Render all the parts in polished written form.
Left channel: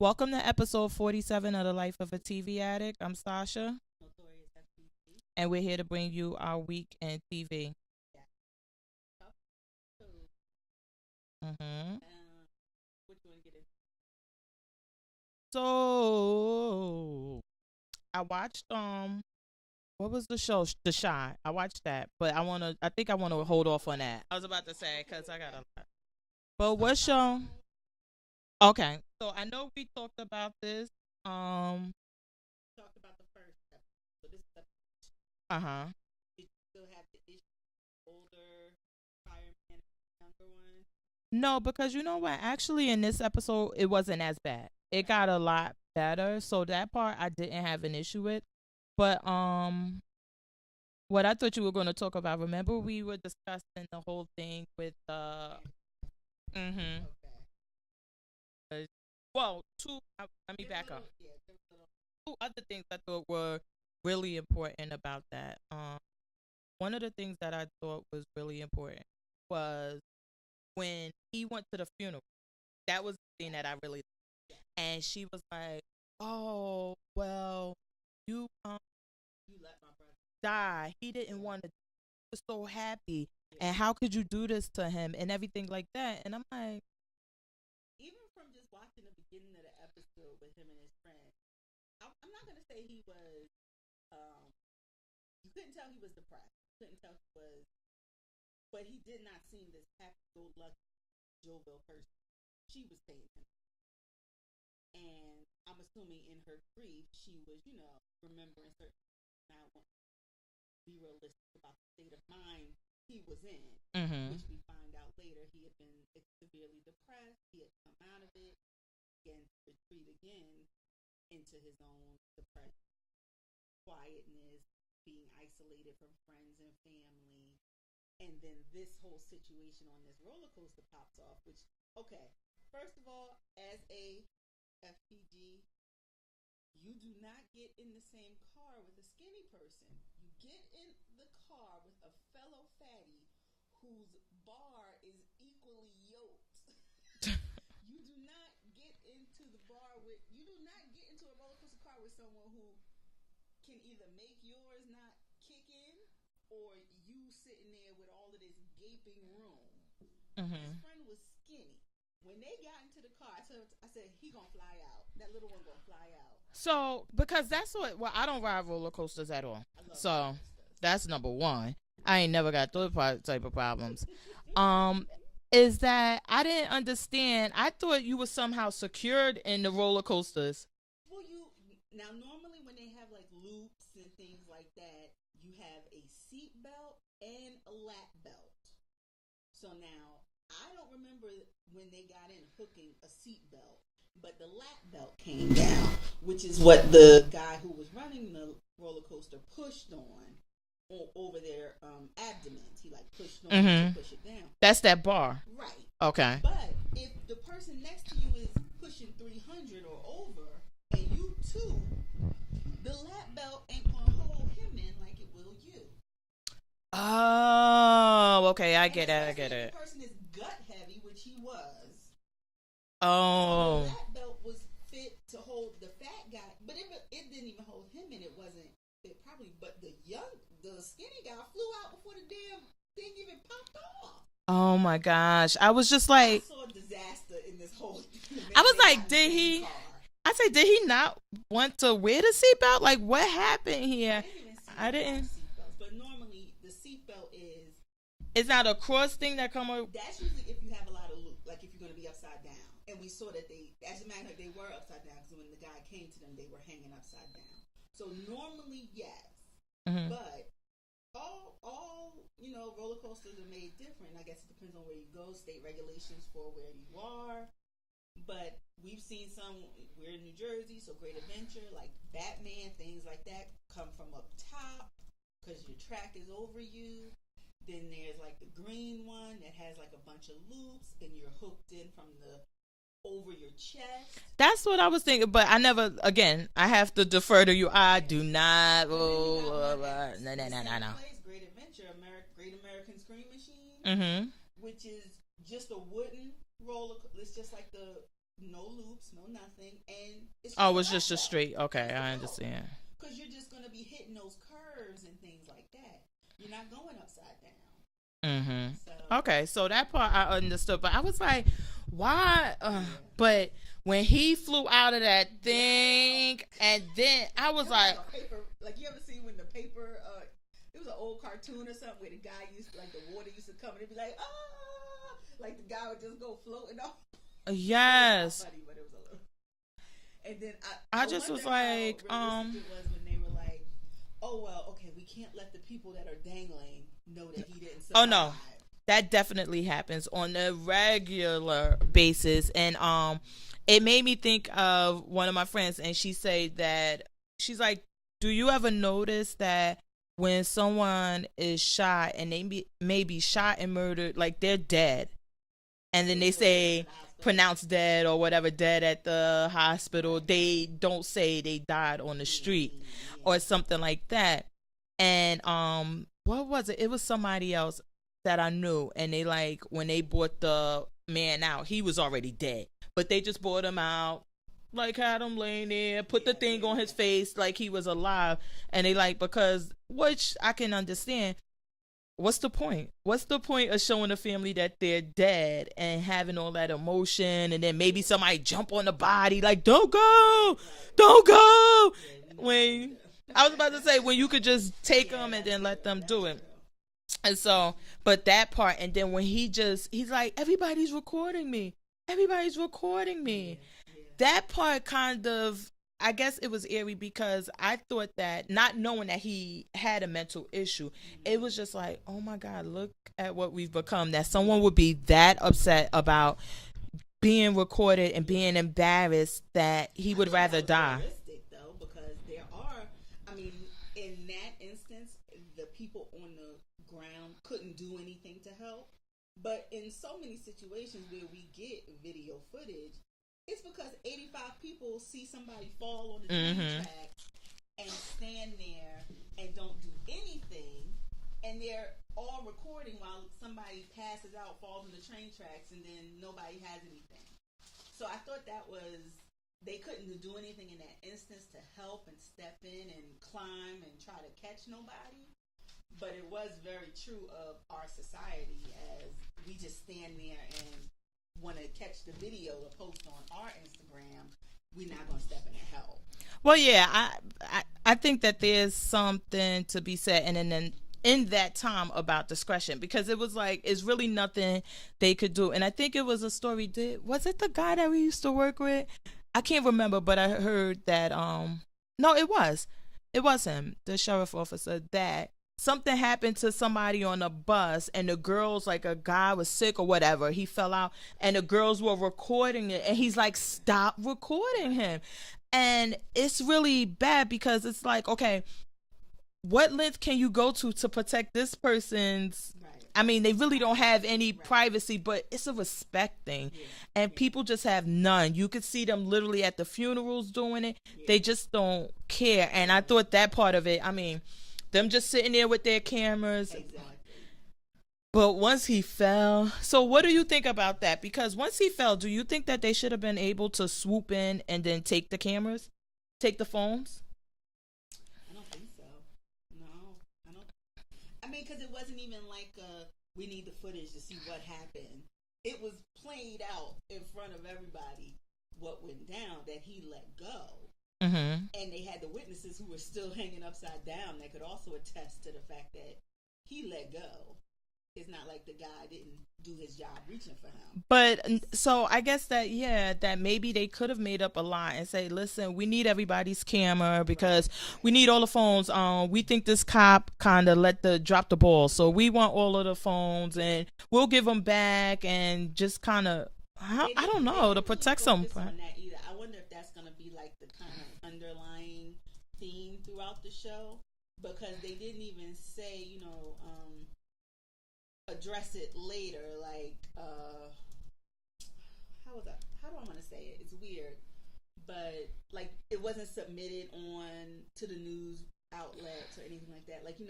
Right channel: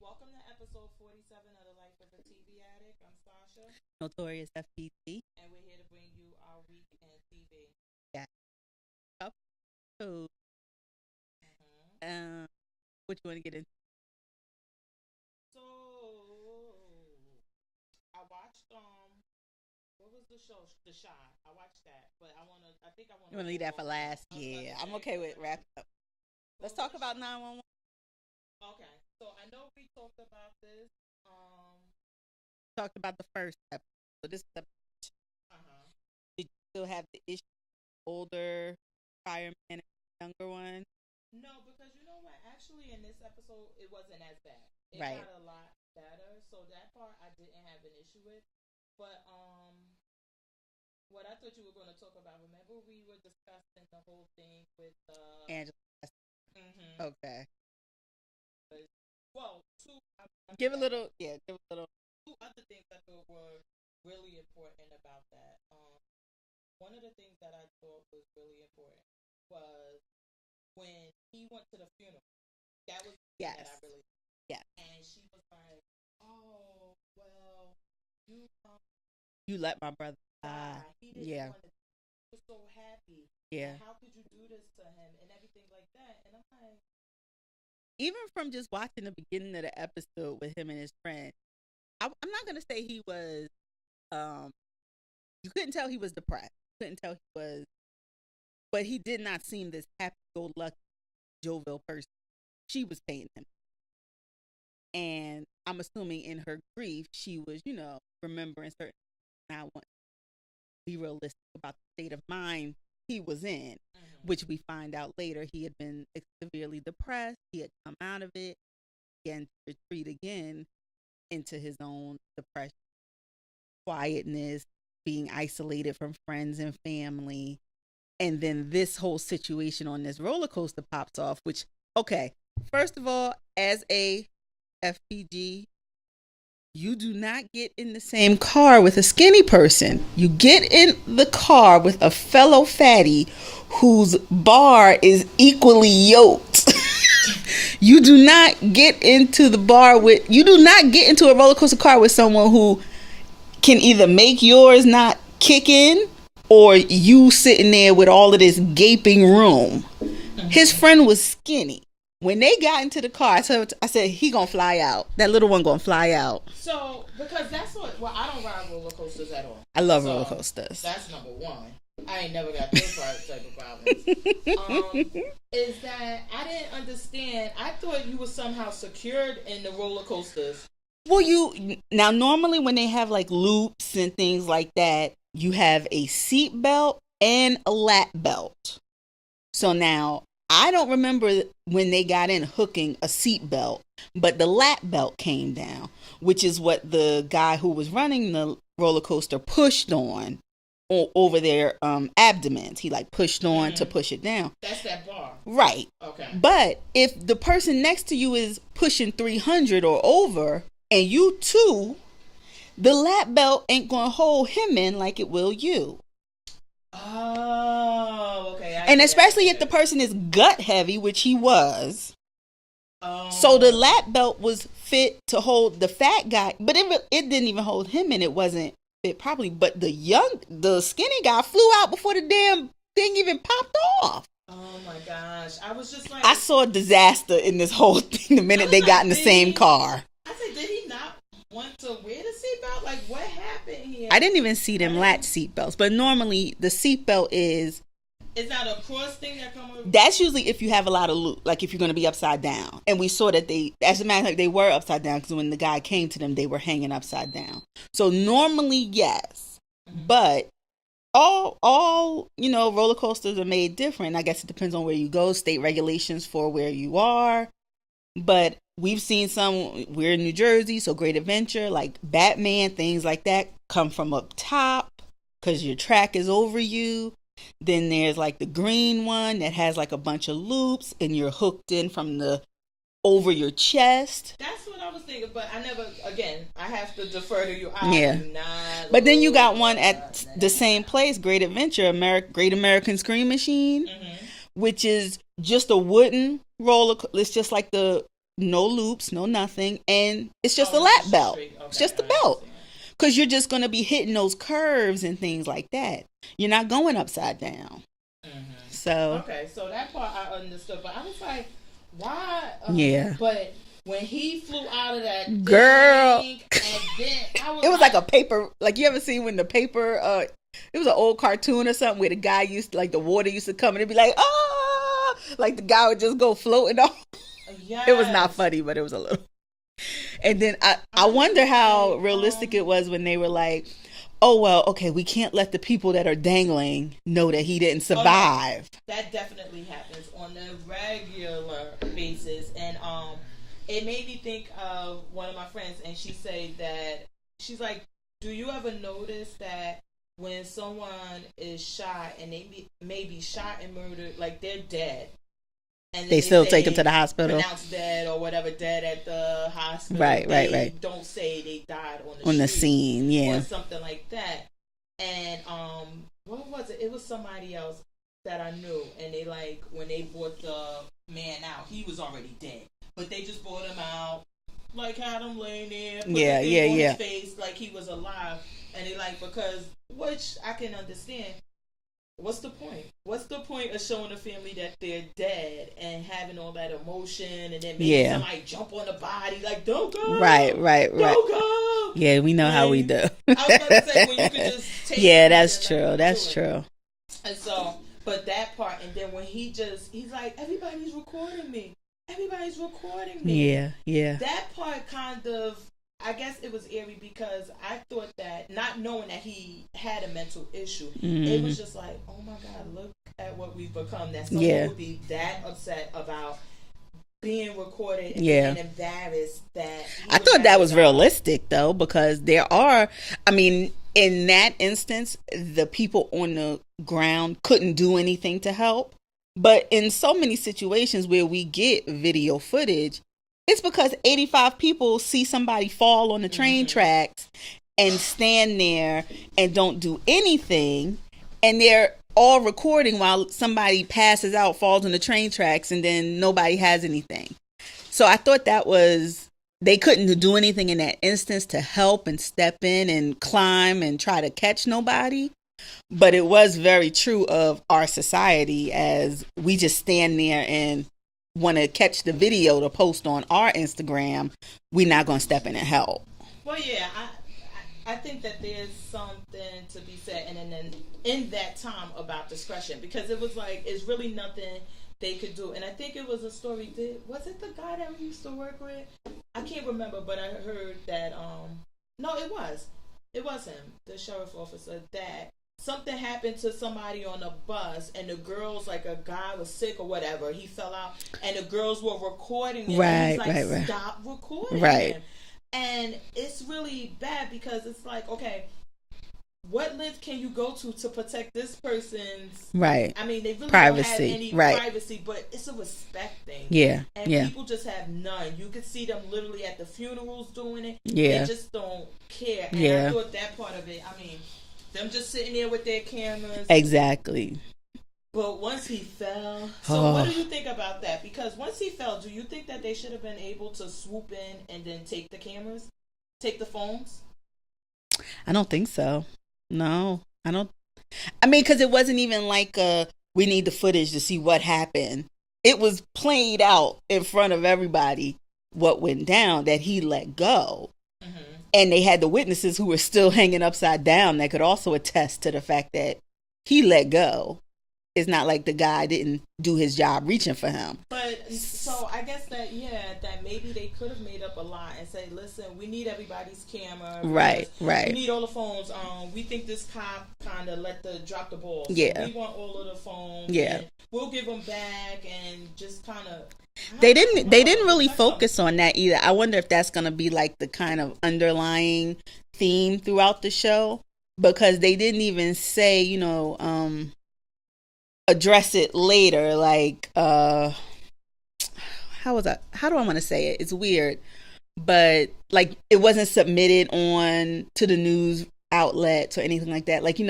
Welcome to episode 47 of The Life of a TV Addict. I'm Sasha, Notorious FPG. and we're here to bring you our week in TV. Yeah. Up to hmm what you want to get into? So, I watched what was the show? The Shy. I watched that, but I think I want to hold off on that. I was about to say, I'm okay with wrap up. but Let's what talk about show? 911. Okay, so I know we talked about this. Talked about the first episode. So this is the did you still have the issue older fireman and younger one? No, because you know what? Actually, in this episode, it wasn't as bad. It Right. got a lot better. So that part I didn't have an issue with. But what I thought you were going to talk about. Remember, we were discussing the whole thing with Angela. Mm-hmm. Okay. Well, let me Give a back little up. give a little Two other things I thought were really important about that. One of the things that I thought was really important was when he went to the funeral. That was the thing that I really yeah. And she was like, "Oh, well, you You let my brother die. He didn't yeah. want to. He was so happy, Yeah. and how could you do this to him and everything like that?" And I'm like, Even from just watching the beginning of the episode with him and his friend, I'm not gonna say he was. You couldn't tell he was depressed. You couldn't tell he was, but he did not seem this happy-go-lucky, jovial person. She was paying him, and I'm assuming in her grief, she was, remembering certain. I want to be realistic about the state of mind he was in, which we find out later he had been severely depressed. He had come out of it, again to retreat again into his own depression, quietness, being isolated from friends and family. And then this whole situation on this roller coaster pops off, which, okay, first of all, as a FPG, you do not get in the same car with a skinny person. You get in the car with a fellow fatty whose bar is equally yoked. You do not get into the bar with, you do not get into a roller coaster car with someone who can either make yours not kick in or you sitting there with all of this gaping room. His friend was skinny. When they got into the car, I said, he gonna fly out. That little one gonna fly out. so because that's what. Well, I don't ride roller coasters at all. I love roller coasters. That's number one. I ain't never got those type of problems. Is that I didn't understand. I thought you were somehow secured in the roller coasters. Well, now normally when they have like loops and things like that, you have a seat belt and a lap belt. So now I don't remember when they got in hooking a seat belt, but the lap belt came down, which is what the guy who was running the roller coaster pushed on over their abdomens. He like pushed on to push it down. That's that bar. Right. Okay. But if the person next to you is pushing 300 or over and you too, the lap belt ain't going to hold him in like it will you. Oh, okay. And especially if the person is gut heavy, which he was. Oh. So the lap belt was fit to hold the fat guy, but it didn't even hold him in. It wasn't fit properly. But the skinny guy flew out before the damn thing even popped off. Oh my gosh. I was just like, I saw a disaster in this whole thing the minute they got in the same car. I said, did he not want to wear the seatbelt? Like, what happened here? I didn't even see them latch seatbelts, but normally the seatbelt is... It's not a cross thing that come over? That's usually if you have a lot of loop, like if you're going to be upside down. And we saw that as a matter of fact, they were upside down because when the guy came to them, they were hanging upside down. So normally, yes. But all roller coasters are made different. I guess it depends on where you go, state regulations for where you are. But we've seen some, we're in New Jersey, so Great Adventure, like Batman, things like that come from up top because your track is over you. Then there's like the green one that has like a bunch of loops and you're hooked in from the over your chest. That's what I was thinking, but I never, again, I have to defer to you. I do not. But then you got one at the same place, Great Adventure, Great American Scream Machine, which is just a wooden roller. It's just like the no loops, no nothing, and it's just a it's lap just belt. straight. Okay, It's just a I belt. understand. Because you're just going to be hitting those curves and things like that. You're not going upside down. Mm-hmm. So okay, so that part I understood, but I was like, why? Yeah. But when he flew out of that thing, Girl. and then I was it was like a paper, like you ever seen when the paper, it was an old cartoon or something where the guy used to, like the water used to come and it'd be like, ah, like the guy would just go floating off. Yes. It was not funny, but it was a little. And then I wonder how realistic it was when they were like, oh, well, okay, we can't let the people that are dangling know that he didn't survive. No, that definitely happens on a regular basis. And it made me think of one of my friends, and she said that, she's like, do you ever notice that when someone is shot and they may be shot and murdered, like they're dead, and then they still take them to the hospital, pronounced dead or whatever, dead at the hospital. Right, they don't say they died on the street, the scene, yeah, or something like that. And what was it? It was somebody else that I knew, and they, like, when they brought the man out, he was already dead, but they just brought him out, like had him laying there, put the thing on his face like he was alive, and they like, because, which I can understand. What's the point? What's the point of showing the family that they're dead and having all that emotion, and then maybe somebody jump on the body, like, don't go, right, don't go. Yeah, we know how we do. I was about to say, when you could just take. Yeah, that's true. That's true. And so, but that part, and then when he's like, everybody's recording me. Everybody's recording me. Yeah. That part kind of, I guess it was eerie, because I thought that, not knowing that he had a mental issue, it was just like, oh my God, look at what we've become. That someone would be that upset about being recorded and being embarrassed that he would. I thought that was realistic, though, because there are, I mean, in that instance, the people on the ground couldn't do anything to help. But in so many situations where we get video footage, it's because 85 people see somebody fall on the train tracks and stand there and don't do anything. And they're all recording while somebody passes out, falls on the train tracks, and then nobody has anything. So I thought that was, they couldn't do anything in that instance to help and step in and climb and try to catch nobody. But it was very true of our society, as we just stand there and want to catch the video to post on our Instagram. We're not going to step in and help. Well, yeah, I think that there's something to be said, and then in that time, about discretion, because it was like, it's really nothing they could do. And I think it was a story. Was it the guy that we used to work with? I can't remember, but I heard that no, it was him, the sheriff officer, that something happened to somebody on a bus, and the girls, like a guy was sick or whatever, he fell out, and the girls were recording it, and he's like, stop recording him. And it's really bad, because it's like, okay, what length can you go to protect this person's, I mean, they really privacy. Don't have any privacy, but it's a respect thing. And people just have none. You could see them literally at the funerals doing it. They just don't care. And I thought that part of it, I mean, them just sitting there with their cameras. Exactly. But once he fell, so what do you think about that? Because once he fell, do you think that they should have been able to swoop in and then take the cameras, take the phones? I don't think so. No, I don't. I mean, because it wasn't even like we need the footage to see what happened. It was played out in front of everybody what went down, that he let go. And they had the witnesses who were still hanging upside down that could also attest to the fact that he let go. It's not like the guy didn't do his job reaching for him. But so I guess that, that maybe they could have made up a lie and say, listen, we need everybody's camera, because we need all the phones. We think this cop kind of dropped the ball, so we want all of the phones, and we'll give them back, and just kind of. They didn't really focus on that either. I wonder if that's going to be like the kind of underlying theme throughout the show, because they didn't even say, address it later, like how do I want to say it? It's weird, but like it wasn't submitted on to the news outlets or anything like that. Like,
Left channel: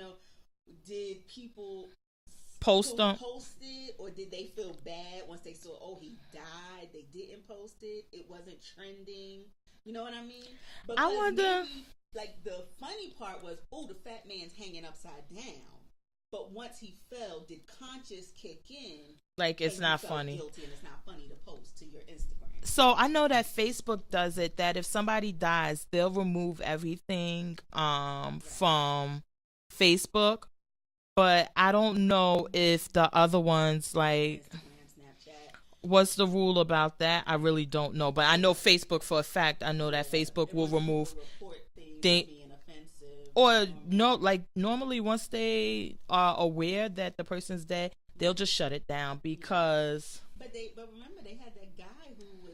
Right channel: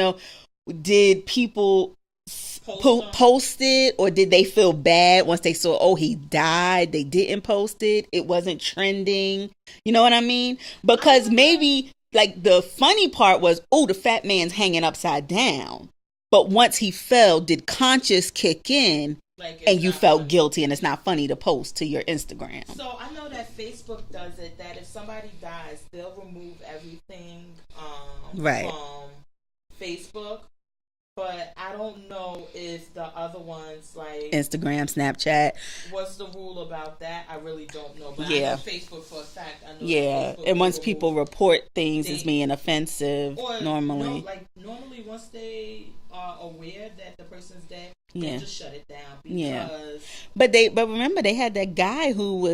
did people post it, or did they feel bad once they saw, oh, he died, they didn't post it, it wasn't trending? You know what I mean? Because maybe like the funny part was, oh, the fat man's hanging upside down, but once he fell, did conscious kick in, like, and you felt guilty, and it's not funny to post to your Instagram? So I know that Facebook does it, that if somebody dies, they'll remove everything from Facebook. But I don't know if the other ones, like Instagram, Snapchat. What's the rule about that? I really don't know. But I know Facebook for a fact. I know that Facebook. And once people report things as being offensive, or normally once they are aware that the person's dead, they'll just shut it down because. But remember, they had that guy who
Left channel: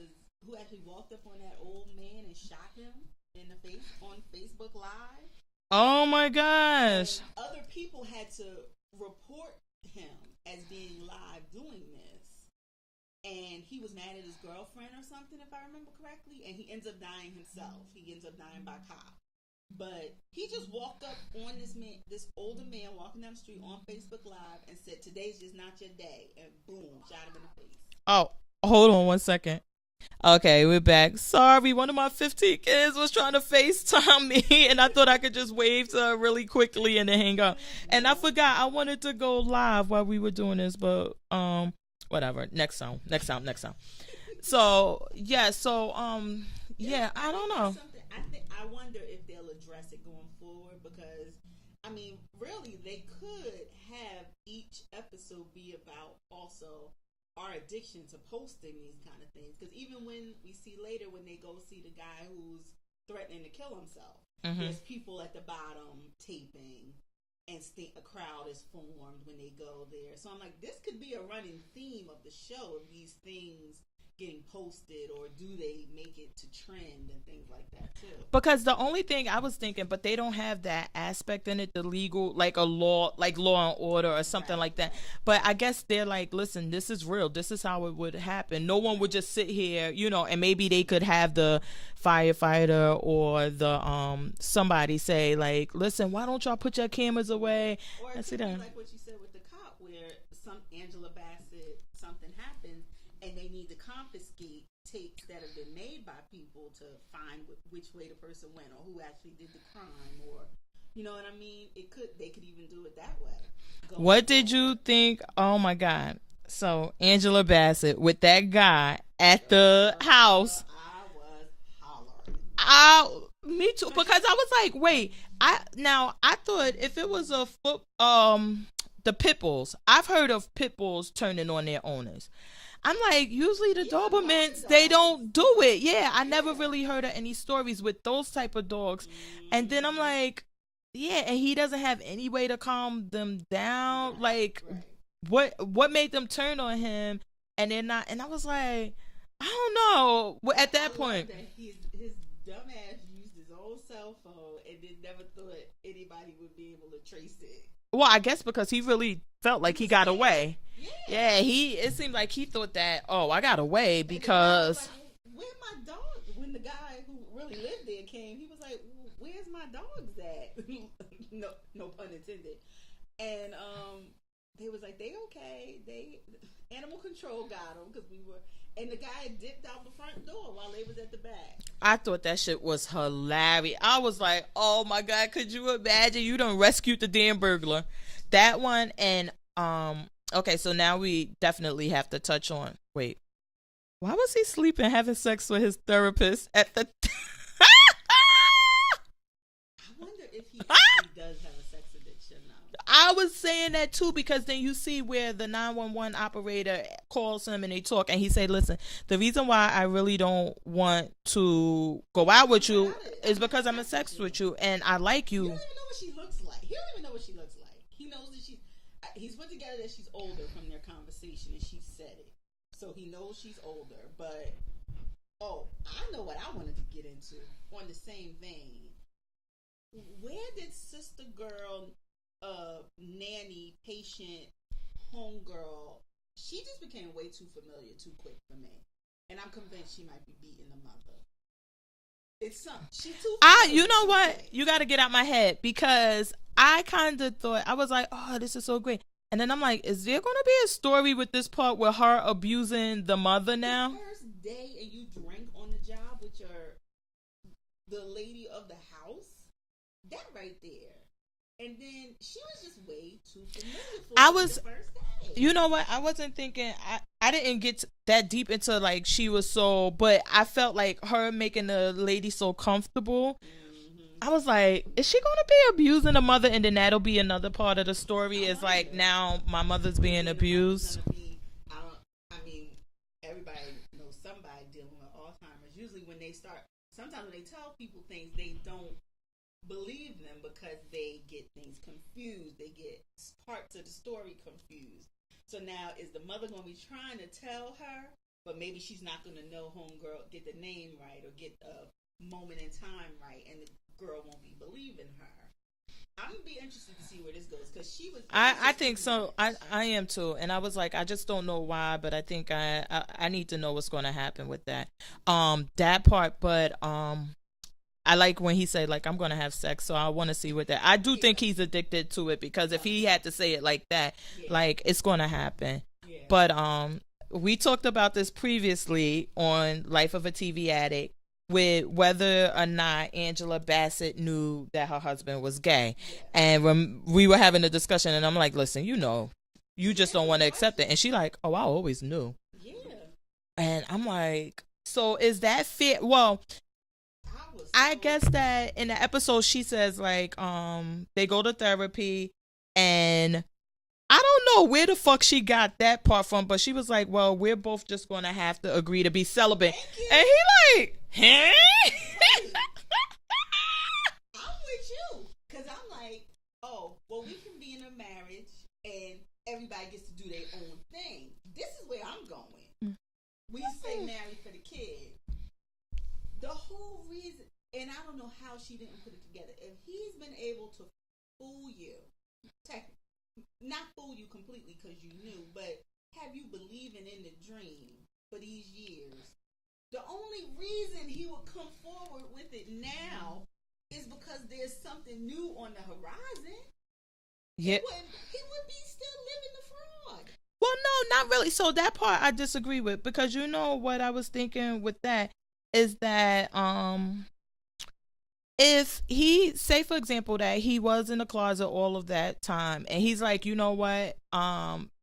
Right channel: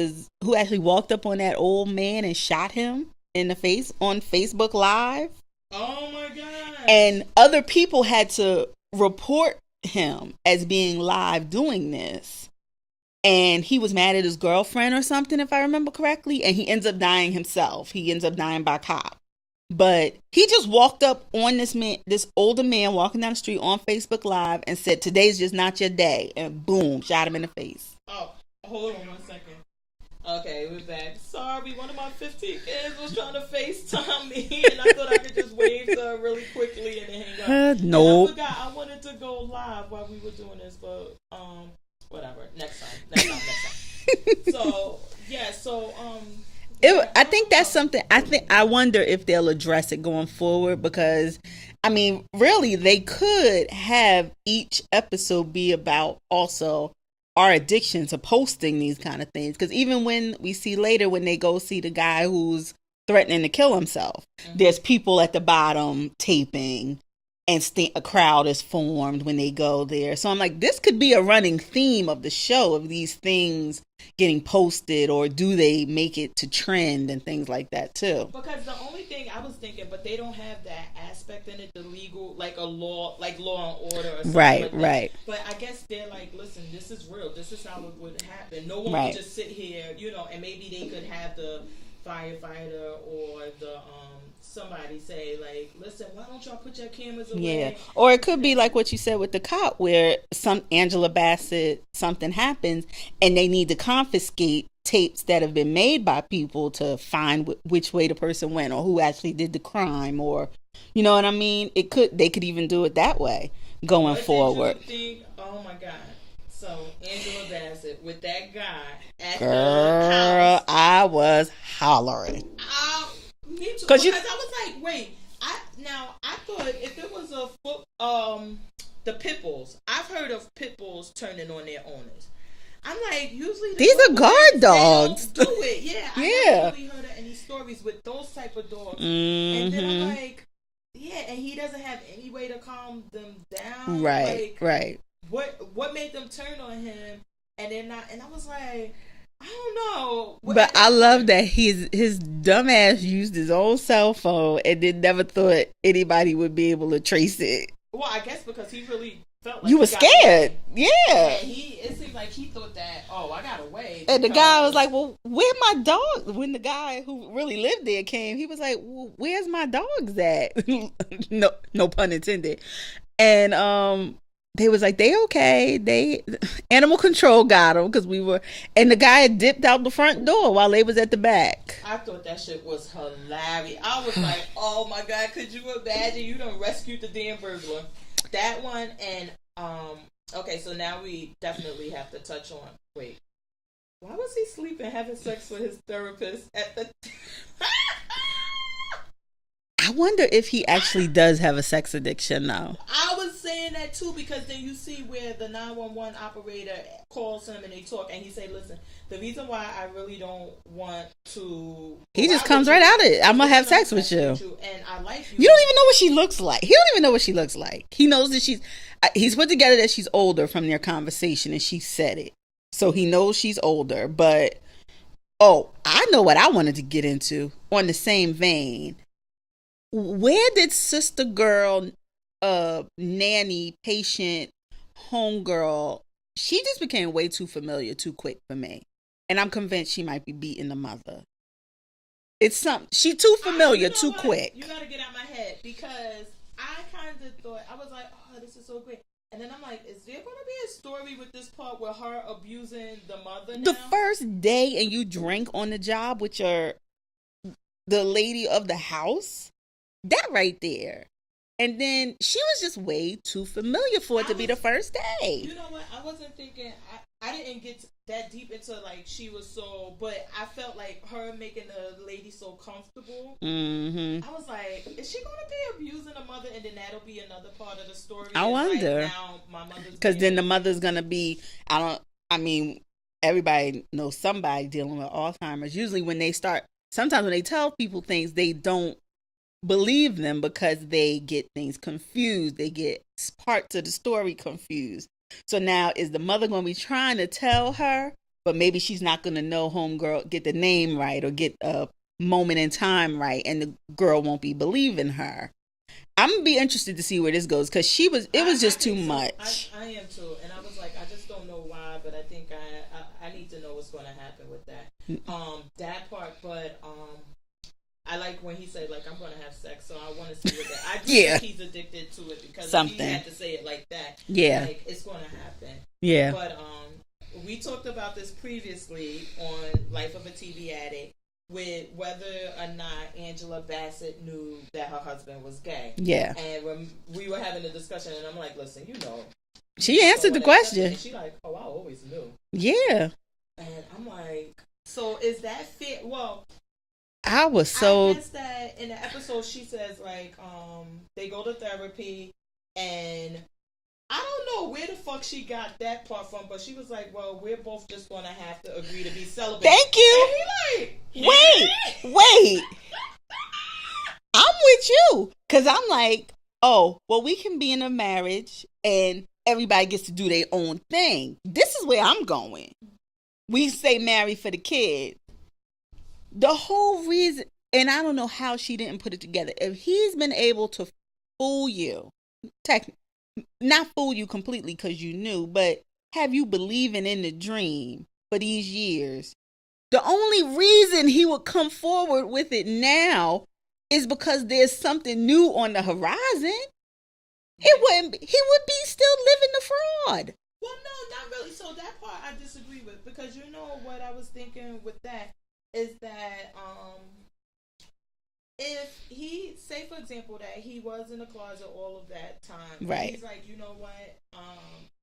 actually walked up on that old man and shot him in the face on Facebook Live. Oh my gosh. And other people had to report him as being live doing this. And he was mad at his girlfriend or something, if I remember correctly. And he ends up dying himself. He ends up dying by cop. But he just walked up on this older man walking down the street on Facebook Live and said, "Today's just not your day." And boom, shot him in the face. Oh, hold on 1 second. Okay, we're back. Sorry, one of my 15 kids was trying to FaceTime me, and I thought I could just wave to her really quickly and then hang up. No. And I forgot I wanted to go live while we were doing this, but whatever. Next song. So yeah, I think that's something. I wonder if they'll address it going forward, because I mean, really, they could have each episode be about also our addiction to posting these kind of things. Because even when we see later, when they go see the guy who's threatening to kill himself, there's people at the bottom taping, and a crowd is formed when they go there. So I'm like, this could be a running theme of the show, of these things getting posted, or do they make it to trend and things like that too? Because the only thing I was thinking, but they don't have that aspect in it, the legal, like a law, like Law and Order or something like that. Right. But I guess they're like, listen, this is real. This is how it would happen. No one would just sit here, and maybe they could have the firefighter or the somebody say, like, listen, why don't y'all put your cameras away? Or it could be like what you said with the cop, where Angela Bassett, something happens and they need to confiscate tapes that have been made by people to find which way the person went or who actually did the crime, or you know what I mean? They could even do it that way going forward. What did you think? Oh my God. So Angela Bassett with that guy at the house. I was hollering. Me too. Because I was like, wait. I thought if it was the pit bulls. I've heard of pit bulls turning on their owners. I'm like, usually these are guard dogs. They don't do it. Yeah, I never really heard of any stories with those type of dogs. Mm-hmm. And then I'm like, yeah, and he doesn't have any way to calm them down. Right. What made them turn on him? And they're not. And I was like, I don't know. But I love that his dumb ass used his own cell phone and then never thought anybody would be able to trace it. Well, I guess because he really felt like he was scared. Away. Yeah. It seemed like he thought that, I got away. Because... And the guy was like, well, where my dog? When the guy who really lived there came, he was like, well, where's my dogs at? no pun intended. And they was like, they okay. Animal control got them because and the guy had dipped out the front door while they was at the back. I thought that shit was hilarious. I was like, oh my God, could you imagine? You done rescued the damn burglar. That one. And, okay, so now we definitely have to touch on, wait, why was he sleeping, having sex with his therapist at the I wonder if he actually does have a sex addiction now. I was saying that too, because then you see where the 911 operator calls him and they talk, and he said, listen, the reason why I really don't want to go he just comes right out of it. I'm gonna have sex with you, and I like you. You don't even know what she looks like. He don't even know what she looks like. He knows that he's put together that she's older from their conversation, and she said it, so he knows she's older. But I know what I wanted to get into on the same vein. Where did sister girl, nanny, patient, homegirl, she just became way too familiar too quick for me. And I'm convinced she might be beating the mother. It's something. She too familiar too quick. You got to get out my head, because I kind of thought, I was like, oh, this is so great. And then I'm like, is there going to be a story with this part with her abusing the mother now? The first day and you drink on the job with the lady of the house? That right there. And then she was just way too familiar for it to be the first day. You know what? I wasn't thinking, I didn't get that deep into like she was so, but I felt like her making the lady so comfortable. I was like, is she going to be abusing the mother? And then that'll be another part of the story. I wonder. Like now my mother's because then abused. the mother's going to be, everybody knows somebody dealing with Alzheimer's. Usually sometimes when they tell people things, they don't believe them because they get things confused. They get parts of the story confused. So now is the mother going to be trying to tell her, but maybe she's not going to know homegirl, get the name right or get a moment in time right, and the girl won't be believing her. I'm going to be interested to see where this goes because it was just too much. I am too. And I was like, I just don't know why, but I think I need to know what's going to happen with that. That part, but I like when he said, like, I'm going to have sex, so I want to see what that... I do think he's addicted to it because if he had to say it like that, like, it's going to happen. Yeah. But we talked about this previously on Life of a TV Addict with whether or not Angela Bassett knew that her husband was gay. Yeah. And when we were having a discussion, and I'm like, listen, you she answered the question. And she like, oh, I always knew. Yeah. And I'm like, so is that fair? Well... I guess that in the episode she says like they go to therapy and I don't know where the fuck she got that part from, but she was like, well, we're both just gonna have to agree to be celibate. Thank you. And he like, wait I'm with you because I'm like, oh well, we can be in a marriage and everybody gets to do their own thing. This is where I'm going. We say marry for the kid. The whole reason, and I don't know how she didn't put it together. If he's been able to fool you, not fool you completely because you knew, but have you believing in the dream for these years, the only reason he would come forward with it now is because there's something new on the horizon. Yeah. He would be still living the fraud. Well, no, not really. So that part I disagree with because you know what I was thinking with that is that if he say for example that he was in the closet all of that time and he's like, you know what,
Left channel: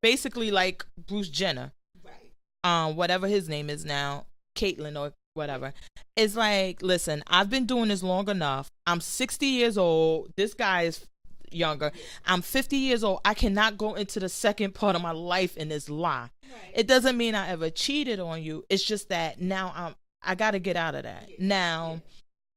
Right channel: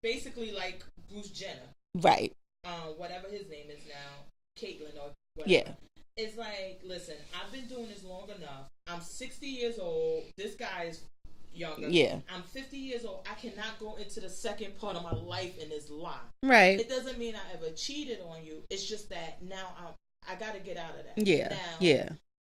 basically like Bruce Jenner, right, whatever his name is now, Caitlyn or whatever, it's like, listen, I've been doing this long enough. I'm 60 years old. This guy is younger. Yeah. I'm 50 years old. I cannot go into the second part of my life in this lie. Right. It doesn't mean I ever cheated on you. It's just that now I got to get out of that. Yeah. Now,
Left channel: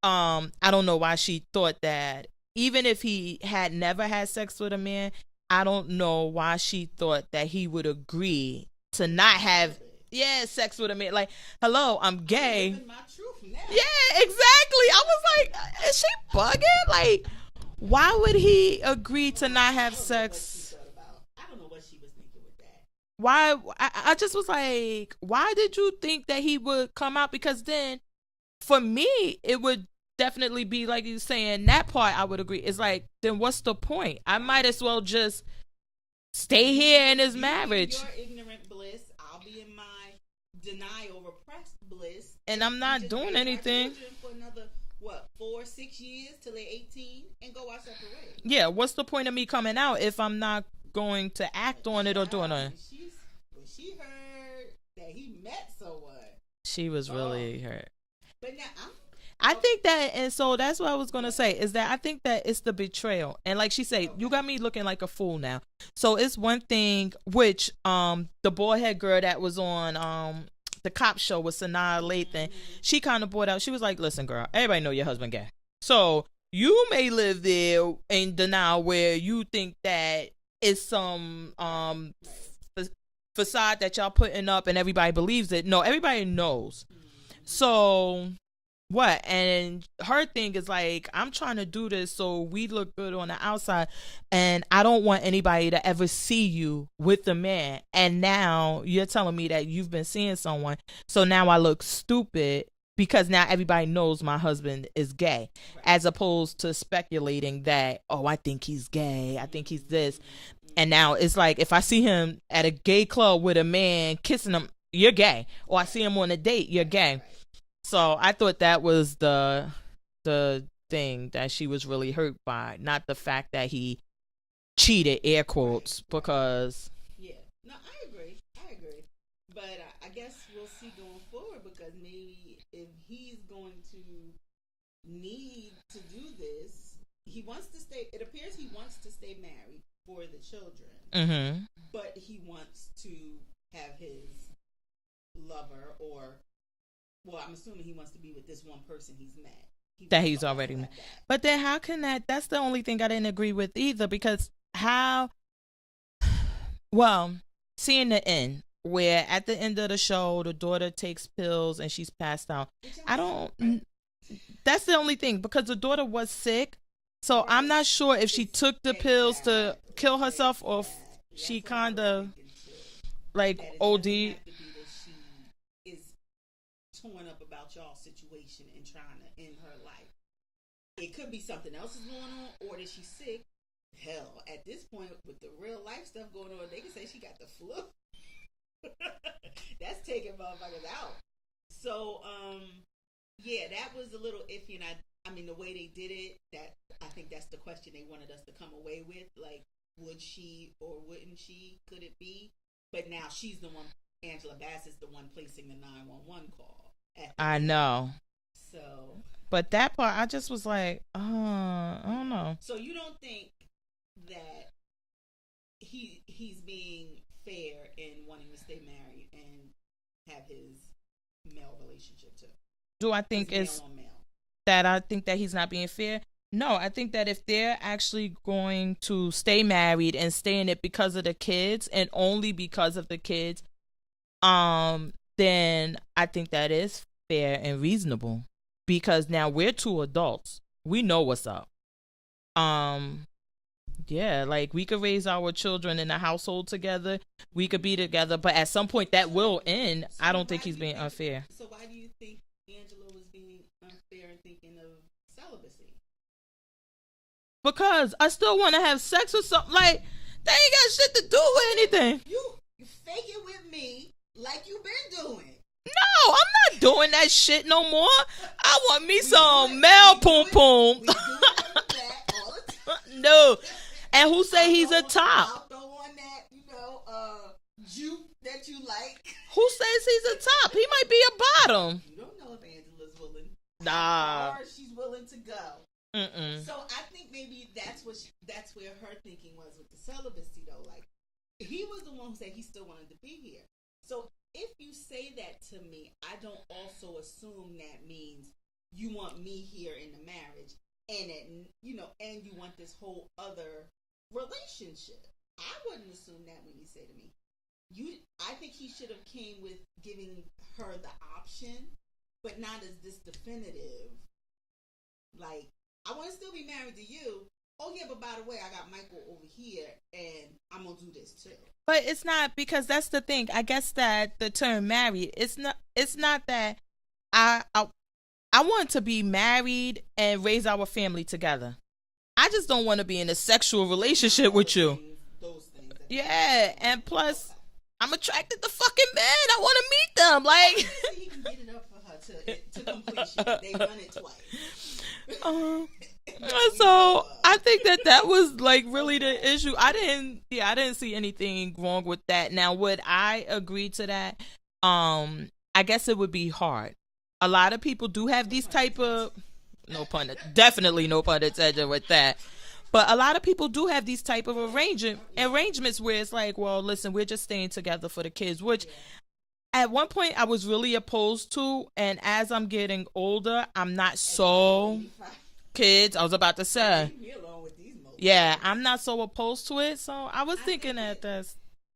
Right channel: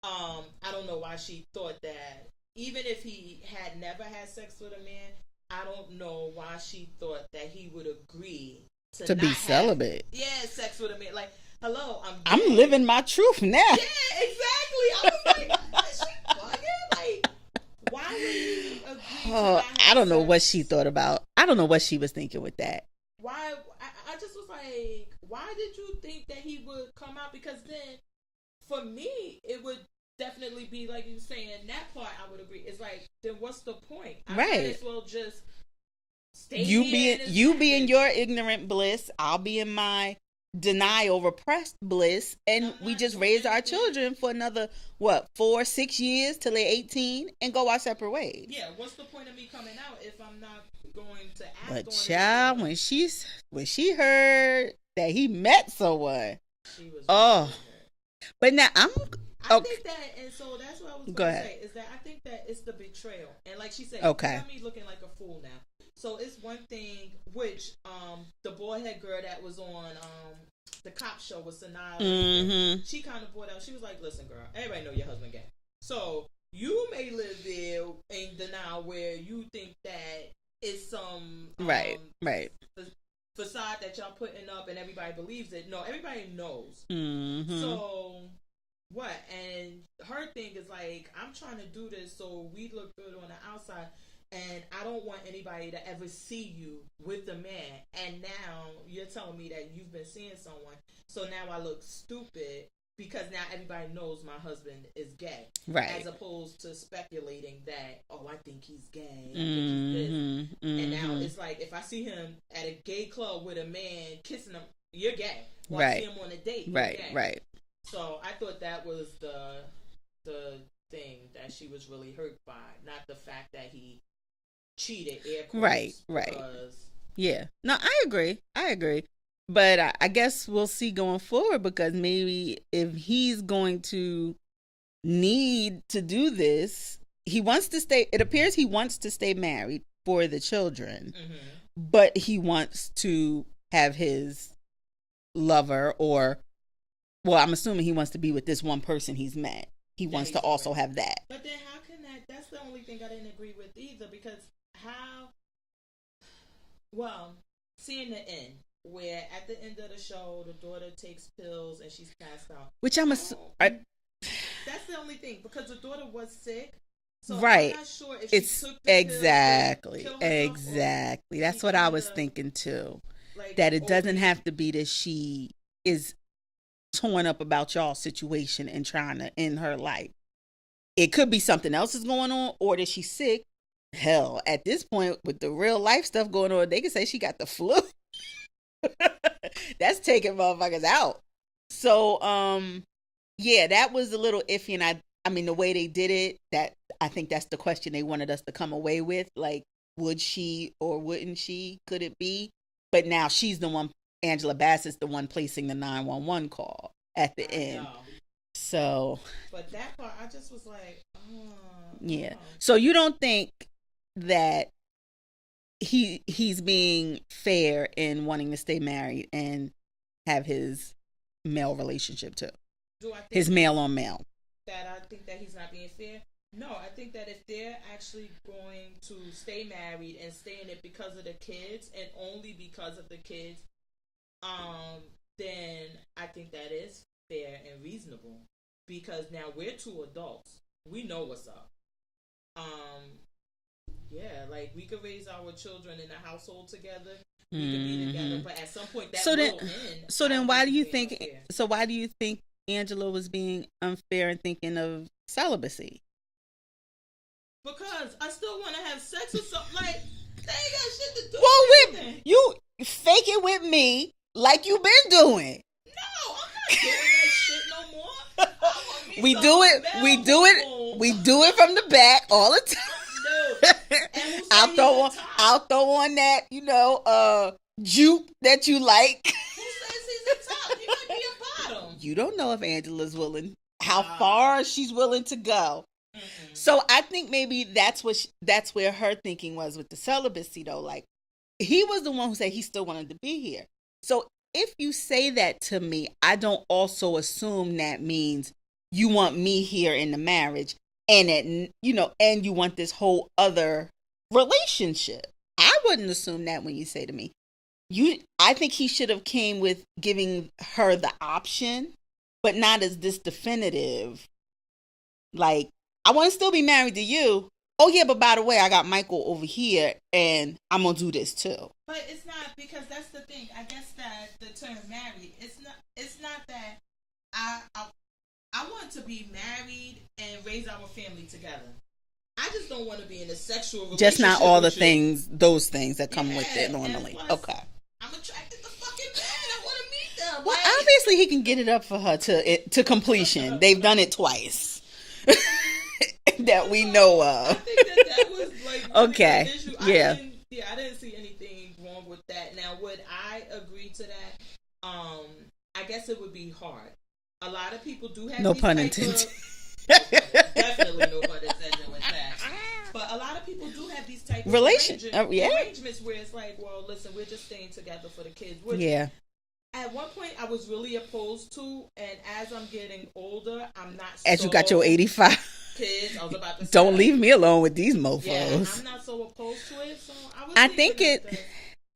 I don't know why she thought that. Even if he had never had sex with a man, I don't know why she thought that he would agree to not have celibate. Sex with a man. Like, hello, I'm gay. I'm living my truth now. Yeah, exactly. I was like, is she bugging? Like, why would he agree to not have sex? I don't know what she thought about. I don't know what she was thinking with that. Why? I just was like, why did you think that he would come out? Because then, for me, it would definitely be like you saying, that part I would agree. It's like, then what's the point? I might as well just stay here in his marriage. You be in your ignorant bliss. I'll be in my denial, repressed bliss. And I'm not we just raise our children for another, 4-6 years till they're 18 and go our separate ways. Yeah, what's the point of me coming out if I'm not going to act on it? When she heard that he met someone, she was really hurt. But now I think that, and so that's what I was going to say, is that I think that it's the betrayal. And like she said, you got me looking like a fool now. So it's one thing, which the boyhead girl that was on the cop show with Sanaa Lathan, she kind of brought out, she was like, listen, girl, everybody know your husband gay. So you may live there in denial where you think that it's some facade that y'all putting up and everybody believes it. No, everybody knows. So what? And her thing is like, I'm trying to do this so we look good on the outside, and I don't want anybody to ever see you with the man. And now you're telling me that you've been seeing someone, so now I look stupid because now everybody knows my husband is gay, right. as opposed to speculating that, oh, I think he's gay, I think he's this. Mm-hmm. And now it's like, if I see him at a gay club with a man kissing him, you're gay. Or right. I see him on a date, you're right. gay. Right. So I thought that was the thing that she was really hurt by, not the fact that he cheated, air quotes, right. because yeah, no, I agree, but I guess we'll see going forward, because maybe if he's going to need to do this, he wants to stay, it appears he wants to stay married for the children, mm-hmm. but he wants to have his lover, or, well, I'm assuming he wants to be with this one person he's met. He wants to also have that. But then how can that's the only thing I didn't agree with either, because seeing the end, where at the end of the show, the daughter takes pills and she's passed out. Which that's the only thing, because the daughter was sick. So right. I'm not sure if she took the pills to kill herself. Exactly. That's what I was thinking too. Like, that it doesn't have to be that she is torn up about y'all's situation and trying to end her life. It could be something else is going on, or that she's sick. Hell, at this point, with the real life stuff going on, they could say she got the flu. That's taking motherfuckers out. So, yeah, that was a little iffy. And I mean, the way they did it, I think that's the question they wanted us to come away with. Like, would she or wouldn't she? Could it be? But now she's the one, Angela Bassett's the one placing the 911 call at the end. I know. So. But that part, I just was like, oh. Yeah. So you don't think that he's being fair in wanting to stay married and have his male relationship too? Do I think his male on male? That I think that he's not being fair? No, I think that if they're actually going to stay married and stay in it because of the kids and only because of the kids, then I think that is fair and reasonable, because now we're two adults. We know what's up. Yeah, like, we could raise our children in a household together. We could be together, but at some point that will end. So then why do you think unfair. So why do you think Angela was being unfair and thinking of celibacy? Because I still want to have sex with something. Like, they ain't got shit to do with anything. You fake it with me like you been doing. No, I'm not doing that shit no more. I want me some male poom. We do it from the back all the time. No. And who said he's a top? I'll throw on that, juke that you like. Who says he's a top? He might be a bottom. You don't know if Angela's willing, how far she's willing to go. Mm-mm. So I think maybe that's where her thinking was with the celibacy, though. Like, he was the one who said he still wanted to be here. So if you say that to me, I don't also assume that means you want me here in the marriage, and that, and you want this whole other relationship. I wouldn't assume that when you say to me. I think he should have came with giving her the option, but not as this definitive. Like, I want to still be married to you. Oh yeah, but by the way, I got Michael over here, and I'm gonna do this too. But it's not, because that's the thing. I guess that the term married, it's not that I want to be married and raise our family together. I just don't want to be in a sexual relationship just not all with the things, those things that come with it normally. And plus, okay. I'm attracted to fucking men. I want to meet them. Well, obviously, he can get it up for her to completion. They've done it twice. That we know of. I think that was like really the issue. I didn't see anything wrong with that. Now, would I agree to that? I guess it would be hard. A lot of people do have these type of definitely no pun intended with that. But a lot of people do have these type of arrangements where it's like, well, listen, we're just staying together for the kids. Which at one point I was really opposed to, and as I'm getting older, I'm not as you got your 85 kids. I was about to say, don't leave me alone with these mofos. Yeah, I'm not so opposed to it. So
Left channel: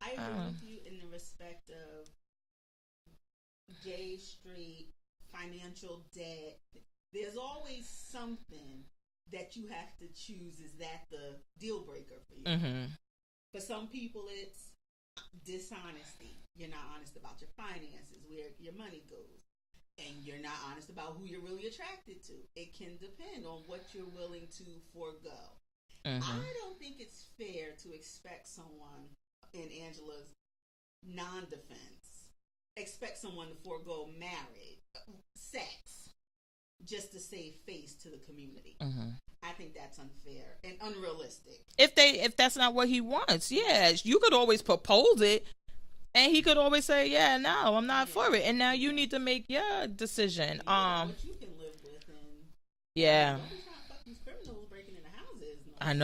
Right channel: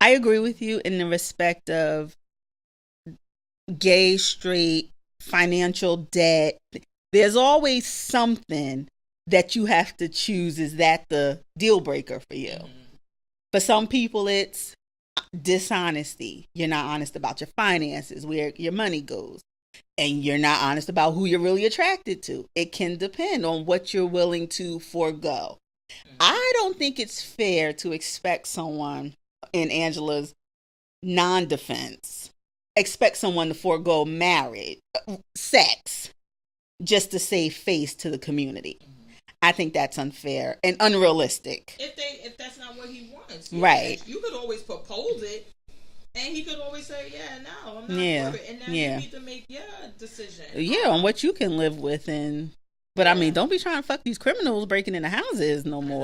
I agree with you in the respect of gay, straight, financial debt. There's always something that you have to choose. Is that the deal breaker for you? Mm-hmm. For some people, it's dishonesty. You're not honest about your finances, where your money goes. and you're not honest about who you're really attracted to. It can depend on what you're willing to forego. I don't think it's fair to expect someone in Angela's non-defense, expect someone to forego marriage, sex, just to save face to the community. I think that's unfair and unrealistic. If that's not what he wants, right? You could always propose it, and he could always say, "Yeah, no, I'm not for it." And now you need to make your decision. On what you can live with, but I mean, don't be trying to fuck these criminals breaking into houses no more. I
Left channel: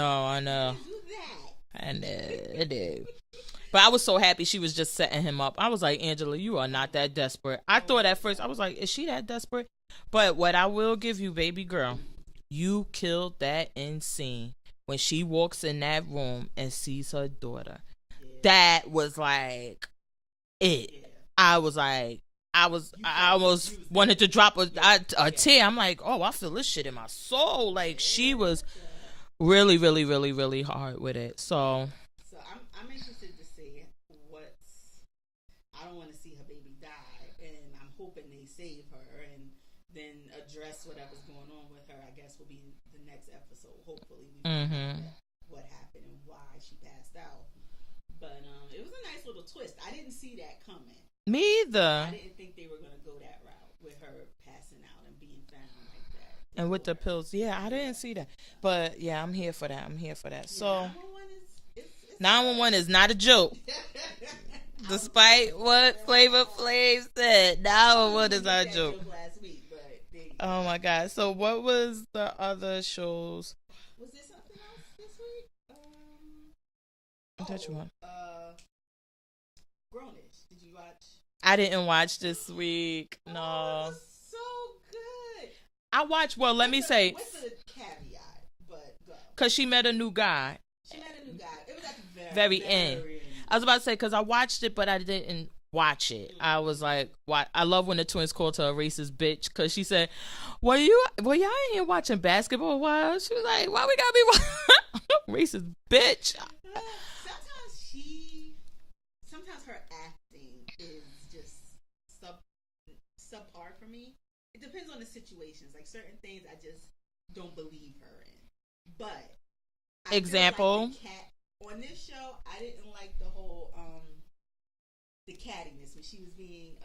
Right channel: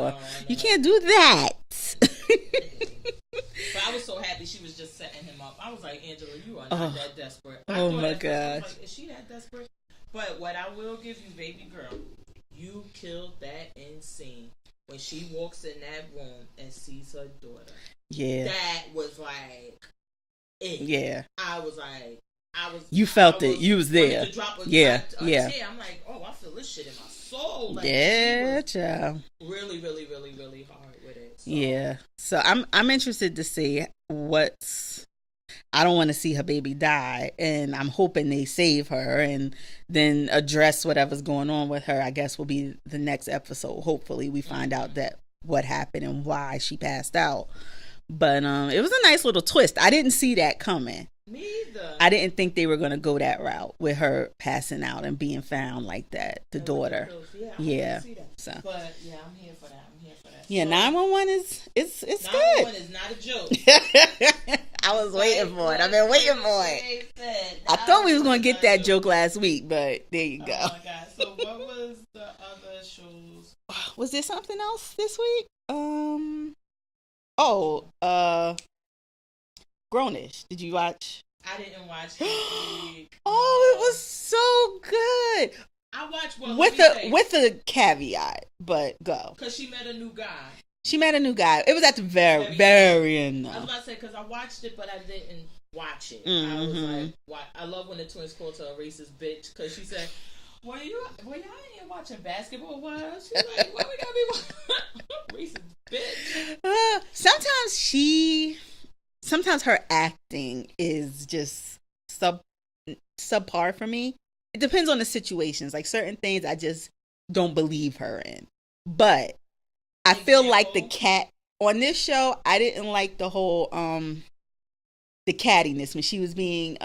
know. You can't do that. I did. But I was so happy she was just setting him up. I was like, Angela, you are not that desperate. I thought at first, I was like, is she that desperate? But what I will give you, baby girl, you killed that in scene when she walks in that room and sees her daughter. Yeah. That was like it. Yeah. You felt it. You was there. Wanted to drop a tear. I'm like, oh, I feel this shit in my soul. Like she was really, really, really, really hard with it. So So I'm interested to see I don't want to see her baby die, and I'm hoping they save her and then address whatever's going on with her. I guess will be the next episode. Hopefully we find out that what happened and why she passed out. But it was a nice little twist. I didn't see that coming. Me either. I didn't think they were going to go that route with her passing out and being found like that. The daughter. With the pills. Yeah, I didn't see that. So. But yeah, I'm here for that. Yeah, 911 is 911 is not a joke. I was waiting for it. I've been waiting for it. I thought we were going to get that joke last week, but there you go. Oh my God. So what was the other shows? Was there something else this week? Grownish. Did you watch? I didn't watch this week. Oh, no. It was so good. I watched, with a caveat, but go. Because she met a new guy. It was at the very end. I was about to say, because I watched it, but I didn't watch it. I was like, I love when the twins called her a racist bitch, because she said, well, y'all ain't here watching basketball a while. She's like, why we gotta be racist bitch? Sometimes her acting is just subpar for me. It depends on the situations. Like certain things I just don't believe her in. But I feel like the cat on this show, I didn't like the whole the cattiness when she was being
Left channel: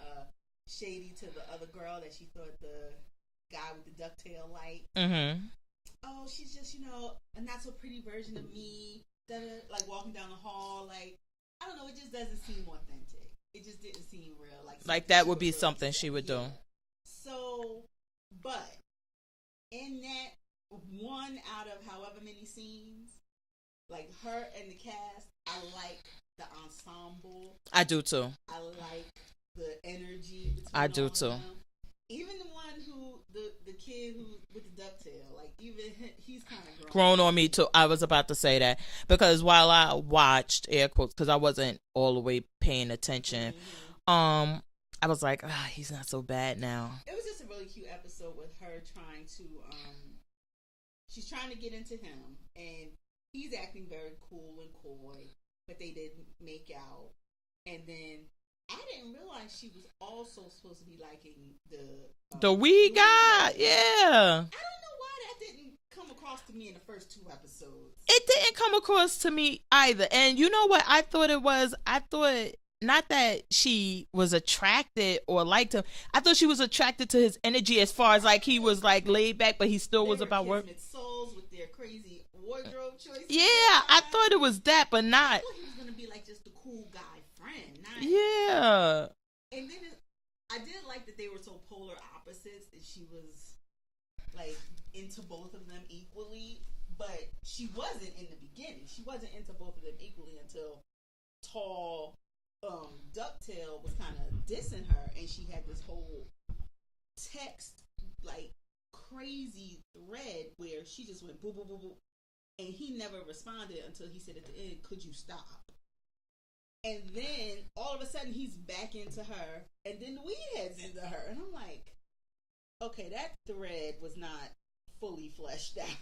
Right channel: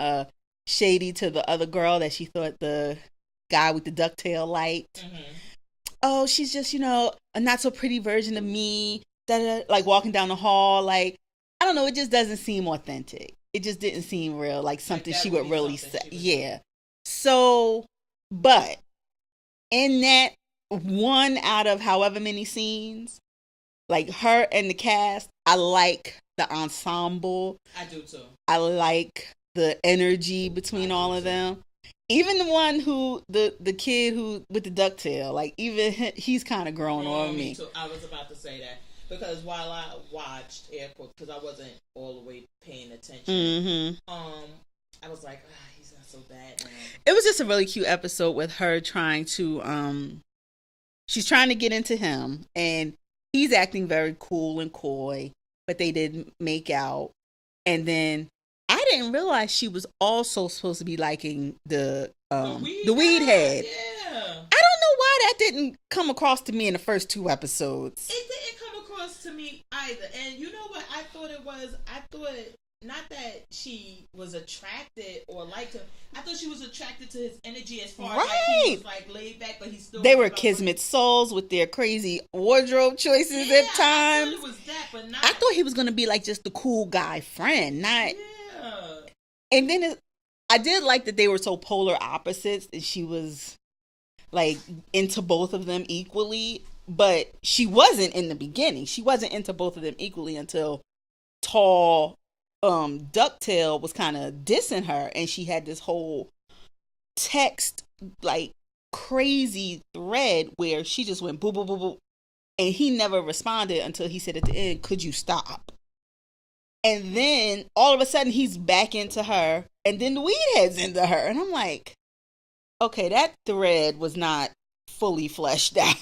shady to the other girl that she thought the guy with the ducktail liked. Oh, she's just, a not so pretty version of me. Like walking down the hall, like, I don't know, it just doesn't seem authentic. It just didn't seem real, like something she would really say. Yeah. So, but in that one out of however many scenes, like her and the cast, I like the ensemble. I do too. I like the energy between all of them. Even the one the kid who with the ducktail, like even he's kind of grown on me too. I was about to say that because while I watched air quotes because I wasn't all the way paying attention, I was like, he's not so bad now. It was just a really cute episode with her trying to she's trying to get into him and he's acting very cool and coy, but they didn't make out, and then I didn't realize she was also supposed to be liking the weed head. Yeah. I don't know why that didn't come across to me in the first 2 episodes. It didn't come across to me either. And you know what I thought it was? I thought not that she was attracted or liked him. I thought she was attracted to his energy as far as like he was like laid back, but he still. They were kismet souls with their crazy wardrobe choices. Yeah, at times. I thought it was that, but not. I thought he was gonna be like just the cool guy friend, not. Yeah. And then I did like that they were so polar opposites, and she was like into both of them equally, but she wasn't in the beginning. She wasn't into both of them equally until tall. Ducktail was kind of dissing her, and she had this whole text like crazy thread where she just went boo boo boo boo, and he never responded until he said at the end, "Could you stop?" And then all of a sudden he's back into her, and then the weed head's into her, and I'm like, okay, that thread was not fully fleshed out.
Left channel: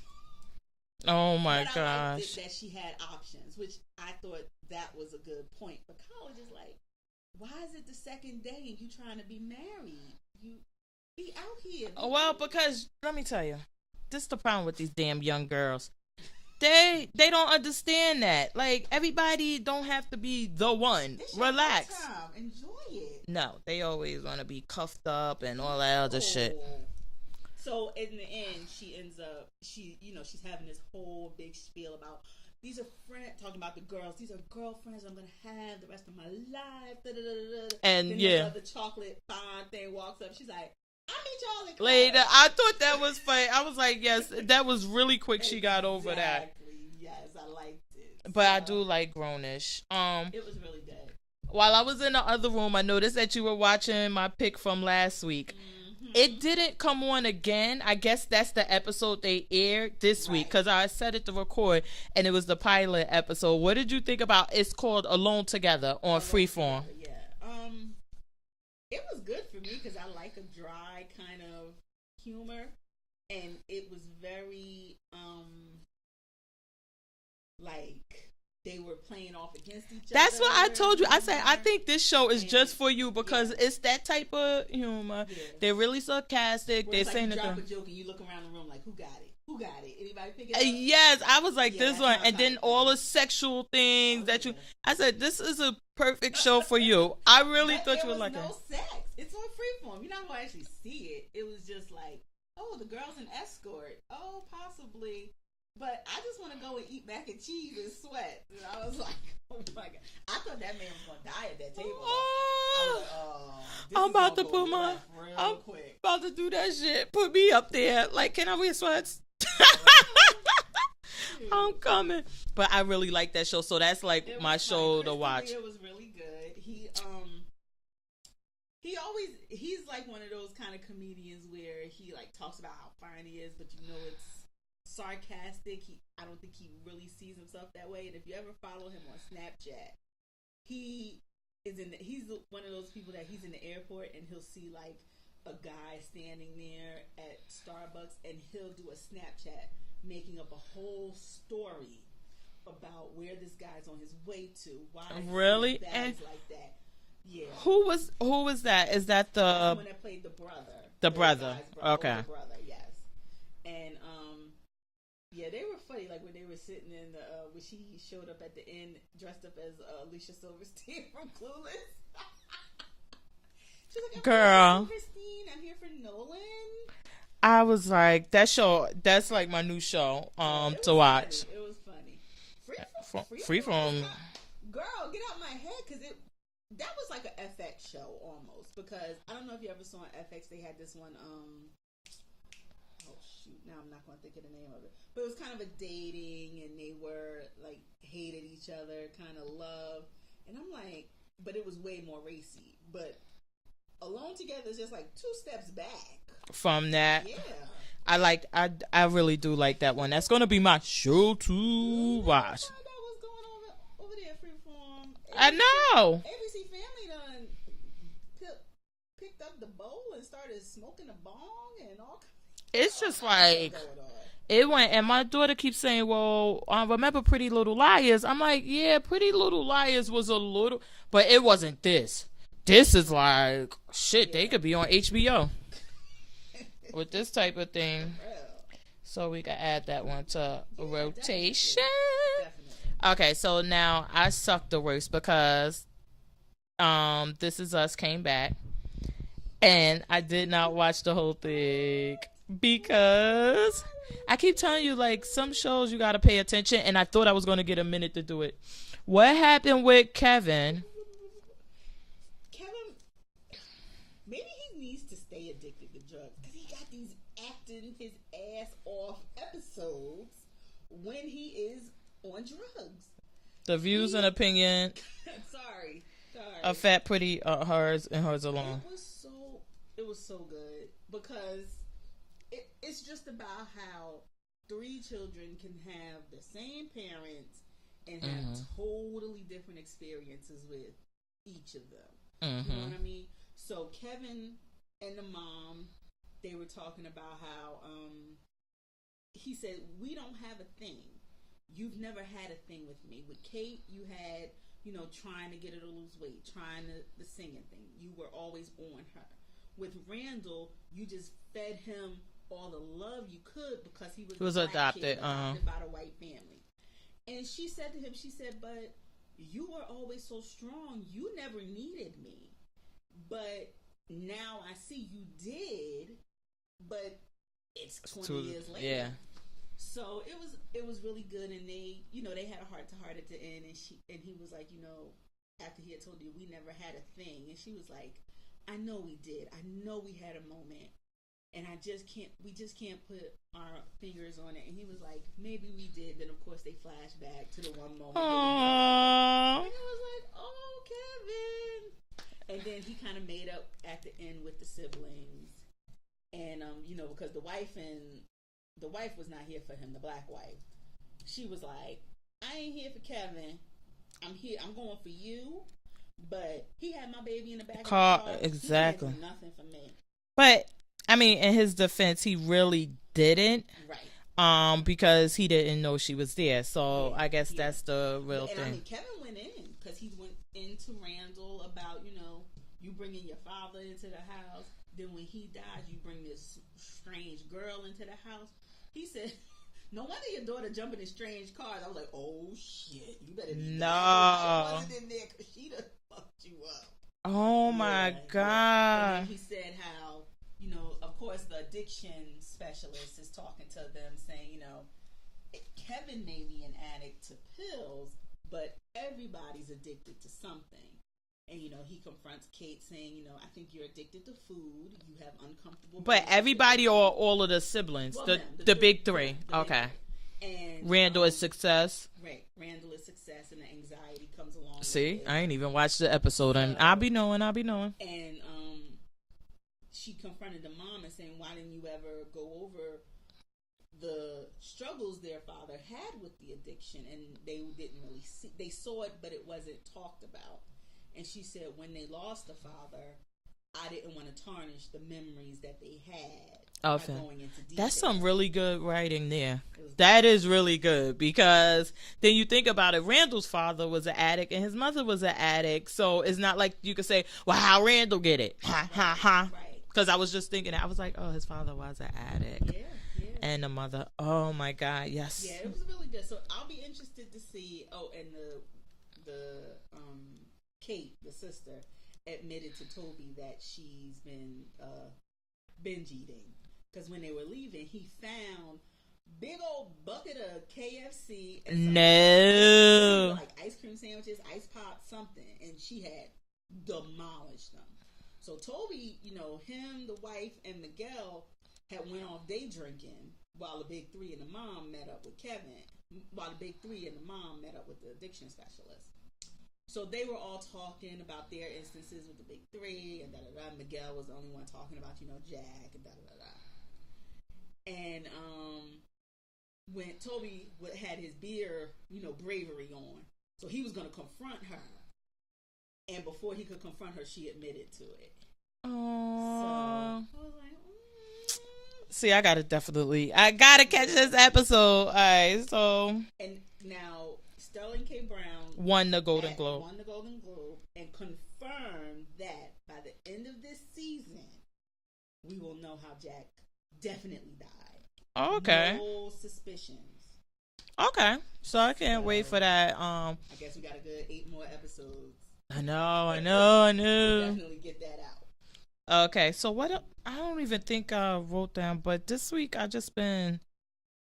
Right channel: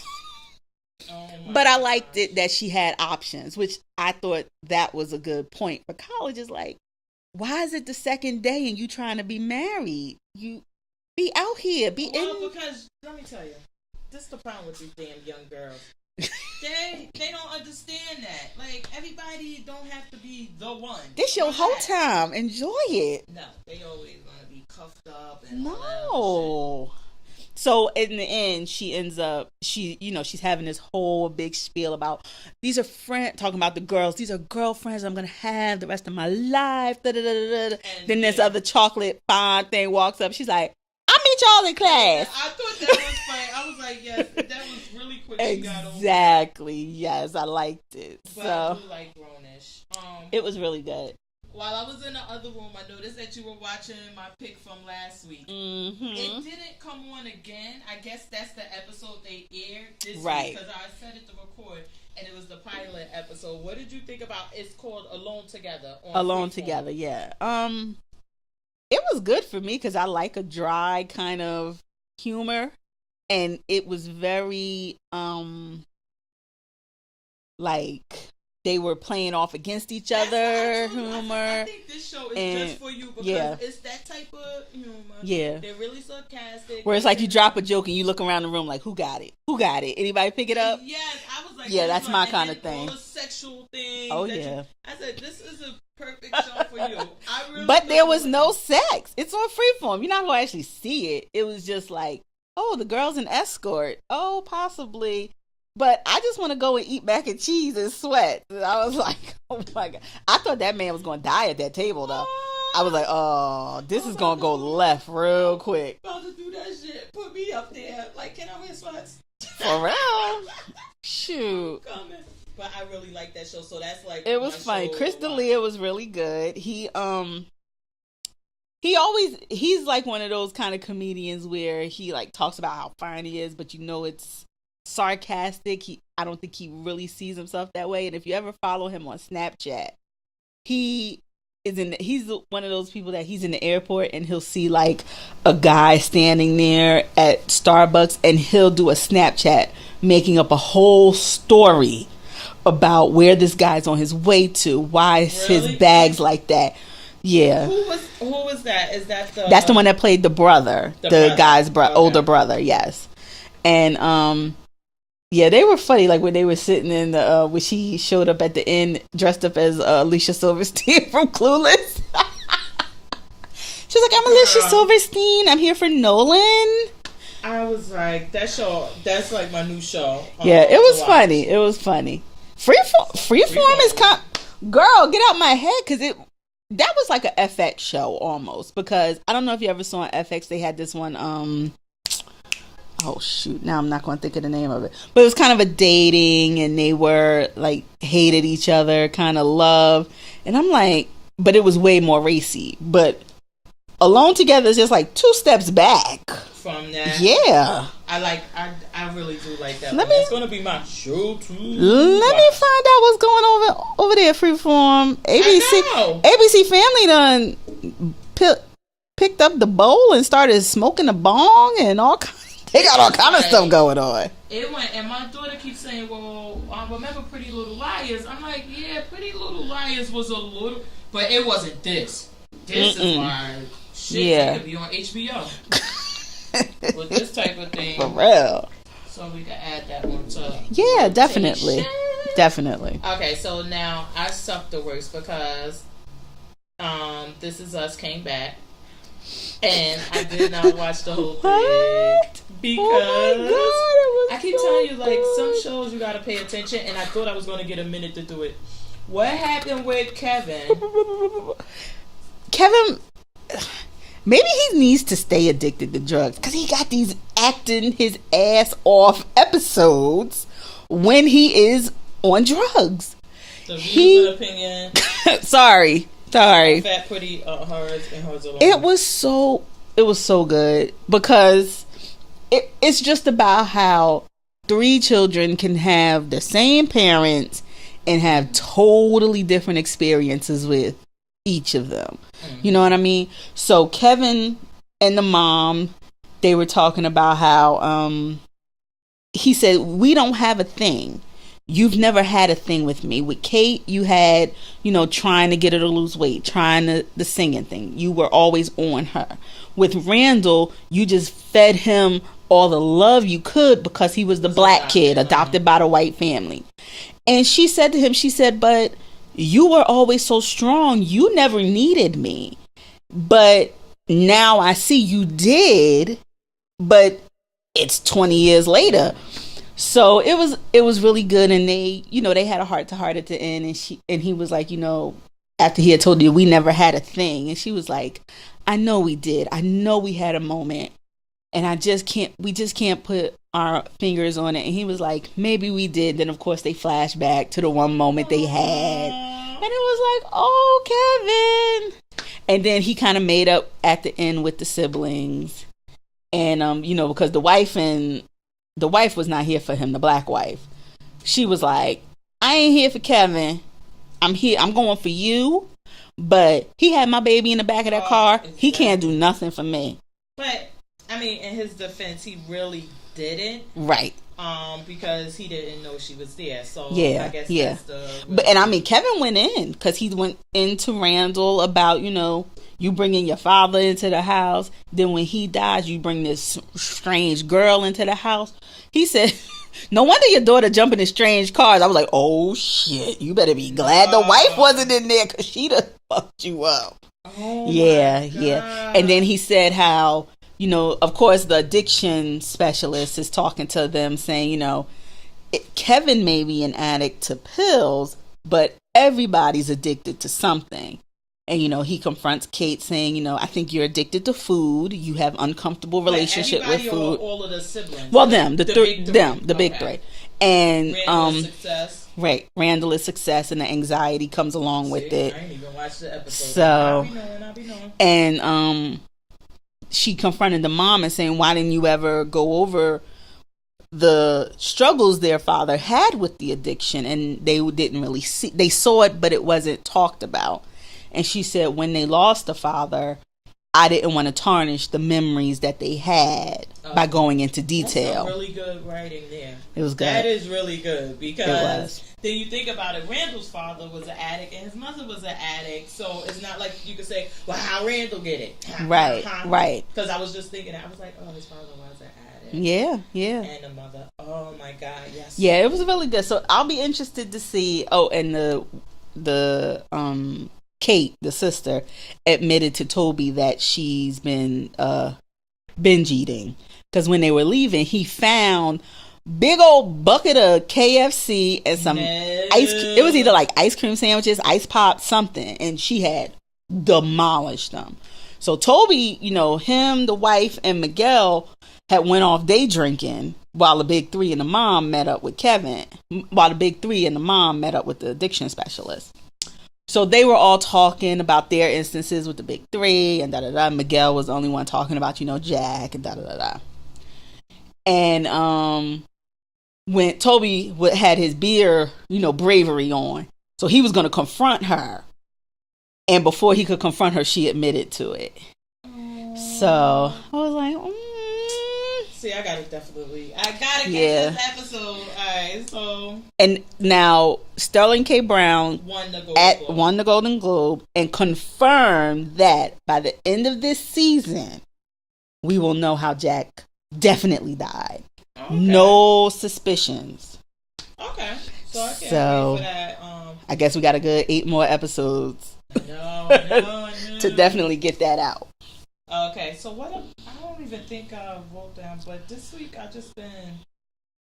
Oh my! But gosh. I liked it that she had options, which I thought that was a good point. For college is like, why is it the second day and you trying to be married? Be out here. Because let me tell you, this is the problem with these damn young girls. they don't understand that. Like, everybody don't have to be the one. This your whole time. Enjoy it. No, they always want to be cuffed up and all that other shit. So in the end, she ends up, she's having this whole big spiel about, these are friends, talking about the girls. These are girlfriends I'm going to have the rest of my life. Da, da, da, da. And then this other chocolate fond thing walks up. She's like, I'll meet y'all in class. I thought that was funny. I was like, yes, that was really quick. She got over that. Exactly. Yes, I liked it. But I do like Grownish. It was really good. While I was in the other room, I noticed that you were watching my pick from last week. Mm-hmm. It didn't come on again. I guess that's the episode they aired this week, because I set it to record, and it was the pilot episode. What did you think about? It's called Alone Together on Freeform. Alone Together, yeah. It was good for me because I like a dry kind of humor, and it was very like they were playing off against each other. That's what I told you. I said, I think this show is just for you because it's that type of humor. Yeah. They're really sarcastic. Where it's like you drop a joke and you look around the room like, who got it? Who got it? Anybody pick it up? Yes. I was like, this one. And then all the sexual things I said, this is a perfect show for you. I really But there was no sex. It's on Freeform. You're not going to actually see it. It was just like, oh, the girl's an escort. Oh, possibly. But I just want to go and eat mac and cheese and sweat. And I was like, oh my God. I thought that man was going to die at that table, though. I was like, oh, this is going to go left real quick. About to do that shit. Put me up there. Like, can I wear sweats? For real? Shoot. I'm coming. But I really like that show. So that's like it was my funny. show Crystal to watch. Leah was really good. He's like one of those kind of comedians where he like talks about how fine he is, but it's sarcastic. I don't think he really sees himself that way. And if you ever follow him on Snapchat, he's one of those people that he's in the airport and he'll see like a guy standing there at Starbucks and he'll do a Snapchat making up a whole story about where this guy's on his way to, why his bag's like that. Yeah. Who was that? Is that that's the one that played the brother, the guy's older brother? Yes. And yeah, they were funny. Like when they were sitting in the when she showed up at the end dressed up as Alicia Silverstein from Clueless. She's like, I'm Alicia Silverstein. I'm here for Nolan. I was like, that's like my new show. Yeah, it was funny. It was funny. Freeform is girl, get out my head, because that was like a FX show almost, because I don't know if you ever saw on FX, they had this one oh shoot, now I'm not going to think of the name of it, but it was kind of a dating, and they were like hated each other kind of love, and I'm like, but it was way more racy. But Alone Together is just like 2 steps back from that. Yeah, I really do like that one. That's gonna be my show too. Let me find out what's going over there. Freeform. ABC Family done picked up the bowl and started smoking a bong and all kinds. They got all kind of stuff going on. It went, and my daughter keeps saying, well, remember Pretty Little Liars? I'm like, yeah, Pretty Little Liars was a little, but it wasn't this. This is like, shit, it could be on HBO. With this type of thing. For real. So we can add that one to rotation. Definitely. Okay, so now I suck the worst because This Is Us came back. And I did not watch the whole thing because I keep telling you, like, some shows you gotta pay attention, and I thought I was gonna get a minute to do it. What happened with Kevin? Kevin, maybe he needs to stay addicted to drugs because he got these acting his ass off episodes when he is on drugs. The views and opinion. Sorry. Fat, pretty, hers and hers alone. It was so good because it's just about how 3 children can have the same parents and have totally different experiences with each of them. Mm-hmm. You know what I mean? So Kevin and the mom, they were talking about how he said, we don't have a thing. you've never had a thing with me. With Kate, you had, trying to get her to lose weight, trying the singing thing. You were always on her. With Randall, you just fed him all the love you could because he was the black kid adopted by the white family. And she said to him, but you were always so strong. You never needed me. But now I see you did, but it's 20 years later. So it was really good, and they had a heart to heart at the end, and he was like, after he had told you we never had a thing, and she was like, I know we did. I know we had a moment, and we just can't put our fingers on it. And he was like, maybe we did. Then of course they flashed back to the one moment they had, and it was like, oh, Kevin. And then he kind of made up at the end with the siblings, and because the wife was not here for him, the black wife. She was like, I ain't here for Kevin. I'm going for you. But he had my baby in the back of that car. Exactly. He can't do nothing for me. But, I mean, in his defense, he really didn't. Right. Because he didn't know she was there. So, yeah, I guess that's the... And I mean, Kevin went in. Because he went into Randall about, you bringing your father into the house. Then when he dies, you bring this strange girl into the house. He said, no wonder your daughter jumping in strange cars. I was like, oh, shit. You better be glad the wife wasn't in there because she'd have fucked you up. Oh, yeah, my God. Yeah. And then he said how, of course, the addiction specialist is talking to them saying, Kevin may be an addict to pills, but everybody's addicted to something. And, he confronts Kate saying, I think you're addicted to food. You have uncomfortable relationship with food. Everybody or all of the siblings? Well, the big three. The big three. And Randall is success. Right. Randall is success, and the anxiety comes along with it. I ain't even watched the episode. So, I'll be knowing. And she confronted the mom and saying, why didn't you ever go over the struggles their father had with the addiction? And they didn't really see. They saw it, but it wasn't talked about. And she said when they lost the father, I didn't want to tarnish the memories that they had by going into detail. That's some really good writing there. It was good. That is really good because then you think about it. Randall's father was an addict and his mother was an addict. So it's not like you could say, well, how Randall get it? Right. Because I was just thinking, I was like, oh, his father was an addict. Yeah. And the mother, oh my God, yes. Yeah, it was really good. So I'll be interested to see. Oh, and the Kate, the sister, admitted to Toby that she's been binge eating because when they were leaving, he found big old bucket of KFC and some it was either like ice cream sandwiches, ice pop, something, and she had demolished them. So Toby, him, the wife, and Miguel had went off day drinking while the big three and the mom met up with Kevin. While the big three and the mom met up with the addiction specialist. So they were all talking about their instances with the big three and da-da-da. Miguel was the only one talking about, Jack and da-da-da-da. And when Toby had his beer, bravery on. So he was going to confront her. And before he could confront her, she admitted to it. Aww. So I was like, See, I gotta catch this episode. All right, so. And now Sterling K. Brown won the Golden Globe and confirmed that by the end of this season, we will know how Jack definitely died. Okay. No suspicions. Okay, so I can't wait for that. I guess we got a good 8 more episodes. I know. To definitely get that out. Okay, so what? I don't even think I wrote down, but this week I just been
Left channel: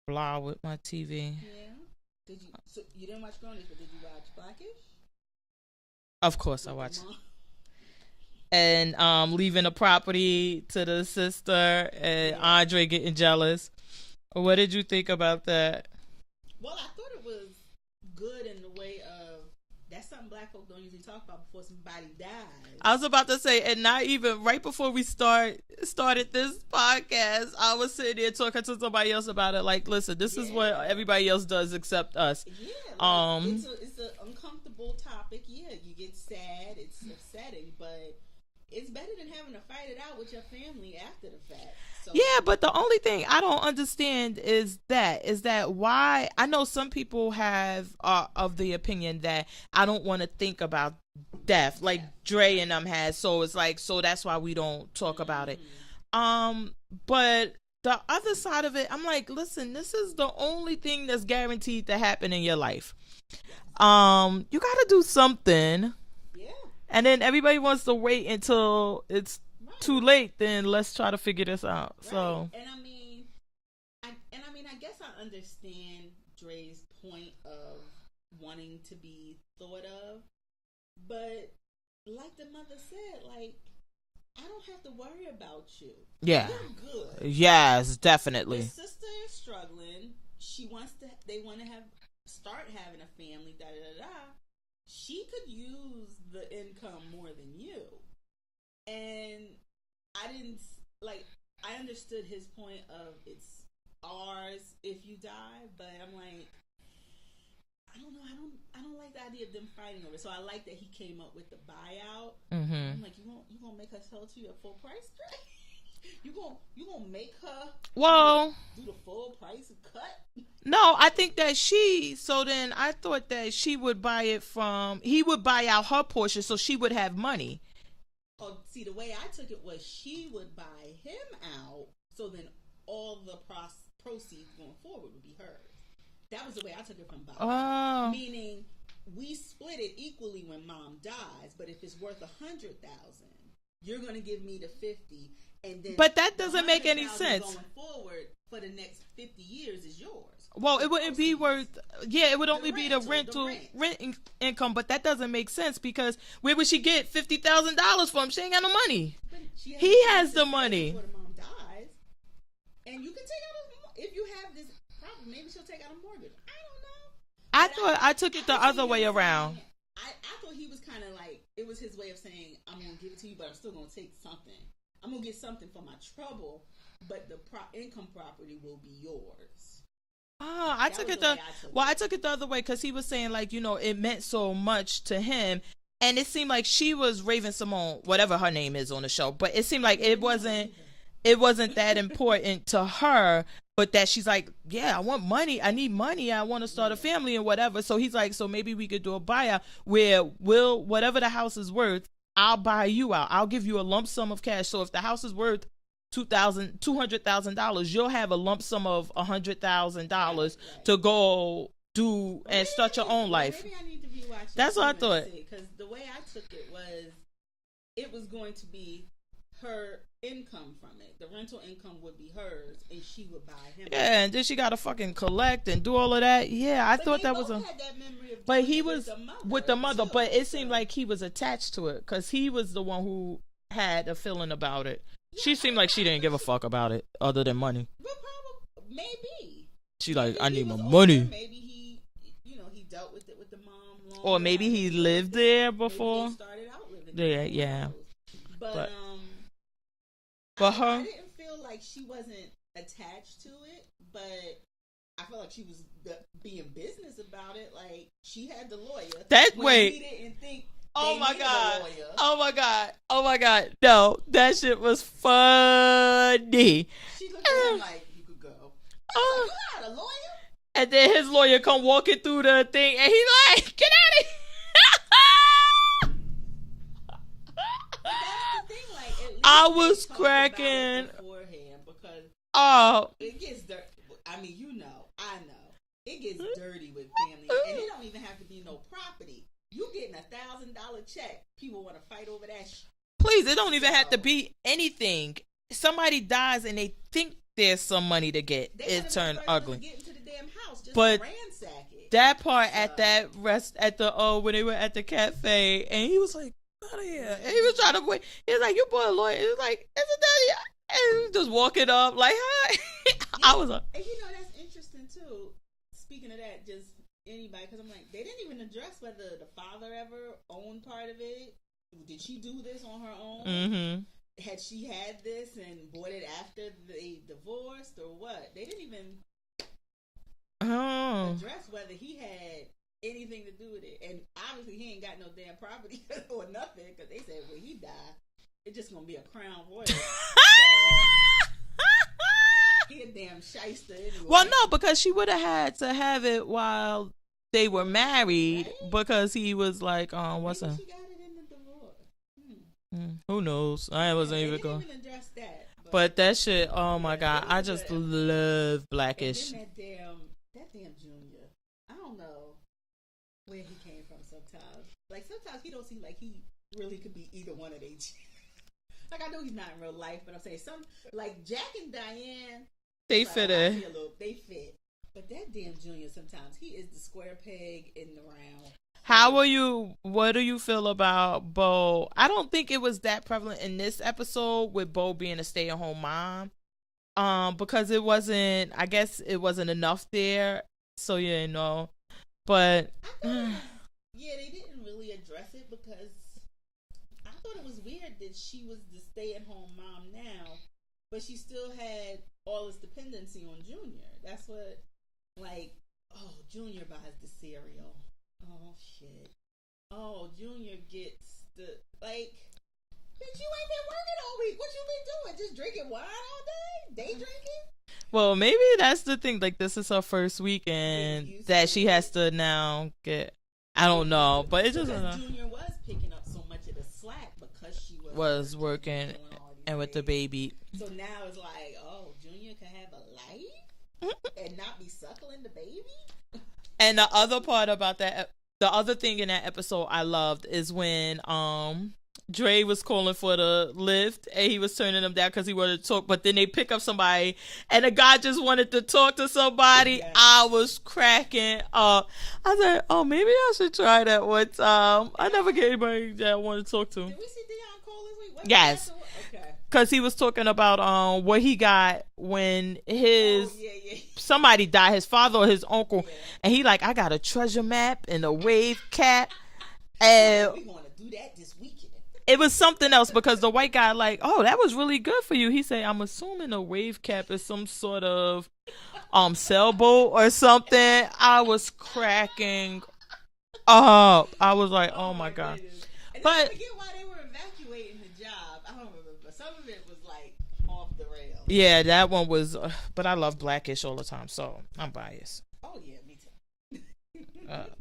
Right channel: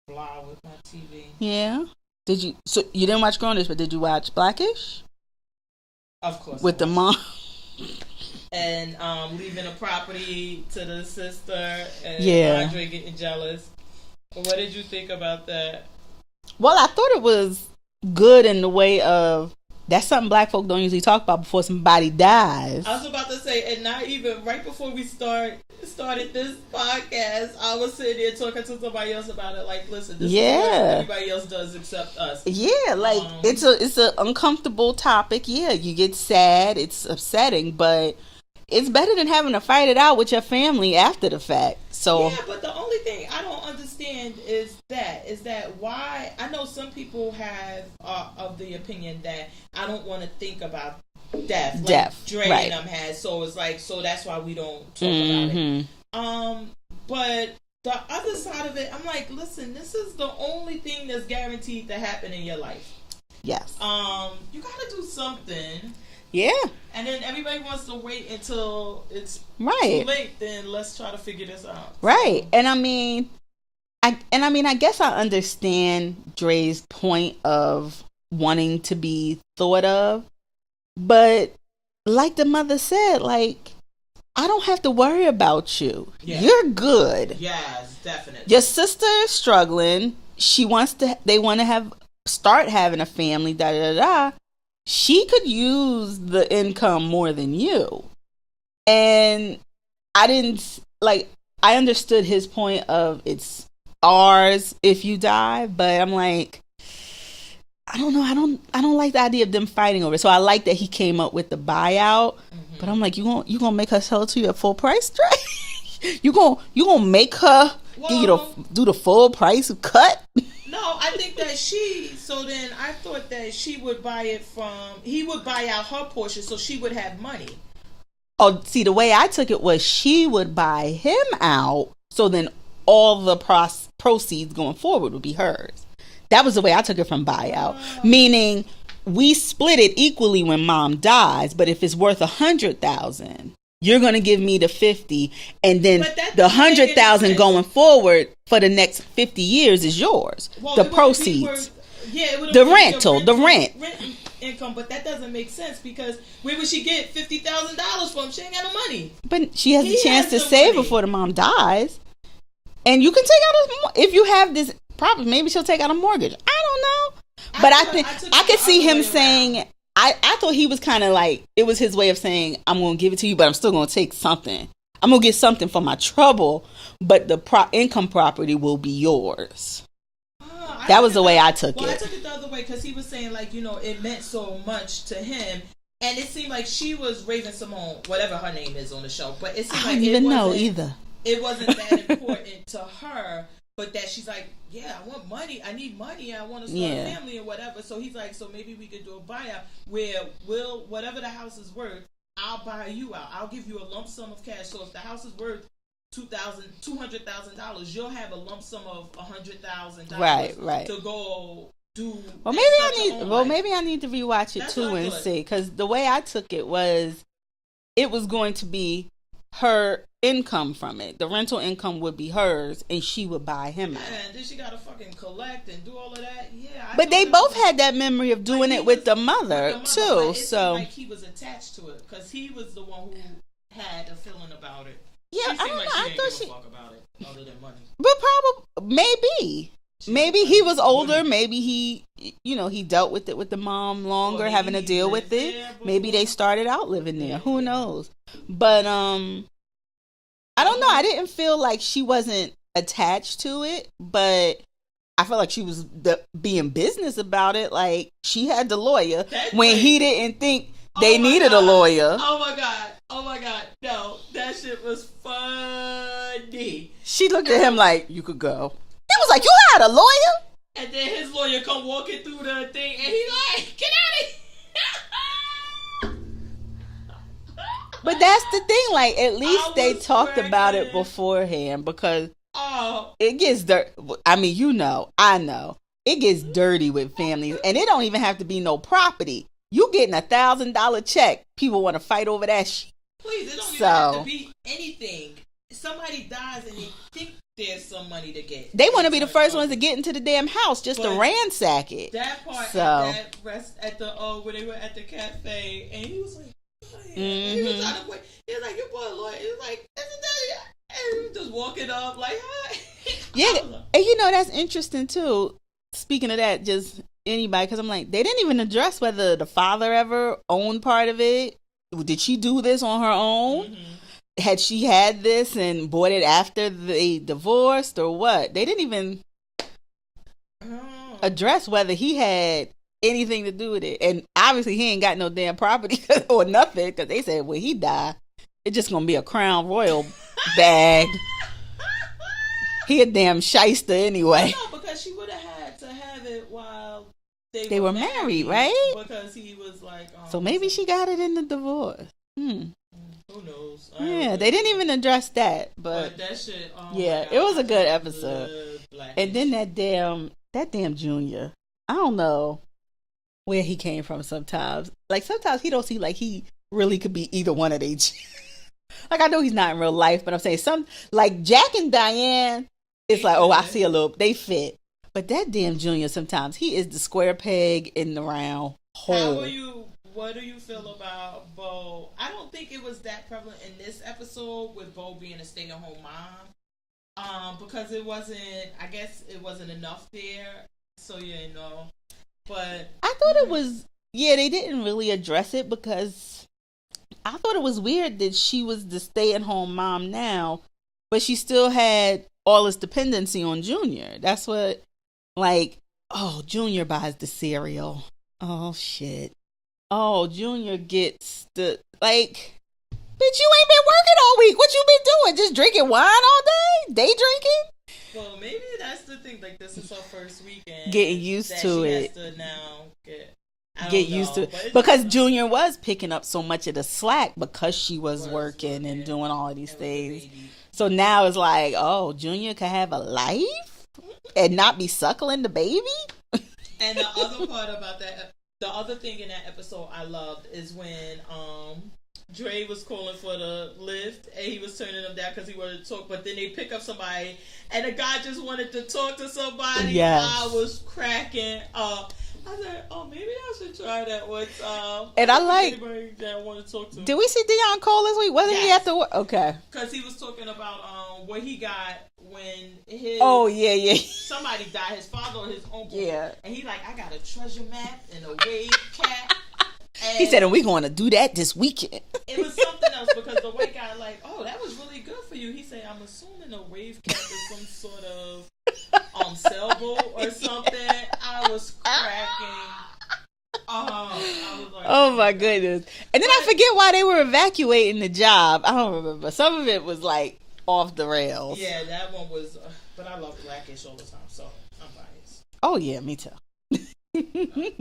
blah with my TV. Yeah. Did you? So you didn't watch Grownish, but did you watch Blackish? Of course. With the mom. And leaving the property to the sister and Andre getting jealous. What did you think about that? Well, I thought it was good in the way of that's something black folk don't usually talk about before somebody dies. I was about to say, and not even right before we started this podcast, I was sitting there talking to somebody else about it. Like, listen, this is what everybody else does except us. Yeah, like it's an uncomfortable topic. Yeah, you get sad, it's upsetting, but it's better than having to fight it out with your family after the fact. So yeah, but the only thing I don't understand is that why I know some people have of the opinion that I don't want to think about death, like Dre and them has. So it's like, so that's why we don't talk about it. But the other side of it, I'm like, listen, this is the only thing that's guaranteed to happen in your life. Yes. You got to do something. Yeah. And then everybody wants to wait until it's too late. Then let's try to figure this out. Right. So. And I mean, I guess I understand Dre's point of wanting to be thought of, but like the mother said, like, I don't have to worry about you. Yeah. You're good. Yes, definitely. Your sister is struggling. They want to start having a family, da da da. She could use the income more than you. And I understood his point of it's ours if you die, but I'm like, I don't know. I don't like the idea of them fighting over it. So I like that he came up with the buyout, but I'm like, you gonna make her sell it to you at full price, Dre? you gonna make her do the full price cut? No, I think that so then I thought that she would he would buy out her portion so she would have money. Oh, see, the way I took it was she would buy him out, so then all the proceeds going forward would be hers. That was the way I took it from buyout. Meaning, we split it equally when mom dies, but if it's worth $100,000, you're going to give me the 50, and then the 100,000 going forward for the next 50 years is yours. Well, the proceeds. It would the rent income, but that doesn't make sense because where would she get $50,000 from? She ain't got no money. But she has a chance to save before the mom dies. And you can take out if you have this property, maybe she'll take out a mortgage. I don't know. But I could see him saying, I thought he was kind of like, it was his way of saying, I'm going to give it to you, but I'm still going to take something. I'm going to get something for my trouble, but the income property will be yours. That was the way I took it. Well, I took it the other way because he was saying, like, it meant so much to him. And it seemed like she was Raven-Symoné, whatever her name is on the show. But it seemed like it wasn't that important to her. But that she's like, yeah, I want money. I need money. I want to start a family or whatever. So he's like, so maybe we could do a buyout where whatever the house is worth, I'll buy you out. I'll give you a lump sum of cash. So if the house is worth $200,000, you'll have a lump sum of $100,000 to go do. Well, maybe I need to rewatch it and see, because the way I took it was, it was going to be her income from it. The rental income would be hers, and she would buy him. Yeah, and then she got to fucking collect and do all of that. Yeah, but they both had that memory of doing it with the mother too. But it seemed like he was attached to it because he was the one who had a feeling about it. Yeah, she seemed like she didn't give a fuck about it other than money. But probably, maybe he was older. Maybe he, he dealt with it with the mom longer, having to deal with it. Maybe they started out living there. Who knows? But I don't know. I didn't feel like she wasn't attached to it, but I felt like she was being business about it. Like, she had the lawyer he didn't think they needed a lawyer. Oh my God. No, that shit was funny. She looked at him like, you could go. It was like, you had a lawyer? And then his lawyer come walking through the thing, and he's like, get out of here. But that's the thing, like, at least they talked about it beforehand, because it gets dirty. I mean, I know. It gets dirty with families, and it don't even have to be no property. You getting $1,000 check, people want to fight over that shit. Please, it don't even have to be anything. Somebody dies and they think there's some money to get. They want to be the first ones to get into the damn house just to ransack it. That part at when they were at the cafe, and he was like, out of here. Mm-hmm. And he was trying to quit. He was like, you bought a lawyer. He was like, isn't that? And he was just walking up like, hi. Yeah, and that's interesting too. Speaking of that, just anybody, because I'm like, they didn't even address whether the father ever owned part of it. Did she do this on her own? Mm-hmm. Had she had this and bought it after they divorced or what? They didn't even address whether he had anything to do with it. And obviously he ain't got no damn property or nothing, because they said when he died, it's just gonna be a Crown Royal bag. He a damn shyster anyway. Well, no, because she would have had to have it while they were married, right? Because he was like, so maybe she got it in the divorce. Who knows? Yeah, they didn't even address that. But that shit, oh my God. It was a good episode. Love Blackish. And then that damn Junior. I don't know where he came from sometimes. Like, sometimes he don't seem like he really could be either one of these. Like, I know he's not in real life, but I'm saying like Jack and Diane, it's like, I see a little, they fit. But that damn Junior, sometimes he is the square peg in the round hole. What do you feel about Bo? I don't think it was that prevalent in this episode with Bo being a stay-at-home mom. Because I guess it wasn't enough there. So, but I thought it was, they didn't really address it, because I thought it was weird that she was the stay-at-home mom now, but she still had all this dependency on Junior. That's what, like, Junior buys the cereal. Oh, shit. Oh, Junior gets the, like, bitch, you ain't been working all week. What you been doing? Just drinking wine all day? Day drinking? Well, maybe that's the thing. Like, this is her first weekend. Getting used to it. That she has to now get... I don't know. But because Junior was picking up so much of the slack because she was working and doing all of these things. With the baby. So now it's like, Junior could have a life and not be suckling the baby? And the other part about that, the other thing in that episode I loved is when Dre was calling for the lift and he was turning them down because he wanted to talk, but then they pick up somebody and the guy just wanted to talk to somebody. Yes. I was cracking up. I said, maybe I should try that one time. And I like anybody that I want to talk to. Did we see Deion Cole this week? Wasn't he at the work? Okay. Because he was talking about what he got when his somebody died, his father or his uncle. Yeah. And he like, I got a treasure map and a wave cap. And he said, we going to do that this weekend. It was something else because the white guy like, that was really good for you. He said, I'm assuming a wave cap is some sort of sailboat or something. I was cracking. I was like, oh my goodness. And then I forget why they were evacuating the job. I don't remember. Some of it was like off the rails. Yeah, that one was. But I love Blackish all the time, so I'm biased. Oh yeah, me too. Blackish.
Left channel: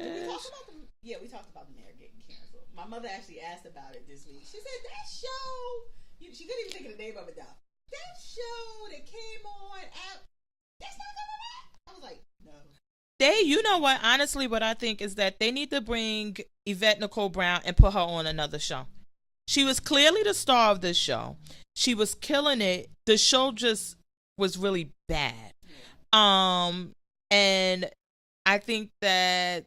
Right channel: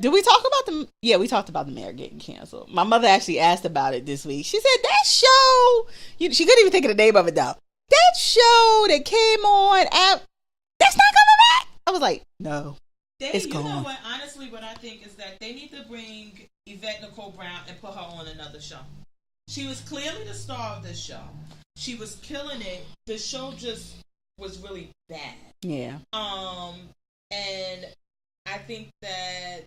Did we talk about the? Yeah, we talked about the mayor getting canceled. My mother actually asked about it this week. She said that show. She couldn't even think of the name of it though. That show that came on that's not coming back. I was like, no. You know what? Honestly, what I think is that they need to bring Yvette Nicole Brown and put her on another show. She was clearly the star of this show. She was killing it. The show just was really bad. Yeah. And I think that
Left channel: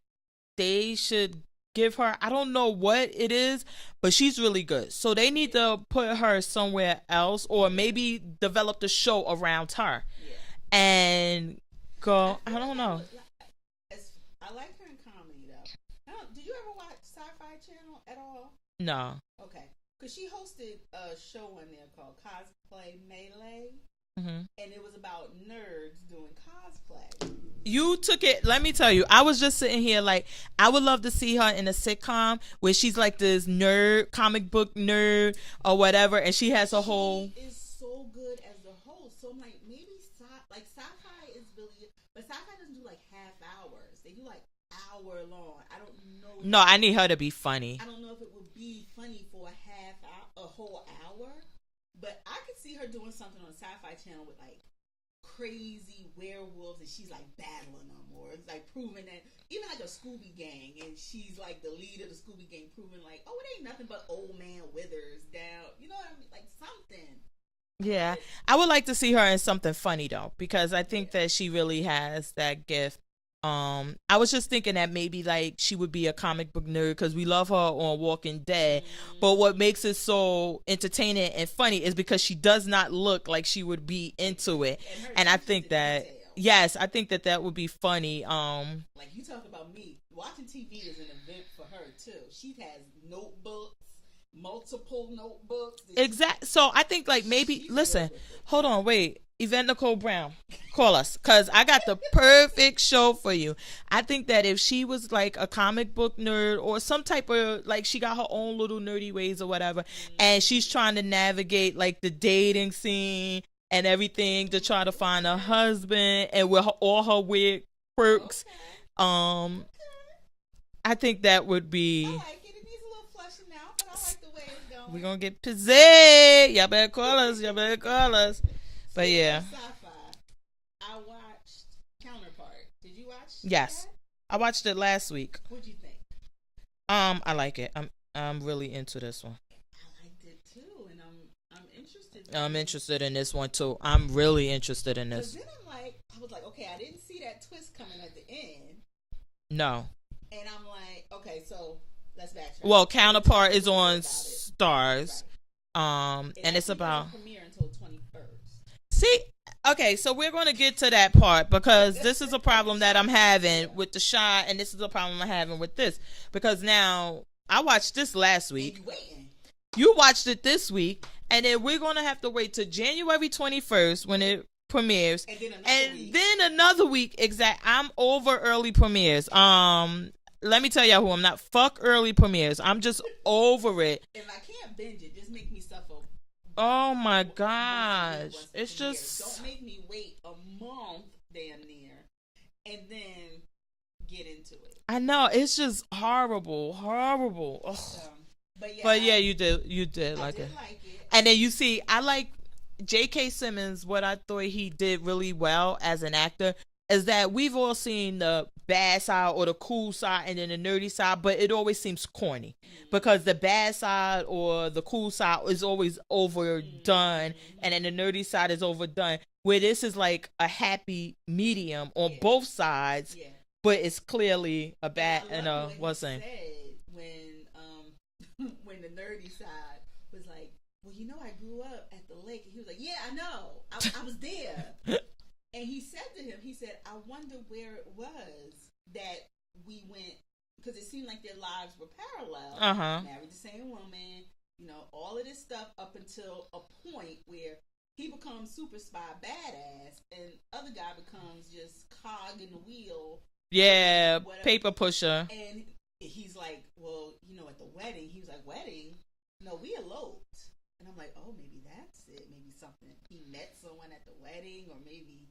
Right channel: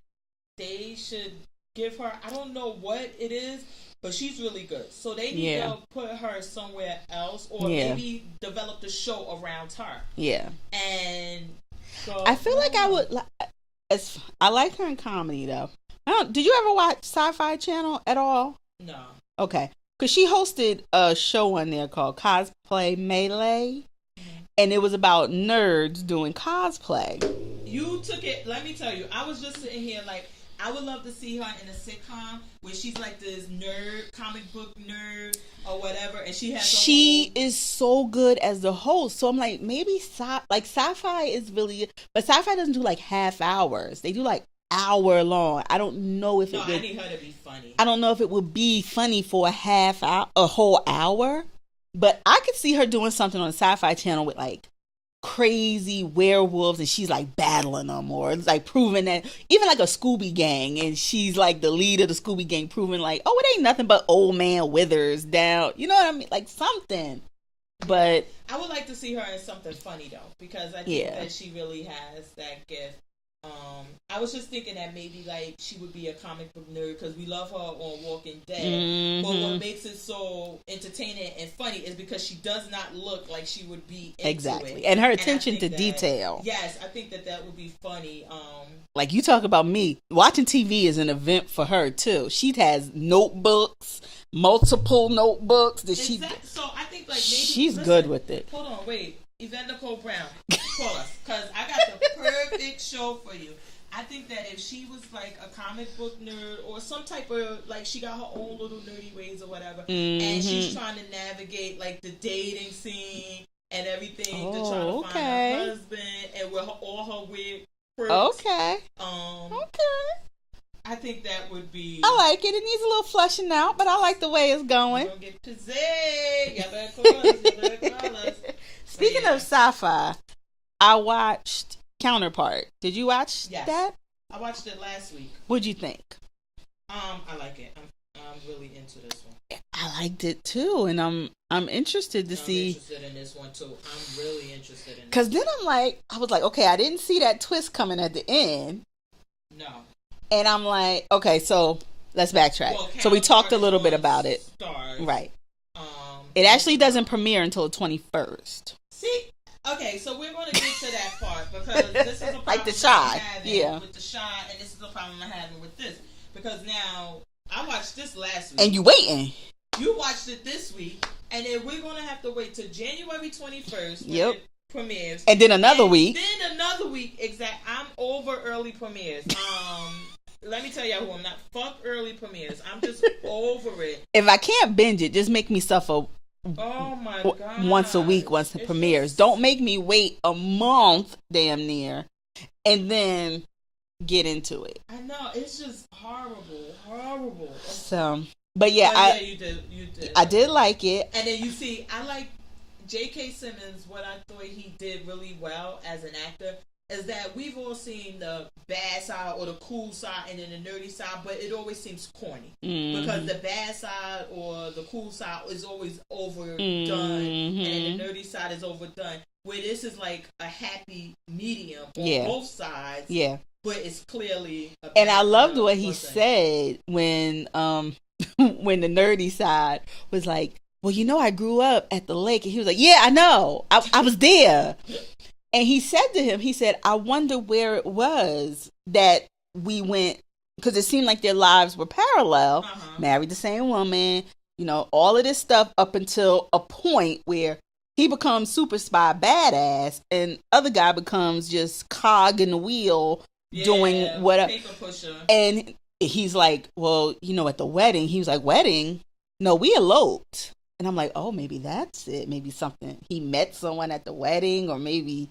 they should give her, I don't know what it is, but she's really good. So they need to put her somewhere else or maybe develop the show around her. Yeah. And go. I feel like I would, I like her in comedy though. Did you ever watch Sci-Fi Channel at all? No. Okay. Because she hosted a show on there called Cosplay Melee. Mm-hmm. And it was about nerds doing cosplay. You took it. Let me tell you, I was just sitting here like, I would love to see her in a sitcom where she's like this nerd, comic book nerd or whatever, and she has She is so good as the host. So I'm like, maybe Sci-Fi is really, but Sci-Fi doesn't do like half hours. They do like hour long. I don't know if I need her to be funny. I don't know if it would be funny for a whole hour. But I could see her doing something on the Sci-Fi Channel with like crazy werewolves and she's like battling them, or it's like proving that, even like a Scooby Gang and she's like the lead of the Scooby Gang, proving like, it ain't nothing but old man Withers down. You know what I mean? Like something. Yeah. But I would like to see her in something funny though, because I think that she really has that gift. I was just thinking that maybe like she would be a comic book nerd because we love her on Walking Dead. Mm-hmm. But what makes it so entertaining and funny is because she does not look like she would be into it, and her attention to detail. Yes, I think that would be funny. Like you talk about me watching TV is an event for her too. She has notebooks, multiple notebooks. So I think like maybe she's good with it. Hold on, wait. Yvette Nicole Brown, call us, because I got the perfect show for you. I think that if she was like a comic book nerd or some type of, like, she got her own little nerdy ways or whatever, and she's trying to navigate like the dating scene and everything to try to find a husband, and with all her weird quirks. Okay. I think that would be. I like it. It needs a little flushing out, but I like the way it's going. We're gonna get possessed. Y'all better call us. Y'all better call us. Speaking of sci-fi, I watched Counterpart. Did you watch that? I watched it last week. What'd you think? I like it. I'm really into this one. I liked it too, and I'm interested to see. I'm interested in this one too. I'm really interested in this. Because then I was like, okay, I didn't see that twist coming at the end. No. And I'm like, okay, so let's backtrack. Well, so we talked a little bit about it. Stars, right? It actually doesn't premiere until the 21st. See, okay, so we're going to get to that part because this is a problem that I'm having with the Shy, and this is a problem I'm having with this because now I watched this last week, and you waiting. You watched it this week, and then we're going to have to wait till January 21st when it premieres, and then another week. Then another week. I'm over early premieres. Let me tell y'all who I'm not. Fuck early premieres. I'm just over it. If I can't binge it, just make me suffer. Oh my god! Once a week, once it premieres. Don't make me wait a month, damn near, and then get into it. I know it's just horrible. So, but yeah, you did. I did like it, and then you see, I like J.K. Simmons. What I thought he did really well as an actor is that we've all seen the bad side or the cool side and then the nerdy side, but it always seems corny because the bad side or the cool side is always overdone and then the nerdy side is overdone, where this is like a happy medium on both sides, but it's clearly a bad. And I loved what he said when when the nerdy side was like, well, you know, I grew up at the lake, and he was like, yeah, I know, I was there. And he said to him, I wonder where it was that we went, because it seemed like their lives were parallel, married the same woman, you know, all of this stuff up until a point where he becomes super spy badass and other guy becomes just cog in the wheel doing whatever. Paper pusher. And he's like, well, you know, at the wedding, he was like, wedding? No, we eloped. And I'm like, oh, maybe that's it. Maybe something. He met someone at the wedding, or maybe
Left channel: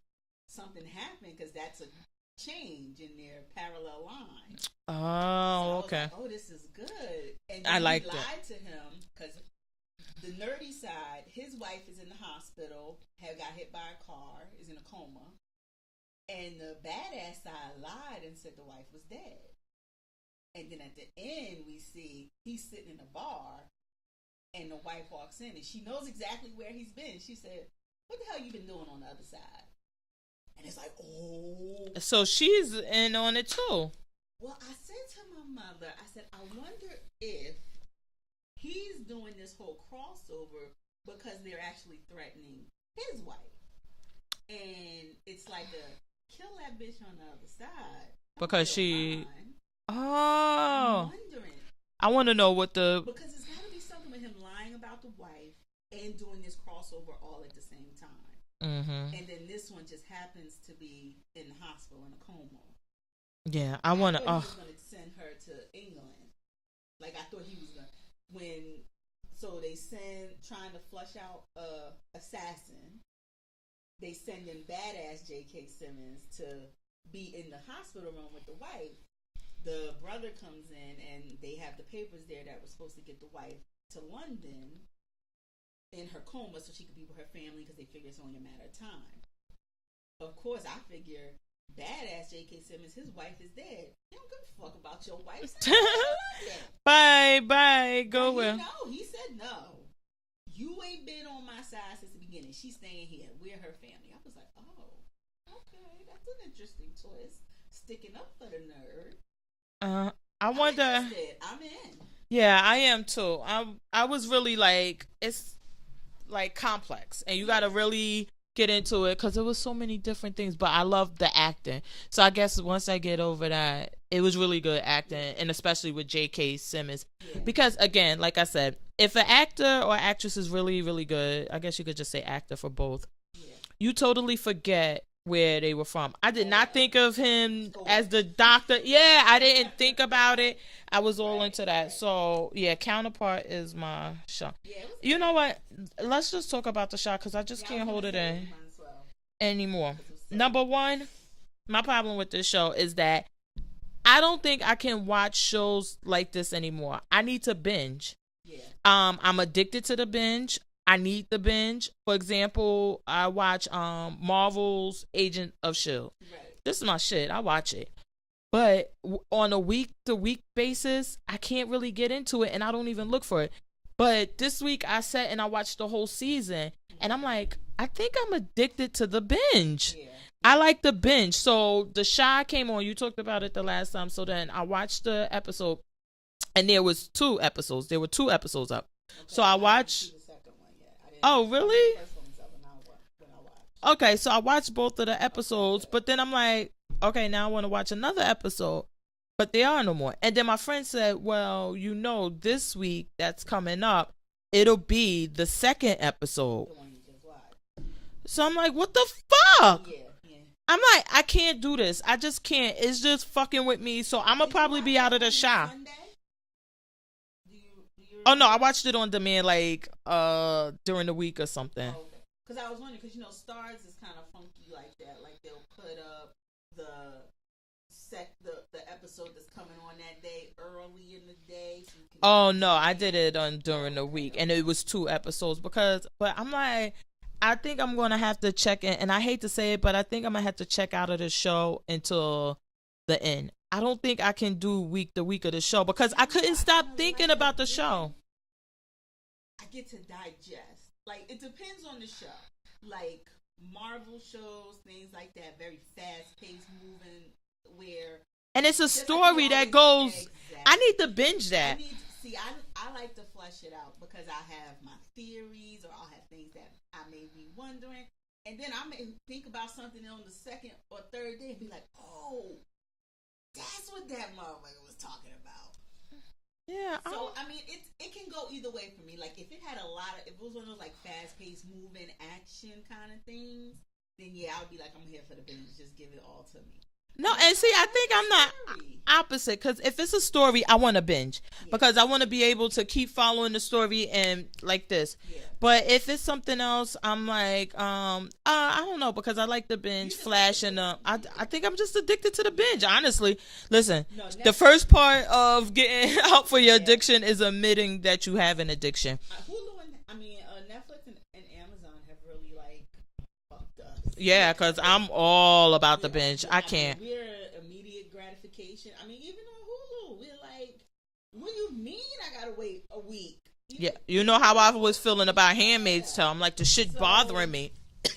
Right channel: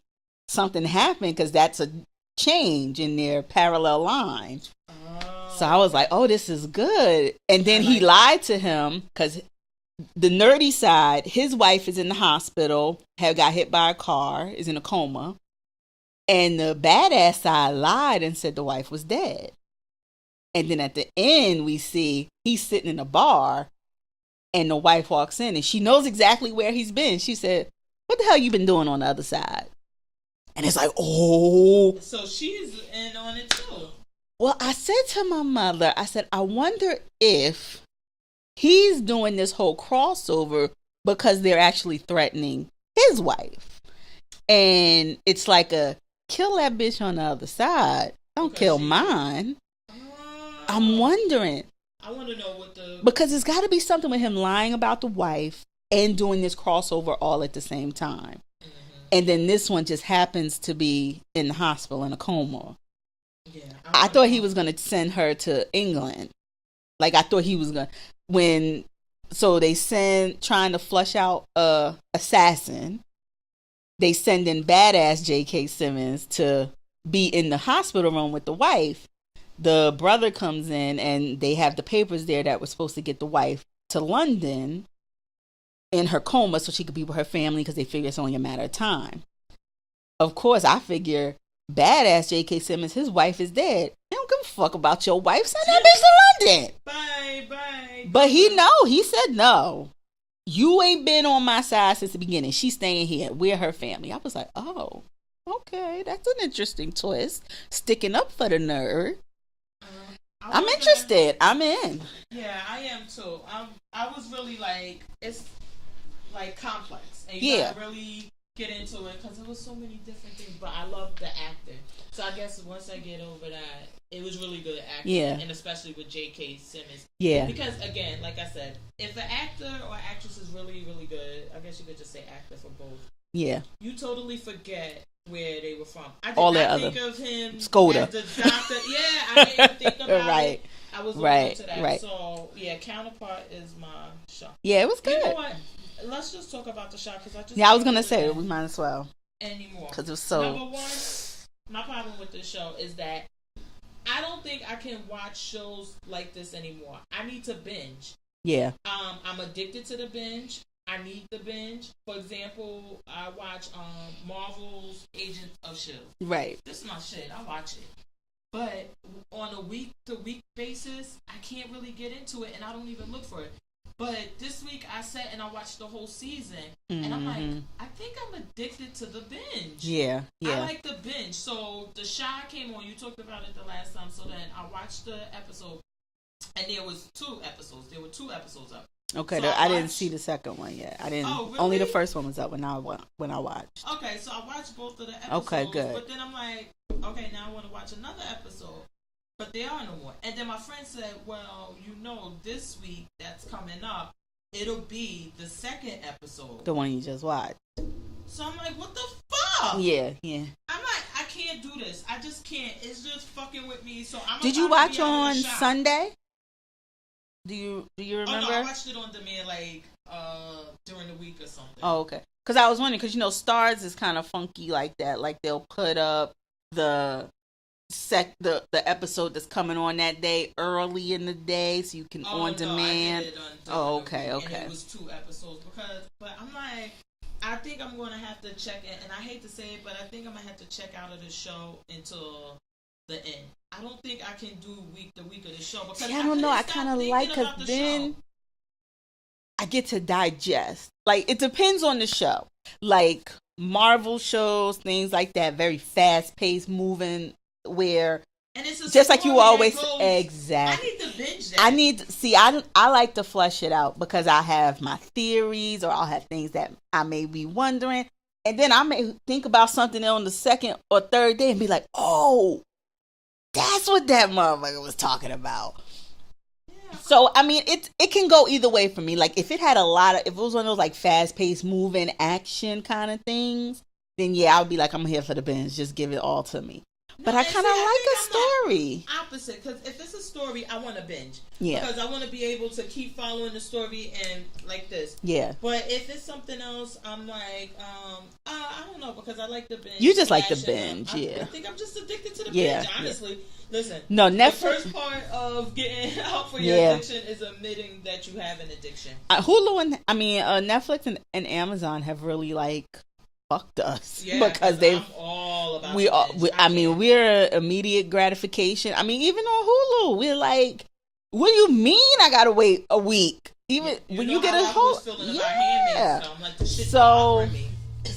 something happened, because that's a change in their parallel line. Oh, so I was like, oh, this is good. And then he lied to him, because the nerdy side, his wife is in the hospital, got hit by a car, is in a coma. And the badass side lied and said the wife was dead. And then at the end, we see he's sitting in a bar, and the wife walks in, and she knows exactly where he's been. She said, what the hell you been doing on the other side? And it's like, oh. So she's in on it too. Well, I said to my mother, I said, I wonder if he's doing this whole crossover because they're actually threatening his wife. And it's like a kill that bitch on the other side. Don't kill mine. Oh. I'm wondering. I want to know because it's got to be something with him lying about the wife and doing this crossover all at the same time. Mm-hmm. And then this one just happens to be in the hospital in a coma. Yeah. I thought he was going to send her to England. Like, I thought he was going to, so they trying to flush out a assassin. They send in badass J.K. Simmons to be in the hospital room with the wife. The brother comes in, and they have the papers there that were supposed to get the wife to London in her coma so she could be with her family, because they figure it's only a matter of time. Of course, I figure badass J.K. Simmons, his wife is dead. They don't give a fuck about your wife. Send that bitch to London. Bye. But he said no. You ain't been on my side since the beginning. She's staying here. We're her family. I was like, oh, okay, that's an interesting twist. Sticking up for the nerd. I'm interested. I'm in. Yeah, I am too. I was really like, it's like complex, and you gotta really get into it because there was so many different things. But I love the acting, so I guess once I get over that, it was really good acting, and especially with J.K. Simmons. Yeah, because again, like I said, if an actor or actress is really, really good, I guess you could just say actor for both. Yeah. You totally forget where they were from. I did All not think of him Skoda. as the doctor. Yeah, I didn't think about Right. it. I was all Right, into that. right. So, yeah, Counterpart is my show. Yeah, it was good. You know what? Let's just talk about the show because I just I was can't gonna hold it say in we might as well anymore. because it was so. Number one, my problem with this show is that I don't think I can watch shows like this anymore. I need to binge. Yeah. I'm addicted to the binge. I need the binge. For example, I watch Marvel's Agent of S.H.I.E.L.D. Right. This is my shit. I watch it. But on a week-to-week basis, I can't really get into it, and I don't even look for it. But this week, I sat and I watched the whole season, and I'm like, I think I'm addicted to the binge. Yeah. I like the binge. So The Shy came on. You talked about it the last time. So then I watched the episode, and there was 2 episodes. There were 2 episodes up. Okay, so I didn't see the second one yet. I didn't. Oh, really? Only the first one was up when I watched. Okay, so I watched both of the episodes, good. but then I'm like, okay, now I want to watch another episode, but there are no more. And then my friend said, well, this week that's coming up, it'll be the second episode. The one you just watched. So I'm like, what the fuck? Yeah. I'm like, I can't do this. I just can't. It's just fucking with me. So I'm gonna Did you probably watch be out of the on shop. Sunday? Do you remember? Oh no, I watched it on demand during the week or something. Oh, okay. Because I was wondering, because Stars is kind of funky like that. Like they'll put up the episode that's coming on that day early in the day, so you can. Oh no, I did it during the week, okay. And it was 2 episodes but I'm like, I think I'm gonna have to check in, and I hate to say it, but I think I'm gonna have to check out of the show until the end. I don't think I can do week to week of the show because I couldn't stop thinking about the show. I get to digest. Like, it depends on the show. Like Marvel shows, things like that, very fast paced, moving, where. And it's a just story like you always that goes, exactly. I need to binge that. I like to flesh it out because I have my theories, or I'll have things that I may be wondering, and then I may think about something on the second or third day and be like, oh, that's what that motherfucker was talking about. Yeah. So I mean, it can go either way for me. Like if it was one of those like fast paced, moving action kind of things, then yeah, I would be like, I'm here for the binge. Just give it all to me. No, but I think story. I'm not opposite, because if it's a story, I want to binge because I want to be able to keep following the story and like this. Yeah. But if it's something else, I'm like, I don't know, because I like the binge. You just like the binge. I think I'm just addicted to the binge. Honestly, listen. No, Netflix, the first part of getting out for your addiction is admitting that you have an addiction. Hulu Netflix and Amazon have really like fucked us. Yeah, because I'm all about the binge. We're immediate gratification. I mean, even on Hulu, we're like, what do you mean I gotta wait a week? Even you know how I was feeling about Handmaid's Tale. I'm like, the shit bothering me.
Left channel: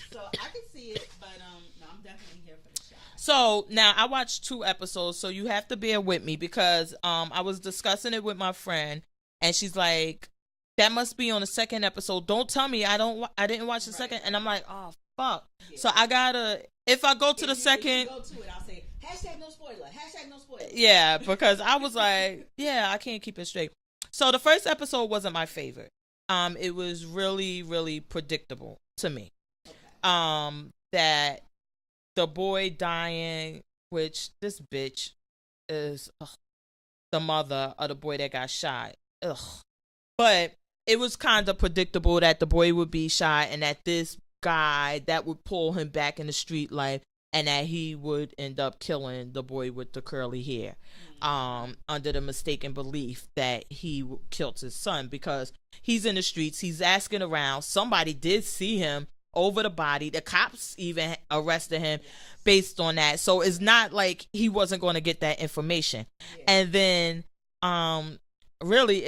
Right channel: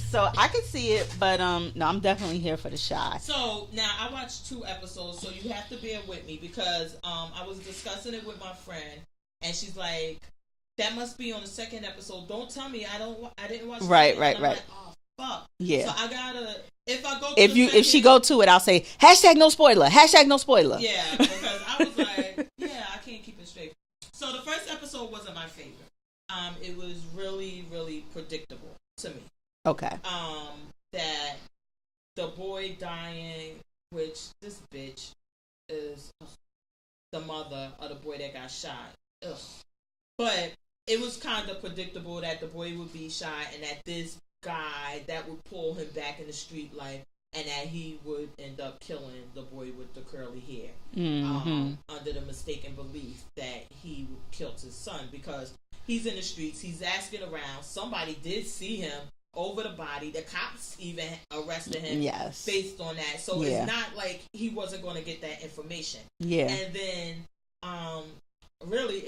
So I can see it, but no, I'm definitely here for the shot. So now I watched 2 episodes, so you have to bear with me because I was discussing it with my friend, and she's like, that must be on the second episode. Don't tell me I didn't watch the second. And I'm like, oh fuck. Yeah. So I gotta, if I go to if she go to it, I'll say #no spoiler. #no spoiler. Yeah, because I was like, yeah, I can't keep it straight. So the first episode wasn't my favorite. It was really, really predictable to me. Okay. That the boy dying, which this bitch is the mother of the boy that got shot. Ugh. But it was kind of predictable that the boy would be shot and that this guy that would pull him back in the street life, and that he would end up killing the boy with the curly hair, under the mistaken belief that he killed his son, because he's in the streets, he's asking around, somebody did see him over the body, the cops even arrested him based on that, so it's not like he wasn't going to get that information. And then really,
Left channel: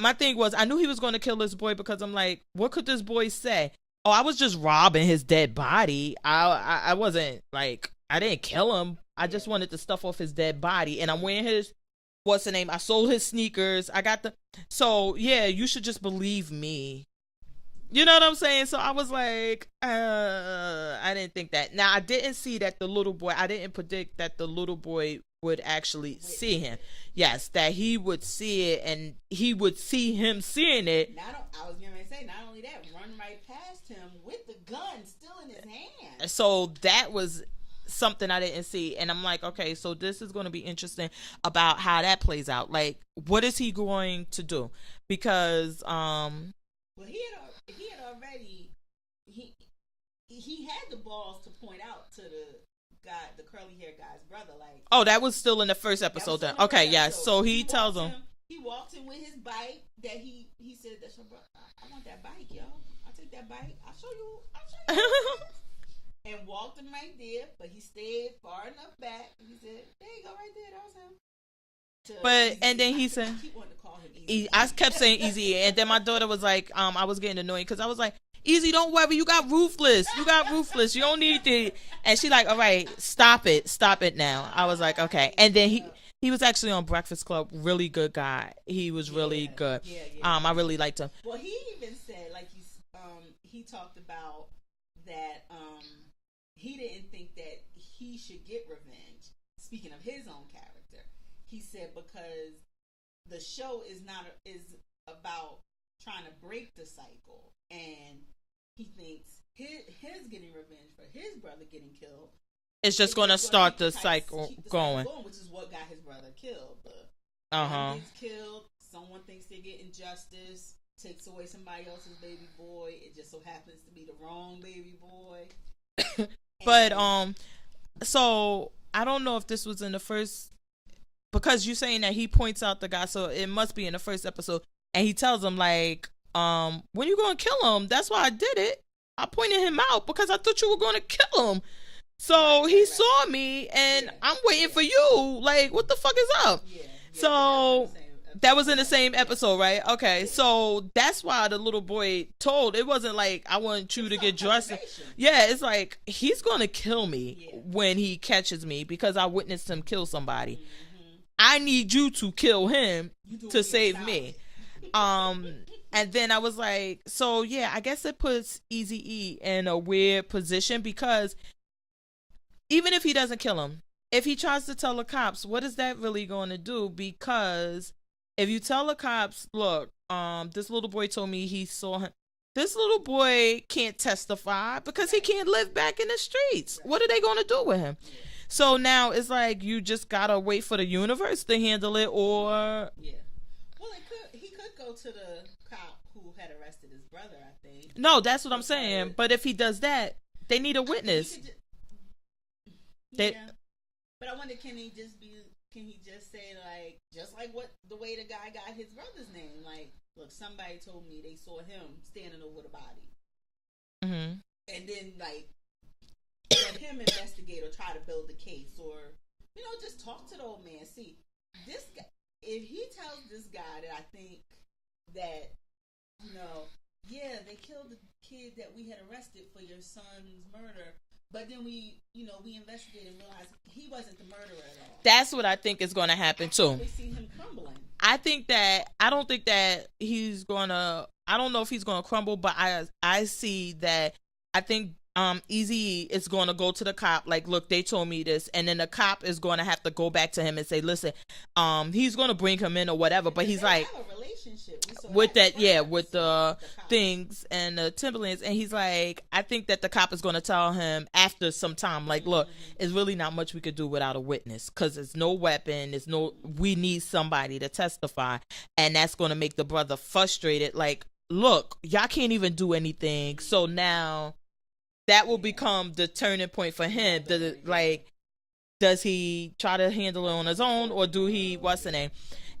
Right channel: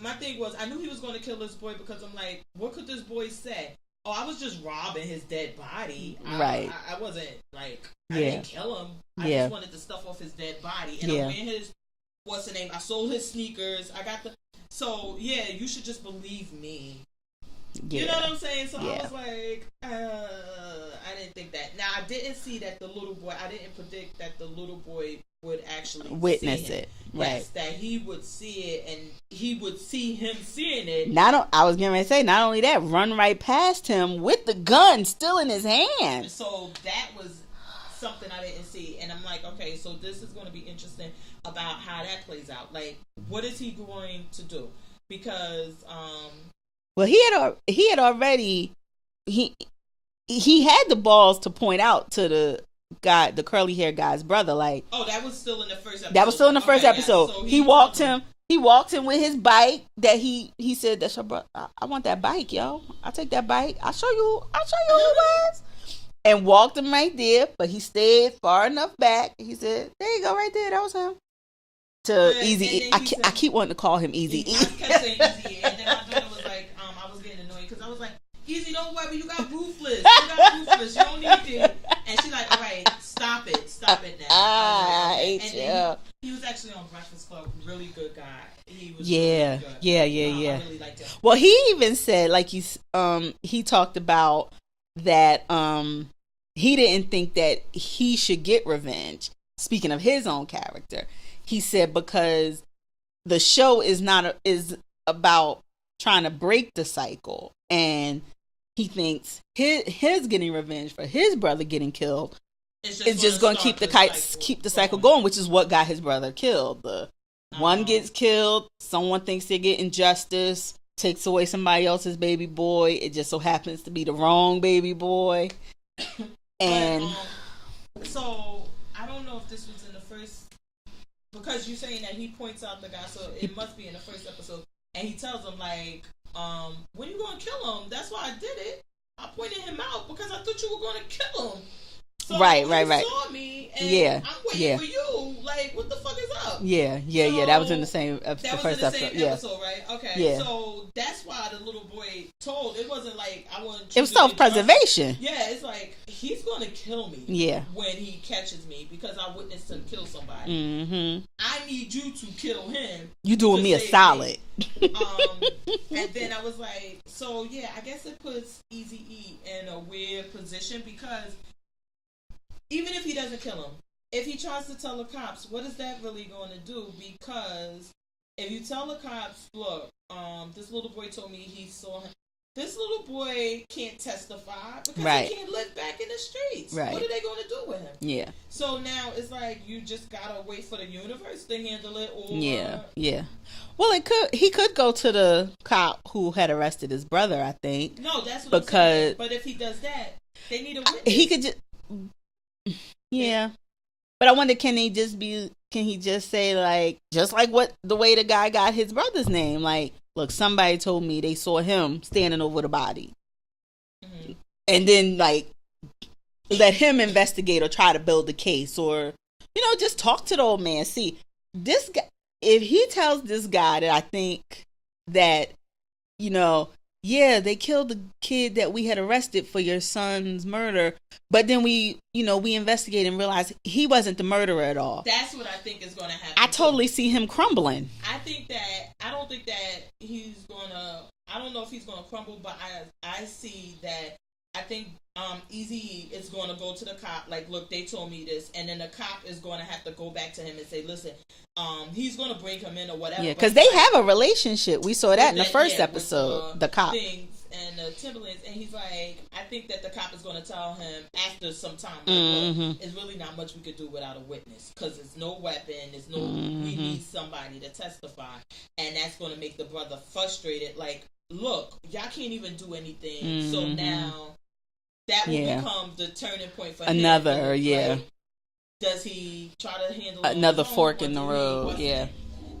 my thing was, I knew he was going to kill this boy because I'm like, what could this boy say? Oh, I was just robbing his dead body. I wasn't like, I didn't kill him. I just wanted the stuff off his dead body. And I'm wearing his, what's the name? I sold his sneakers. So yeah, you should just believe me. Yeah. You know what I'm saying? So I was like, I didn't think that. Now, I didn't see that I didn't predict that the little boy would actually witness see him. it. Yes, that he would see it and he would see him seeing it. I was getting ready to say, not only that, run right past him with the gun still in his hand. So that was something I didn't see, and I'm like, okay, so this is going to be interesting about how that plays out. Like, what is he going to do? Because well, he had already he had the balls to point out to the guy, the curly hair guy's brother, like, oh, that was still in the first episode. That was still in the first episode. Yeah. So he walked him with his bike that he said, that's your brother. I want that bike, yo. I'll take that bike. I'll show you who it was. And walked him right there, but he stayed far enough back. He said, there you go, right there. That was him. Easy. I keep wanting to call him Easy. I kept saying Easy, and then my daughter was like, I was getting annoyed because I was like, Easy, don't worry, you got Ruthless. You don't need it. And she like, all right, stop it now. I was like, okay. And then he was actually on Breakfast Club, really good guy. He was really good. Yeah. I really liked him. Well, he even said, like, he talked about that he didn't think that he should get revenge. Speaking of his own character, he said because the show is about trying to break the cycle, and he thinks his getting revenge for his brother getting killed is just going to keep the cycle going, which is what got his brother killed. One gets killed, someone thinks they're getting justice, takes away somebody else's baby boy. It just so happens to be the wrong baby boy. But so I don't know if this was in the first, because you're saying that he points out the guy, so it must be in the first episode, and he tells him like, when you gonna kill him? That's why I did it. I pointed him out because I thought you were gonna kill him. So he saw me, and I'm waiting for you. Like, what the fuck is up? Yeah. That was in the same episode. That was in the same episode, right? Okay. Yeah. So that's why the little boy told. It wasn't like, I want you to get drunk. It was self-preservation. Yeah, it's like, he's going to kill me when he catches me because I witnessed him kill somebody. Mm-hmm. I need you to kill him. You doing me a solid. And then I was like, so yeah, I guess it puts Eazy-E in a weird position because even if he doesn't kill him, if he tries to tell the cops, what is that really going to do? Because if you tell the cops, look, this little boy told me he saw him. This little boy can't testify because he can't live back in the streets. Right. What are they going to do with him? Yeah. So now it's like you just got to wait for the universe to handle it, or... Yeah. Well, he could go to the cop who had arrested his brother, I think. No, that's what I'm saying. But if he does that, they need a witness. He could just... Yeah, but I wonder, can he just say, like, just like the way the guy got his brother's name, like, look, somebody told me they saw him standing over the body, and then like let him investigate or try to build a case, or just talk to the old man. See, this guy, if he tells this guy that I think that they killed the kid that we had arrested for your son's murder, but then we investigate and realize he wasn't the murderer at all. That's what I think is going to happen. I totally see him crumbling. I don't think that he's going to, I don't know if he's going to crumble, but I see that, I think Eazy is going to go to the cop, like, look, they told me this, and then the cop is going to have to go back to him and say, listen, he's going to bring him in or whatever. Because they have a relationship. We saw that in the first episode. With the cop things and the Timberlands, and he's like, I think that the cop is going to tell him after some time, like, look, it's really not much we could do without a witness, because there's no weapon, we need somebody to testify, and that's going to make the brother frustrated, like, look, y'all can't even do anything, so now that will become the turning point for him. Like, does he try to handle it another on his fork own, or in do the road? he? What's the name?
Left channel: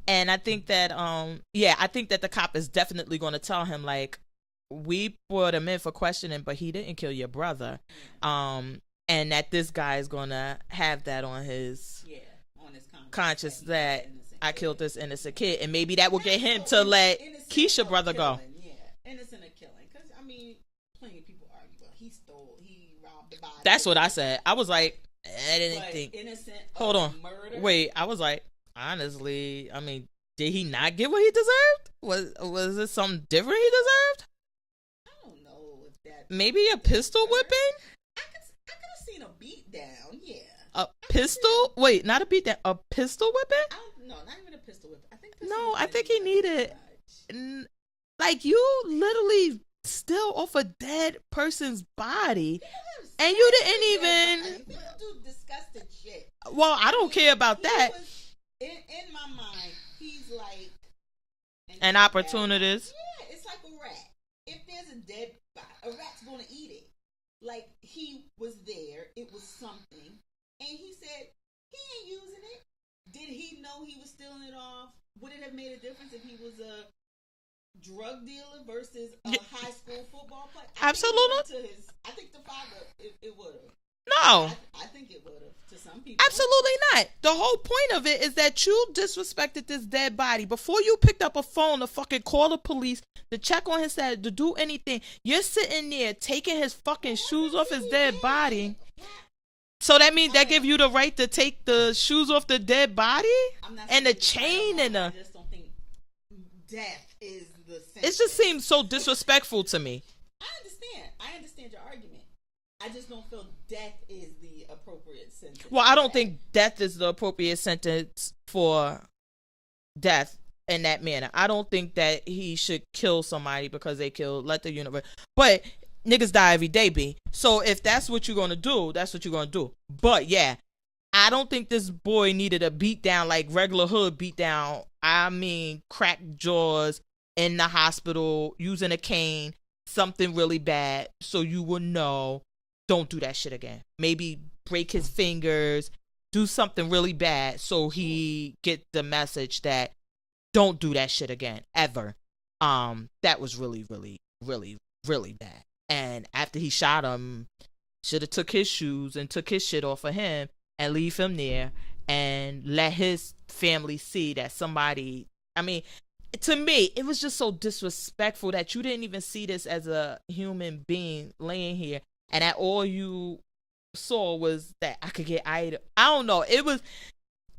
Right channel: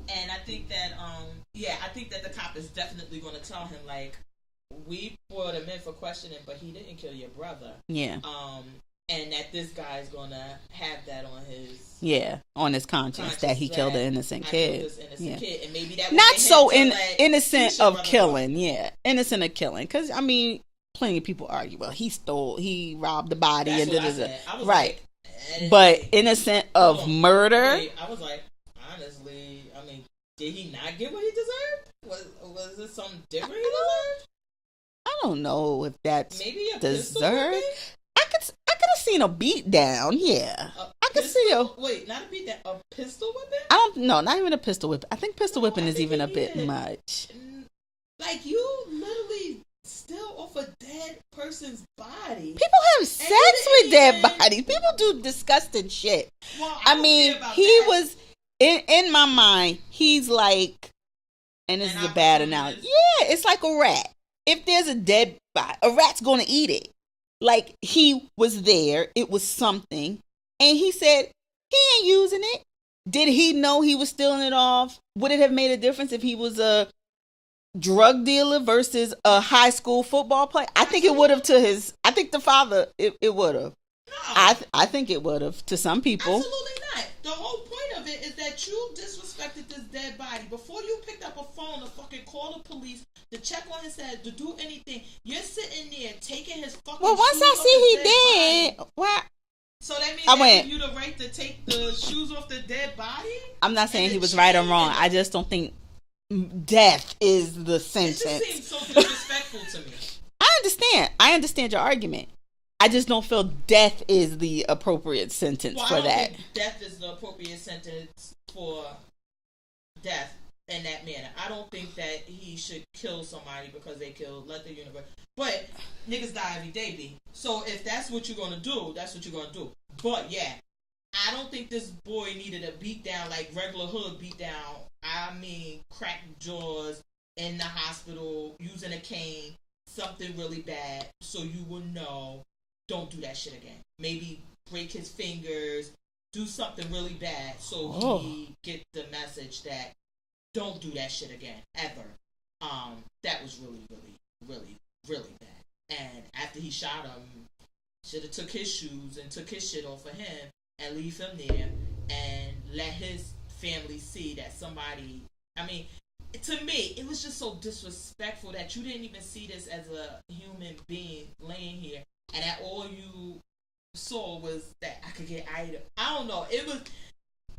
And I think that, I think that the cop is definitely going to tell him, like, we brought him in for questioning, but he didn't kill your brother. Yeah. And that this guy is going to have that on his conscience that he killed an innocent kid. I killed this innocent kid, and maybe that would not get so him to let innocent Keisha of brother killing. go. Yeah, innocent of killing. Because I mean, plenty of people argue, well, he robbed the body. That's what I said. I was like, but innocent of murder. Wait, I was like, honestly, I mean, did he not get what he deserved? Was it something different he deserved? I don't know if that's maybe a pistol whipping. I could have seen a beat down. Yeah, A I can see pistol? Wait, not a beat down. A pistol whipping? I don't know, not even a pistol whip. I think pistol whipping is even a bit much. Like, you literally still off a dead person's body. People have sex with dead bodies. People do disgusting shit. Well, I don't care about he that. He was in my mind. He's like an opportunist. Yeah, it's like a rat. If there's a dead body, a rat's gonna eat it. Like, he was there. It was something, and he said he ain't using it. Did he know he was stealing it off? Would it have made a difference if he was a drug dealer versus a high school football player? I think it would have I think the father, it would have. No. I think it would have to some people. Absolutely not. The whole point of it is that you disrespected this dead body. Before you picked up a phone to fucking call the police, to check on his head, to do anything, you're sitting there taking his fucking shoes off his dead body. What? So that means they give you the right to take the shoes off the dead body? I'm not saying he was right or wrong. I just don't think death is the sentence. It just seems so disrespectful to me. I understand your argument. I just don't feel death is the appropriate sentence. Well, I don't think death is the appropriate sentence for death in that manner. I don't think that he should kill somebody because they killed. Let the universe. But niggas die every day, B. So if that's what you're gonna do, that's what you're gonna do. But yeah, I don't think this boy needed a beat down like regular hood beat down. I mean, cracked jaws in the hospital using a cane, something really bad, so you would know. Don't do that shit again. Maybe break his fingers, do something really bad so he get the message that don't do that shit again ever. That was really, really, really, really bad. And after he shot him, should have took his shoes and took his shit off of him and leave him there and let his family see that somebody. I mean, to me, it was just so disrespectful that you didn't even see this as a human being laying here. And that all you saw was that I could get I don't know. It was,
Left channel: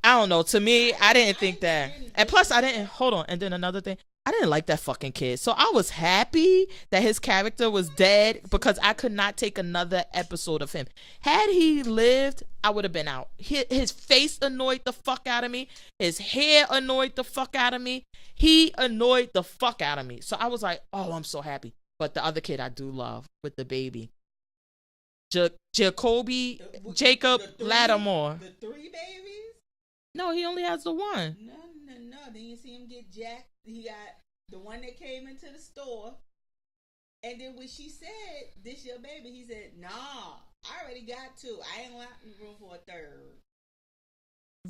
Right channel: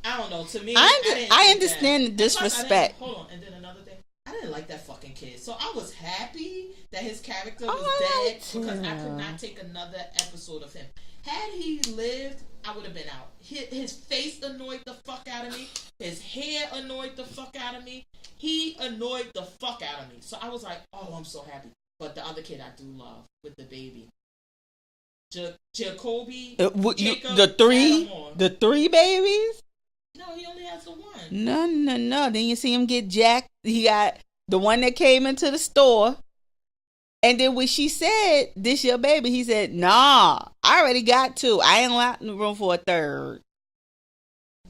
I don't know. To me, I didn't think understand that. The disrespect. And plus, I didn't, hold on. And then another thing, I didn't like that fucking kid. So I was happy that his character was dead because I could not take another episode of him. Had he lived, I would have been out. His face annoyed the fuck out of me. His hair annoyed the fuck out of me. He annoyed the fuck out of me. So I was like, oh, I'm so happy. But the other kid I do love with the baby. Jacoby, Jacob, Lattimore. The three babies? No, he only has the one. No. Then you see him get jacked. He got the one that came into the store. And then when she said, this your baby, he said, nah, I already got two. I ain't got no room for a third.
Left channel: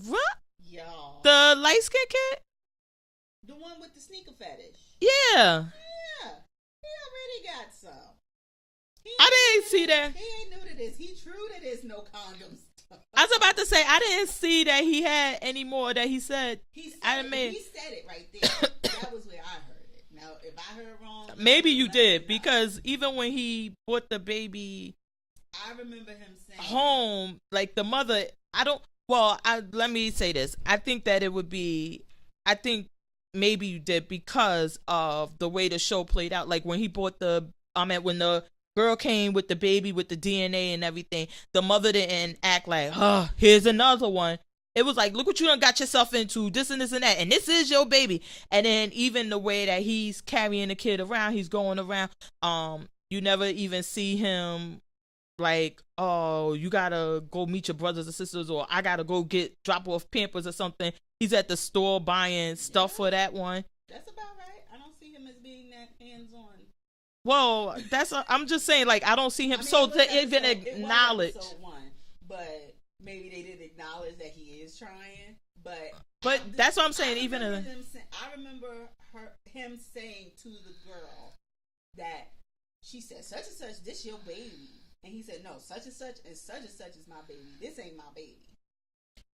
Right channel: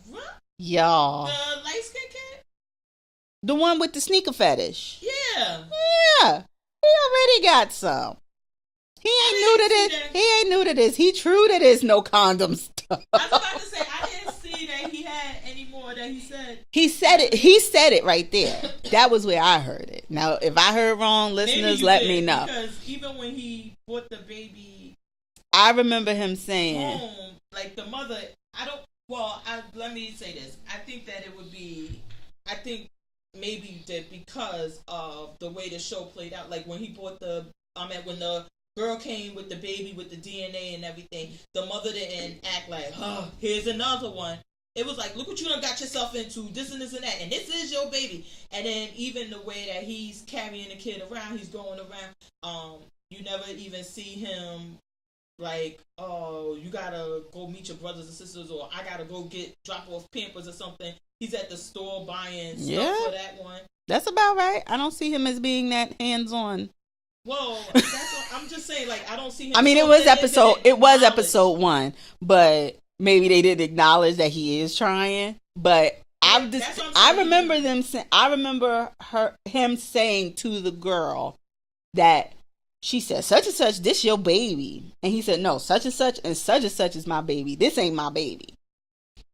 What? Y'all. The light-skinned kid? The one with the sneaker fetish. Yeah. Yeah. He already got some. He ain't new to this. He true to this no condom stuff. I was about to say, I didn't see that he had any more that he said. He said it. He said it right there. That was where I heard it. Now, if I heard wrong, listeners, let me know. Because even when he brought the baby, I remember him saying home, like the mother, let me say this. I think that it would be, maybe you did because of the way the show played out. Like when he brought when the girl came with the baby with the DNA and everything, the mother didn't act like, here's another one. It was like, look what you done got yourself into, this and this and that, and this is your baby. And then even the way that he's carrying the kid around, he's going around, you never even see him like, oh, you gotta go meet your brothers and sisters, or I gotta go drop off Pampers or something. He's at the store buying stuff for that one. That's about right. I don't see him as being that hands-on. Well, that's what I'm just saying. Like, I don't see him. I mean, it was episode 1, but maybe they didn't acknowledge that he is trying. But that's what I'm saying. I remember him saying to the girl that she said, "Such and such, this your baby," and he said, "No, such and such is my baby. This ain't my baby."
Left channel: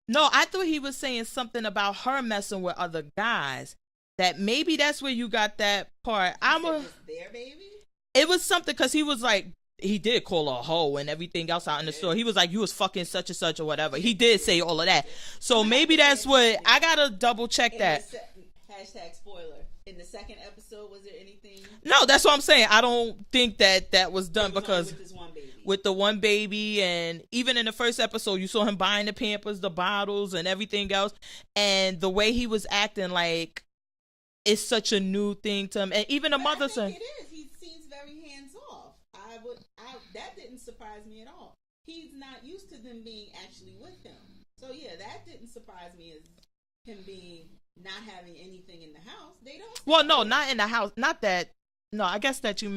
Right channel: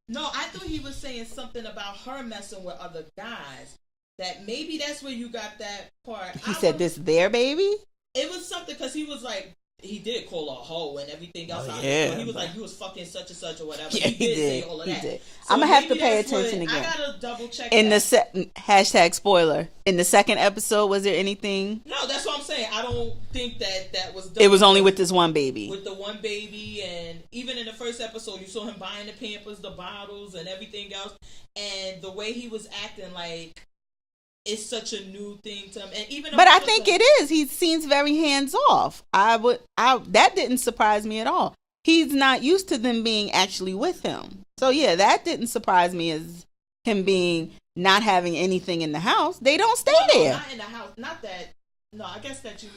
No, I thought he was saying something about her messing with other guys. That maybe that's where you got that part. He said this their baby? It was something because he was like, he did call her a hoe and everything else out in the store. He was like, you was fucking such and such or whatever. Yeah, he did say all of that. So I'ma maybe that's what I gotta double check. In the hashtag spoiler, in the second episode, was there anything? No, that's what I'm saying. I don't think that was done. It was only with this one baby. With the one baby, and even in the first episode, you saw him buying the Pampers, the bottles, and everything else. And the way he was acting, like, it's such a new thing to him. And even but I think it is. He seems very hands off. That didn't surprise me at all. He's not used to them being actually with him. So yeah, that didn't surprise me as him being not having anything in the house. They don't stay there. No, not in the house. Not that. No, I guess that you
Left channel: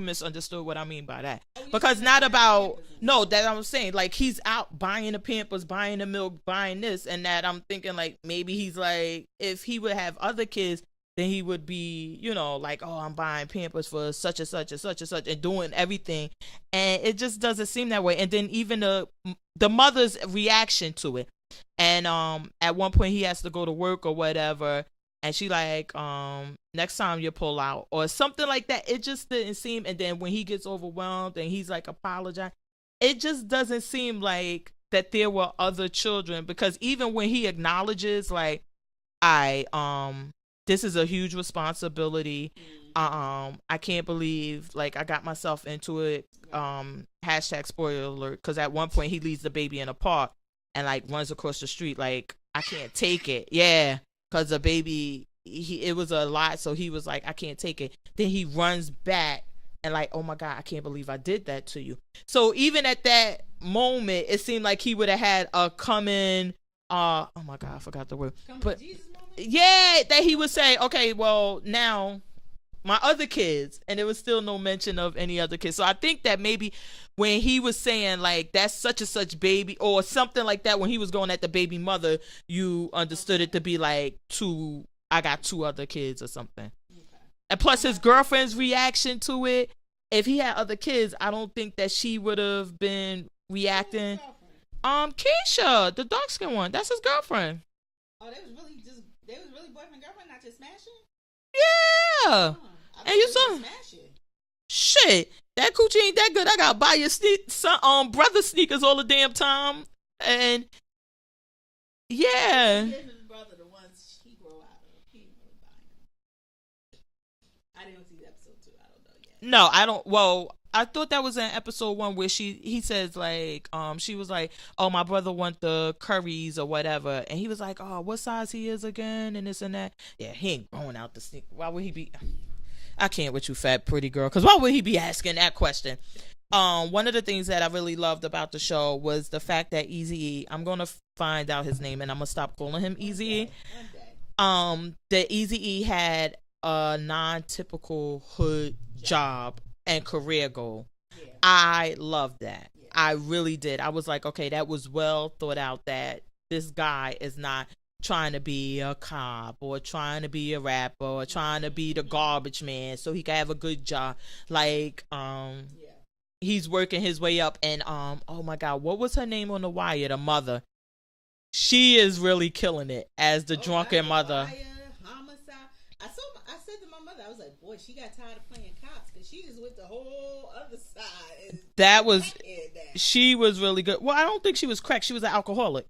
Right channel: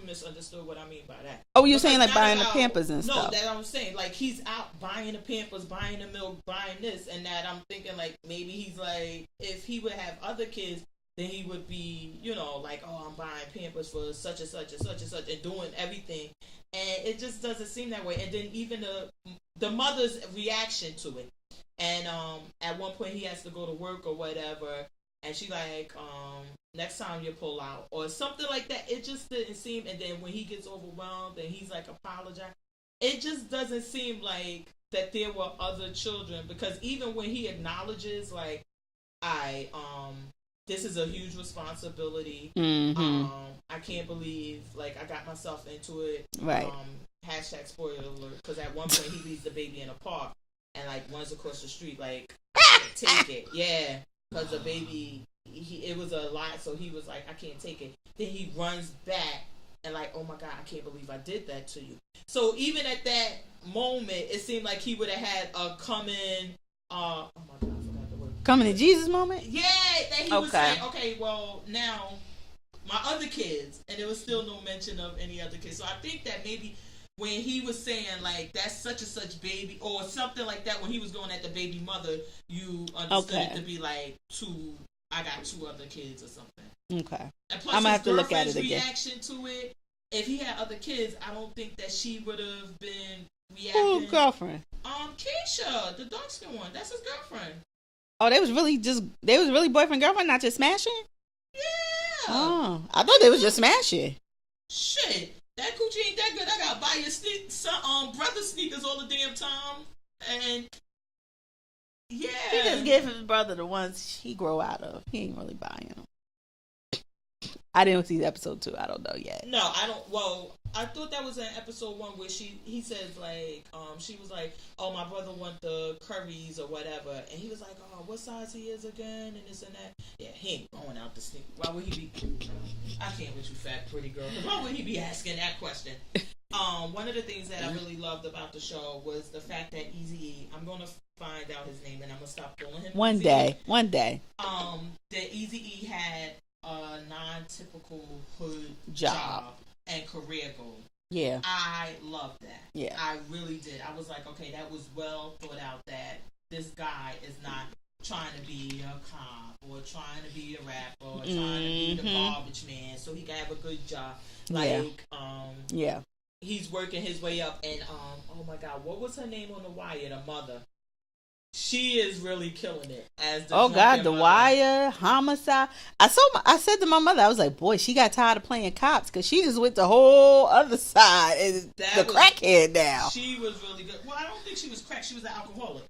misunderstood what I mean by that. Oh, you're saying like buying the Pampers and stuff. No, that I was saying, like, he's out buying the Pampers, buying the milk, buying this and that. I'm thinking, like, maybe he's like, if he would have other kids, then he would be, like, oh, I'm buying Pampers for such and such and such and such and doing everything. And it just doesn't seem that way. And then even the mother's reaction to it. And at one point he has to go to work or whatever. And she like, next time you pull out or something like that. It just didn't seem. And then when he gets overwhelmed and he's like, apologize. It just doesn't seem like that there were other children, because even when he acknowledges, like, this is a huge responsibility. Mm-hmm. I can't believe, like, I got myself into it. Right. Hashtag spoiler alert. Because at one point he leaves the baby in a park and like runs across the street. Like, I can't take it. Yeah. Because the baby, it was a lot, so he was like, I can't take it. Then he runs back and like, oh my God, I can't believe I did that to you. So even at that moment, it seemed like he would have had a coming, oh my God, I forgot the word. Coming to Jesus moment? Yeah, that he would say, okay, well, now my other kids, and there was still no mention of any other kids. So I think that maybe when he was saying, like, that's such and such baby or something like that, when he was going at the baby mother, you understood it to be like I got 2 other kids or something. Okay. And plus his girlfriend's reaction to it, if he had other kids, I don't think that she would have been reacting. Who's girlfriend? Keisha, the dark skin one. That's his girlfriend. Oh, they was really boyfriend girlfriend, not just smashing? Yeah. Oh, I thought they was just smashing. Shit. That coochie ain't that good. I gotta buy your brother sneakers all the damn time. And yeah. He just gave his brother the ones he grow out of. He ain't really buying them. I didn't see episode 2. I don't know yet. No, I don't. Well, I thought that was in episode 1 where he says like, she was like, oh, my brother want the curries or whatever. And he was like, oh, what size he is again? And this and that. Yeah, he ain't going out the sneakers. Why would he be? I can't with you, fat pretty girl. Because why would he be asking that question? One of the things that I really loved about the show was the fact that Eazy-E, I'm gonna find out his name and I'm gonna stop calling him one Eazy-E. One day. That Eazy-E had a non-typical hood job and career goal. Yeah, I loved that. Yeah, I really did. I was like, okay, that was well thought out. That this guy is not trying to be a cop or trying to be a rapper or trying to be the garbage man so he can have a good job. Like, he's working his way up. And oh my God, what was her name on The Wire? The mother. She is really killing it as the drunken mother. The Wire, Homicide. I said to my mother, I was like, boy, she got tired of playing cops because she just went the whole other side. And that was crackhead now. She was really good. Well, I don't think she was crack. She was an alcoholic.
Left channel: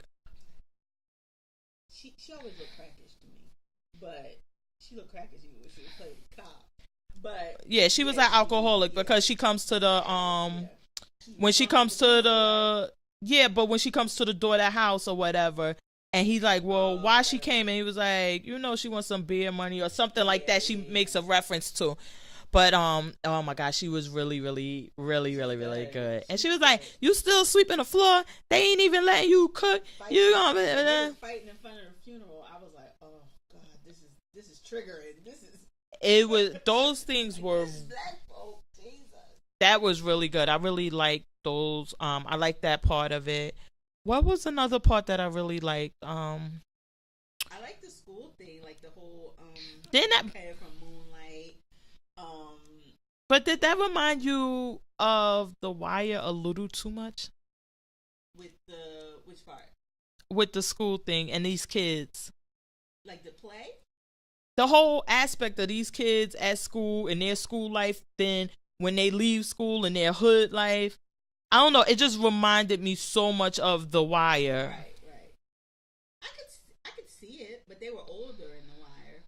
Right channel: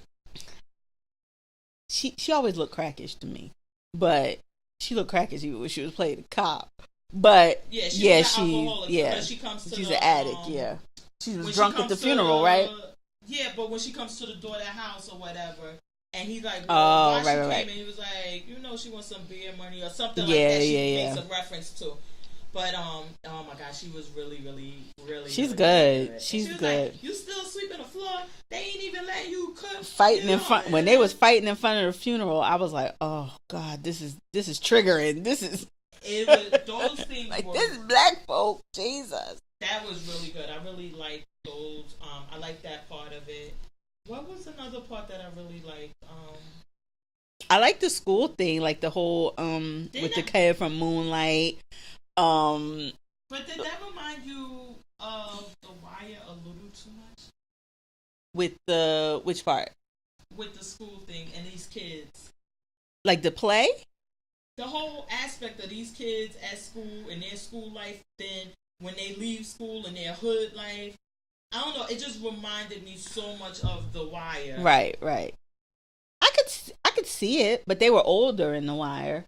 She always looked crackish to me, but she looked crackish even when she was playing the cop. But yeah, she was an alcoholic because she comes to the addict, when she comes to the funeral, right? Yeah, but when she comes to the door of the house or whatever, and he's like, well, why she came? And he was like, she wants some beer money or something like that. She makes a reference to. But oh my God, she was really, really, really, She's really, good. Really good. And she was like, "You still sweeping the floor? They ain't even letting you cook." Fighting in front when they was fighting in front of the funeral. I was like, "Oh God, this is triggering. This is." It was those things like, were. This is black folk, Jesus. That was really good. I really liked those. I liked that part of it. What was another part that I really liked? I like the school thing, like the whole with the kid from Moonlight. But did that remind you of The Wire a little too much? With which part? With the school thing and these kids. Like the play? The whole aspect of these kids at school and their school life, then when they leave school and their hood life. I don't know. It just reminded me so much of The Wire. Right. I could see it, but they were older in The Wire.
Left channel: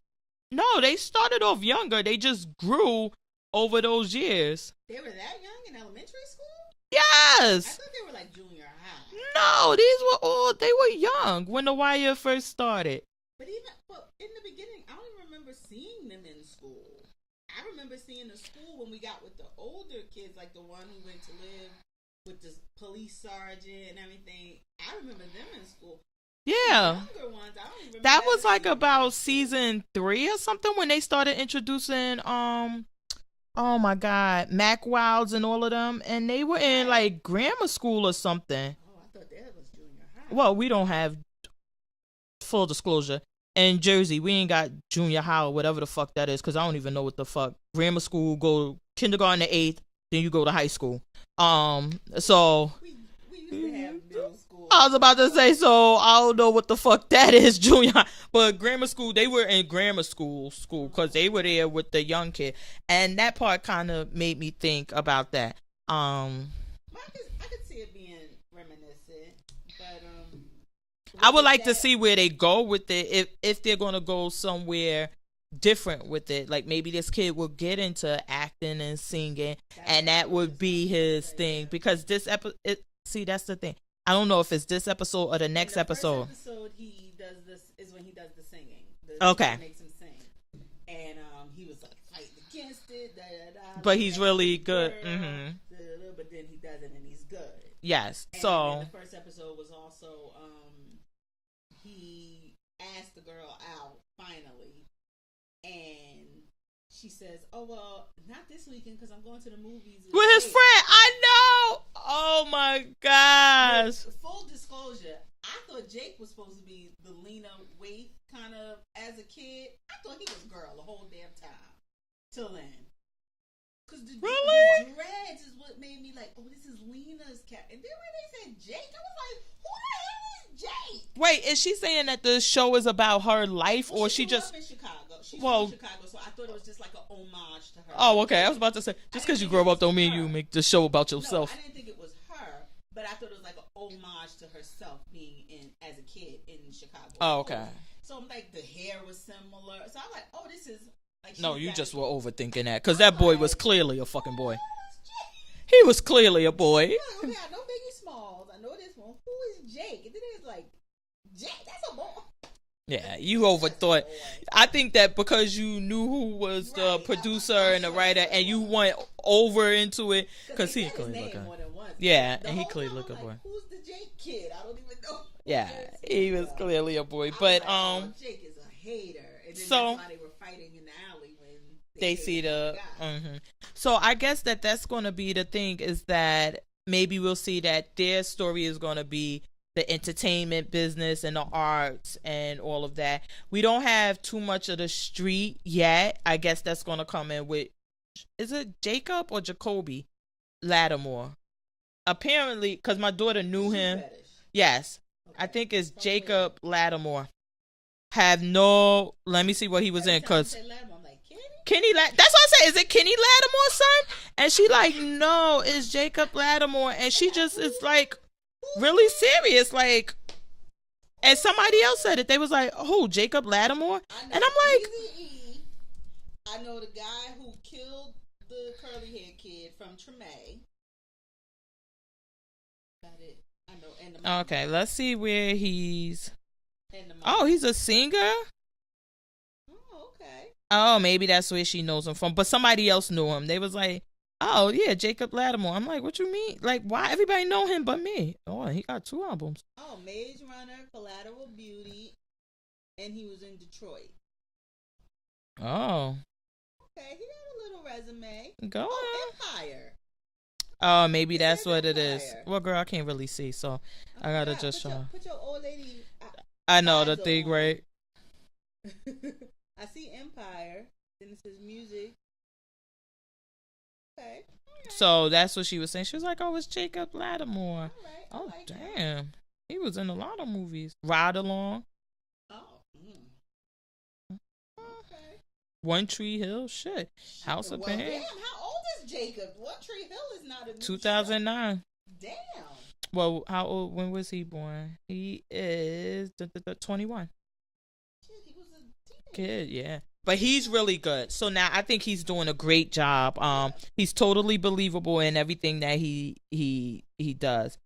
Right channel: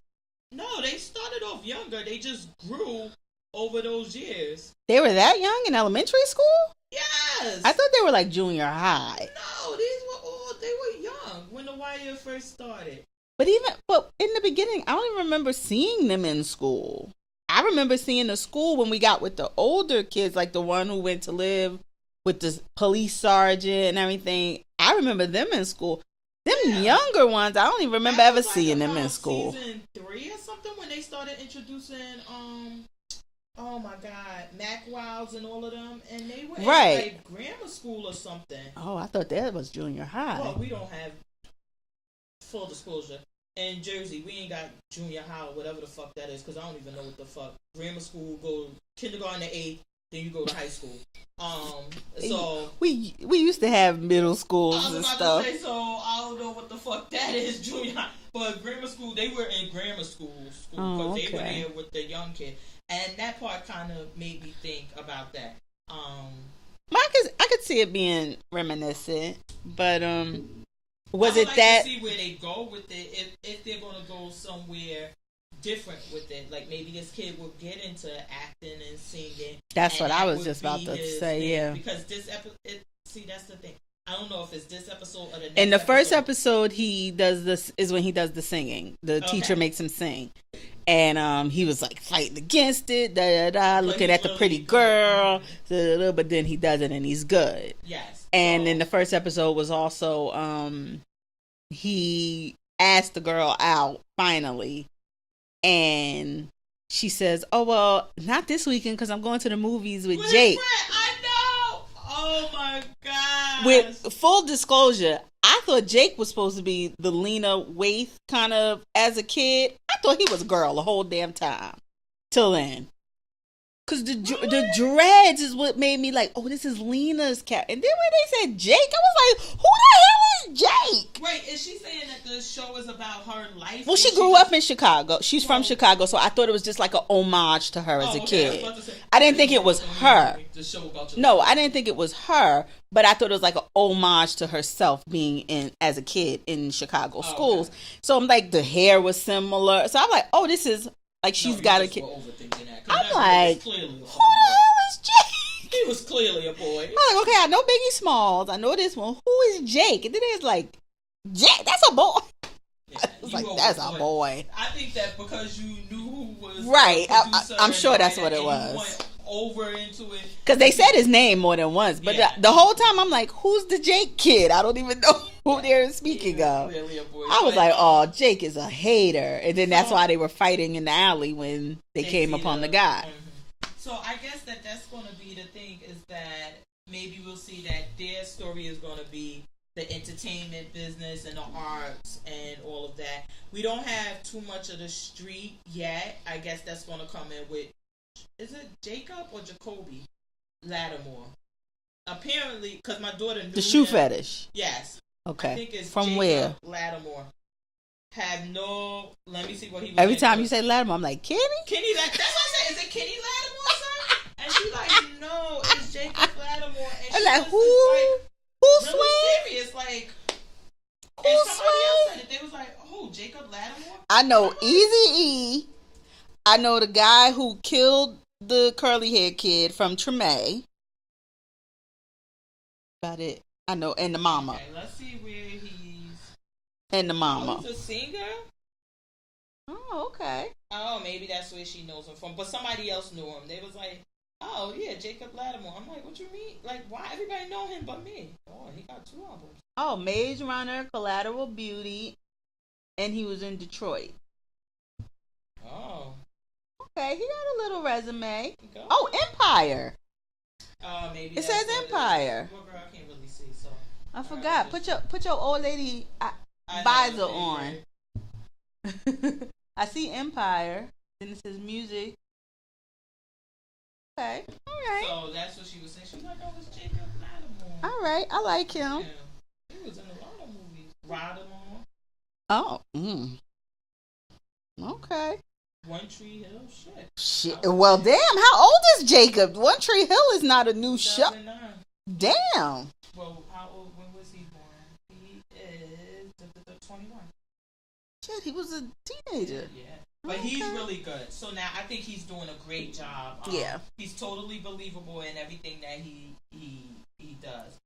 No, they started off younger. They just grew over those years. They were that young in elementary school? Yes. I thought they were like junior high. No, these were all, they were young when The Wire first started. But in the beginning, I don't even remember seeing them in school. I remember seeing the school when we got with the older kids, like the one who went to live with the police sergeant and everything. I remember them in school. Them younger ones, I don't even remember ever seeing them in school. That was like about season 3 or something when they started introducing, oh my God, Mac Wilds and all of them. And they were in like grammar school or something. Oh, I thought that was junior high. Well, we don't have, full disclosure, in Jersey, we ain't got junior high or whatever the fuck that is, because I don't even know what the fuck. Grammar school, go kindergarten to 8th, then you go to high school. So we used to have middle school. I was about to say, so I don't know what the fuck that is, junior high. But grammar school, they were in grammar school because they were there with the young kid, and that part kind of made me think about that. I could see it being reminiscent, but I would like to see where they go with it, if they're gonna go somewhere different with it. Like maybe this kid will get into acting and singing, and that would be his thing. Yeah. Because this episode, that's the thing. I don't know if it's this episode or the next. In the first episode, he does this is when he does the singing. The teacher makes him sing, and he was like fighting against it, looking at the pretty girl. But then he does it, and he's good. Yes. And then the first episode was also he asked the girl out finally, and she says, "Oh well, not this weekend because I'm going to the movies with Jake." His friend. I know. Oh my God. With full disclosure, I thought Jake was supposed to be the Lena Waithe kind of as a kid. I thought he was a girl the whole damn time till then. Because the dreads is what made me like, oh, this is Lena's cat. And then when they said Jake, I was like, who the hell is Jake? Wait, is she saying that the show is about her life? Well, she grew up in Chicago. She's from Chicago, so I thought it was just like an homage to her as a kid. I was about to say. I didn't think it was her. Make the show about yourself. No, I didn't think it was her, but I thought it was like an homage to herself being in as a kid in Chicago schools. Okay. So I'm like, the hair was similar. So I'm like, oh, this is... Like she's got a kid. Were overthinking that because that boy was clearly a fucking boy. Who is Jake? He was clearly a boy. I'm like, okay, I know Biggie Smalls. I know this one. Who is Jake? And then it's like, Jake, that's a boy. Yeah, you like, overthought. That's a boy. I think that because you knew who was the producer I'm sure and the that's writer, what it was. And you went over into it because they said his name more than once. But the whole time I'm like, who's the Jake kid? I don't even know who they're speaking of. Clearly a boy. I was like, oh, Jake is a hater, and then that's why they were fighting in the alley when they came upon the guy. Mm-hmm. So I guess that's going to be the thing, is that maybe we'll see that their story is going to be the entertainment business and the arts and all of that. We don't have too much of the street yet. I guess that's going to come in with, is it Jacob or Jacoby Lattimore? Apparently, because my daughter knew the shoe him. Fetish. Yes. Okay. I think it's from Jacob where? Lattimore. let me see what he was Every in. Every time you say Lattimore, I'm like, Kenny? That's what I say. Is it Kenny Lattimore's son? And she like, no, it's Jacob Lattimore. And she like, just is like, really serious, like, and somebody else said it. They was like, "Who? Jacob Lattimore?" I know like, Eazy-E. I know the guy who killed the curly haired kid from Treme. About it, I know, and the mama. Okay, let's see where he's. And the mama. Oh, he's a singer. Oh, okay. Oh, maybe that's where she knows him from. But somebody else knew him. They was like, oh, yeah, Jacob Lattimore. I'm like, what you mean? Like, why everybody know him but me? Oh, he got 2 albums. Oh, Maze Runner, Collateral Beauty, and he was in Detroit. Oh. Okay, he got a little resume. Go on. Empire. Oh, maybe that's what Empire. It is. Well, girl, I can't really see, so I forgot. Put your old lady. I know the thing, on. Right? I see Empire. Then it says music. Okay. All right. So that's what she was saying. She was like, oh, it's Jacob Lattimore. All right. I like him. Yeah. He was in a lot of movies. Ride Along. Oh. Okay. One Tree Hill, shit. Well, damn. How old is Jacob? One Tree Hill is not a new show. 2009. Damn. Well, how old? When was he born? He is 21. Shit, he was a teenager. Yeah. But he's really good. So now I think he's doing a great job. He's totally believable in everything that he does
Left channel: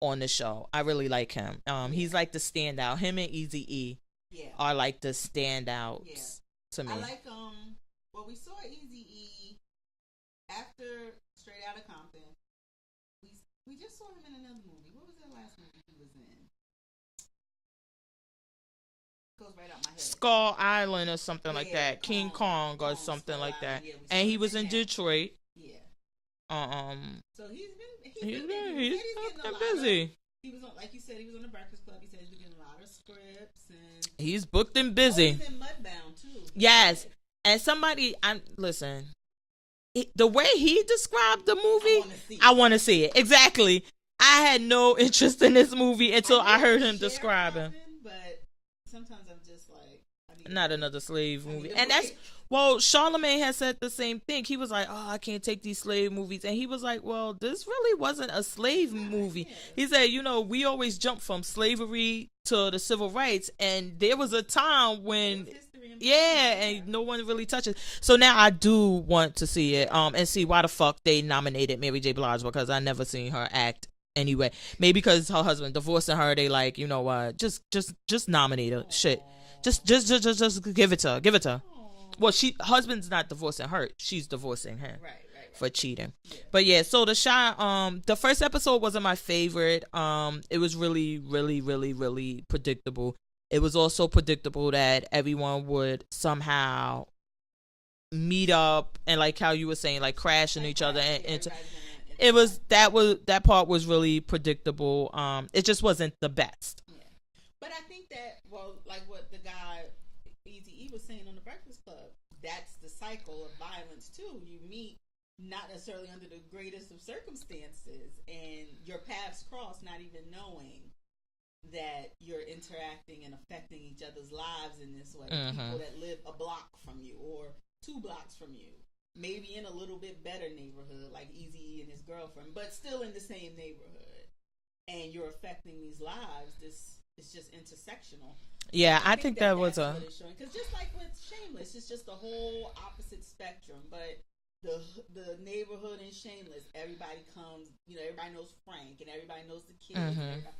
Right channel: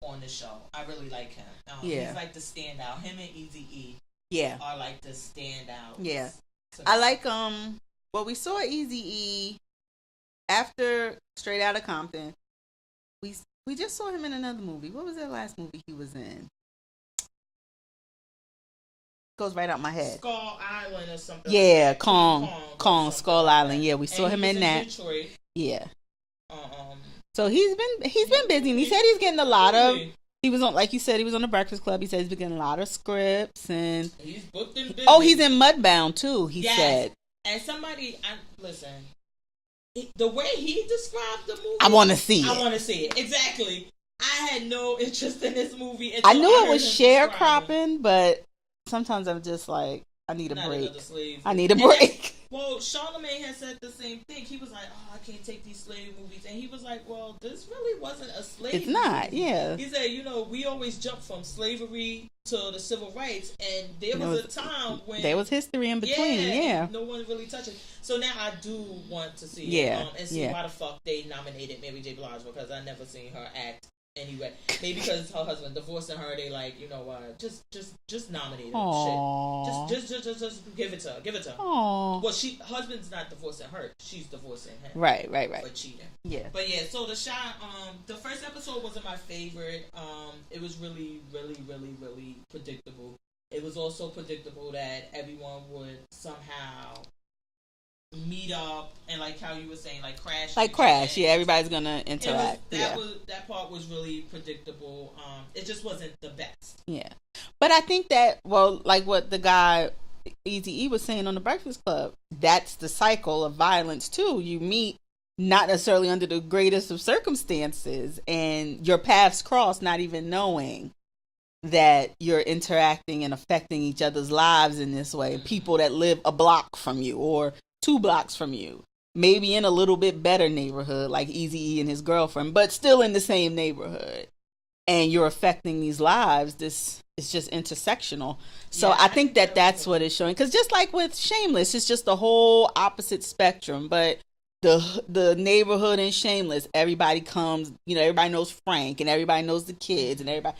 on the show. I really like him. He's like the standout. Him and Eazy-E are like the standouts. Yeah. To me. I like well, we saw Eazy-E after Straight Outta Compton. We just saw him in another movie. What was that last movie he was in? Goes right out my head. Skull Island or something. Yeah, like that. Kong, Skull like Island. That. Yeah, we saw him in that. Detroit. Yeah. So he's been busy. He said he's getting a lot of. He was on, like you said, he was on the Breakfast Club. He said he's been getting a lot of scripts and he's booked and busy. Oh, he's in Mudbound too. He said. And somebody, listen. The way he described the movie, I want to see it. I want to see it. Exactly. I had no interest in this movie until I knew I heard it was him sharecropping, but sometimes I'm just like, I need a break. Another slave. I need a break. Well, Charlamagne has said the same thing. He was like, "Oh, I can't take these slave movies," and he was like, "Well, this really wasn't a slave movie." Yeah. He said, we always jump from slavery to the civil rights, and there was a time when there was history in between. Yeah, and no one really touches. So now I do want to see it, and see why the fuck they nominated Mary J. Blige, because I never seen her act. Anyway, maybe because her husband divorcing her, they like, you know what? Just nominate her. Aww. Shit. Just give it to her. Give it to her. Aww. Well, husband's not divorcing her. She's divorcing him. Right. For cheating. Yeah. But yeah, so the shot. The first episode wasn't my favorite. It was really, really, really, really predictable. It was also predictable that everyone would somehow meet up and, like how you were saying, like crash like each crash. other. Yeah, everybody's gonna interact. It was that part was really predictable. It just wasn't the best. Yeah, but I think that, well, like what the guy Eazy-E was saying on the Breakfast Club, that's the cycle of violence too. You meet not necessarily under the greatest of circumstances, and your paths cross, not even knowing that you're interacting and affecting each other's lives in this way. Mm-hmm. People that live a block from you or 2 blocks from you, maybe in a little bit better neighborhood like Eazy-E and his girlfriend, but still in the same neighborhood, and you're affecting these lives. This is just intersectional. So yeah, I think that's what it's showing, because just like with Shameless, it's just the whole opposite spectrum. But the neighborhood in Shameless, everybody comes, everybody knows Frank and everybody knows the kids. Mm-hmm. And everybody,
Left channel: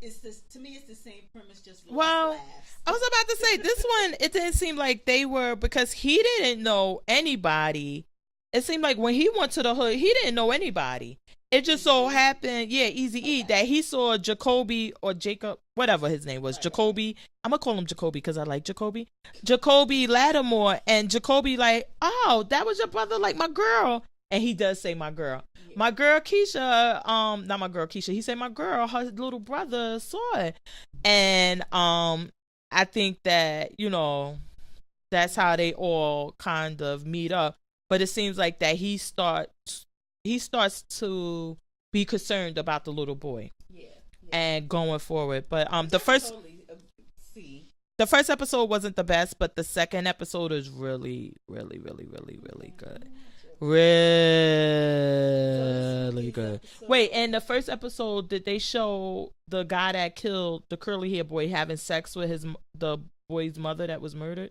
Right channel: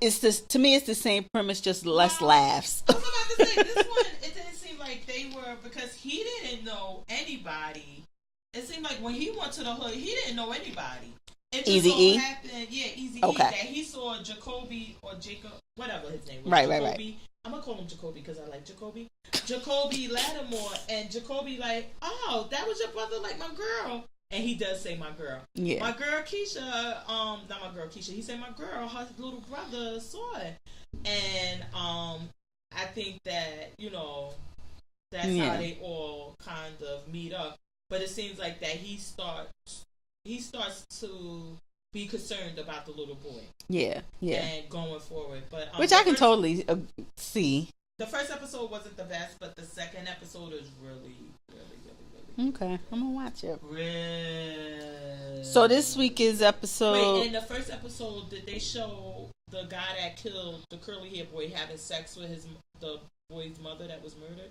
it's this, to me, it's the same premise, just less laughs. I was about to say, this one, it didn't seem like they were, because he didn't know anybody. It seemed like when he went to the hood, he didn't know anybody. It just so happened, Eazy-E, that he saw Jacoby or Jacob, whatever his name was, Jacoby. Right. I'm going to call him Jacoby because I like Jacoby. Jacoby Lattimore, and Jacoby like, oh, that was your brother, like my girl. And he does say my girl. Yeah. My girl Keisha, not my girl Keisha, he said my girl, her little brother saw it. And I think that, that's how they all kind of meet up. But it seems like that he starts to be concerned about the little boy. Yeah. And going forward. But which I can totally see. The first episode wasn't the best, but the second episode is really, really, really, really, really good. I'm gonna watch it. Really. So this week is good. Episode. Wait, in the first episode, did they show the guy that killed the curly hair boy having sex with the boy's mother that was murdered?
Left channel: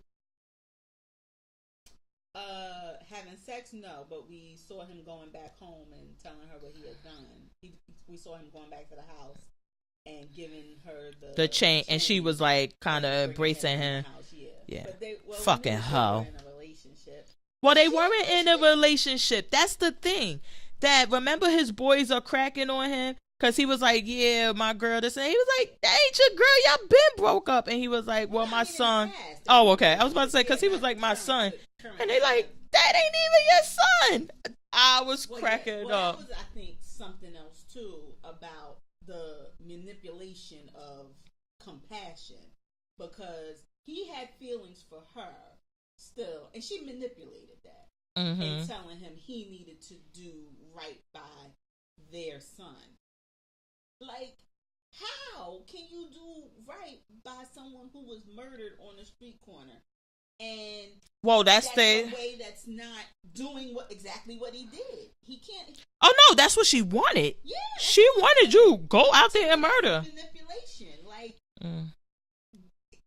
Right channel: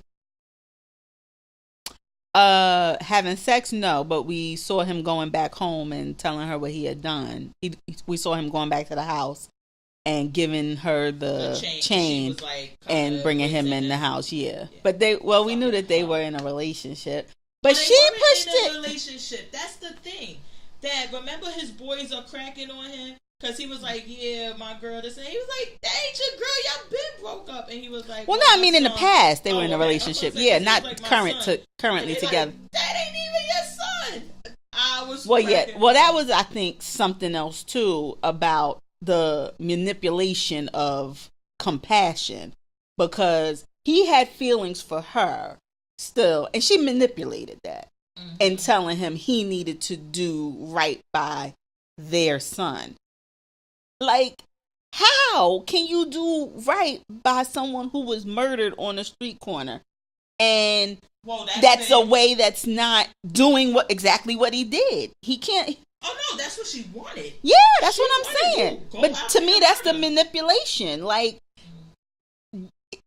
Having sex, no, but we saw him going back home and telling her what he had done. We saw him going back to the house and giving her the chain, and she was like kind of bringing him in the house. Yeah. But we knew that they were in a relationship. But they weren't in a relationship. That's the thing. That, remember, his boys are cracking on him because he was like, "Yeah, my girl." This, and he was like, "That ain't your girl. Y'all been broke up." And he was like, "Well, no, I mean in the past they were in a relationship. Say, not like, currently together." Like, that ain't even your son. I was cracking up. That was, I think, something else too about the manipulation of compassion, because he had feelings for her still, and she manipulated that and telling him he needed to do right by their son. Like, how can you do right by someone who was murdered on a street corner And Whoa, that's a way that's not doing exactly what he did. He can't. Oh no, that's what she wanted. Yeah, that's she what I'm wanted saying. You go but out to there me, and that's murder. the manipulation. Like,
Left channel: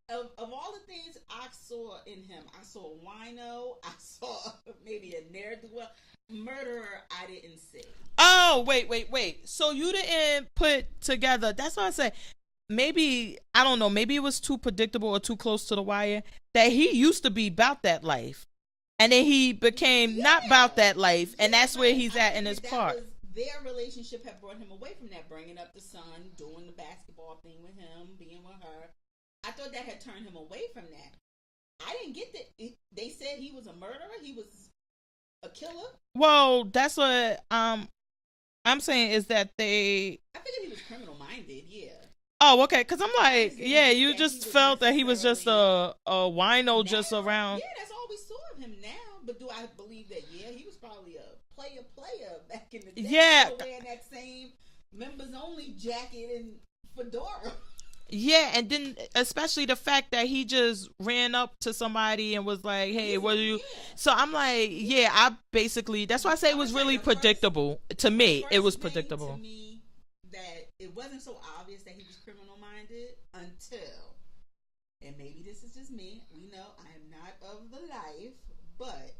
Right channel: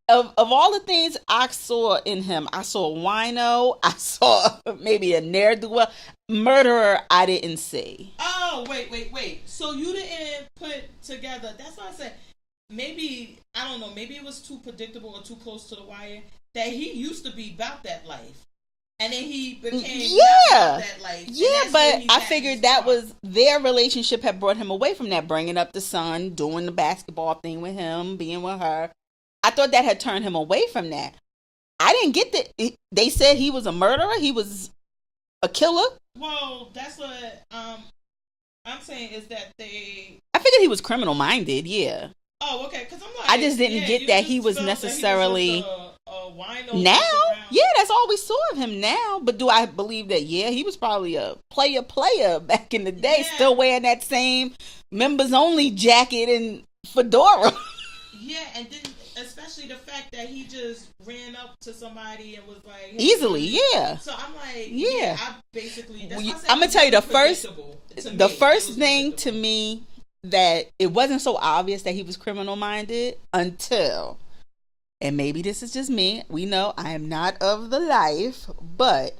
of all the things I saw in him, I saw a wino. I saw maybe a ne'er-do-well. Murderer, I didn't see. Oh, wait. So you didn't put together. That's what I said. Maybe, I don't know, maybe it was too predictable or too close to the wire that he used to be about that life. And then he became not about that life. Yeah, and that's but where he's I at figured in that part. was their relationship had brought him away from that, bringing up the son, doing the basketball thing with him, being with her. I thought that had turned him away from that. I didn't get that. They said he was a murderer. He was a killer. Well, that's what I'm saying is that I figured he was criminal minded. Yeah. Oh, okay. Because I'm like, I just didn't get that he was necessarily a wino now. just around. Yeah, that's all we saw of him now. But do I believe that? Yeah, he was probably a player back in the day, still wearing that same members only jacket and fedora. Yeah, and then especially the fact that he just ran up to somebody and was like, hey, easily, yeah. So I'm like, I basically, that's why I said I'm gonna tell you the predictable to me. The first it was thing to me that it wasn't so obvious that he was criminal minded until, and maybe this is just me. We know I am not of the life, but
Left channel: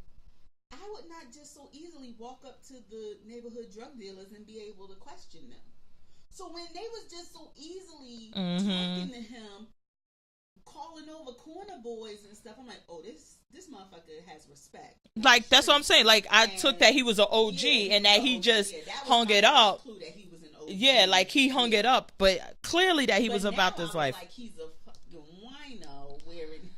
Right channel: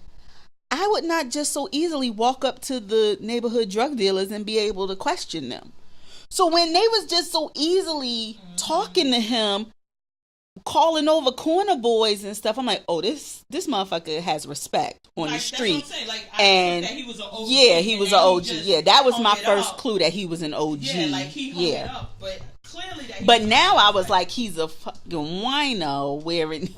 I would not just so easily walk up to the neighborhood drug dealers and be able to question them. So when they was just so easily talking to him, calling over corner boys and stuff, I'm like, oh, this motherfucker has respect on like, the street. That's what I'm saying. Like, I took that he was an OG. Yeah, he was an OG. Yeah, that was my first up. clue that he was an OG. Yeah, like he hung it up, but clearly that he but was now I was life. like, he's a fucking wino wearing...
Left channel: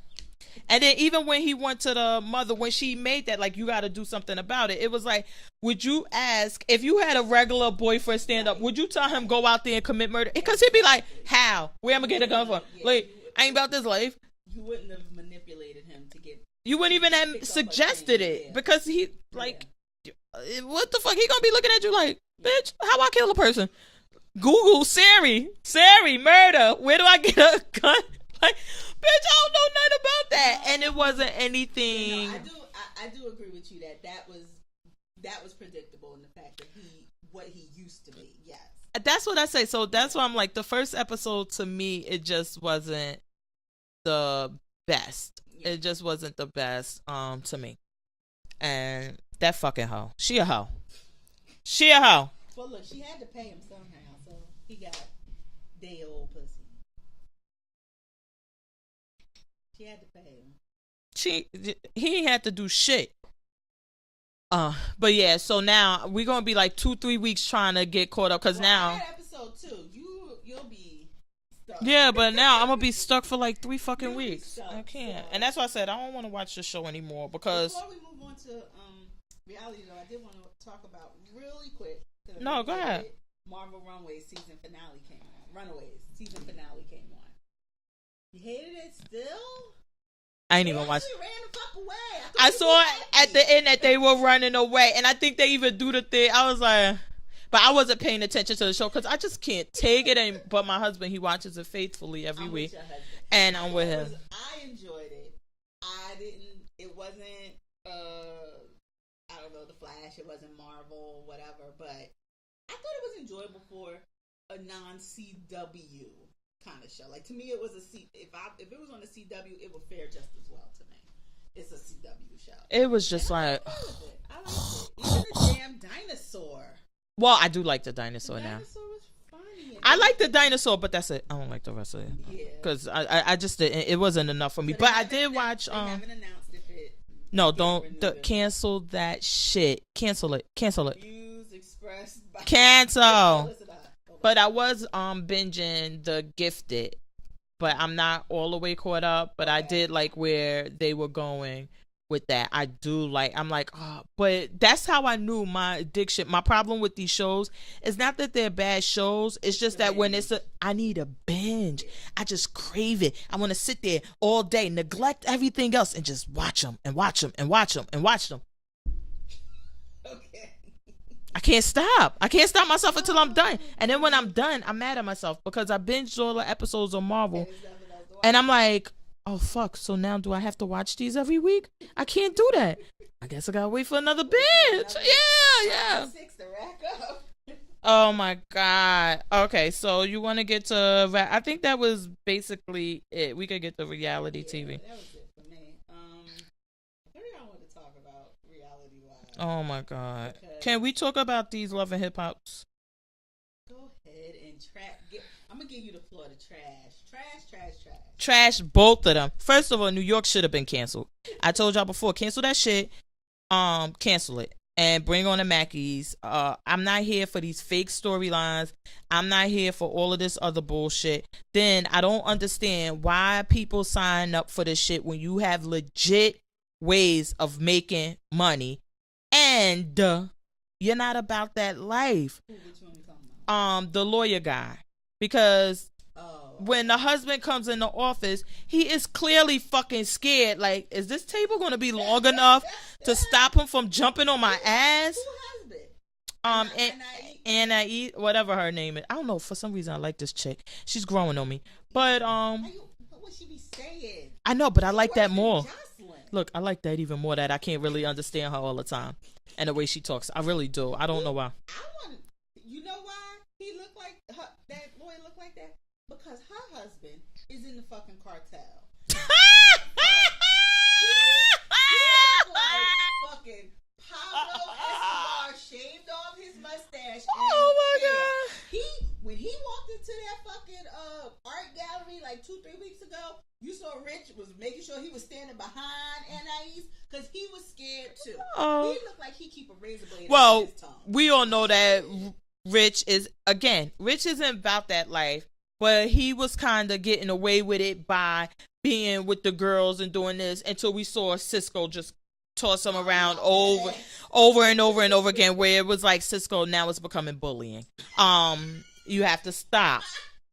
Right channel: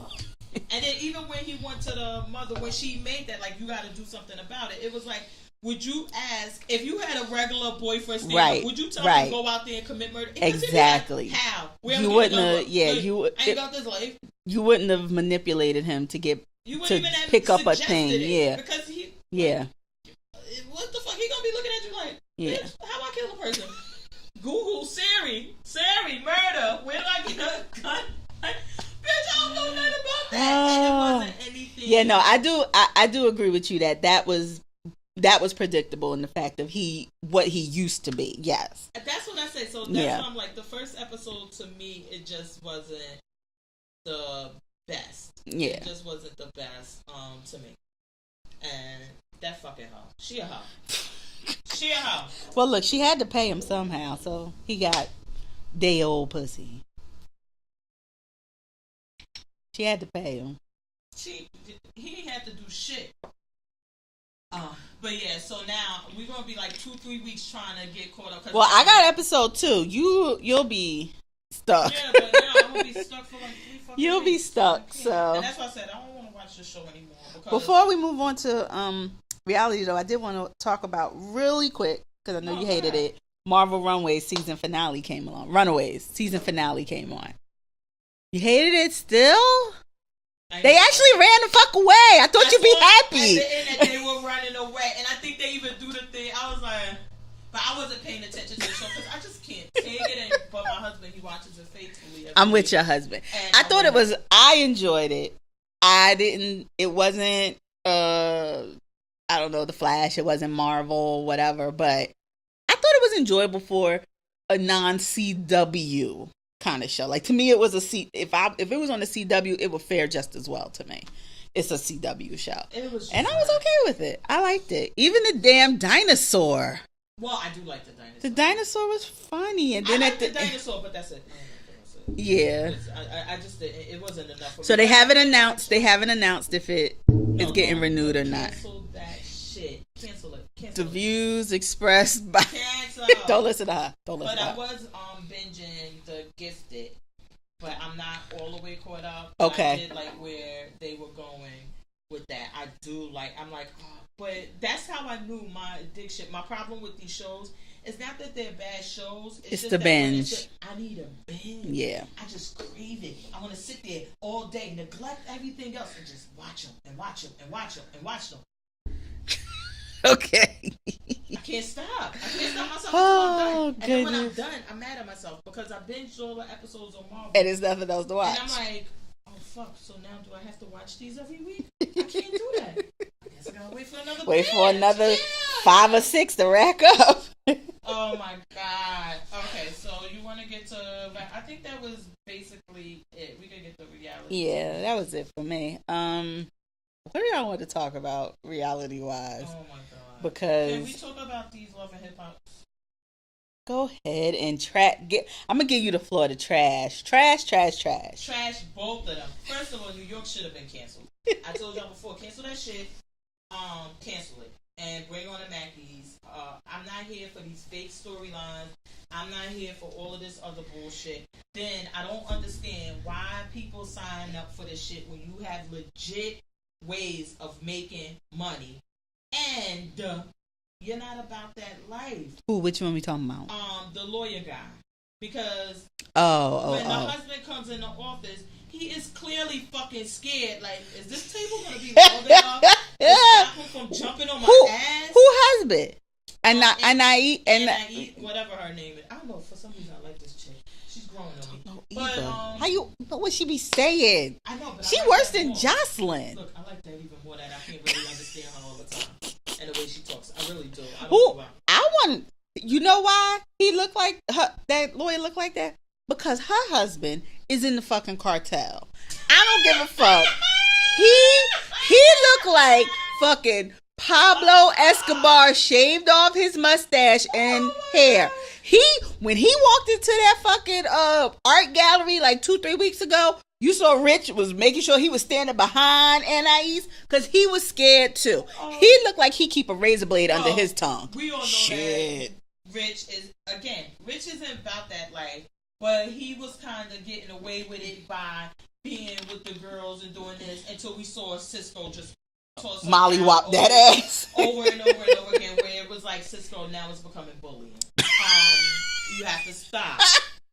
And then even when he went to the mother, when she made that, like, you got to do something about it, it was like, would you ask, if you had a regular boyfriend stand up, would you tell him go out there and commit murder? Because he'd be like, how? Where am I getting over? Yeah, I ain't about this life. You wouldn't have manipulated him to get... You wouldn't even have suggested it. Yeah. Because he... Like, what the fuck? He gonna be looking at you like, bitch, how I kill a person? Google Siri, murder. Where do I get a gun? Like, bitch, I don't know nothing about that. And it wasn't anything. Yeah, no, I do agree with you that was predictable in the fact of what he used to be. Yes. That's what I say. So that's why I'm like, the first episode to me, it just wasn't the best. Yeah. It just wasn't the best to me. And that fucking hoe. She a hoe. She a hoe. Well, look, she had to pay him somehow, so he got day old pussy. She had to pay him. He had to do shit. But yeah, so now we're gonna be like 2-3 weeks trying to get caught up. I got episode 2. You'll be stuck. Yeah, but now I'm gonna be stuck for like 3 fucking weeks. You'll be stuck. So, and that's why I said I don't want to watch the show anymore. Because before we move on to reality, though, I did want to talk about really quick, because I know you hated it. Marvel Runaways season finale came along. Runaways season finale came on. You hated it still? They actually ran the fuck away. I thought you'd be happy. At the end that they were running away. And I think they even do the thing. I was like, but I wasn't paying attention to the show because I just can't take it. But my husband, he watches it faithfully every I'm week. with your husband. And I thought it was, I enjoyed it. It wasn't, I don't know, The Flash. It wasn't Marvel, whatever. But I thought it was enjoyable for a non-CW kind of show. Like, to me, it was if it was on the CW, it would fare just as well to me. It's a CW show. It was just, and I was okay with it. I liked it. Even the damn dinosaur. Well, I do like the dinosaur. The dinosaur was funny. And I like the dinosaur, but that's it. I don't like the rest of it. Yeah, because I just didn't. It wasn't enough for me. So they haven't announced. They haven't announced if it is getting renewed or not. Cancel that shit. Cancel it. Cancel it. Views expressed by cancel. Don't listen to her. But I was binging The Gifted, but I'm not all the way caught up. But I did like where they were going with that. I do like. I'm like, oh, but that's how I knew my addiction. My problem with these shows is not that they're bad shows. It's just that binge. When I need a binge. Yeah. I just crave it. I want to sit there all day, neglect everything else, and just watch them and watch them and watch them and watch them. Okay. I can't stop. I can't stop myself until I'm done. And then when I'm done, I'm mad at myself because I binged all the episodes on Marvel. And there's nothing else to watch. And I'm like, oh fuck, so now do I have to watch these every week? I can't do that. I guess I gotta wait for another Wait for another 5 or 6 to rack up. Oh my God. Okay, so you want to get to, I think that was basically it. We could get the reality TV. Yeah, that was it for me. What do y'all want to talk about reality wise? Oh my God. Because can we talk about these Love and Hip Hops? Go ahead and I'm gonna give you the floor to trash Both of them. First of all, New York should have been canceled. I told y'all before, cancel that shit. Cancel it and bring on the Mackies. I'm not here for these fake storylines. I'm not here for all of this other bullshit. Then I don't understand why people sign up for this shit when you have legit ways of making money and you're not about that life. Ooh, which one we talking about? The lawyer guy. Because when the husband comes in the office, he is clearly fucking scared. Like, is this table going to be long enough to stop him from jumping on my ass? Who husband? Anai, whatever her name is. I don't know. For some reason, I like this chick. She's growing on me. But what would she be saying? I know, but I like that more. She worse than Jocelyn. Look, I like that even more. That I can't really understand her all the time and the way she talks. I really do. I don't know why. You know why he looked like her? That lawyer looked like that because her husband is in the fucking cartel. I don't give a fuck. He looked like fucking Pablo Escobar shaved off his mustache and hair. God. When he walked into that fucking art gallery like 2-3 weeks ago, you saw Rich was making sure he was standing behind Anais because he was scared too. He looked like he keep a razor blade under his tongue. We all know that Rich isn't about that life, but he was kind of getting away with it by being with the girls and doing this until we saw Cisco just toss him around over and over and over again, where it was like, Cisco, now it's becoming bullying. You have to stop.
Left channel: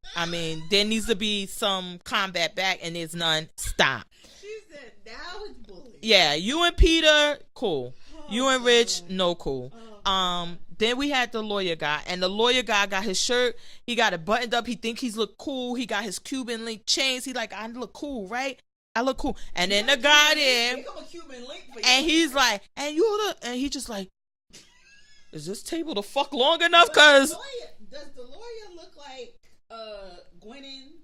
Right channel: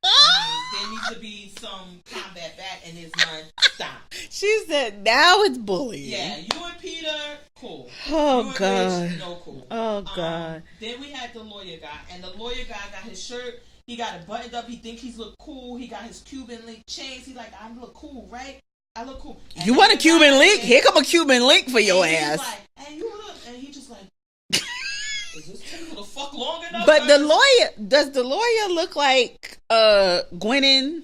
I mean, there needs to be some combat back, and there's none. Stop. She said, now it's bullying. Yeah, you and Peter, cool. You and Rich, no cool. Oh, God. Then we had the lawyer guy, and the lawyer guy got his shirt. He got it buttoned up. He think he's look cool. He got his Cuban link chains. He like, I look cool, right? I look cool. And you want a Cuban link? Here come a Cuban link for your ass. He's like, and he just like, is this table the fuck long enough? But does the lawyer look like Gwennon?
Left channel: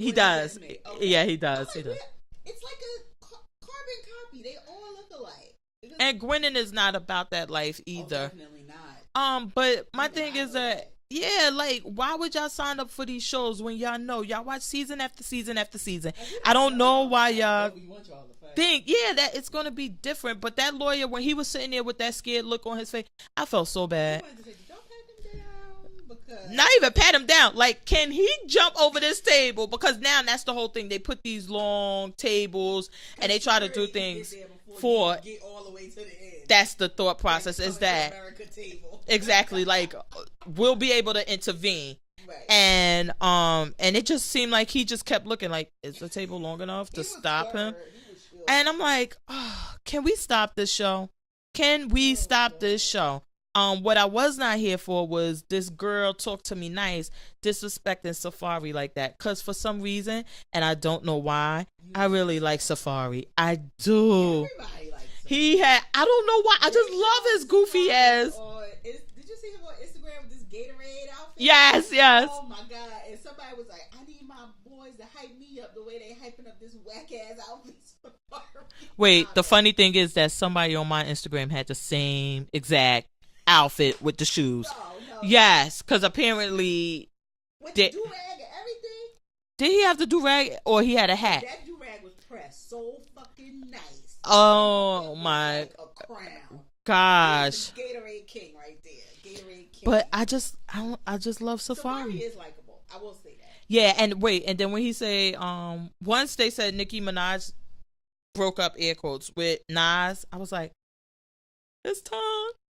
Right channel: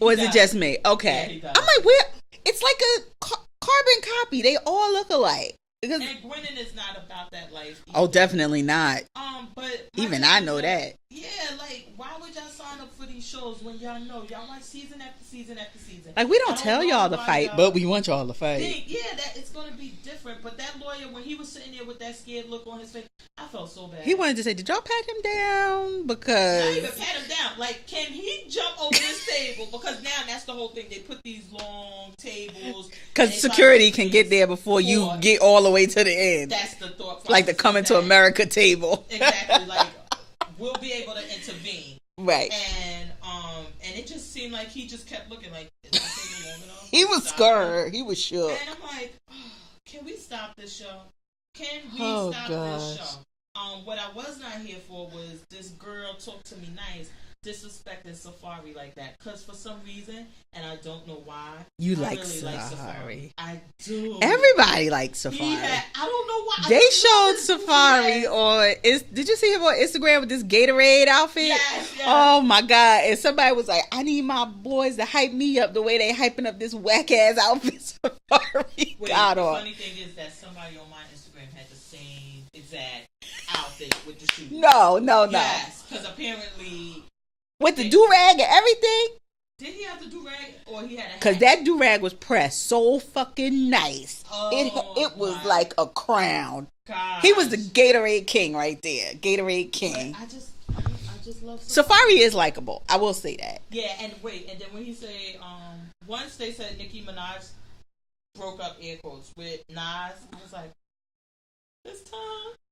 Or is it just me? Okay. Yeah, he does. I'm like, where? It's like a carbon copy. They all look alike. And Gwennon is not about that life either. Oh, definitely not. But my even thing I is know that. Yeah, like, why would y'all sign up for these shows when y'all know y'all watch season after season after season? Like, we don't tell y'all to fight, but we want y'all to fight. That it's gonna be different. But that lawyer, when he was sitting there with that scared look on his face, I felt so bad. He wanted to say, "Did y'all pat him down?" Because not even pat him down. Like, can he jump over this table? Because now that's the whole thing. They put these long tables because security can get there before you get all the way to the end. That's the thought process. Like the Coming to America table. Exactly. Like, we'll be able to intervene. Right. And it just seemed like he just kept looking like, is the table long enough? He was scared. He was sure. And I'm like, can we stop this show? Can we stop this show? What I was not here for was this girl talk to me nice, disrespecting Safari like that. Because for some reason, and I don't know why, I really like Safari. I do. Everybody likes Safari. I don't know why. They showed Safari did you see him on Instagram with this Gatorade outfit? Yes. Oh my God. And somebody was like, I need my boys to hype me up the way they hyping up this whack ass outfit Safari. Wait, the funny thing is that somebody on my Instagram had the same exact outfit with the shoes. No. Yes, because apparently with the do-rag and everything. Did he have the do-rag or he had a hat? Because that do-rag was pressed so fucking nice. Oh, it was like a crown. God, he was the Gatorade king right there. Gatorade king. But I just love Safari. Safari is likable. I will say that. Yeah, and then when he say, once they said Nicki Minaj broke up, air quotes, with Nas, I was like, it's time.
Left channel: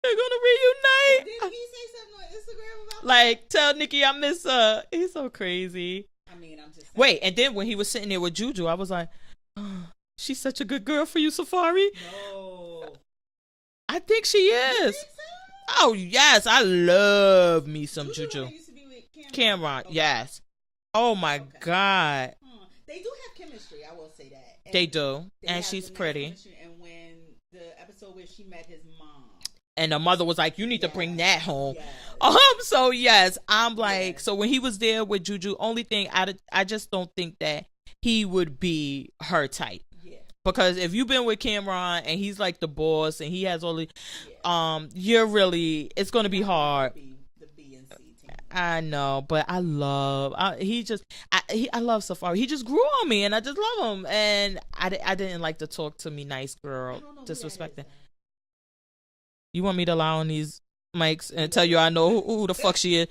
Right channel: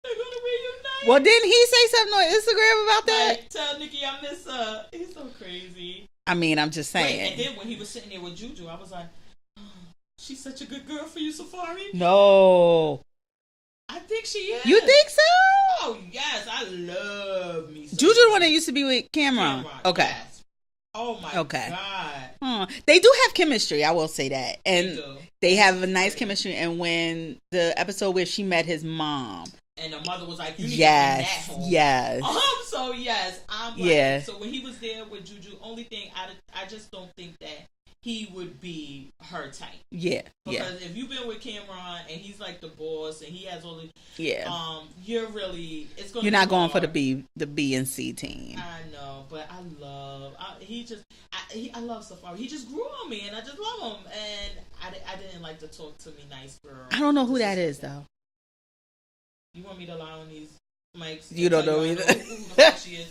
They're gonna reunite. Well, didn't he say something on Instagram about that? Like, tell Nicki I miss her. He's so crazy. I mean, I'm just saying. Wait, and then when he was sitting there with Juju, I was like, oh, she's such a good girl for you, Safari. No. I think she is. You think so? Oh, yes. I love me some Juju the one that used to be with Cameron. Okay. Yes. Oh my God. They do have chemistry, I will say that. And they do. They and have a nice pretty. chemistry. And when the episode where she met his mom. And the mother was like, you need to bring that home. Yes. So yes, I'm like, so when he was there with Juju, only thing, I just don't think that he would be her type. Yeah. Because if you've been with Cameron and he's like the boss and he has all the you're really, it's going to be hard. You're not going for the B and C team. I know, but I love Safari. He just grew on me and I just love him. And I didn't like to talk to me nice girl. I don't know who that is though. You want me to lie on these mics and tell you I know who the fuck she is?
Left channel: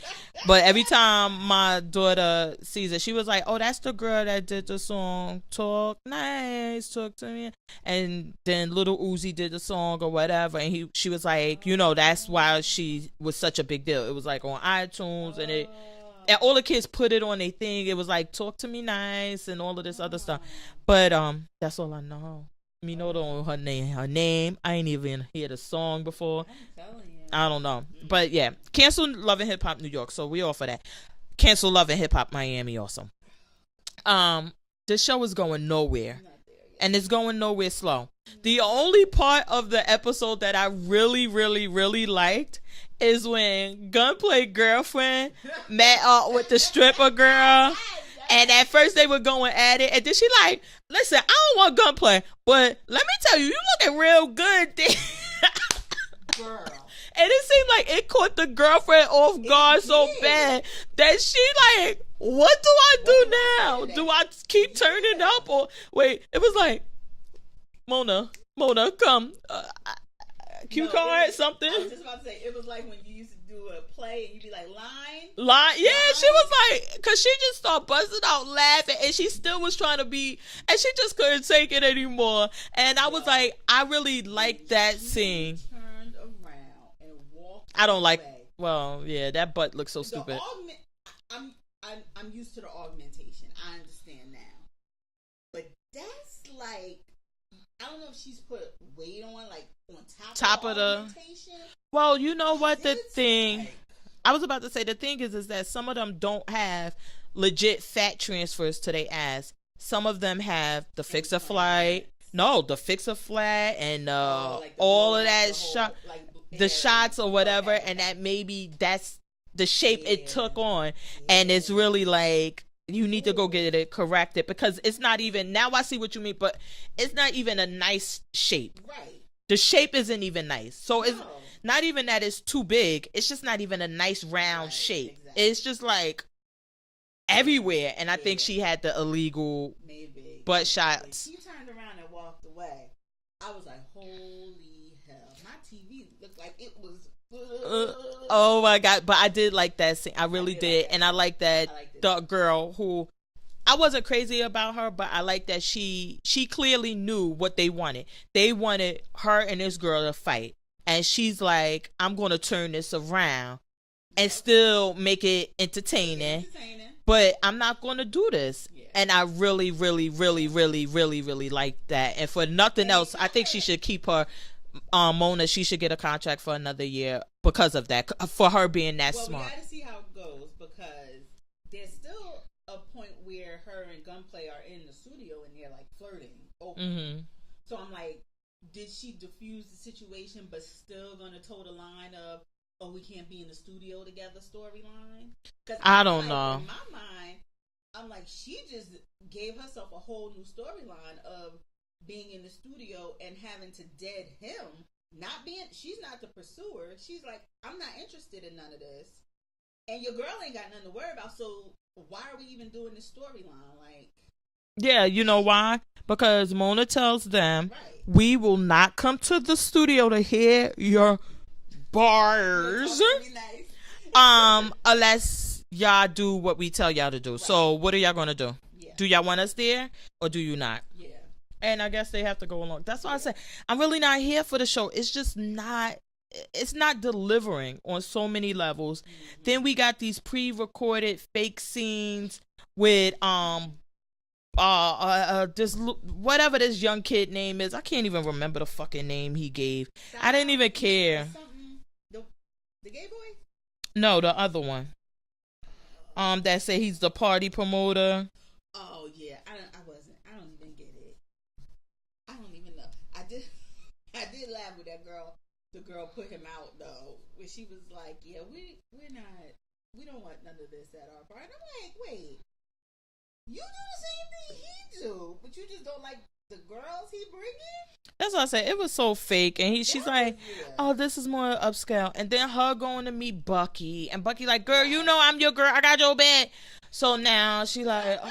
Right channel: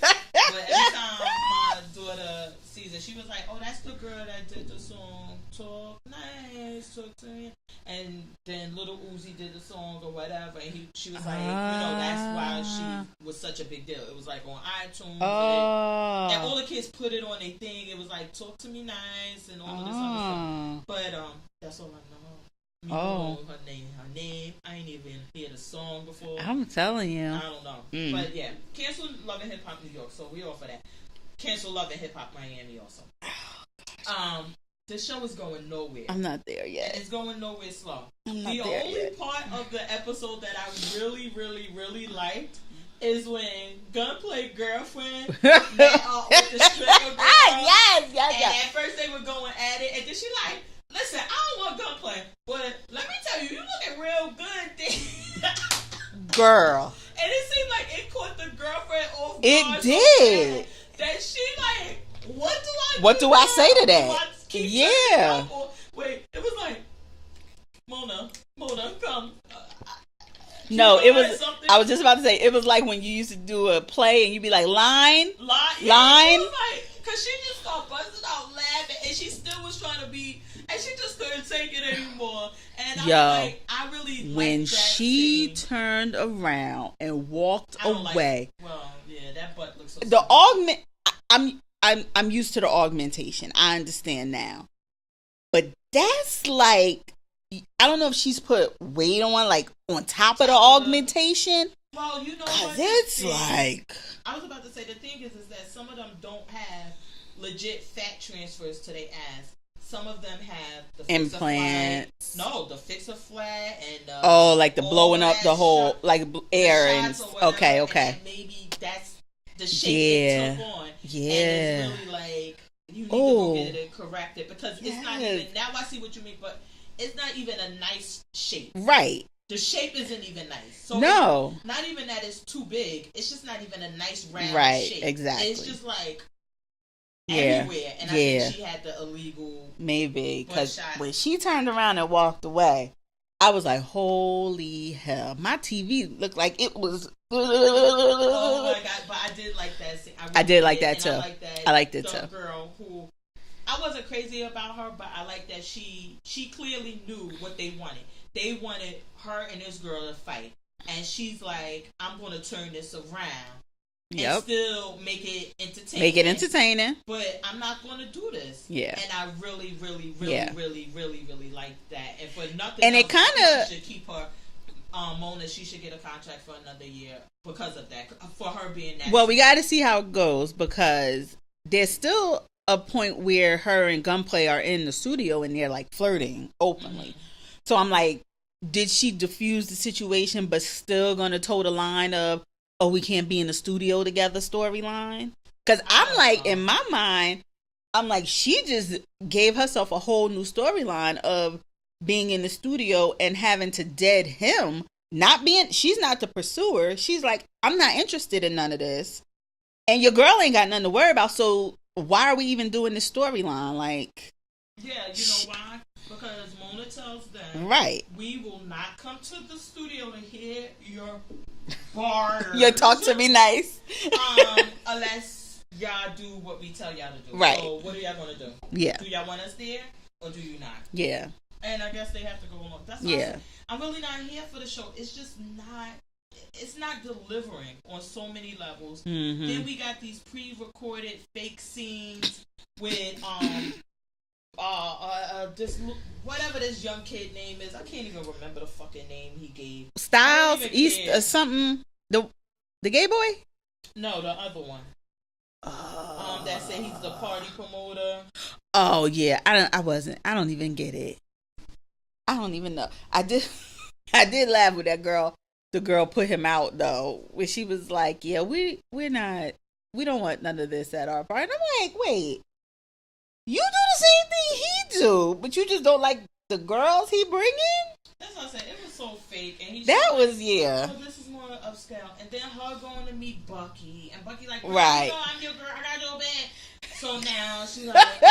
But every time my daughter sees it, she was like, oh, that's the girl that did the song Talk Nice, Talk to Me. And then Little Uzi did the song or whatever. And she was like, that's why she was such a big deal. It was like on iTunes and all the kids put it on their thing. It was like Talk to Me Nice and all of this other stuff. But that's all I know. Me don't know her name. I ain't even hear the song before. I'm telling you. I don't know. But yeah, cancel Love and Hip Hop New York. So we all for that. Cancel Love and Hip Hop Miami also. This show is going nowhere. I'm not there yet. And it's going nowhere slow. The only part of the episode that I really, really, really liked is when Gunplay girlfriend met with the stripper girl. Yes. And at first they were going at it. And then she like, listen, I don't want Gunplay, but let me tell you, you looking real good, girl. And it seemed like it caught the girlfriend off guard so bad that she like, what do I say to that? Do I keep turning up? Or wait, it was like, Mona, come. No, it was something. I was just about to say, it was like when you used to do a play and you'd be like, line. Yeah, line. She was like, because she just started busting out laughing and she still was trying to be, and she just couldn't take it anymore. And I was like, I really liked that scene. When she turned around and walked away. Well, yeah, that butt looks so stupid. I'm used to the augmentation. I understand now. But that's like, I don't know if she's put weight on, like on top of the augmentation. Well, you know what? I was about to say, the thing is that some of them don't have legit fat transfers to their ass. Some of them have the fix a flat. No, the fix a flat and like the blowing up the whole like air the shots or whatever. Okay. And that maybe that's the shape it took on, and it's really like you need to go get it corrected because it's not even. Now I see what you mean, but it's not even a nice shape. Right. The shape isn't even nice. So it's not even that it's too big. It's just not even a nice round shape. Exactly. It's just like everywhere. And I think she had the illegal butt shot. When she turned around and walked away, I was like, holy hell. My TV looked like it was... Oh my God. But I did like that scene. I really did. Like that and too. I like that the girl who... I wasn't crazy about her, but I like that she clearly knew what they wanted. They wanted her and this girl to fight. And she's like, I'm going to turn this around and still make it entertaining. But I'm not going to do this. Yeah. And I really, really, really, really, really, really like that. And for nothing else, I think she should keep her... Mona, she should get a contract for another year because of that. For her being that Well, smart. We got to see how it goes because there's still... a point where her and Gunplay are in the studio and they're like flirting openly. Mm-hmm. So I'm like, did she diffuse the situation but still gonna toe the line of, oh, we can't be in the studio together storyline? Because I'm like, know. In my mind, I'm like, she just gave herself a whole new storyline of being in the studio and having to dead him. She's not the pursuer. She's like, I'm not interested in none of this. And your girl ain't got nothing to worry about. So why are we even doing this storyline? Like, yeah, you know why? Because Mona tells them, right, we will not come to the studio to hear your bars. You talk to me nice. Unless y'all do what we tell y'all to do. Right. So what are y'all gonna do? Yeah. Do y'all want us there or do you not? Yeah. And I guess they have to go along. That's what I said. I'm really not here for the show. It's just not. It's not delivering on so many levels. Mm-hmm. Then we got these pre-recorded fake scenes with this whatever this young kid name is. I can't even remember the fucking name he gave. Styles, I didn't even care. Something the gay boy? No, the other one. that say he's the party promoter. Oh yeah, I don't even get it. I don't even know. I did laugh with that girl. The girl put him out though, when she was like, "Yeah, we don't want none of this at our party." And I'm like, wait, you do the same thing he do, but you just don't like the girls he bring in? That's what I said. It was so fake, and she's That like, was, yeah. "Oh, this is more upscale." And then her going to meet Bucky, and Bucky like, "Girl, Right. you know I'm your girl. I got your bag." So now she like,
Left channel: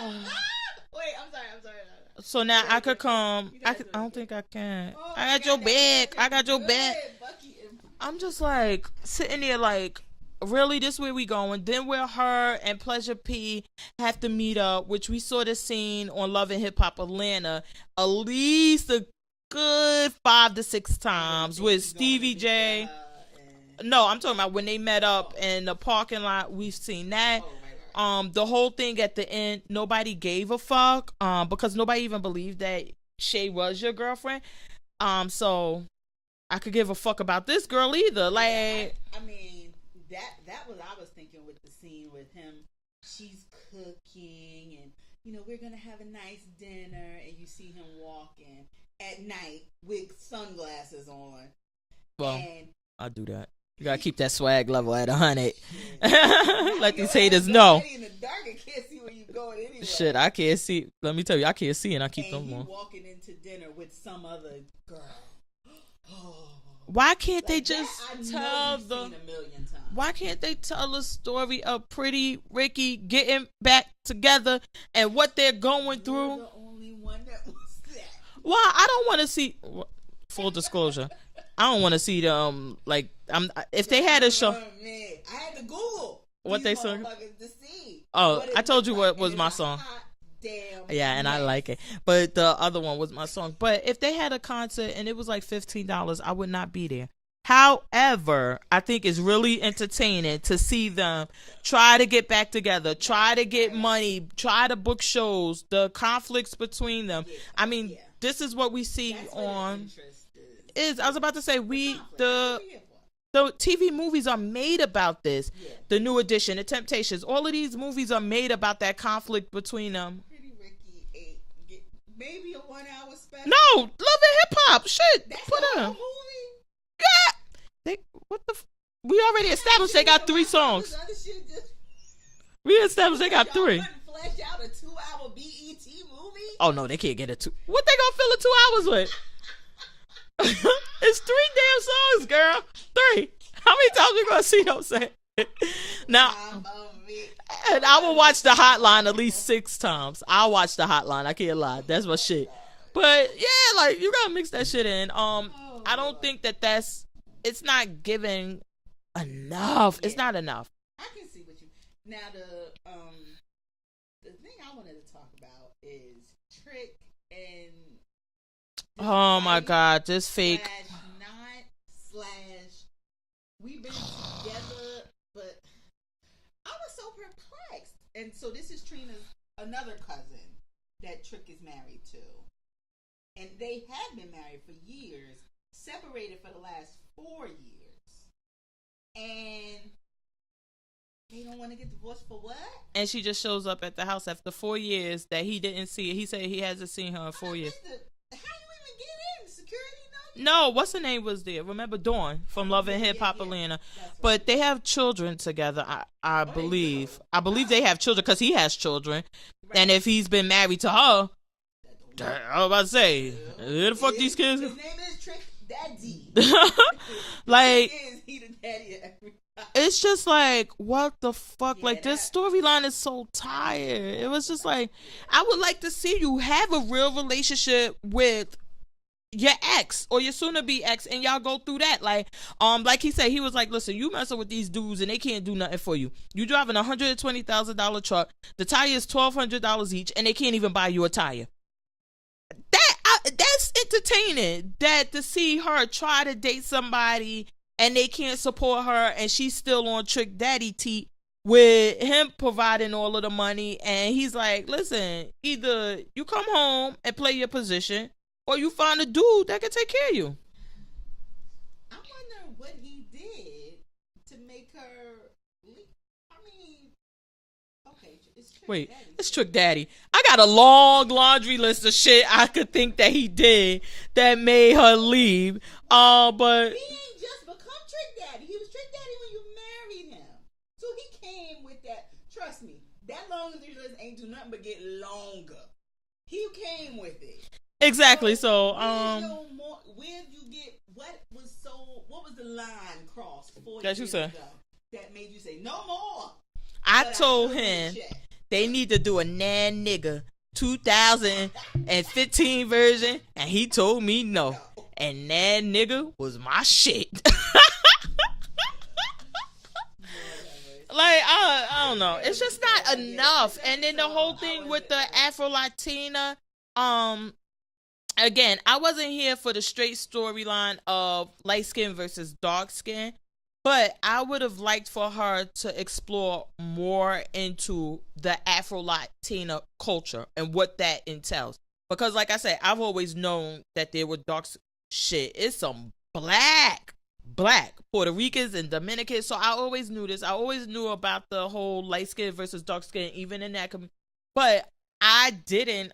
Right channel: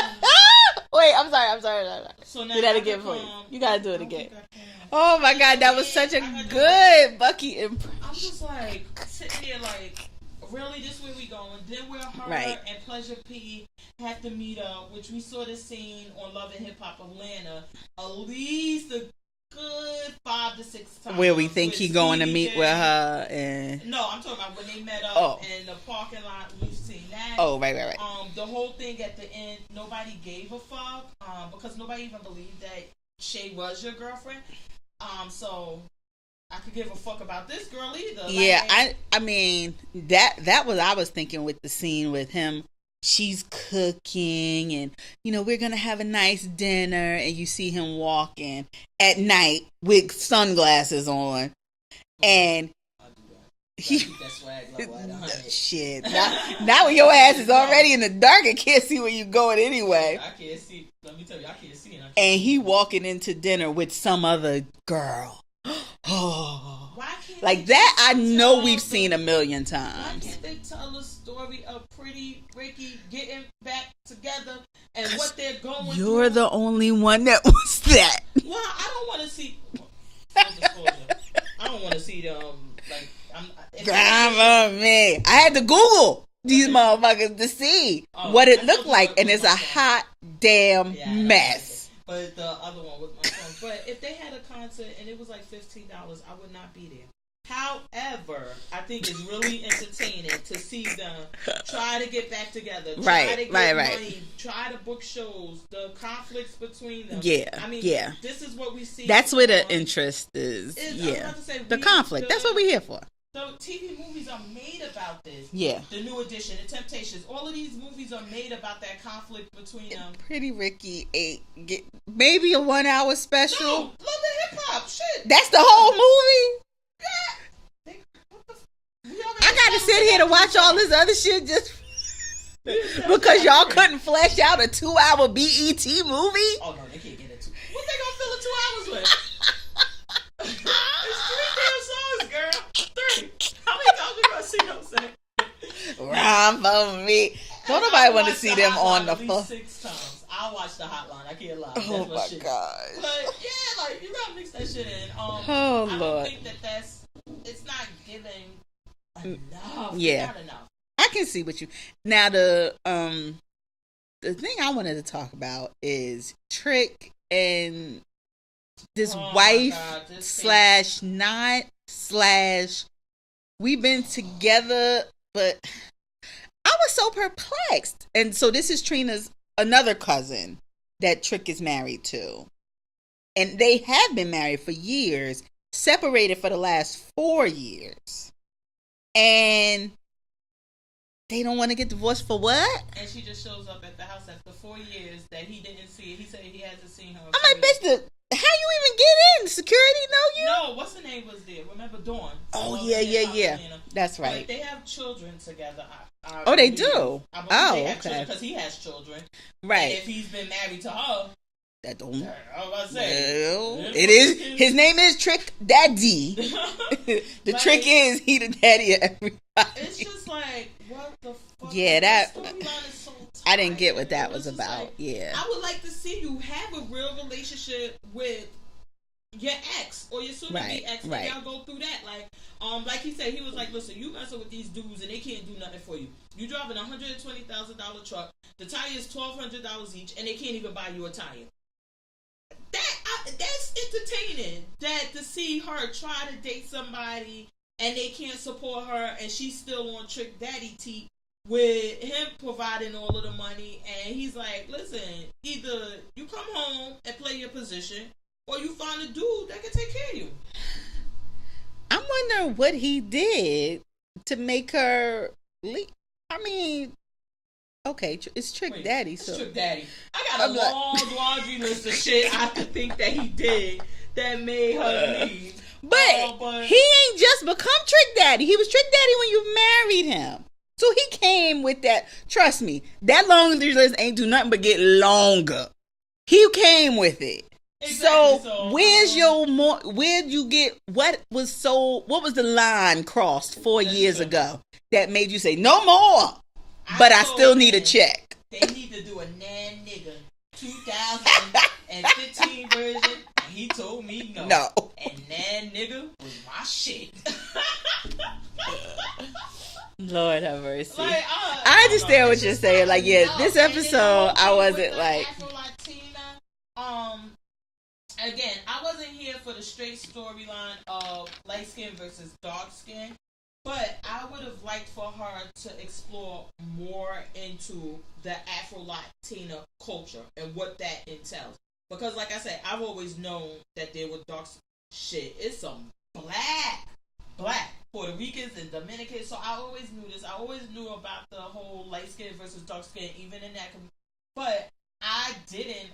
wait, I'm sorry. So now I could come. You gotta do it I again. think I can. Oh my God, that was such a good Bucky impression. I'm just like sitting there like, really, this where we going? Then where her and Pleasure P have to meet up, which we saw the scene on Love and Hip Hop Atlanta at least a good 5 to 6 times. Where we think he's going to Stevie meet J. with her. And No, I'm talking about when they met up in the parking lot. We've seen that. Oh, right. The whole thing at the end, nobody gave a fuck. Because nobody even believed that Shay was your girlfriend. So I could give a fuck about this girl either. Like, yeah, I mean that was I was thinking with the scene with him. She's cooking, and we're gonna have a nice dinner, and you see him walking at night with sunglasses on, and I do that. You gotta keep that swag level at 100. Shit. Now when your ass is already in the dark, I can't see where you going anyway. Shit, I can't see. Let me tell you, I can't see, and I keep. And he walking into dinner with some other girl. Oh, why can't like they that? I know we've seen a million times. Why can't they tell a story of Pretty Ricky getting back together and what they're going through? You're the only one that was that. Well, I don't want to see. Full disclosure, I don't want to see them. Like, if they had a show, me, I had to Google these motherfuckers to see what it looked like, and it's a hot damn mess. And I like it. But the other one was my song. But if they had a concert and it was like $15, I would not be there. However, I think it's really entertaining to see them try to get back together, try to get money, try to book shows, the conflicts between them. Yeah, I mean, this is what we see. That's where the interest is. I was about to say the conflict. That's what we're here for. So TV movies are made about this. Yeah. The New Edition, The Temptations, all of these movies are made about that conflict between them. Pretty Ricky maybe a 1 hour special. No, Love and Hip Hop. Shit. That's the whole movie? Yeah. What the we already I gotta sit here to watch all this other shit just because y'all couldn't flesh out a 2 hour BET movie? Oh no, they can't get a 2. What they gonna fill a 2 hours with? It's 3 damn songs, girl. 3. How many times we gonna see them say? Nah, for me. And I watch the Hotline at least 6 times. I'll watch the Hotline. I can't lie. That's my shit. God. But yeah, like you gotta mix that shit in. I don't think that's. It's not giving enough. Yeah. It's not enough. I can see what you. Now the thing I wanted to talk about is Trick and this wife. My God, this / not / we've been together, but I was so perplexed. And so this is Trina's another cousin that Trick is married to. And they have been married for years, separated for the last 4 years. And they don't want to get divorced for what? And she just shows up at the house after 4 years that he didn't see. He said he hasn't seen her in 4 I'm like, years. bitch, how you even get in? Security know you? No, what's her name was there? Remember Dawn from Love and Hip Hop Atlanta? That's right. But they have children together. I believe. They do. I believe they have children because he has children. Right. And if he's been married to her, that don't matter. I was about to say, it is. His name is Trick Daddy. The trick is he the daddy of everybody. It's just like, what the fuck? Yeah, like this storyline is so tired. I didn't get what that was just about. Like, yeah. I would like to see you have a real relationship with your ex or your soon-to-be ex, and y'all go through that. Like he said, he was like, listen, you messing with these dudes and they can't do nothing for you. You driving a $120,000 truck. The tire is $1,200 each, and they can't even buy you a tire. That's entertaining. That to see her try to date somebody and they can't support her, and she's still on Trick Daddy teat with him providing all of the money, and he's like, listen, either you come home and play your position, or you find a dude that can take care of you. I'm wondering what he did to make her leave. I mean, Okay, it's Trick Wait, Daddy. It's so. Trick Daddy. I got a long laundry list of shit I could think that he did that made her leave. But he ain't just become Trick Daddy. He was Trick Daddy when you married him. So he came with that. Trust me, that laundry list ain't do nothing but get longer. He came with it. Exactly. So where's where'd you get what was the line crossed 4 years ago that made you say no more? But I still need a check. They need to do a Nan Nigga 2015 version, and he told me no. And Nan Nigga was my shit. Lord have mercy. Like I understand what you're saying. Like, this episode I wasn't with the like Afro Latina. Again, I wasn't here for the straight storyline of light skin versus dark skin. But I would have liked for her to explore more into the Afro-Latina culture and what that entails. Because like I said, I've always known that there was dark shit. It's some black Puerto Ricans and Dominicans. So I always knew this. I always knew about the whole light skin versus dark skin, even in that. But I didn't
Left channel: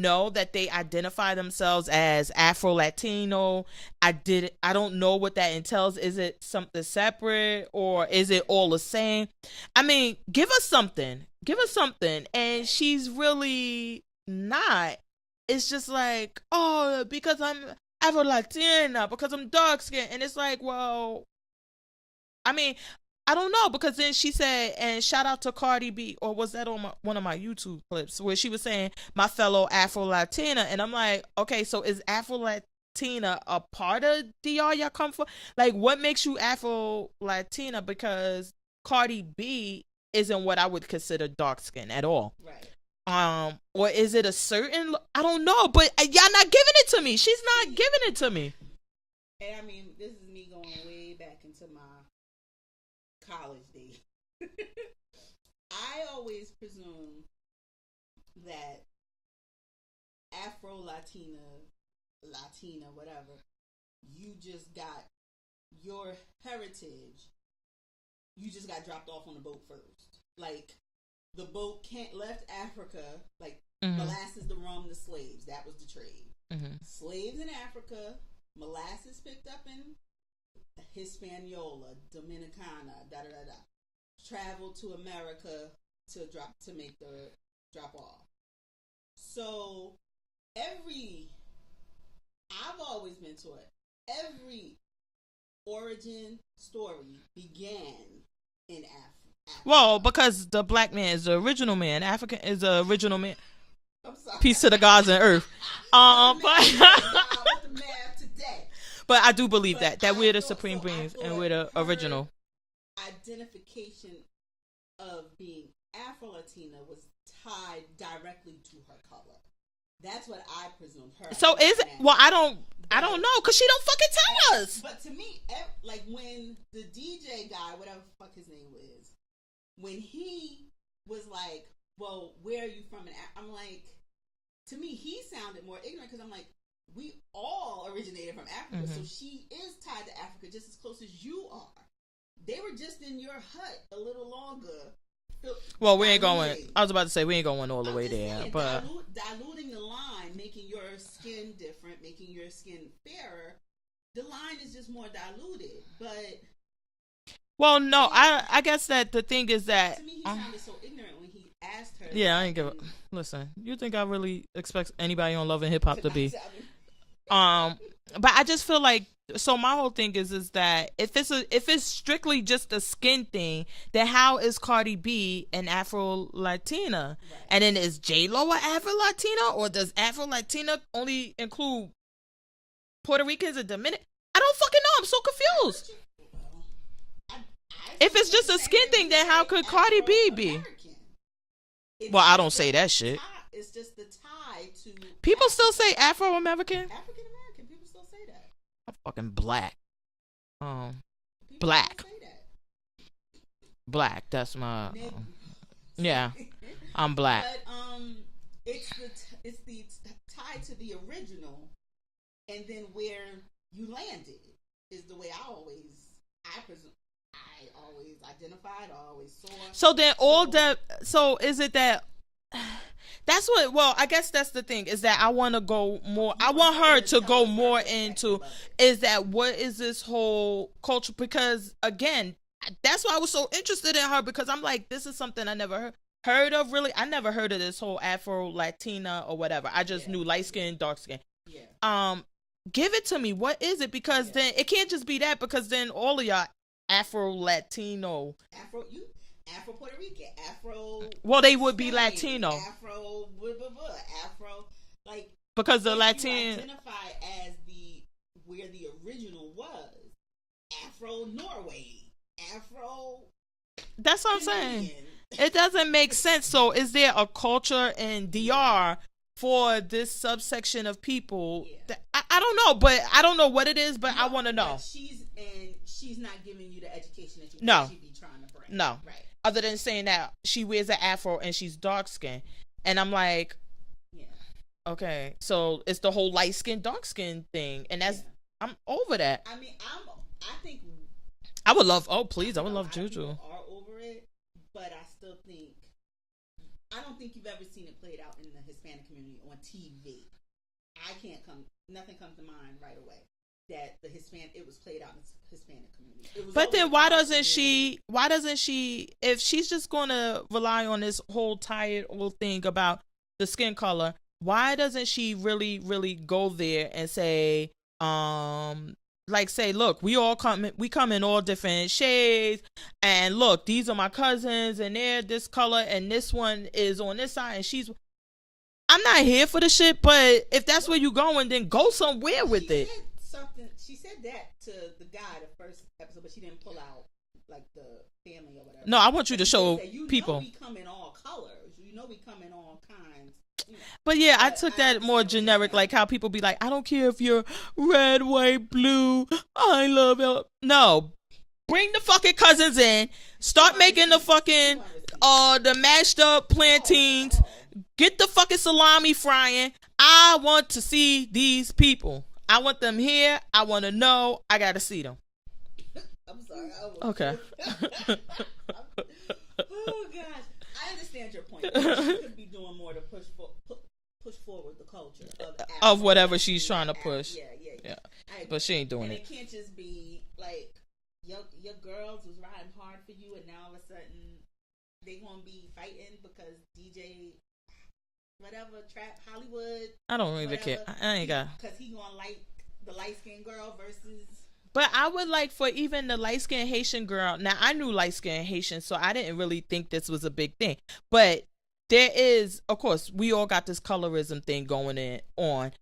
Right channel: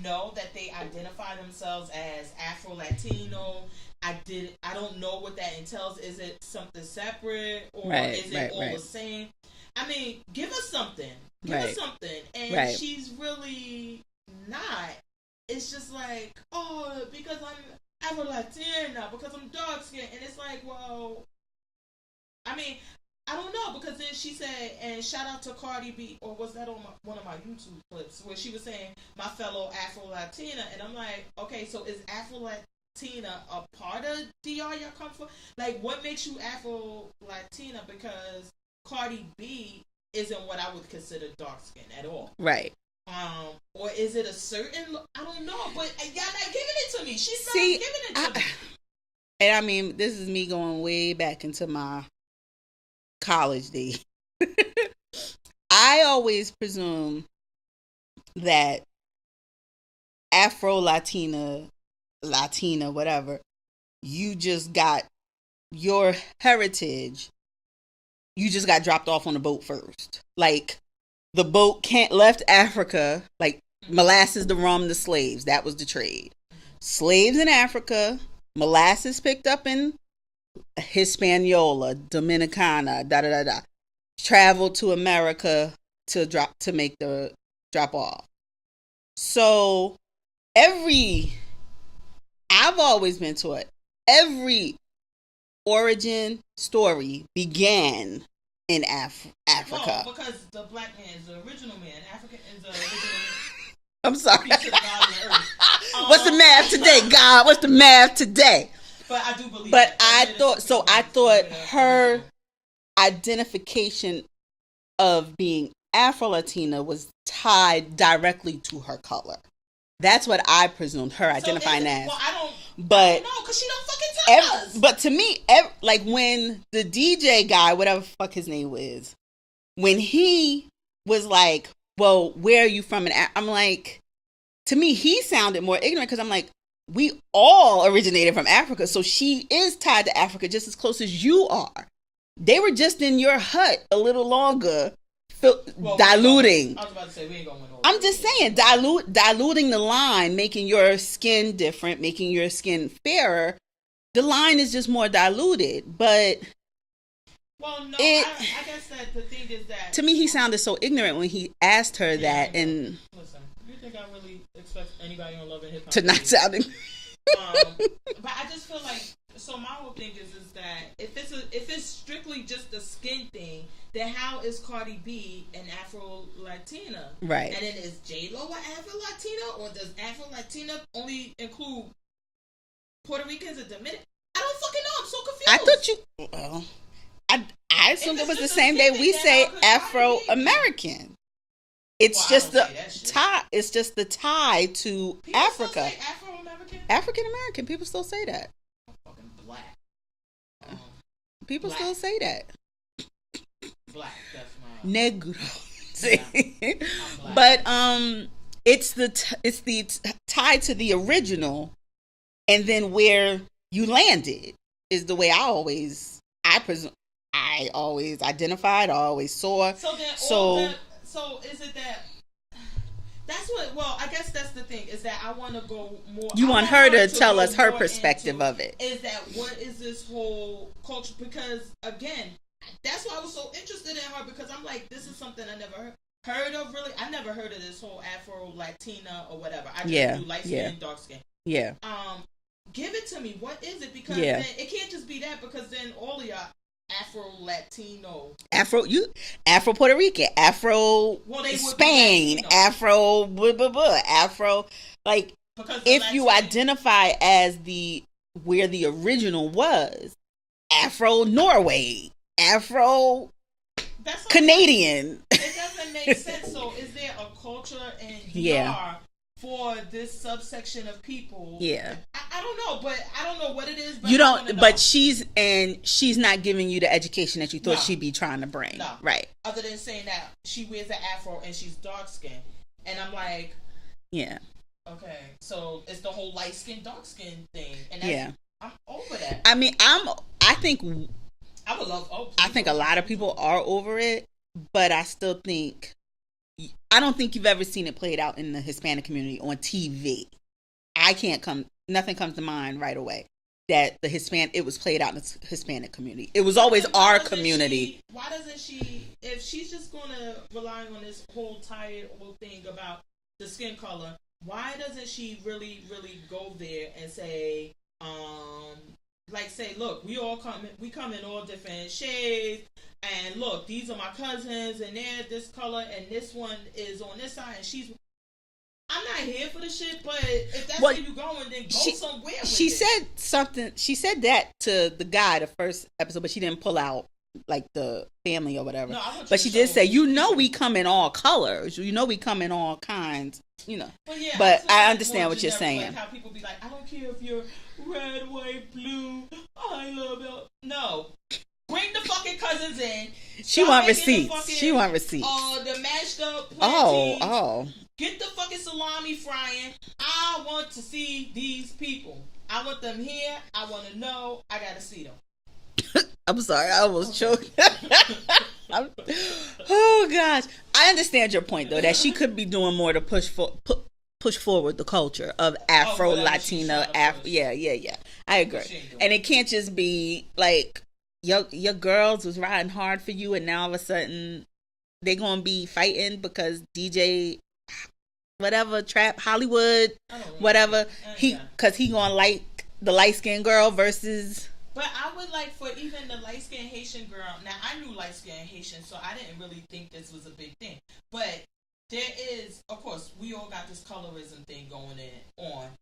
know that they identify themselves as Afro-Latino. I don't know what that entails. Is it something separate or is it all the same? I mean, give us something. Give us something. And she's really not. It's just like, oh, because I'm Afro-Latina, because I'm dark skinned. And it's like, well, I mean, I don't know, because then she said, and shout out to Cardi B, or was that on one of my YouTube clips, where she was saying, my fellow Afro-Latina, and I'm like, okay, so is Afro-Latina a part of DR y'all come from? Like, what makes you Afro-Latina? Because Cardi B isn't what I would consider dark skin at all. Right. Or is it a certain, I don't know, but y'all not giving it to me. She's not giving it to me. And I mean, this is me going way back into my college days. I always presume that Afro-Latina, whatever, you just got your heritage, you just got dropped off on the boat first. Like, the boat left Africa, like molasses, the rum, the slaves. That was the trade. Slaves in Africa, molasses picked up in Hispaniola, Dominicana, traveled to America to make the drop off. So I've always been taught every origin story began in Africa. Well, because the black man is the original man. African is the original man. I'm sorry. Peace to the gods and earth. What's the math today, God? What's the math today? But I do believe that I thought her original identification of being Afro-Latina was tied directly to her color. That's what I presumed her identifying as. Well, I don't know, because she don't fucking tell us. But to me, like when the DJ guy, whatever the fuck his name was, when he was like, well, where are you from? And I'm like, to me, he sounded more ignorant, because I'm like, we all originated from Africa, so she is tied to Africa just as close as you are. They were just in your hut a little longer, diluting. I was about to say, we ain't going all the I'm way just there, saying, diluting the line, making your skin different, making your skin fairer. The line is just more diluted, but... Well, no, I guess that the thing is that... To me, he sounded so ignorant when he asked her that. And listen, you think I really expect anybody on Love and Hip Hop to not be... sounding... But I just feel like, so my whole thing is that if it's strictly just a skin thing, then how is Cardi B an Afro-Latina? Right. And then is J-Lo an Afro-Latina? Or does Afro-Latina only include Puerto Ricans and Dominicans? I don't fucking know. I'm so confused. I thought you... Well, I assume it was the same way we say Afro-American. I don't say that shit. It's just the tie to people Africa. still say Afro-American? African-American. People still say that. I'm fucking black. People black. still say that. Black. That's my... Negro. Yeah. I'm black. But it's the tie to the original, and then where you landed is the way I presume. I always identified, I always saw. So then all that. So is it that? That's what. Well, I guess that's the thing, is that I want to go more. You want her to tell us her perspective into, of it. Is that what is this whole culture? Because again, that's why I was so interested in her, because I'm like, this is something I never heard of. Really, I never heard of this whole Afro Latina or whatever. I just knew light skin, dark skin. Yeah. Give it to me. What is it? Because then it can't just be that, because then all of y'all Afro Latino, Afro Puerto Rican, Afro. Well, they would Spain, be Latino. Afro, Afro. Like, because if Latin, you identify as where the original was, Afro Norway, Afro. That's what Canadian. It doesn't make sense. So, is there a culture in DR for this subsection of people? Yeah, I don't know, but I don't know what it is. But you I don't. want to know. But she's not giving you the education that you thought she'd be trying to bring. No, right. Other than saying that she wears an afro and she's dark skinned, and I'm like, yeah, okay. So it's the whole light skin, dark skin thing, and that's I'm over that. I mean, I think I would love. Oh, please! I think a lot of people are over it, but I still think. I don't think you've ever seen it played out in the Hispanic community on TV. Nothing comes to mind right away that it was played out in the Hispanic community. It was always our community. Why doesn't she, if she's just going to rely on this whole tired old thing about the skin color, why doesn't she really, really go there and say, look, we come in all different shades, and look, these are my cousins, and they're this color, and this one is on this side, and I'm not here for the shit, but if that's where you going, then go somewhere with it. She said that to the guy the first episode, but she didn't pull out like the family or whatever. No, I want you to show. But she did say, you know, we come in all colors. You know, we come in all kinds. You know. But yeah, I took that more generic, like how people be like, I don't care if you're red, white, blue. I love it. No, bring the fucking cousins in. Start making receipts. The fucking the mashed up plantains. Get the fucking salami frying. I want to see these people. I want them here. I want to know. I gotta see them. I'm sorry, I almost choked. Oh gosh, I understand your point though, that she could be doing more to push forward the culture of Afro whatever Latino. She's trying to push. Yeah. I agree. But she ain't doing and it can't just be like your girls was riding hard for you, and now all of a sudden they gonna be fighting because DJ whatever trap Hollywood I don't really whatever because he gonna like the light skinned girl versus. But I would like for even the light skinned Haitian girl. Now I knew light skinned Haitian, so I didn't really think this was a big thing. But there is, of course, we all got this colorism thing going on.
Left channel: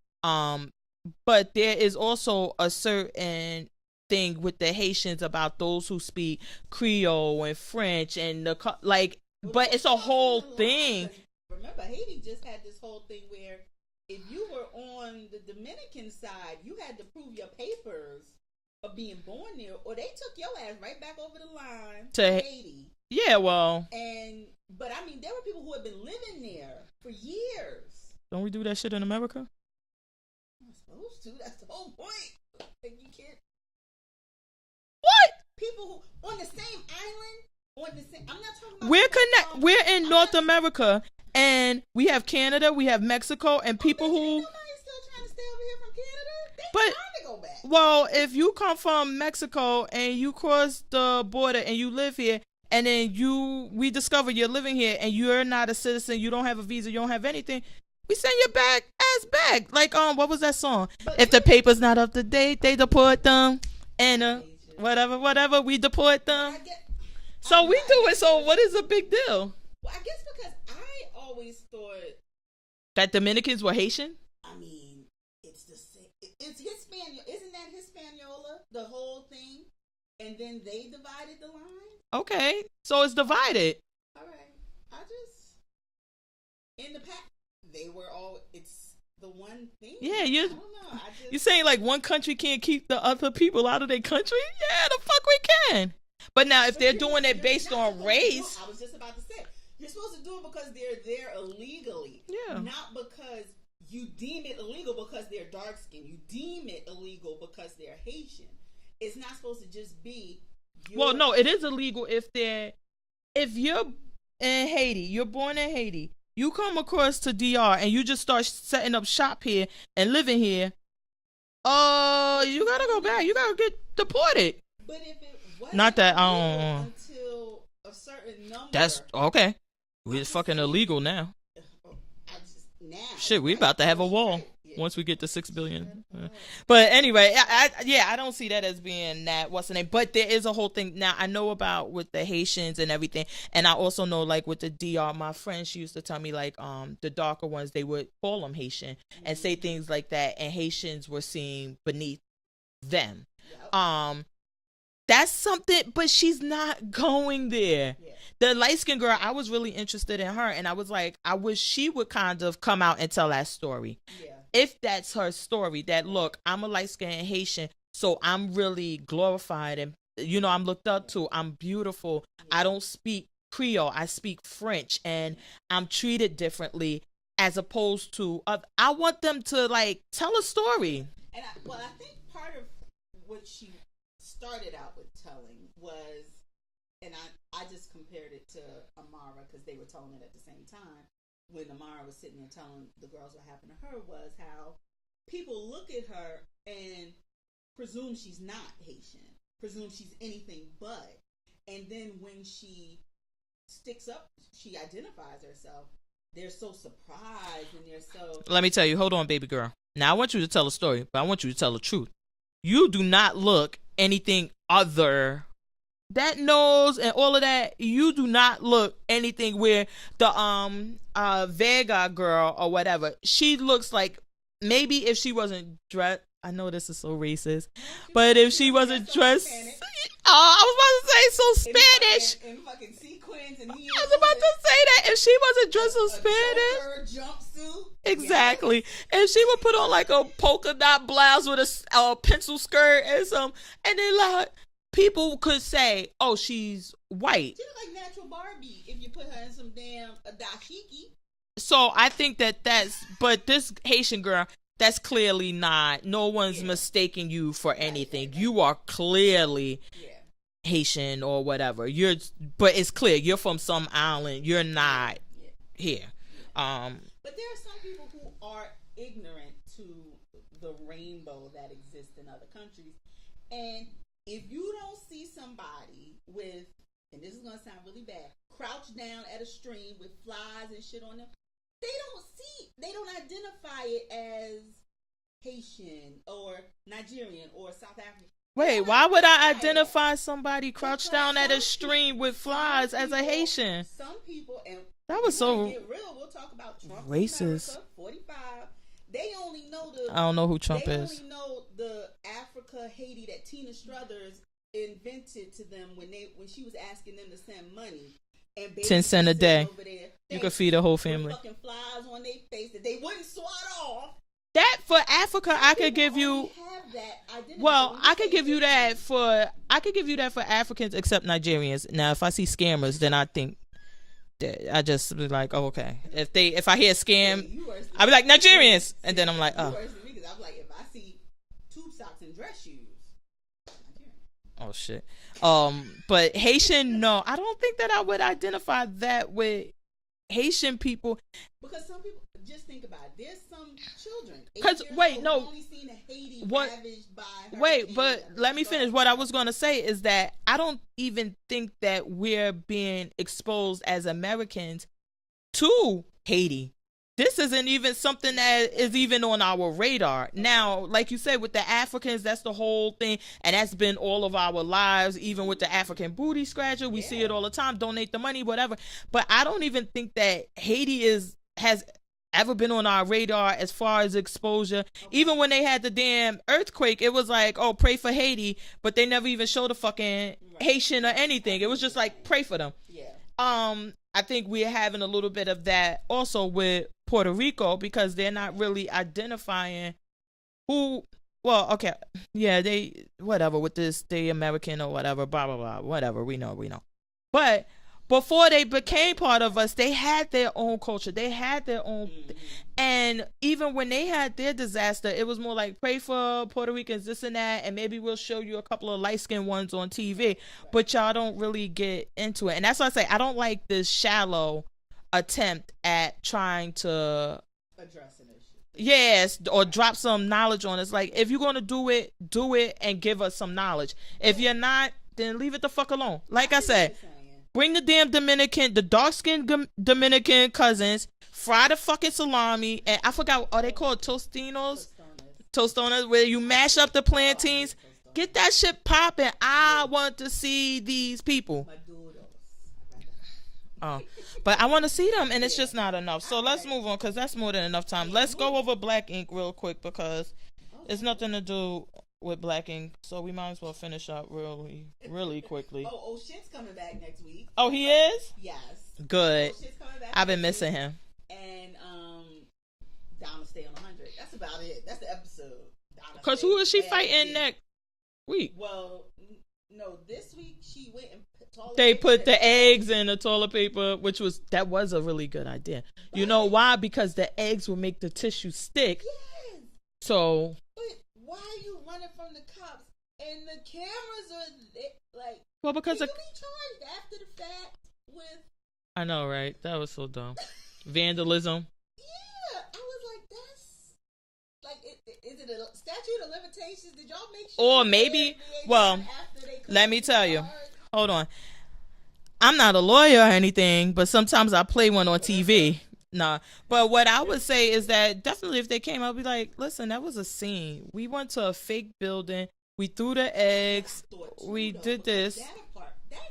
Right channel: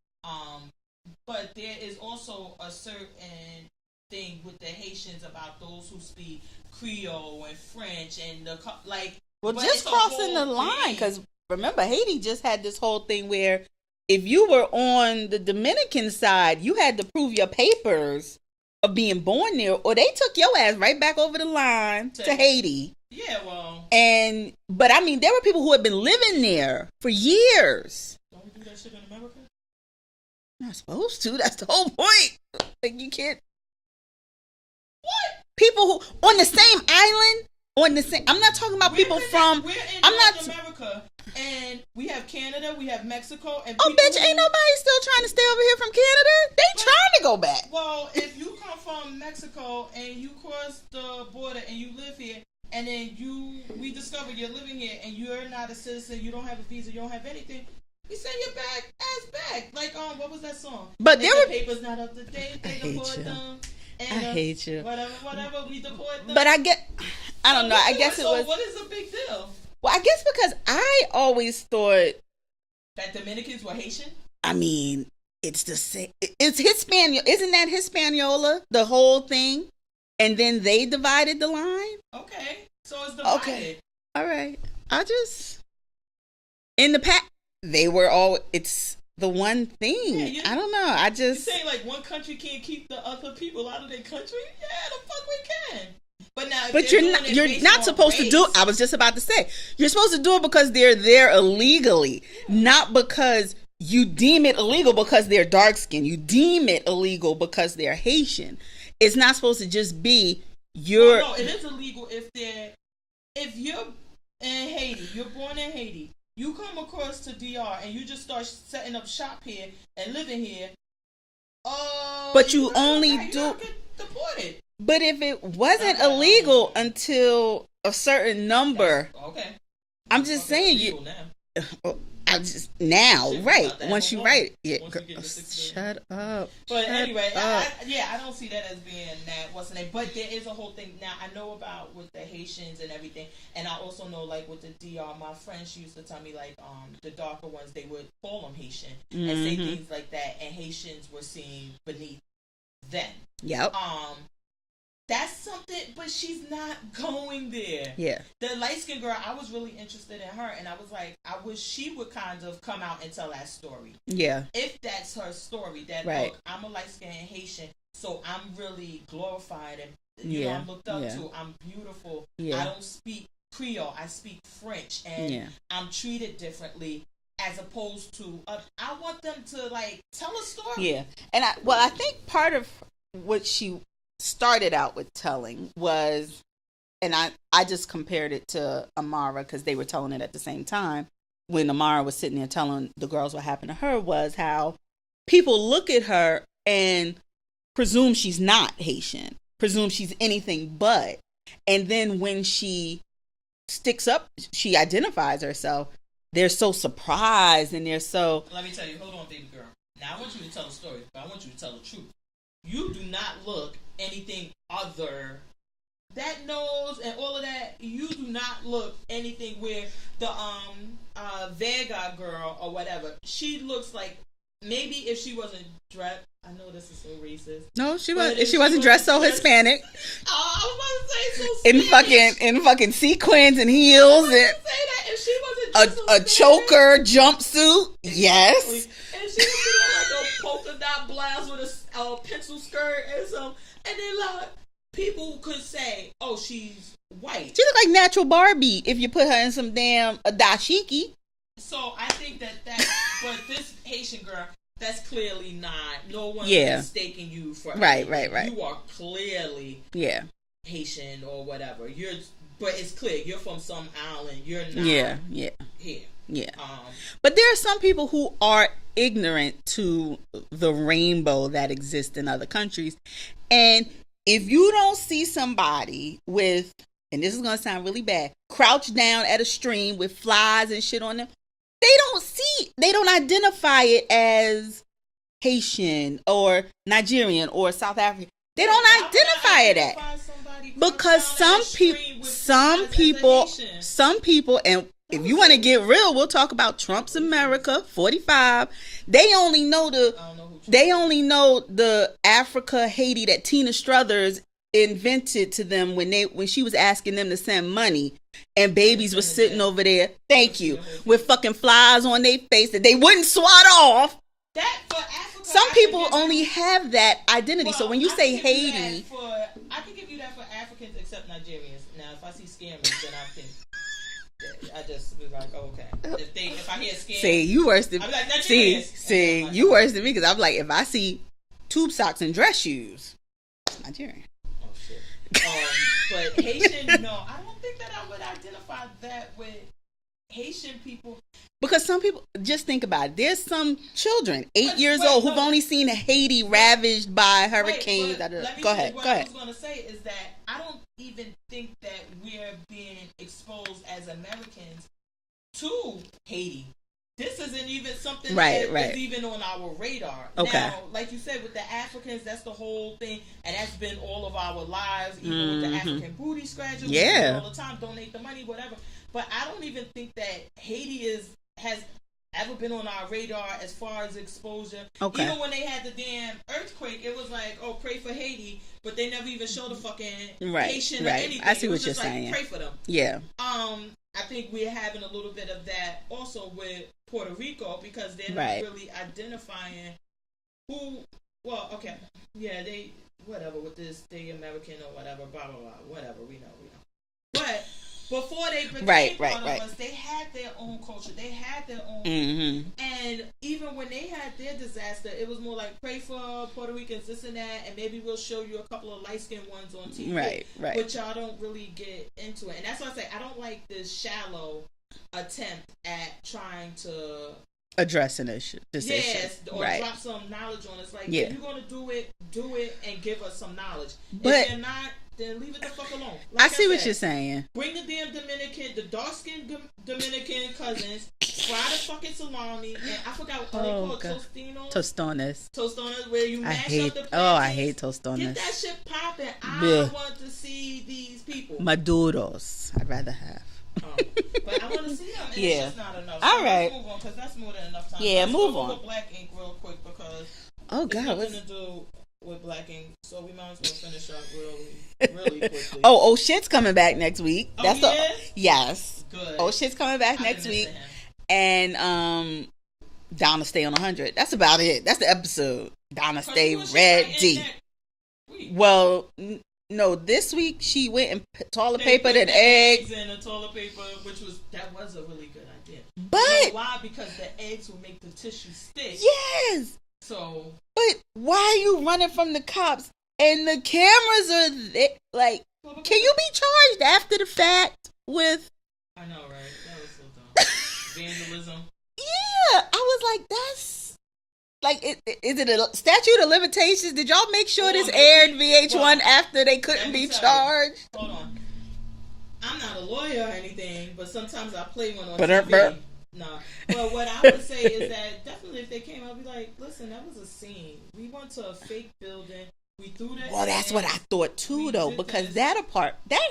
But there is also a certain thing with the Haitians about those who speak Creole and French and but it's a whole thing. Because remember, Haiti just had this whole thing where if you were on the Dominican side, you had to prove your papers of being born there, or they took your ass right back over the line to Haiti. Yeah, well. But I mean, there were people who had been living there for years. Don't we do that shit in America? Not supposed to. That's the whole point. Like, you can't. What? People who on the same island, I'm not talking about people from. We're in North America. And we have Canada, we have Mexico, and people. Oh, bitch, ain't nobody still trying to stay over here from Canada. They trying to go back. Well, if you come from Mexico and you cross the border and you live here, and then we discover you're living here and you're not a citizen, you don't have a visa, you don't have anything, we send your ass back. Like what was that song? But if the paper's not up to date, they deport them. And I hate you. Whatever, we deport them. But I don't know. I guess so. What is a big deal? Well, I guess because I always thought that Dominicans were Haitian. I mean, it's the same. It's Hispaniola. Isn't that Hispaniola? The whole thing, and then they divided the line. Okay, so it's divided. Okay. All right. In the past, they were all. It's the one thing. Yeah, I don't know. You saying like one country can't keep the other people out of their country? Yeah, the fuck we can. But now, if they're doing it based not on supposed race, to do it. I was just about to say, you're supposed to do it because they're there illegally, not because you deem it illegal because they're dark skinned. You deem it illegal because they're Haitian. It's not supposed to just be you're no, it is illegal if you're in Haiti, you're born in Haiti, you come across to DR and you just start setting up shop here and living here. But you only you don't get deported. But if it wasn't illegal until a certain number, okay. I'm just fucking saying illegal now. I just now, shit, right? About to have once a wall. Once we get to 6 billion. Shut up. But anyway, I don't see that as being that. What's the name? But there is a whole thing now. I know about with the Haitians and everything, and I also know like with the DR. My friend, she used to tell me like the darker ones, they would call them Haitian and say things like that, and Haitians were seen beneath them. Yep. That's something, but she's not going there. Yeah. The light-skinned girl, I was really interested in her, and I was like, I wish she would kind of come out and tell that story. Yeah. If that's her story, that look, I'm a light-skinned Haitian, so I'm really glorified, and you know, I'm looked up to. I'm beautiful. I don't speak Creole. I speak French, and I'm treated differently as opposed to I want them to like tell a story. Yeah. And I think part of what she started out with telling was, and I just compared it to Amara because they were telling it at the same time when Amara was sitting there telling the girls what happened to her, was how people look at her and presume she's not Haitian, presume she's anything but, and then when she sticks up, she identifies herself, they're so surprised and they're so... Let me tell you, hold on, baby girl. Now I want you to tell a story, but I want you to tell the truth. You do not look anything other, that nose and all of that, you do not look anything where the Vega girl or whatever, she looks like, maybe if she wasn't dressed, I know this is so racist. No, she wasn't dressed so Hispanic. Oh, I was about to say so Spanish. In fucking sequins and heels. I was about to say that. If she wasn't dressed so Spanish. A choker jumpsuit. Exactly. Yes. And she would put on like a polka dot blouse with a pencil skirt and some, and then like people could say, oh, she's white. She look like natural Barbie if you put her in some damn dashiki. So I think that's, but this Haitian girl, that's clearly not, no one's mistaking you for anything. Right. You are clearly Haitian or whatever. But it's clear you're from some island. You're not here. Yeah. But there are some people who are ignorant to the rainbow that exists in other countries. And if you don't see somebody with, and this is going to sound really bad, crouched down at a stream with flies and shit on them, they don't identify it as Haitian or Nigerian or South African. They don't why would I identify somebody crouched down at a stream with flies as a Haitian? Some people, and if you want to get real, we'll talk about Trump's racist. America 45. They only know I don't know who Trump is. They only know the Africa Haiti that Tina Struthers invented to them when she was asking them to send money, and babies were sitting over there, with fucking flies on their face that they wouldn't swat off. That for Africa, some people only have that identity. Well, so when you say Haiti, I could give you that for Africans except Nigerians. Now, if I see scammers, then I think I just be like, oh, okay. If I hear scam, you worse than I be like Nigerians, and then I'm like, you worse than me because I'm like, if I see tube socks and dress shoes, Nigerian. Oh shit. But Haitian, no, I don't think that I would identify that with Haitian people, because some people, just think about it, there's some children 8 years old who've only seen Haiti ravaged by hurricanes. Let me finish. What I was going to say is that I don't even think that we're being exposed as Americans to Haiti. This isn't even something that is even on our radar. Okay. Now, like you said, with the Africans, that's the whole thing. And that's been all of our lives, even with the African booty scratcher. We see it all the time, donate the money, whatever. But I don't even think that Haiti has ever been on our radar as far as exposure. Okay. Even when they had the damn earthquake, it was like, oh, pray for Haiti. But they never even showed a fucking Haitian or anything. It was just like, pray for them. Yeah. I think we're having a little bit of that also with Puerto Rico, because they're not really identifying who. Well, okay, yeah, they whatever with this, they American or whatever, blah blah blah, whatever. We know. But before they became part of right. us, they had their own culture. They had their own. And even when they had their disaster, it was more like, pray for Puerto Ricans, this and that, and maybe we'll show you a couple of light-skinned ones on TV. Right. But y'all don't really get into it. And that's why I say I don't like this shallow attempt at trying to address an issue. Yes, or drop some knowledge on us. Like, if you're going to do it and give us some knowledge. But if you're not, then leave it the fuck alone. Like I see said, what you're saying. Bring the damn the dark-skinned Dominican cousins, fry the fucking salami, and I forgot, are they called tostinos? Tostones, where you mash up the plantains. I hate tostones. Get that shit popping. I want to see these people. Maduros, I'd rather have. But I want to see them, and it's just not enough. So let's move on, because that's more than enough time. Let's go over Black Ink real quick, because it's nothing to do with Black Ink, so we might as well finish up really quickly. Oh, shit's coming back next week. Oh, he is? Yes. Good. Oh, shit's coming back next week. I've been missing him. And Donna stay on 100. That's about it. That's the episode. Donna stay who is she ready. next week? Well, no, this week she went and toilet paper put the eggs in the toilet paper, that was a really good idea. But, you know why? Because the eggs will make the tissue stick. Yes. So, but why are you running from the cops and the cameras are there? Like, can you be charged after the fact with? I know, right? That was so dumb. Vandalism. Yeah, I was like, that's like, is it a statute of limitations? Did y'all make sure this aired VH1 after they couldn't be charged? Hold on. I'm not a lawyer or anything, but sometimes I play one on TV. Nah, but what I would say is that definitely if they came out, I'd be like, listen, that was a scene. We went to a fake building. We threw the eggs. That's what I thought too, though, because that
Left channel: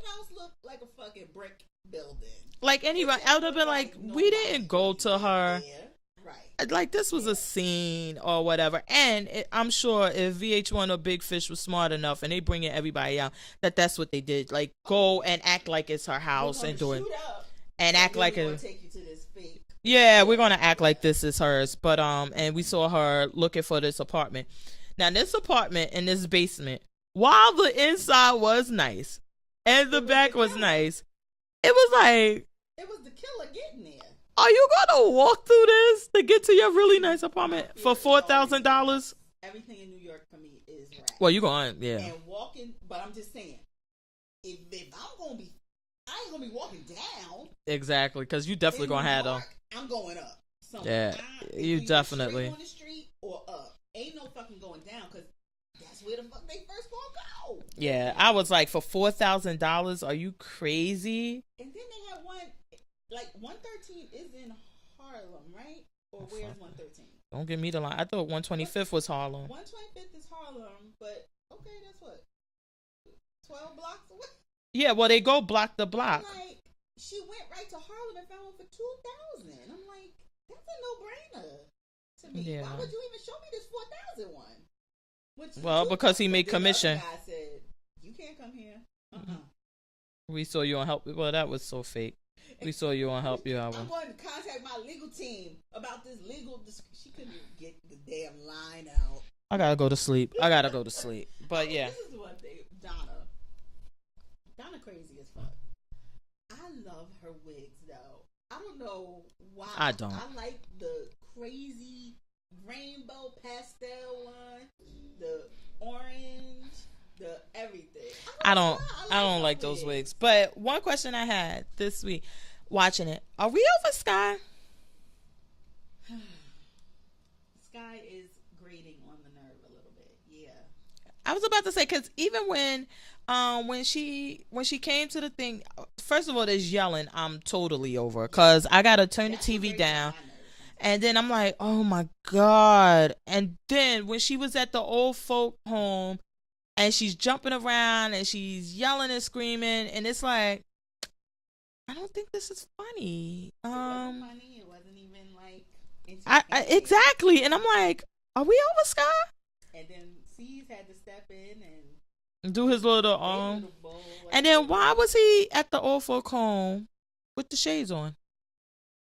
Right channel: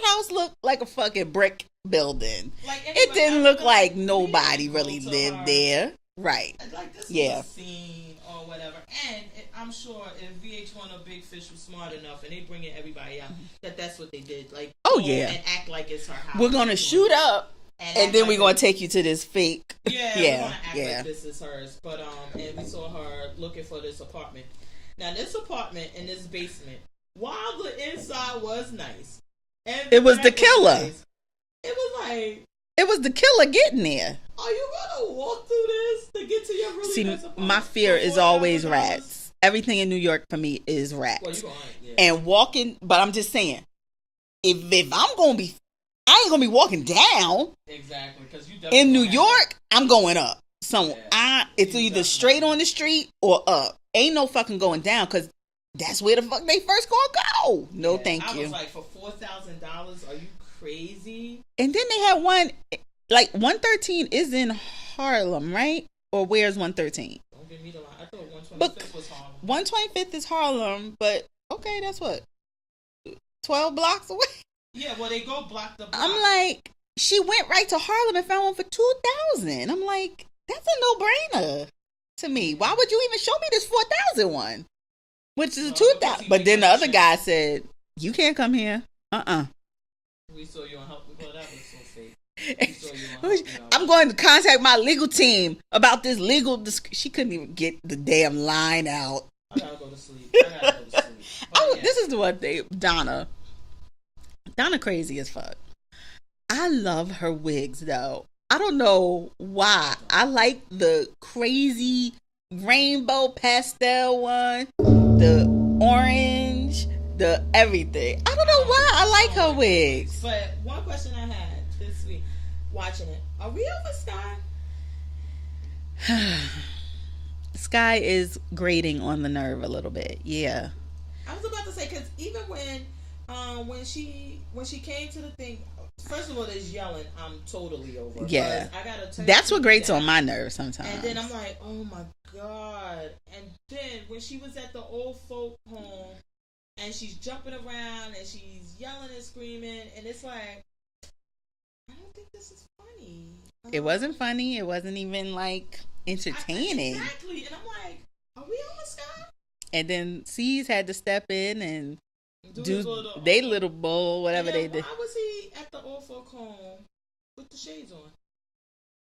house looked like a fucking brick building. Like, anybody, it didn't look like nobody really lived there. Right. Like, this was a scene or whatever. And I'm sure if VH1 or Big Fish was smart enough and they bringing everybody out, that's what they did. Like, and act like it's her house. We're going to shoot up. And then we're going to take you to this fake. Yeah, we're going to act like this is hers. But, and we saw her looking for this apartment. Now, this apartment in this basement, while the inside was nice, and it was the killer. Nice, it was like, it was the killer getting there. Are you going to walk through this to get to your really nice apartment? My fear is always rats. Everything in New York for me is rats. Well, you're going, And walking, but I'm just saying, if I'm going to be, I ain't gonna be walking down. Exactly, because you definitely in New York. I'm going up. Somewhere. It's either straight on the street or up. Ain't no fucking going down, because that's where the fuck they first gonna go. No, thank you. I was like, for $4,000, are you crazy? And then they had one, like 113 is in Harlem, right? Or where's 113? Don't give me the line. I thought 125th was Harlem. 125th is Harlem, but okay, that's what, 12 blocks away. Yeah, well, they go block to block. I'm like, she went right to Harlem and found one for $2,000. I'm like, that's a no-brainer to me. Why would you even show me this $4,000 one? Which is a $2,000. But then the other guy said, you can't come here. We saw you on Help. Well, that was so fake. We saw you on Help You Out. I'm going to contact my legal team about this legal. She couldn't even get the damn line out. I gotta go to sleep. But this is the one thing, Donna crazy as fuck. I love her wigs though. I don't know why. I like the crazy rainbow pastel one, the orange, the everything. I don't know why. I like her wigs. But one question I had this week watching it, are we over Sky? Sky is grating on the nerve a little bit. Yeah. I was about to say, because even when she came to the thing, first of all, there's yelling. I'm totally over because I gotta turn. That's the TV what grates down. on my nerves sometimes. And then I'm like, oh my god. And then when she was at the old folk home, and she's jumping around and she's yelling and screaming, and it's like, I don't think this is funny. It wasn't funny. It wasn't even like entertaining. Exactly. And I'm like, are we over Sky? And then C's had to step in and do his little bowl, whatever. And then why was he at the old folk home with the shades on?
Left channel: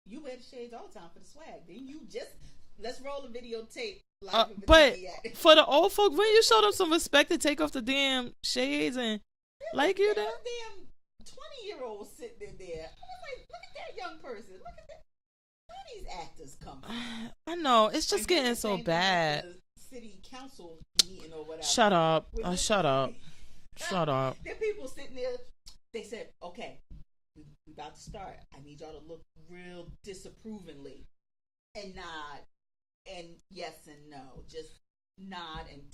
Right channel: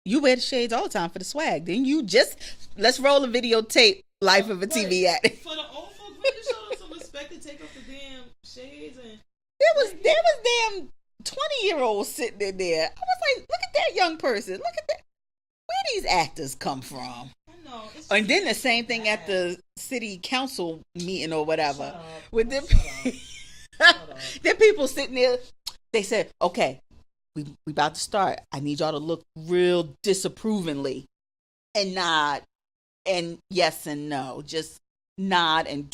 You wear the shades all the time for the swag. Then you just let's roll a videotape life of a TV act. For the old folk, when you show them some respect to take off the damn shades and there was damn 20-year-old sitting in there. I was like, look at that young person. Look at that. Where these actors come from? I know. It's just and then the same so thing at bad. the city council meeting or whatever. Shut up. With Shut up. Shut up. Then people sitting there. They said, okay, we about to start. I need y'all to look real disapprovingly and nod and yes and no. Just nod and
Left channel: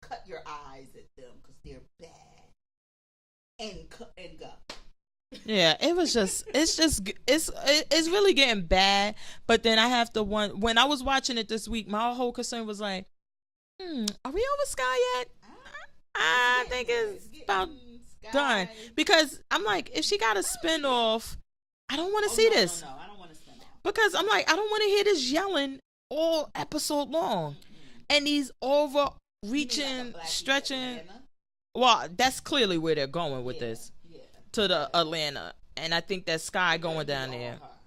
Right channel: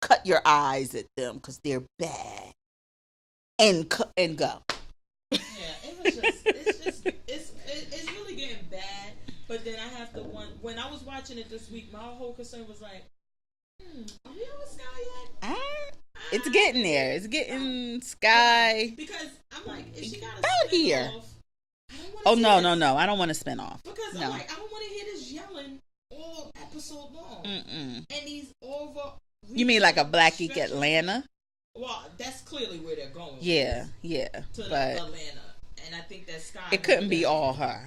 cut your eyes at them because they're bad. And go. Yeah, it was just it's really getting bad. But then I have to when I was watching it this week, my whole concern was like, are we over Sky yet? It's getting there. It's getting Sky done. Because I'm like, if she got a spin off, I don't want to see this. this. No, I don't want to spin off. Because I'm like, I don't want to hear this yelling all episode long. And these over. You mean like a Black Ink Atlanta? Well, that's clearly where they're going with this. Yeah. To the Atlanta. And I think that Sky it going couldn't down be all there. her.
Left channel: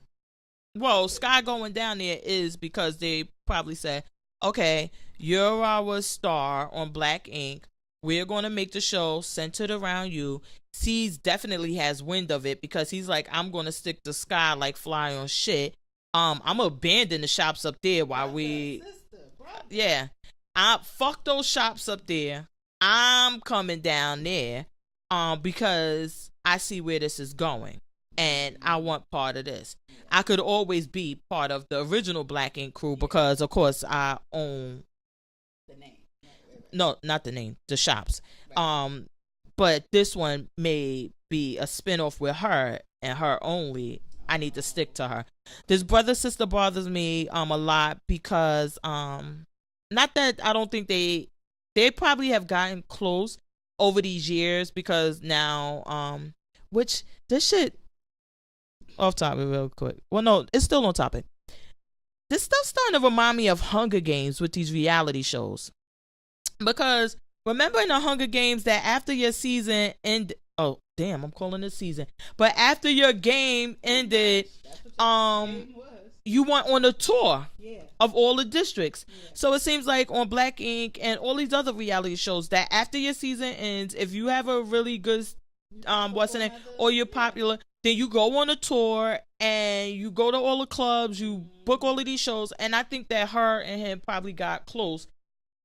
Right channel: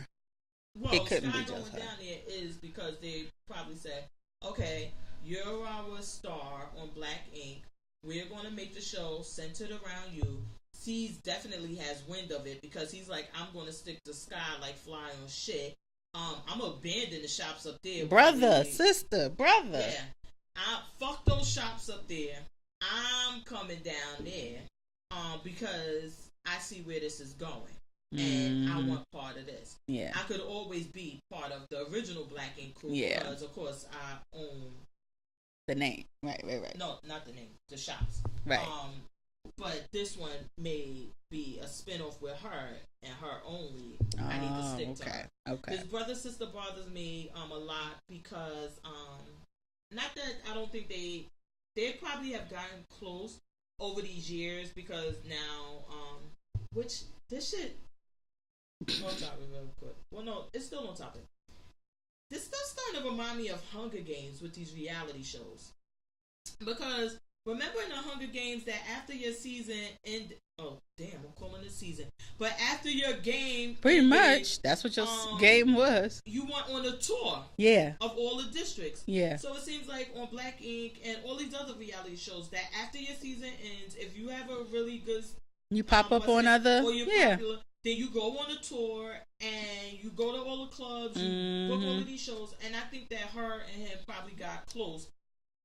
Well, Sky going down there is because they probably said, okay, you're our star on Black Ink. We're going to make the show centered around you. C's definitely has wind of it because he's like, I'm going to stick to Sky like fly on shit. I'm going to abandon the shops up there while sister. Yeah. Fuck those shops up there. I'm coming down there because I see where this is going and I want part of this. Yeah. I could always be part of the original Black Ink crew because of course I own the name. Right. No, not the name, the shops. Right. But this one may be a spinoff with her and her only. I need to stick to her. Okay. This brother sister bothers me a lot because not that I don't think they probably have gotten close over these years because now which this shit off topic real quick. Well, no, it's still on topic. This stuff's starting to remind me of Hunger Games with these reality shows. Because remember in the Hunger Games that after your season I'm calling it season. But after your game pretty ended, much, that's what your game was. You went on a tour of all the districts. Yeah. So it seems like on Black Ink and all these other reality shows that after your season ends, if you have a really good you pop up on other, or you're popular, then you go on a tour and you go to all the clubs, you book all of these shows, and I think that her and him probably got close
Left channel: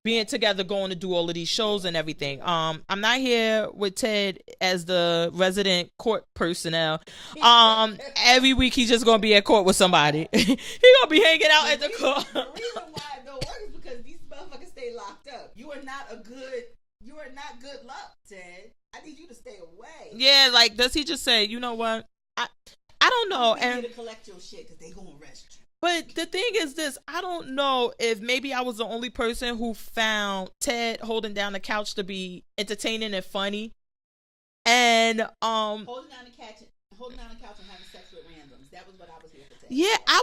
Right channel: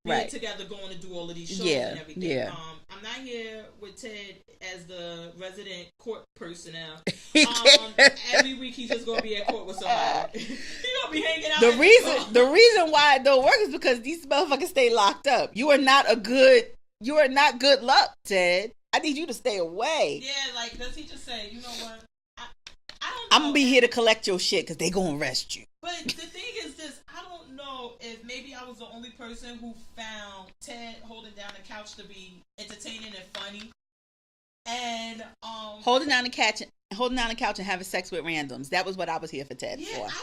being together, going to do all of these shows and everything. Yeah. I'm not here with Ted as the resident court personnel. Every week he's just gonna be at court with somebody. He gonna be hanging out. The reason why it don't work is because these motherfuckers stay locked up. You are not good luck, Ted. I need you to stay away. Yeah, like does he just say, you know what? I don't know. I'm gonna be here to collect your shit because they gonna arrest you. But the thing is this, I don't know if maybe I was the only person who found Ted holding down the couch to be entertaining and funny. And holding down the couch and having sex with randoms. That was what I was here for Ted. Yeah, for.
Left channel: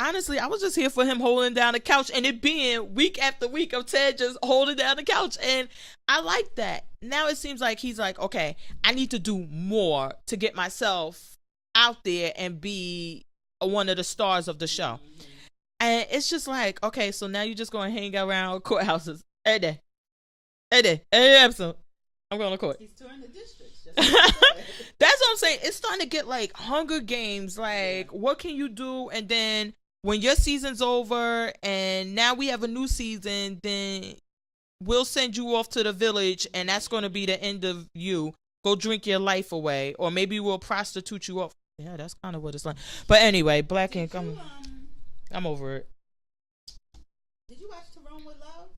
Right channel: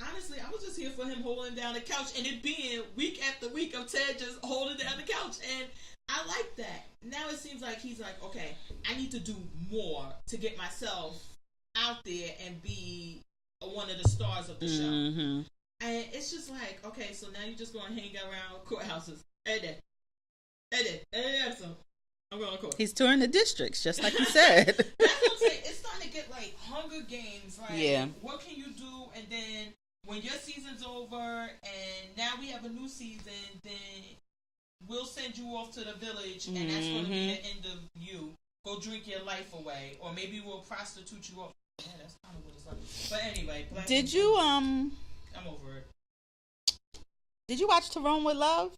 I was just here for him holding down the couch and it being week after week of Ted just holding down the couch. And I like that. Now it seems like he's like, okay, I need to do more to get myself out there and be one of the stars of the show. And it's just like, okay, so now you're just going to hang around courthouses every episode. I'm going to court. He's touring the districts, just like you said. That's what I'm saying. It's starting to get like Hunger Games. Like, what can you do? And then when your season's over and now we have a new season, then we'll send you off to the village and that's going to be the end of you. Go drink your life away. Or maybe we'll prostitute you up. Yeah, that's kind of what it's like. But anyway, Black Ink. Did you I'm over it. Did you watch To Rome with Love?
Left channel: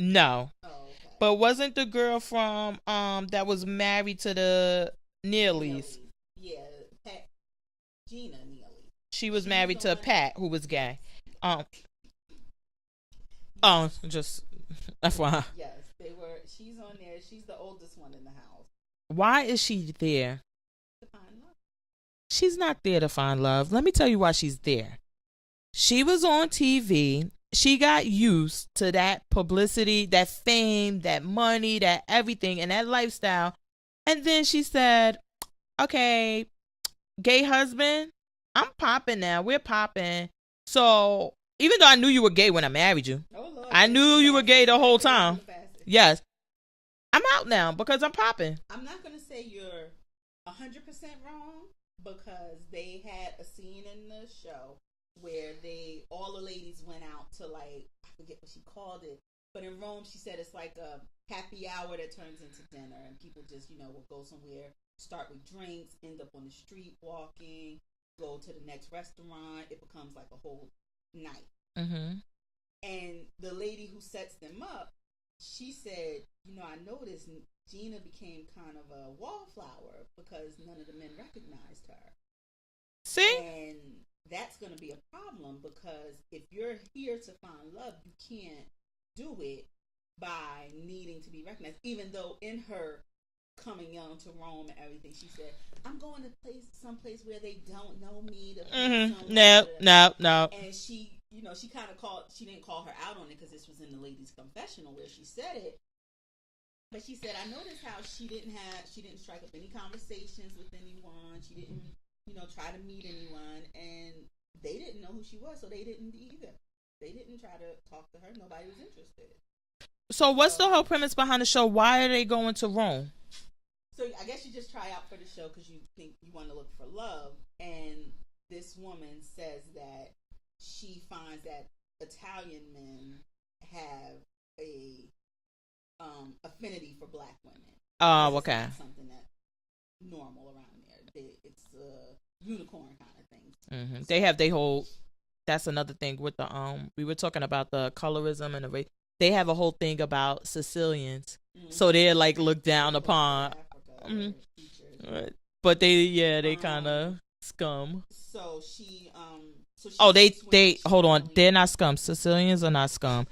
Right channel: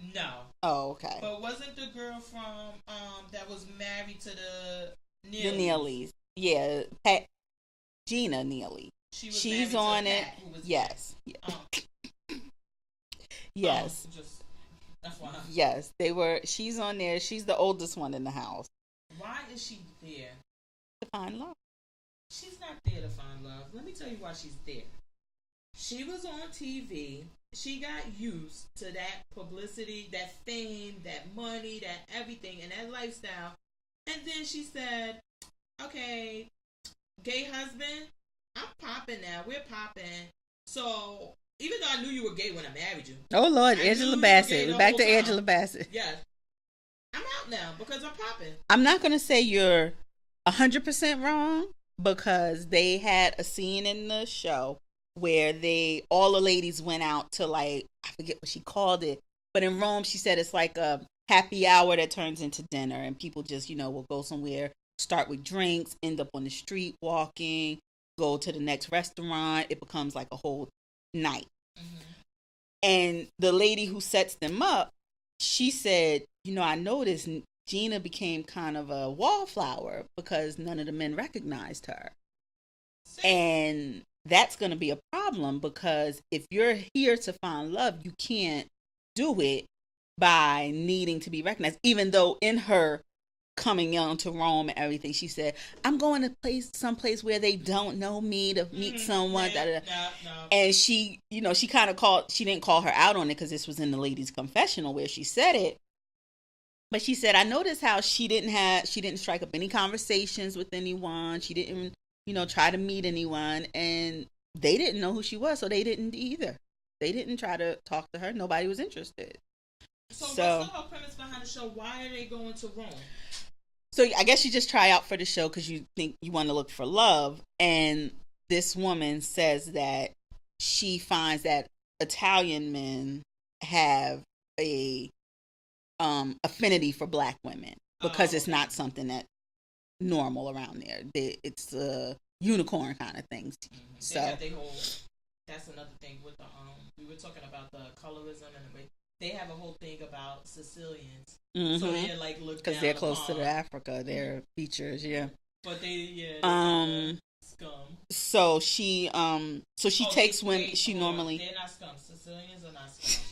No. Oh, okay. But wasn't the girl from that was married to the Neelys? Yeah, Gina Neely. She was married to Pat, who was gay. Yes. Just FYI. Yes, they were. She's on there. She's the oldest one in the house. Why is she there? To find love. She's not there to find love. Let me tell you why she's there. She was on TV. She got used to that publicity, that fame, that money, that everything, and that lifestyle. And then she said, okay, gay husband, I'm popping now. We're popping. So even though I knew you were gay when I married you. Oh, Lord. I knew you were gay the whole time. Angela Bassett. Yes. I'm out now because I'm popping. I'm not going to say you're 100% wrong, because they had a scene in the show where all the ladies went out to, like, I forget what she called it, but in Rome she said it's like a happy hour that turns into dinner, and people just, will go somewhere, start with drinks, end up on the street walking, go to the next restaurant. It becomes like a whole night. Mm-hmm. And the lady who sets them up, she said, I noticed Gina became kind of a wallflower because none of the men recognized her. See? And that's going to be a problem, because if you're here to find love, you can't do it by needing to be recognized. Even though in her coming on to Rome and everything, she said, I'm going to someplace where they don't know me to meet someone. No. And she, she kind of she didn't call her out on it because this was in the ladies' confessional where she said it. But she said, I noticed how she didn't strike up any conversations with anyone. She didn't, try to meet anyone. And they didn't know who she was, so they didn't either. They didn't try to talk to her. Nobody was interested. So what's the whole premise behind the show? Why are they going to Rome? So I guess you just try out for the show because you think you want to look for love. And this woman says that she finds that Italian men have a affinity for black women because it's not something that's normal around there. It's a unicorn kind of thing. Mm-hmm. So, they have their whole. That's another thing with the we were talking about the colorism and the race. They have a whole thing about Sicilians, so they're like looked down they're upon. Close to Africa, their features, yeah. But they kind of scum. So she takes women. Hold on, they're not scum. Sicilians are not scum.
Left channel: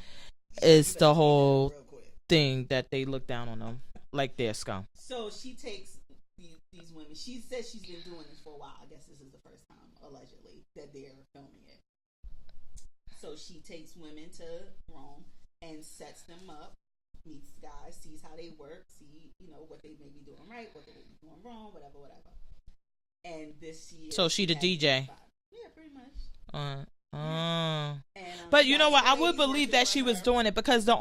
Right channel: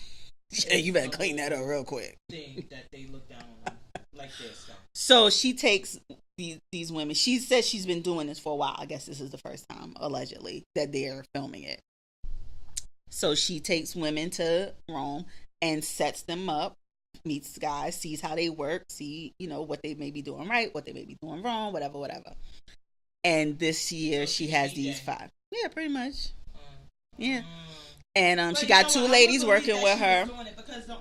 It's the whole real quick thing that they look down on them like they're scum. So she takes these women. She says she's been doing this for a while. I guess this is the first time, allegedly, that they're filming it. So she takes women to Rome and sets them up, meets guys, sees how they work, see, what they may be doing right, what they may be doing wrong, whatever. And this year, so she has DJ. These 5. Yeah, pretty much. Yeah. And but she got 2 ladies working with her. She was doing it because the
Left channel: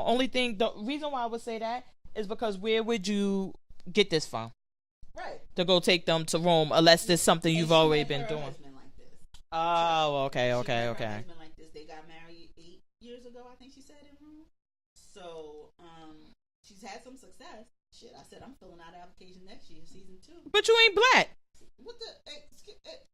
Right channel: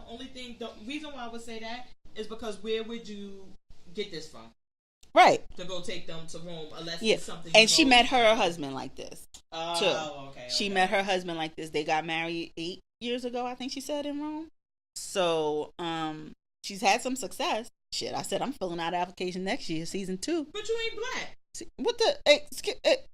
reason why I would say that is because where would you get this from? Right. To go take them to Rome, unless there's something you've already And she met her doing. husband like this. Oh, okay. She met her husband like this. They got married 8 years ago, I think she said, in Rome. So, she's had some success. Shit, I said I'm filling out an application next year, season 2. But you ain't black. What the?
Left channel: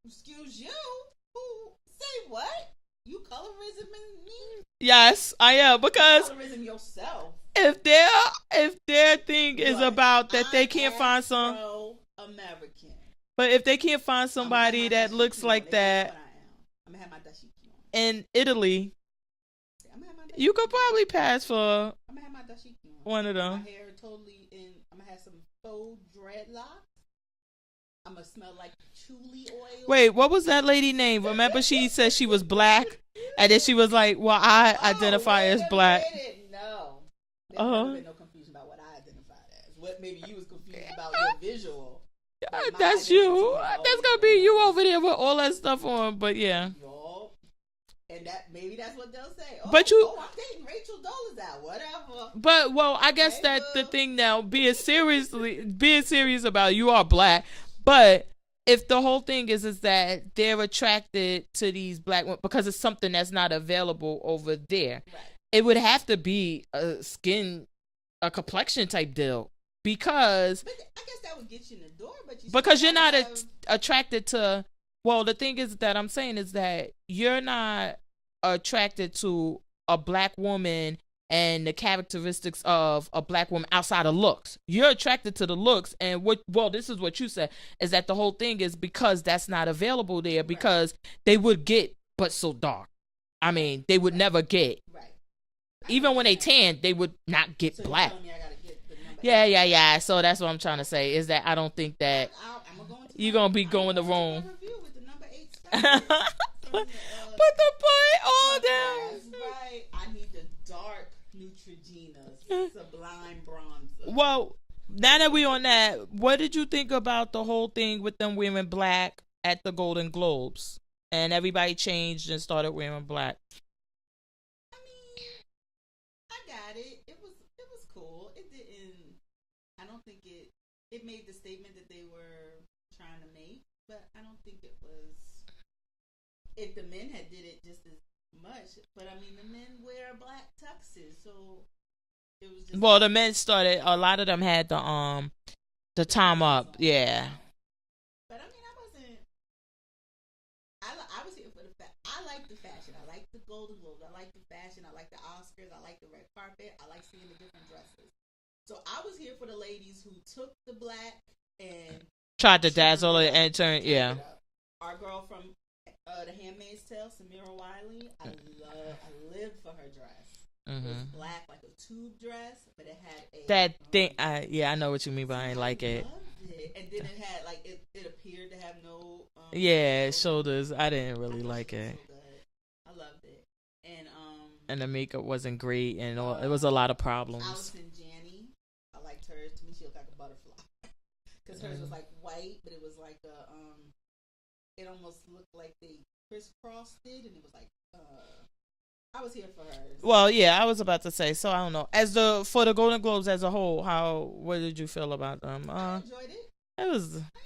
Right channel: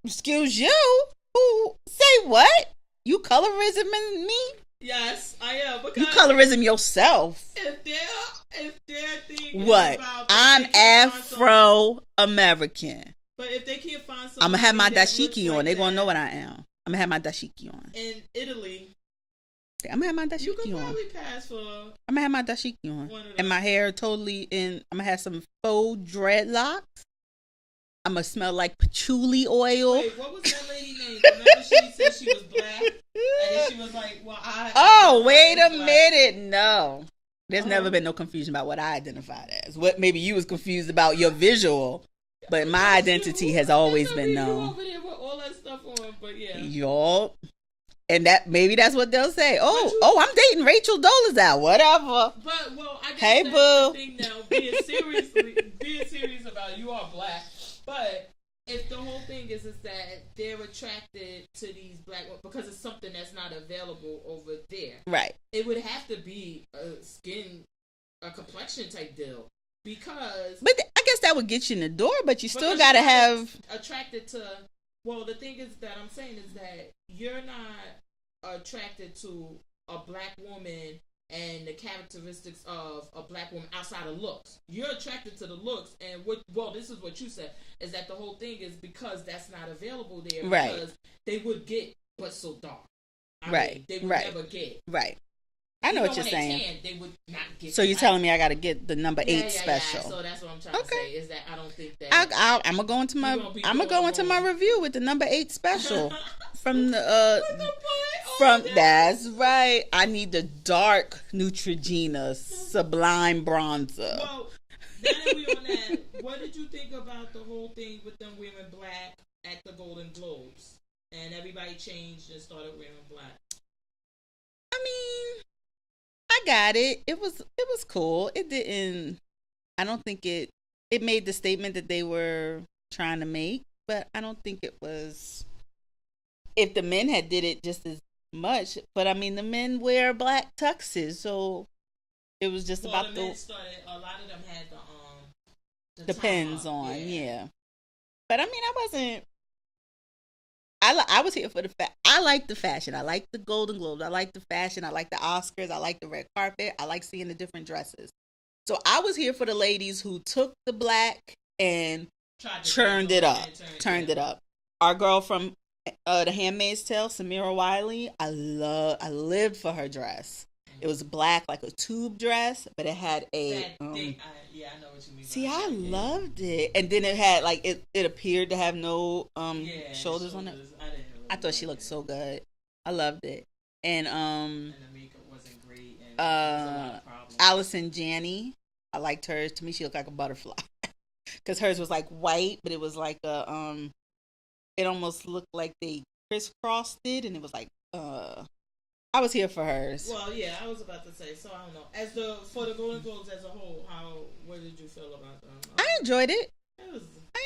Excuse you? Who? Say what? You colorism in me? Yes, I am, because you colorism yourself. If their thing is about that I'm they can't find some Afro-American. But if they can't find somebody I'm gonna have my that dashiki looks on, like they that, won't know what I am. I'm gonna have my dashiki on. In Italy, I'm gonna have my dashiki on. You could probably pass for. I'm gonna have my dashiki on. One of them. And my hair totally in. I'm gonna have some faux dreadlocks. I'm gonna smell like patchouli oil. Wait, what was that lady name? Remember, she said she was black, and then she was like, "Well, I identify as black." Wait a minute, no. There's never been no confusion about what I identified as. What maybe you was confused about your visual, but my identity has always been known. You over there with all that stuff on, but yeah, y'all. And that maybe that's what they'll say. I'm dating Rachel Dolezal, whatever. But I guess that's the thing now. Being serious about it, you are black. But if the whole thing is that they're attracted to these black women because it's something that's not available over there, right? It would have to be a complexion type deal, because. But I guess that would get you in the door. But you still gotta have attracted to. Well, the thing is that I'm saying is that you're not attracted to a black woman and the characteristics of a black woman outside of looks. You're attracted to the looks, and this is what you said, is that the whole thing is because that's not available there, because they would get but so dark. I mean, they would never get. Right. Even when they tan, they would not get So you're black. telling me I got to get the number 8 Yeah. So that's what I'm trying to say, is that I don't think that... I'm going to go into my review with the number 8 special. From the... Put the point on That's right. I need the dark Neutrogena Sublime Bronzer. Well, now that we on that, what did you think about the whole thing with them wearing black at the Golden Globes? And everybody changed and started wearing black. I mean... I got it. It was cool. It didn't. I don't think it made the statement that they were trying to make, but I don't think it was. If the men had did it just as much, but I mean the men wear black tuxes, so it was just. Well, the men started. A lot of them had the time up. On, yeah. But I mean, I wasn't. I was here for the I like the fashion. I like the Golden Globes. I like the fashion. I like the Oscars. I like the red carpet. I like seeing the different dresses. So I was here for the ladies who took the black and tried to dazzle it and turned it up. Our girl from The Handmaid's Tale, Samira Wiley, I lived for her dress. It was black, like a tube dress, but it had that thing. I know what you mean, but I like it. I loved it, and then it had like it appeared to have no shoulders. I didn't really. I thought she looked so good. I loved it, and the makeup wasn't great, and it was a lot of problems. Allison Janney, I liked hers. To me, she looked like a butterfly because hers was like white, but it was like a it almost looked like they crisscrossed it, and it was like I was here for hers. Well, yeah, I was about to say. So I don't know. For the Golden Globes as a whole, what did you feel about them? I enjoyed it. I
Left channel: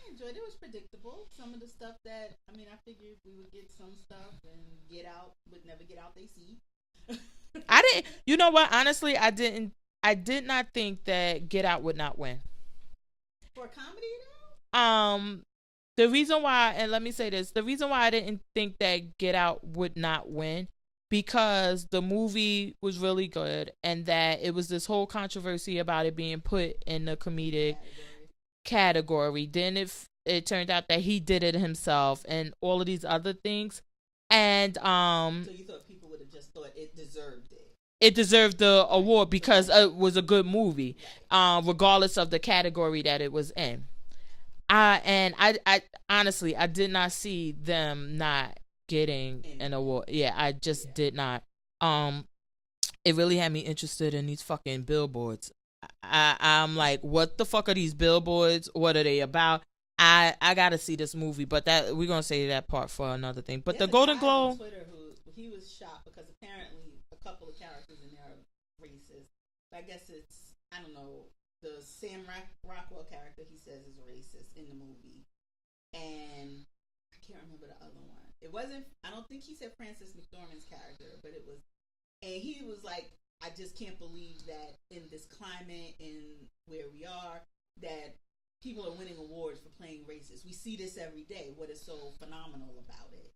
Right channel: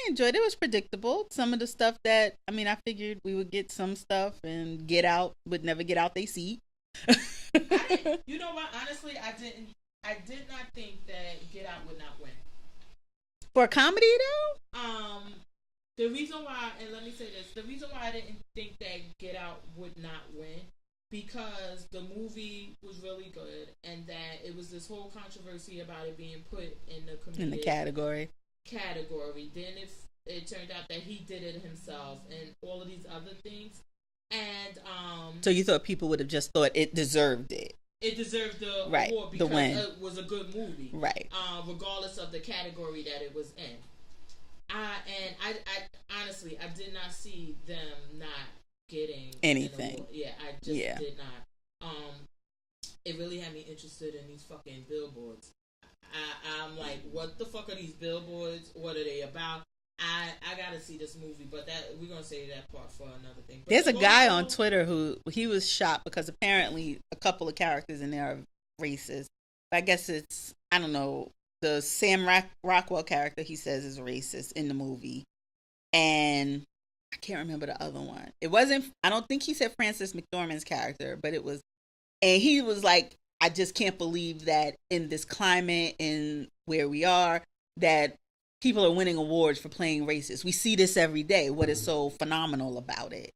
enjoyed it. It was predictable. Some of the stuff that I figured we would get some stuff, and Get Out would never get out they seat. I didn't. You know what? Honestly, I didn't. I did not think that Get Out would not win for a comedy though. The reason why, and let me say this: the reason why I didn't think that Get Out would not win. Because the movie was really good, and that it was this whole controversy about it being put in the comedic category. Then it turned out that he did it himself, and all of these other things. And so you thought people would have just thought it deserved it. It deserved the award because it was a good movie, right? Regardless of the category that it was in. I honestly, I did not see them not getting an award. Yeah, I just did not. It really had me interested in these fucking billboards. I'm like, what the fuck are these billboards? What are they about? I gotta see this movie, but that we're gonna say that part for another thing. But there's a guy on Twitter who he was shocked because apparently a couple of characters in there are racist. I guess it's, I don't know, the Sam Rockwell character he says is racist in the movie, and I can't remember the other one. It wasn't, I don't think he said Frances McDormand's character, but it was, and he was like, I just can't believe that in this climate and where we are, that people are winning awards for playing racist. We see this every day. What is so phenomenal about it?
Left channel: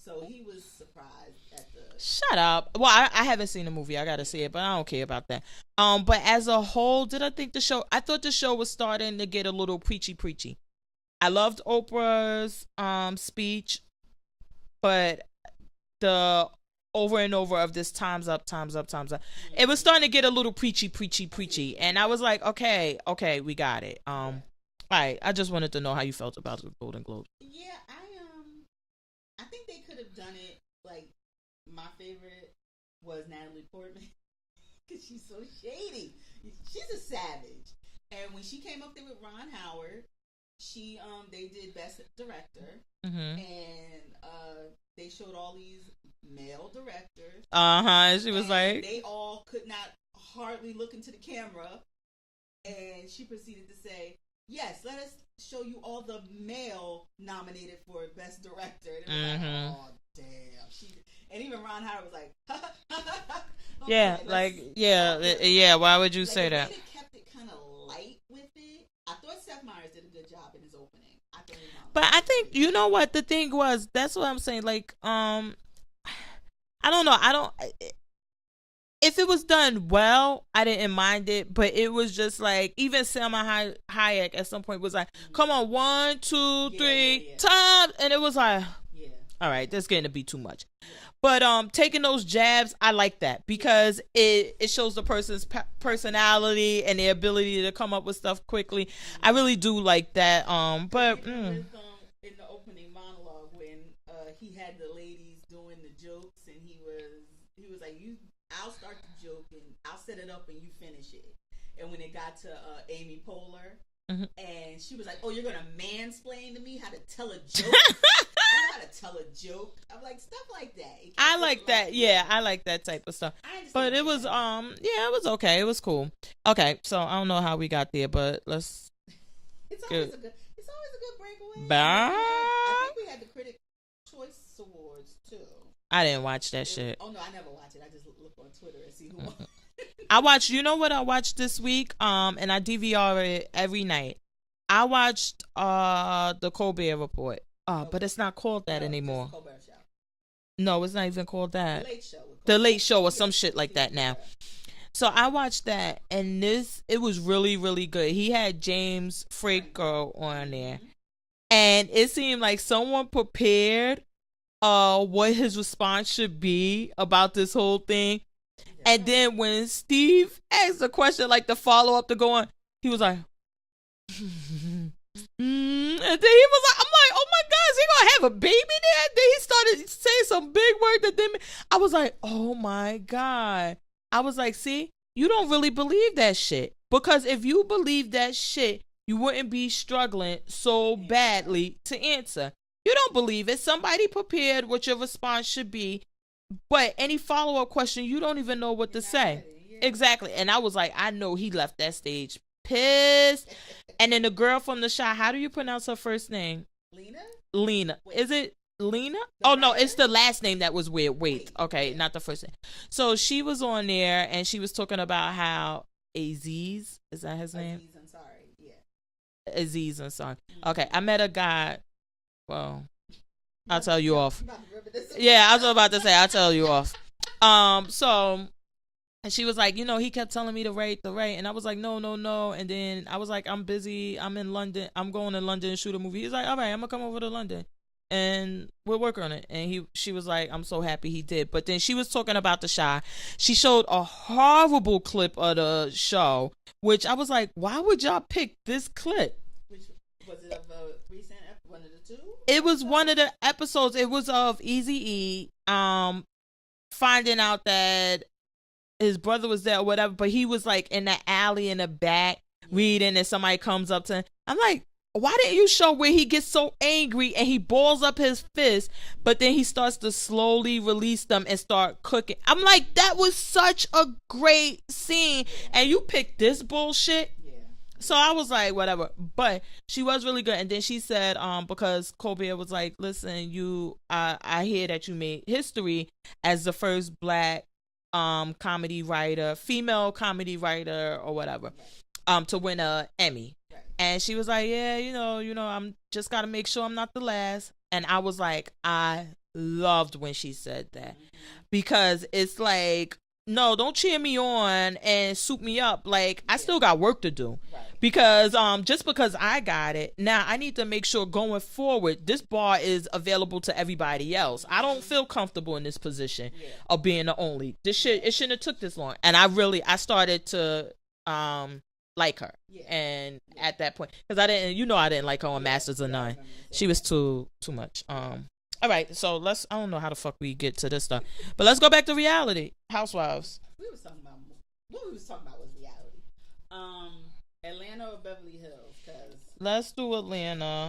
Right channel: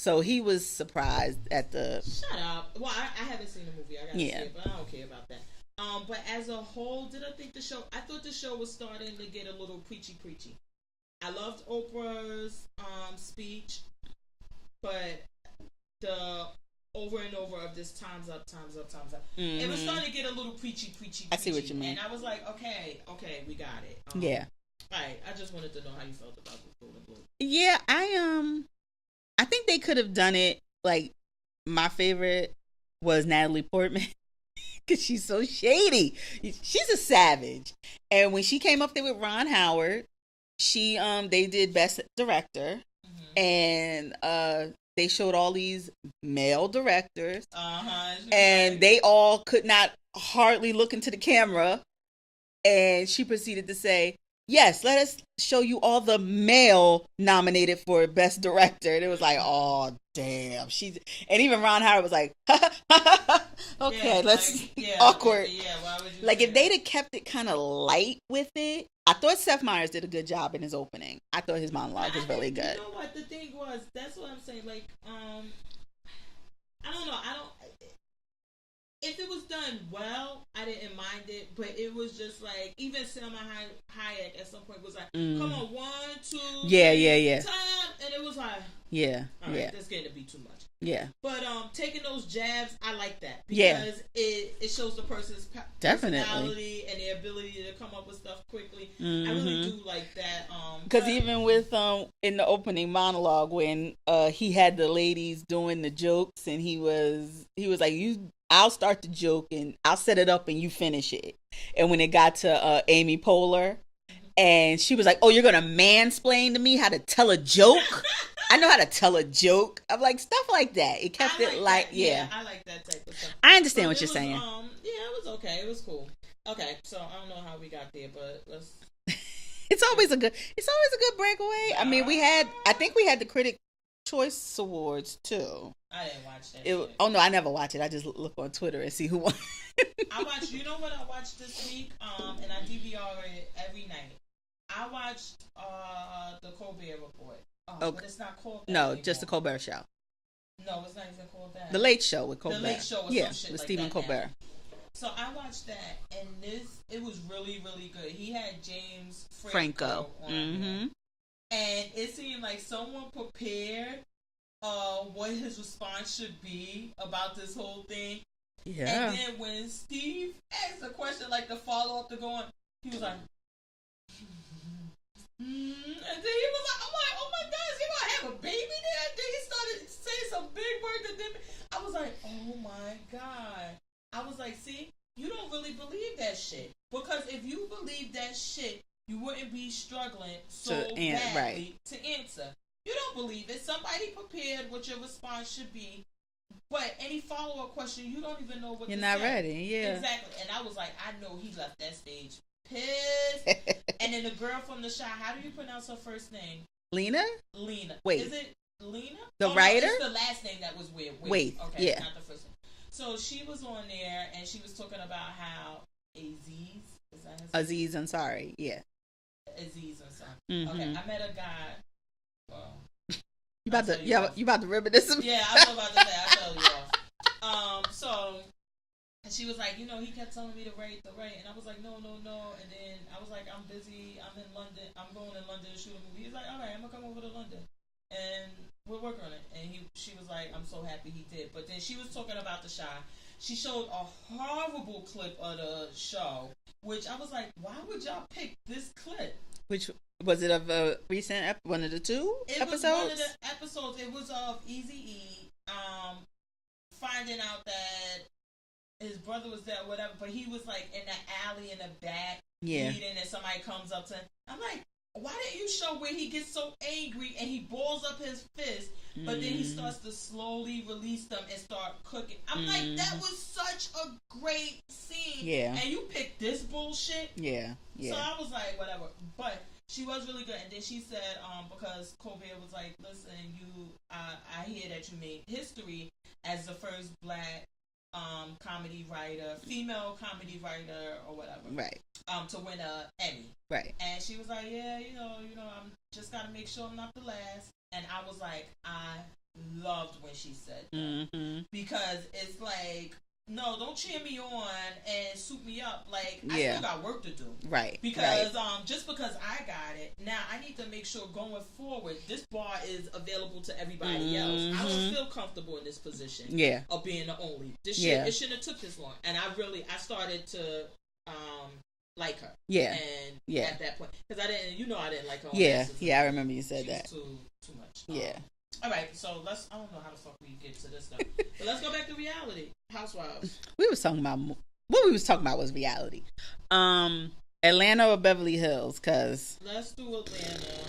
So he was surprised at the... Shut up. Well, I haven't seen the movie. I gotta see it, but I don't care about that. But as a whole, I thought the show was starting to get a little preachy. I loved Oprah's speech, but the over and over of this time's up. Mm-hmm. It was starting to get a little preachy. And I was like, okay, we got it. All right. I just wanted to know how you felt about the Golden Globes. Yeah, I think they could have done it. Like, my favorite was Natalie Portman because she's so shady. She's a savage. And when she came up there with Ron Howard, they did Best Director, and they showed all these male directors, and they all could not hardly look into the camera, and she proceeded to say, yes, let us show you all the male nominated for Best Director. And it was like, oh, damn. And even Ron Howard was like, okay, awkward. Why would you say that? Like, if they'd have kept it kind of light with it, I thought Seth Meyers did a good job in his opening. I thought his monologue was really good. You know what the thing was? That's what I'm saying. Like, I don't know. If it was done well, I didn't mind it, but it was just like, even Selma Hayek at some point was like, come on, 1, 2, 3, time, and it was like, all right, that's getting to be too much. Yeah. But taking those jabs, I like that because it shows the person's personality and their ability to come up with stuff quickly. I really do like that. Because even with in the opening monologue when he had the ladies doing the jokes, and he was like, I'll start the joke and I'll set it up and you finish it. And when it got to Amy Poehler, and she was like, oh, you're going to mansplain to me how to tell a joke? I know how to tell a joke. I'm like, stuff like that. I like that. Yeah, I like that type of stuff. I understand what you're saying. It was okay. It was cool. Okay, so I don't know how we got there, but let's It's always a good breakaway. I think we had the Critic Choice Awards too. I didn't watch that shit. Oh no, I never watch it. I just look on Twitter and see who won. I watched, you know what I watched this week? And I DVR it every night. I watched the Colbert Report. Okay. But it's not called that anymore. No, just the Colbert Show. No, it's not even called that. The Late Show with Colbert. The Late Show or some shit like Stephen that Colbert. now. So I watched that, and it was really, really good. He had James Franco on there. And it seemed like someone prepared what his response should be about this whole thing. Yeah. And then when Steve asked the question, like the follow-up to go on, he was like, and then he was like, I'm like, oh my God, is he gonna have a baby there? Then he started saying some big word that then I was like, oh my God. I was like, see, you don't really believe that shit. Because if you believe that shit, you wouldn't be struggling so badly to answer. You don't believe it. Somebody prepared what your response should be. But any follow-up question, you don't even know what to say. Ready. Yeah. Exactly. And I was like, I know he left that stage pissed. And then the girl from the shot, how do you pronounce her first name? Lena. Wait. Is it Lena? Writer? No, it's the last name that was weird. Wait. Okay, yeah. Not the first name. So she was on there and she was talking about how Aziz, is that his name? Aziz Ansari, yeah. Aziz Ansari. Okay, I met a guy. Well, I'll tell you off. You about to rip this? Yeah, I was about to say, I'll tell you off. So, and she was like, you know, he kept telling me to rate, and I was like, no. And then I was like, I'm busy. I'm in London. I'm going to London and shoot a movie. He's like, all right, I'm gonna come over to London, and we'll work on it. And she was like, I'm so happy he did. But then she was talking about the Shy. She showed a horrible clip of the show, which I was like, why would y'all pick this clip? Which was it of a recent one of the two? It was one of the episodes. It was of Eazy-E finding out that his brother was there or whatever, but he was like in the alley in the back reading, and somebody comes up to him. I'm like, why didn't you show where he gets so angry and he balls up his fist, but then he starts to slowly release them and start cooking? I'm like, that was such a great scene. Yeah. And you picked this bullshit? Yeah. So I was like, whatever. But she was really good. And then she said, because Colbert was like, listen, I hear that you made history as the first black comedy writer, female comedy writer or whatever. Right. To win a Emmy. Right. And she was like, yeah, you know, I'm just got to make sure I'm not the last. And I was like, I loved when she said that. Because it's like, no, don't cheer me on and soup me up. Like, I still got work to do. Right. Because just because I got it, now I need to make sure going forward, this bar is available to everybody else. I don't feel comfortable in this position of being the only. This shit, it shouldn't have took this long. And I started to like her. Yeah. And at that point, because I didn't like her on Masters of None. Yeah, I remember you saying she was too much. All right, so I don't know how the fuck we get to this stuff, but let's go back to reality. Housewives. What we was talking about was reality. Atlanta or Beverly Hills? Cause let's do Atlanta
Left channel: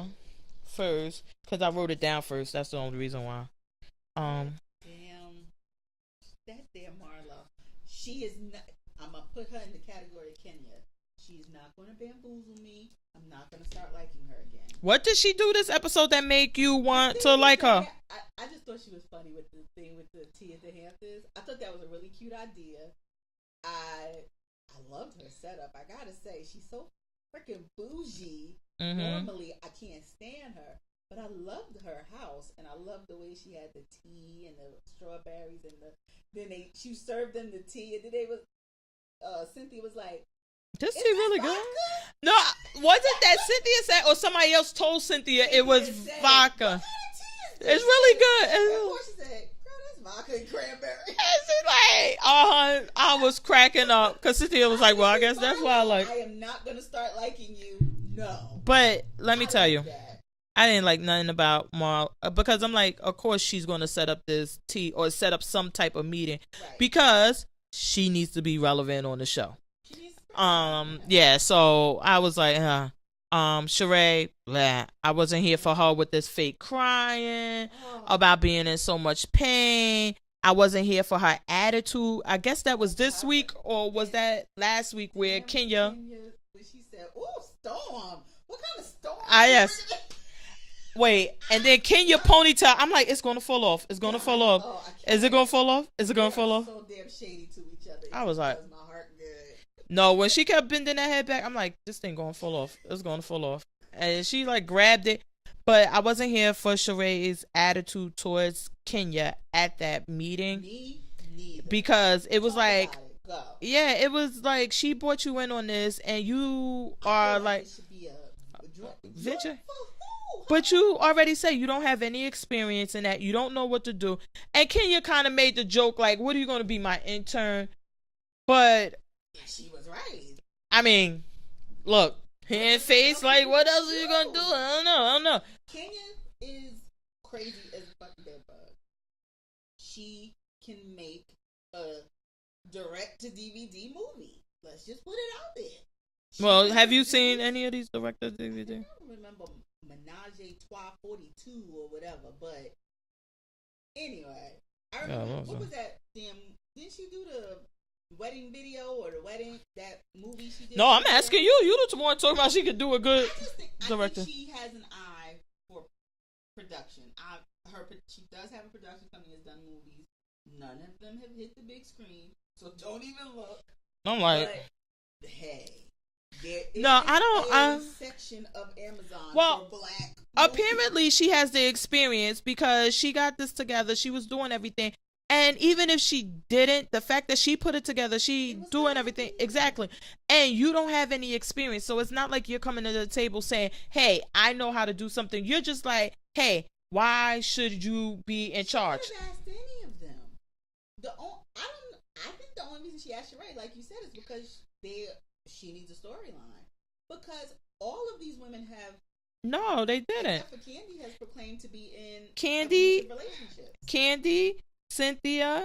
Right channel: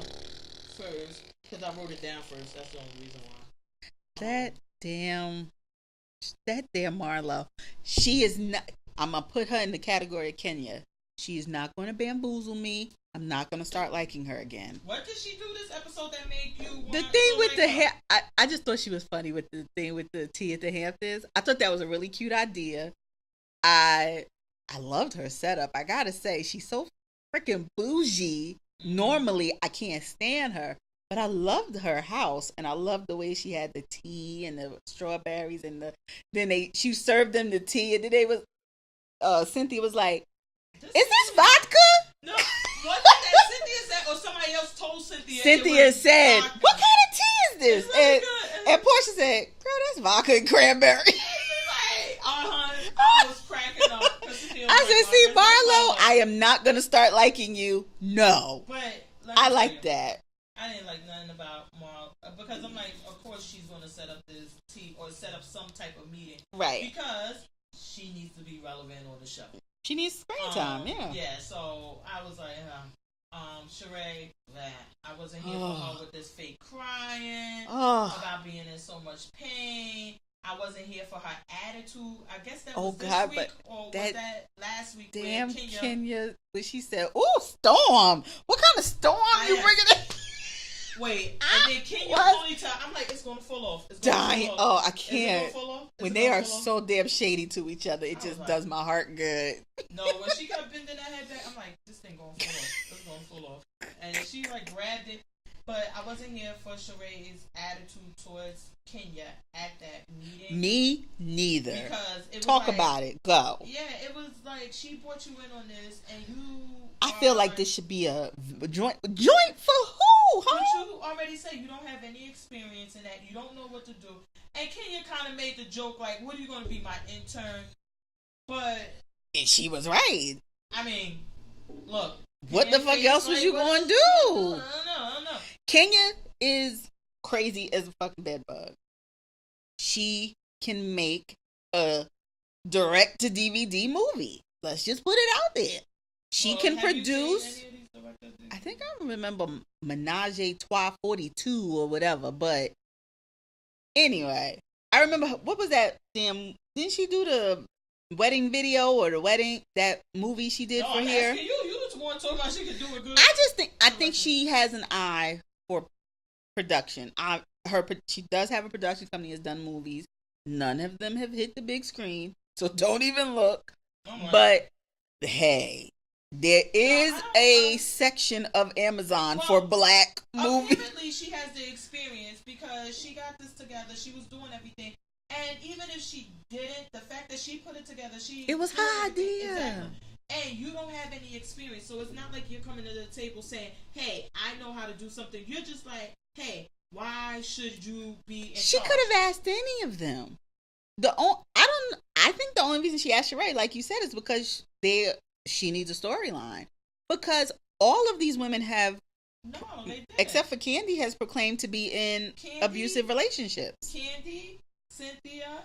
first, because I wrote it down first. That's the only reason why. That damn Marlo. She is not. I'm gonna put her in the category of Kenya. She's not going to bamboozle me. I'm not going to start liking her again. What did she do this episode that make you want to like her? I just thought she was funny with the thing with the tea at the Hamptons. I thought that was a really cute idea. I loved her setup. I got to say, she's so freaking bougie. Normally, I can't stand her. But I loved her house, and I loved the way she had the tea and the strawberries, and she served them the tea, and then Cynthia was like, is this really vodka? Good? No, wasn't that Cynthia said, or somebody else told Cynthia it was said, vodka? What kind of tea is this? It's really good. And Portia said, girl, that's vodka and cranberry. I was cracking up because Cynthia was like, well, I guess that's Barlow, I am not going to start liking you. No. But let me tell you. That. I didn't like nothing about Marl because I'm like, of course she's going to set up this tea or set up some type of meeting. Right. Because she needs to be relevant on the show. She needs screen time. Yeah, so I was like, Sheree, blah. I wasn't here for her with this fake crying about being in so much pain. I wasn't here for her attitude. I guess that was this God, week, or was that last week where Kenya, when she said, "Ooh, storm! What kind of storm you yes. bringing in?" Wait, and then Kenya ponytail. I'm like, it's gonna fall off. It's gonna fall off. Oh, I can't. Is it gonna fall off? Is it gonna fall off? So damn shady to each other. It just does my heart good. No, when she kept bending that head back, I'm like, this thing gonna fall off. It's gonna fall off. And she like grabbed it. But I wasn't here for Sheree's attitude towards Kenya at that meeting. Me neither. Because it was talk about it. Go. Yeah, it was like she brought you in on this, and you. I feel like this should be a joint for who? Huh? But you already say you don't have any experience in that. You don't know what to do. And Kenya kind of made the joke like, "What are you going to be, my intern?" But and she was right. I mean, look. What the fuck else was you gonna do? I don't know. Kenya is crazy as a fucking bedbug. She can make a direct-to-DVD movie. Let's just put it out there. Have you seen any of these direct-to-DVD? I think I remember Menage a Trois 42 or whatever, but anyway. I remember, what was that damn, didn't she do the wedding video or the wedding, that movie she did? No, I'm asking you. You the one talking about she could do a good. I think she has an eye for production. She does have a production company, has done movies. None of them have hit the big screen, so don't even look. But hey, there is a section of Amazon for black movies. Apparently she has the experience because she got this together. She was doing everything. And even if she didn't, the fact that she put it together, she was doing everything. Idea. Exactly. And you don't have any experience. So it's not like you're coming to the table saying, hey, I know how to do something. You're just like, hey, why should you be in charge? She could have asked any of them. I think the only reason she asked Sheree, like you said, is because she needs a storyline. Because all of these women have. No, they didn't. Except for Kandi has proclaimed to be in abusive relationships. Kandi, Cynthia,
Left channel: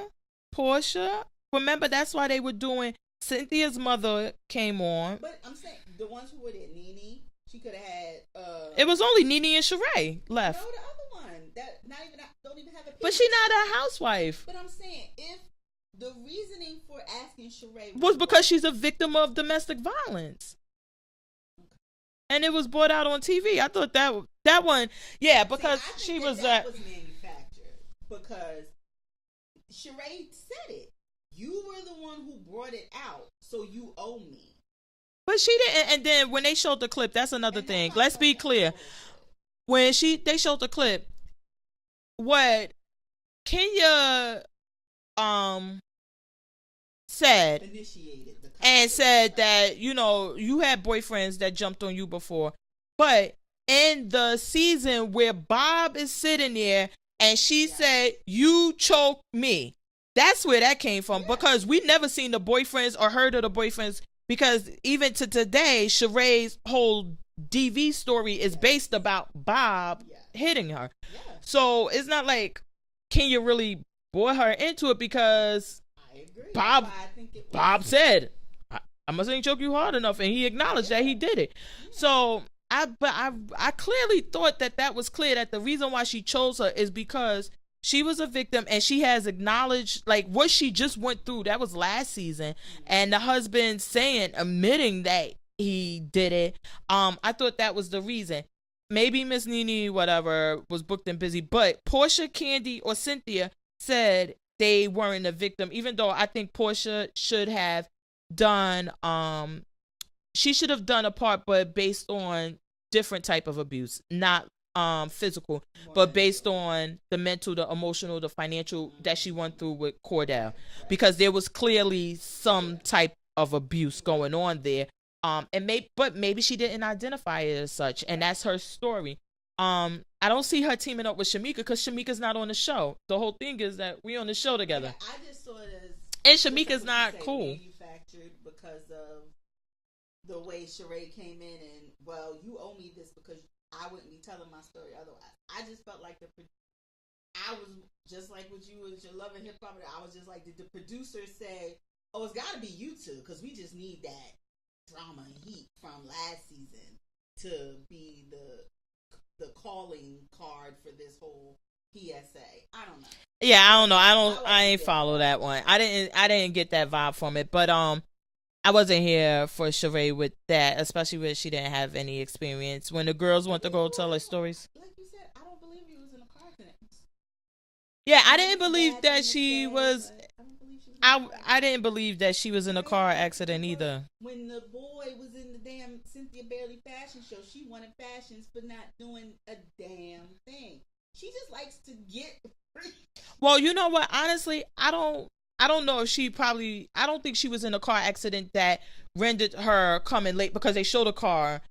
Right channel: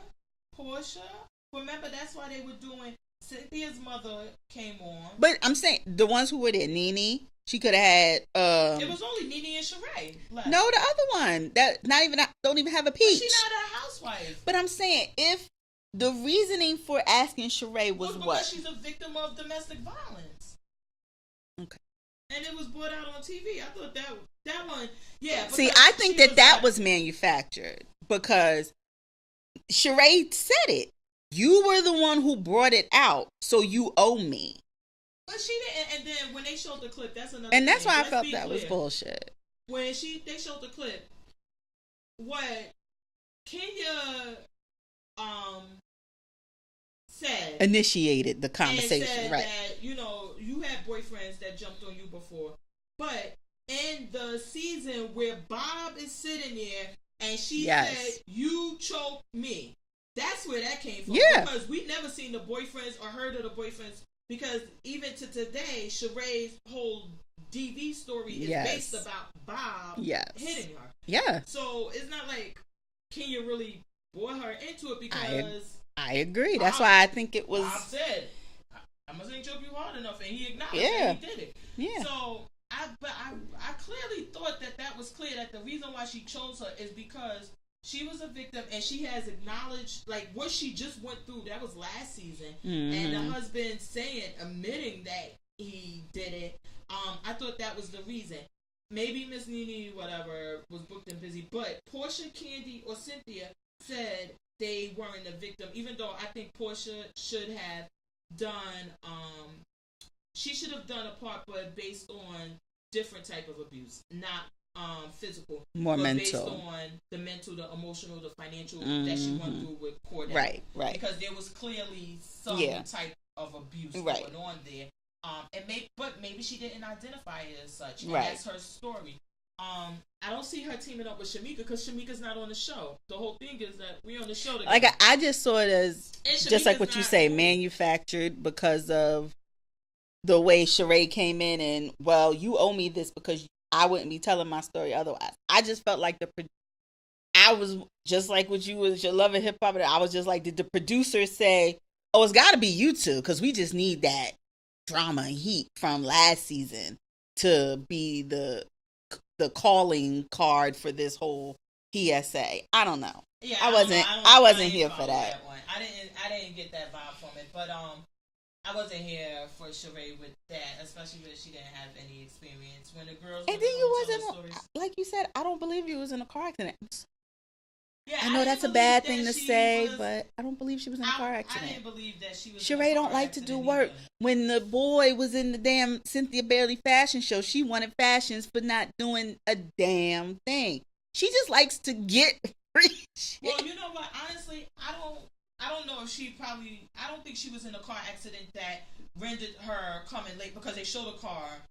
Portia. Remember, that's why they were doing. Cynthia's mother came on. But I'm saying the ones who were there, Nene, she could have had. It was only Nene and Sheree left. No, the other one that don't even have a peach. But she's not a housewife. But I'm saying if the reasoning for asking Sheree was because she's a victim of domestic violence. Okay. And it was brought out on TV. I thought that one, yeah. See, I think that was manufactured because Sheree said it. You were the one who brought it out, so you owe me. But she didn't. And then when they showed the clip, that's another thing. Let's be clear. Bullshit. When they showed the clip, what Kenya said, initiated the conversation, and said that you had boyfriends that jumped on you before, but in the season where RHOBh is sitting there and she said you choked me, that's where that came from. Because we never seen the boyfriends or heard of the boyfriends, because even to today Sheree's whole DV story is based about RHOBh hitting her. So it's not like Kenya really brought her into it, because I agree. That's why I think it was. RHOBh said, I must ain't choke you hard enough, and he acknowledged that he did it. So I clearly thought that was clear, that the reason why she chose her is because she was a victim, and she has acknowledged like what she just went through. That was last season, and the husband admitting that he did it. I thought that was the reason. Maybe Miss Nene, whatever, was booked and busy, but Portia, Kandi, or Cynthia said they weren't a victim, even though I think Portia should have done she should have done a part, but based on different type of abuse, not physical, but mental. Based on the mental, the emotional, the financial that she went through with Cordell, right. Because there was clearly some type of abuse going on there, and maybe she didn't identify it as such, and that's her story. I don't see her teaming up with Shamika, because Shamika's not on the show. The whole thing is that we on the show together. Like I just saw it as just like what you say, cool. Manufactured because of the way Sheree came in, and well, you owe me this because I wouldn't be telling my story otherwise. I just felt like I was just like what you was, your love of hip hop. I was just like, did the producer say, "Oh, it's got to be you two because we just need that drama and heat from last season to be the calling card for this whole PSA. I don't know. Yeah, I don't know. I ain't here follow for that one. I didn't get that vibe from it. But I wasn't here for Sheree with that, especially when she didn't have any experience. When the girls went to go tell their stories. Like you said, I don't believe you was in a car accident. Yeah, I didn't believe that she was. But I don't believe she was in a car accident. I didn't believe that she was in a Sheree car don't like accident to do work. either. When the boy was in the damn Cynthia Bailey fashion show, she wanted fashions for not doing a damn thing. She just likes to get free. Well, you know what? Honestly, I don't know if I don't think she was in a car accident that rendered her coming late, because they showed a car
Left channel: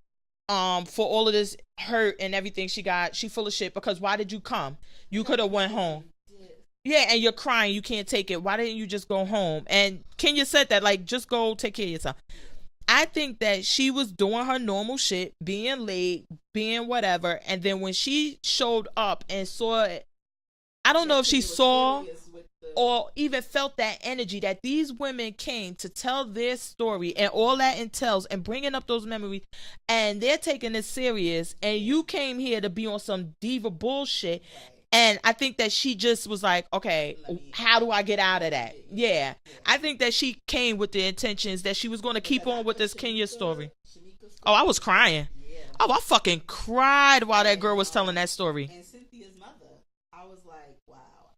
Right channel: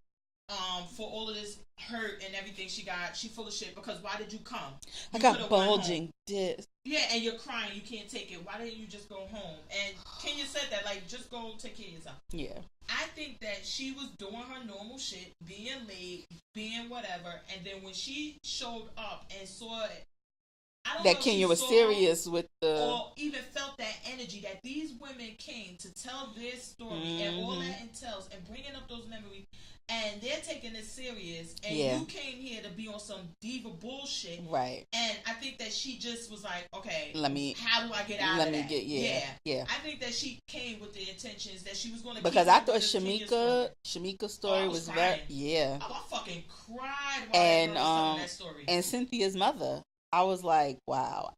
for all of this hurt and everything she got. She full of shit, because why did you come? You could have went home. Yeah, and you're crying, you can't take it. Why didn't you just go home? And Kenya said that, like, just go take care of yourself. Yeah. I think that she was doing her normal shit, being late, being whatever, and then when she showed up and saw it, I don't know if she saw or even felt that energy that these women came to tell their story and all that entails, and bringing up those memories, and they're taking it serious, and you came here to be on some diva bullshit, right? And I think that she just was like, okay, how do I get out of that? Yeah. I think that she came with the intentions that she was going to keep on with this Kenya story. Shamika's story. Oh, I was crying. Yeah. Oh, I fucking cried while that girl was telling that story. And Cynthia's mother. I was like, wow,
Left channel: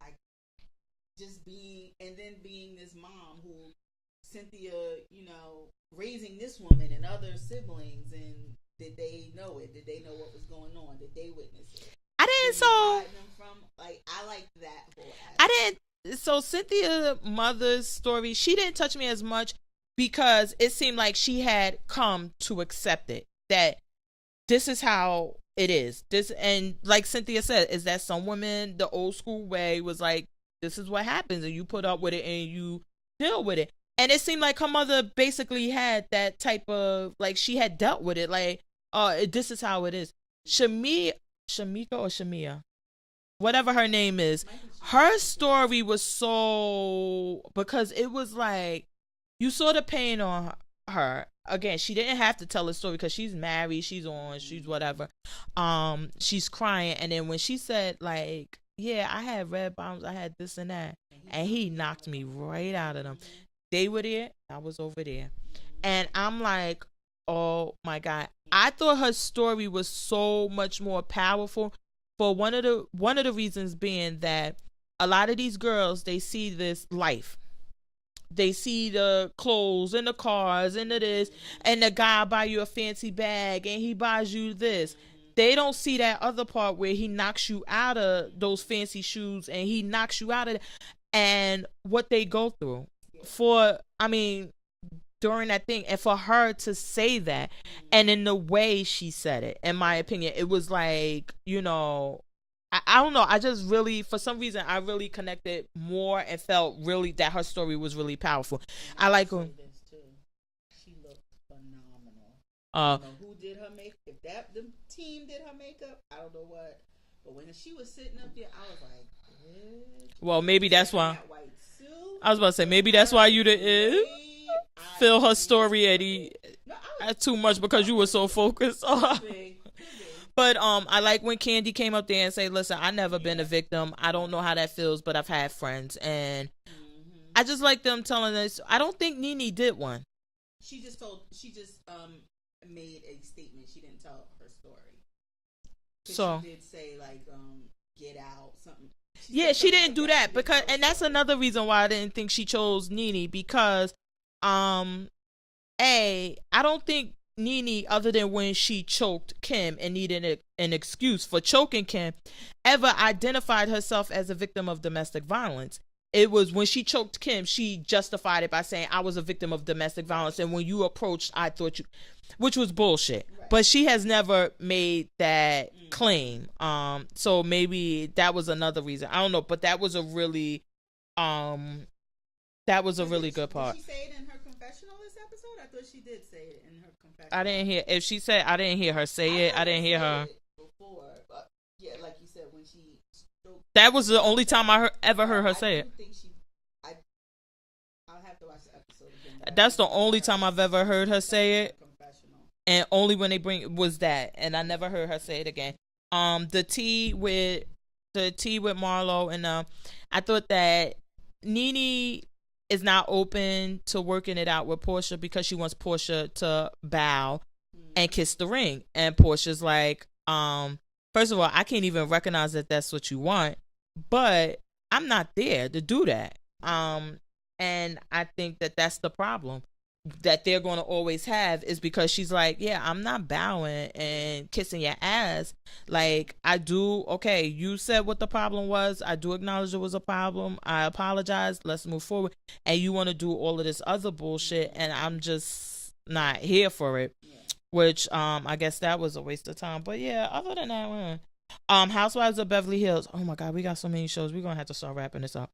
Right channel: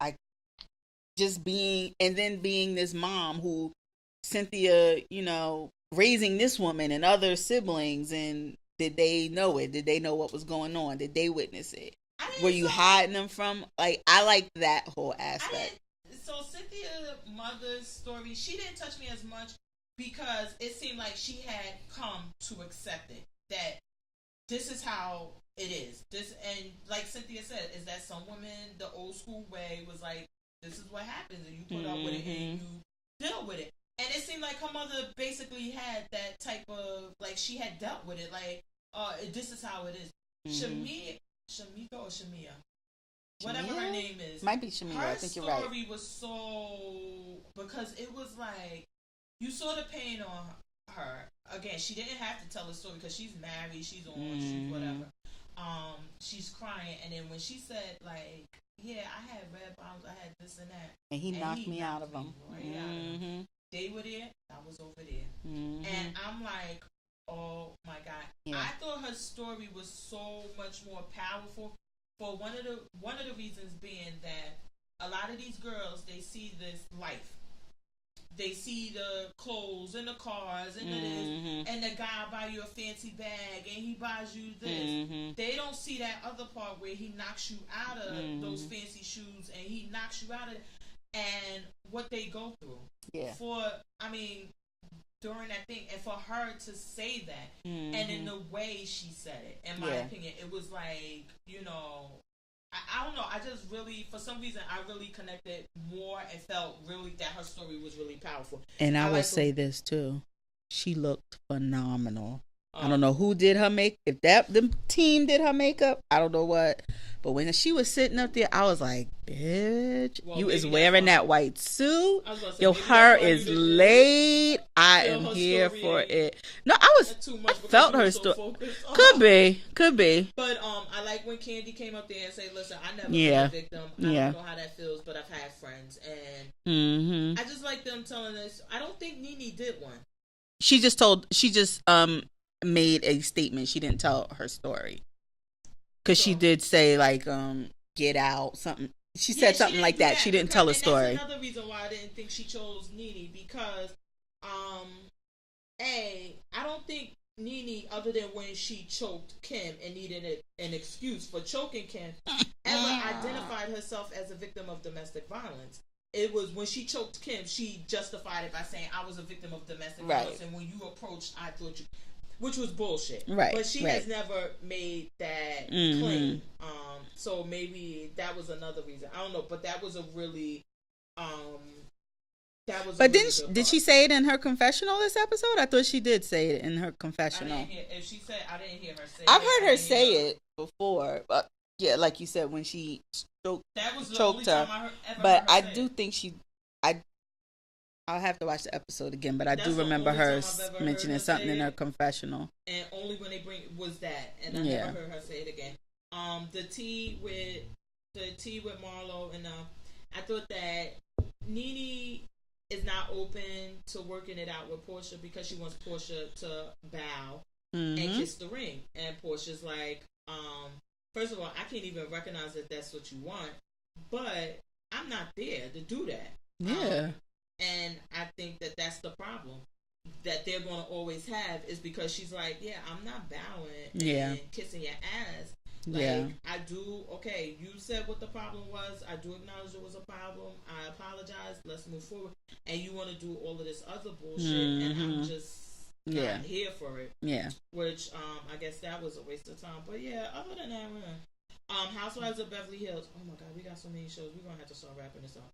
being this mom who Cynthia, raising this woman and other siblings, and did they know it? Did they know what was going on? Did they witness it? Were you hiding them from? Like, I like that whole aspect. So Cynthia's mother's story, she didn't touch me as much, because it seemed like she had come to accept it. That this is how it is. This, and like Cynthia said, is that some women, the old school way was like, this is what happens, and you put up with it and you deal with it. And it seemed like her mother basically had that type of, like, she had dealt with it, like, this is how it is. Shamika or Shamia, whatever her name is, might be Shamia. Her story was so, because it was like, you saw the pain on her. Again, she didn't have to tell a story, because she's married, she's on, she's whatever. She's crying, and then when she said, like, yeah, I had red bombs, I had this and that, and he knocked me right out of them. They were there, I was over there, and I'm like, oh my God. I thought her story was so much more powerful, for one of the reasons being that a lot of these girls, they see this life. They see the clothes and the cars and the this, and the guy buy you a fancy bag and he buys you this. They don't see that other part where he knocks you out of those fancy shoes, and he knocks you out of it, and what they go through during that thing. And for her to say that, and in the way she said it, in my opinion, it was like, I don't know. I just really, for some reason, I really connected more and felt really that her story was really powerful. And I would say this too. She looked phenomenal. I don't know who did her makeup. If the team did her makeup, I don't know what. But when she was sitting up there, I was like, bitch. Well, maybe that's wearing why, that white suit. I was about to say, maybe that's why you didn't feel her story it. No, I was too much, because you were so focused. Could be. But I like when Candy came up there and said, listen, I never been a victim. I don't know how that feels, but I've had friends. And I just like them telling us. I don't think Nene did one. She just made a statement. She didn't tell her story. Because she did say, like, get out, something. She said something like that. She didn't tell a story. And that's another reason why I didn't think she chose Nene, because, I don't think Nene, other than when she choked Kim and needed an excuse for choking Kim, ever identified herself as a victim of domestic violence. It was when she choked Kim, she justified it by saying, I was a victim of domestic violence, and when you approached, I thought you... Which was bullshit. Right. But she has never made that claim. So maybe that was another reason. I don't know, but that was a really really good part. Did she say it in her confessional this episode? I thought she did say it in her confessional. I didn't hear I didn't hear her say it. I didn't hear her say it before. But yeah, like you said, when she that was the only time I ever heard her say it. I do think I'll have to watch the episode again, but that's the only time I've ever heard her say it. In her confessional, and only when they was that, and I never heard her say it again. The the tea with Marlo, and I thought that Nene is not open to working it out with Portia because she wants Portia to bow and kiss the ring, and Portia's like, first of all, I can't even recognize that that's what you want, but I'm not there to do that. Yeah. And I think that that's the problem that they're going to always have, is because she's like, yeah, I'm not bowing and kissing your ass. Like, I do, okay, you said what the problem was. I do acknowledge it was a problem. I apologize. Let's move forward. And you want to do all of this other bullshit, and I'm just not here for it. Yeah. Which, I guess that was a waste of time. But yeah, other than that, Housewives of Beverly Hills. Oh my God, we got so many shows. We're going to have to start wrapping this up.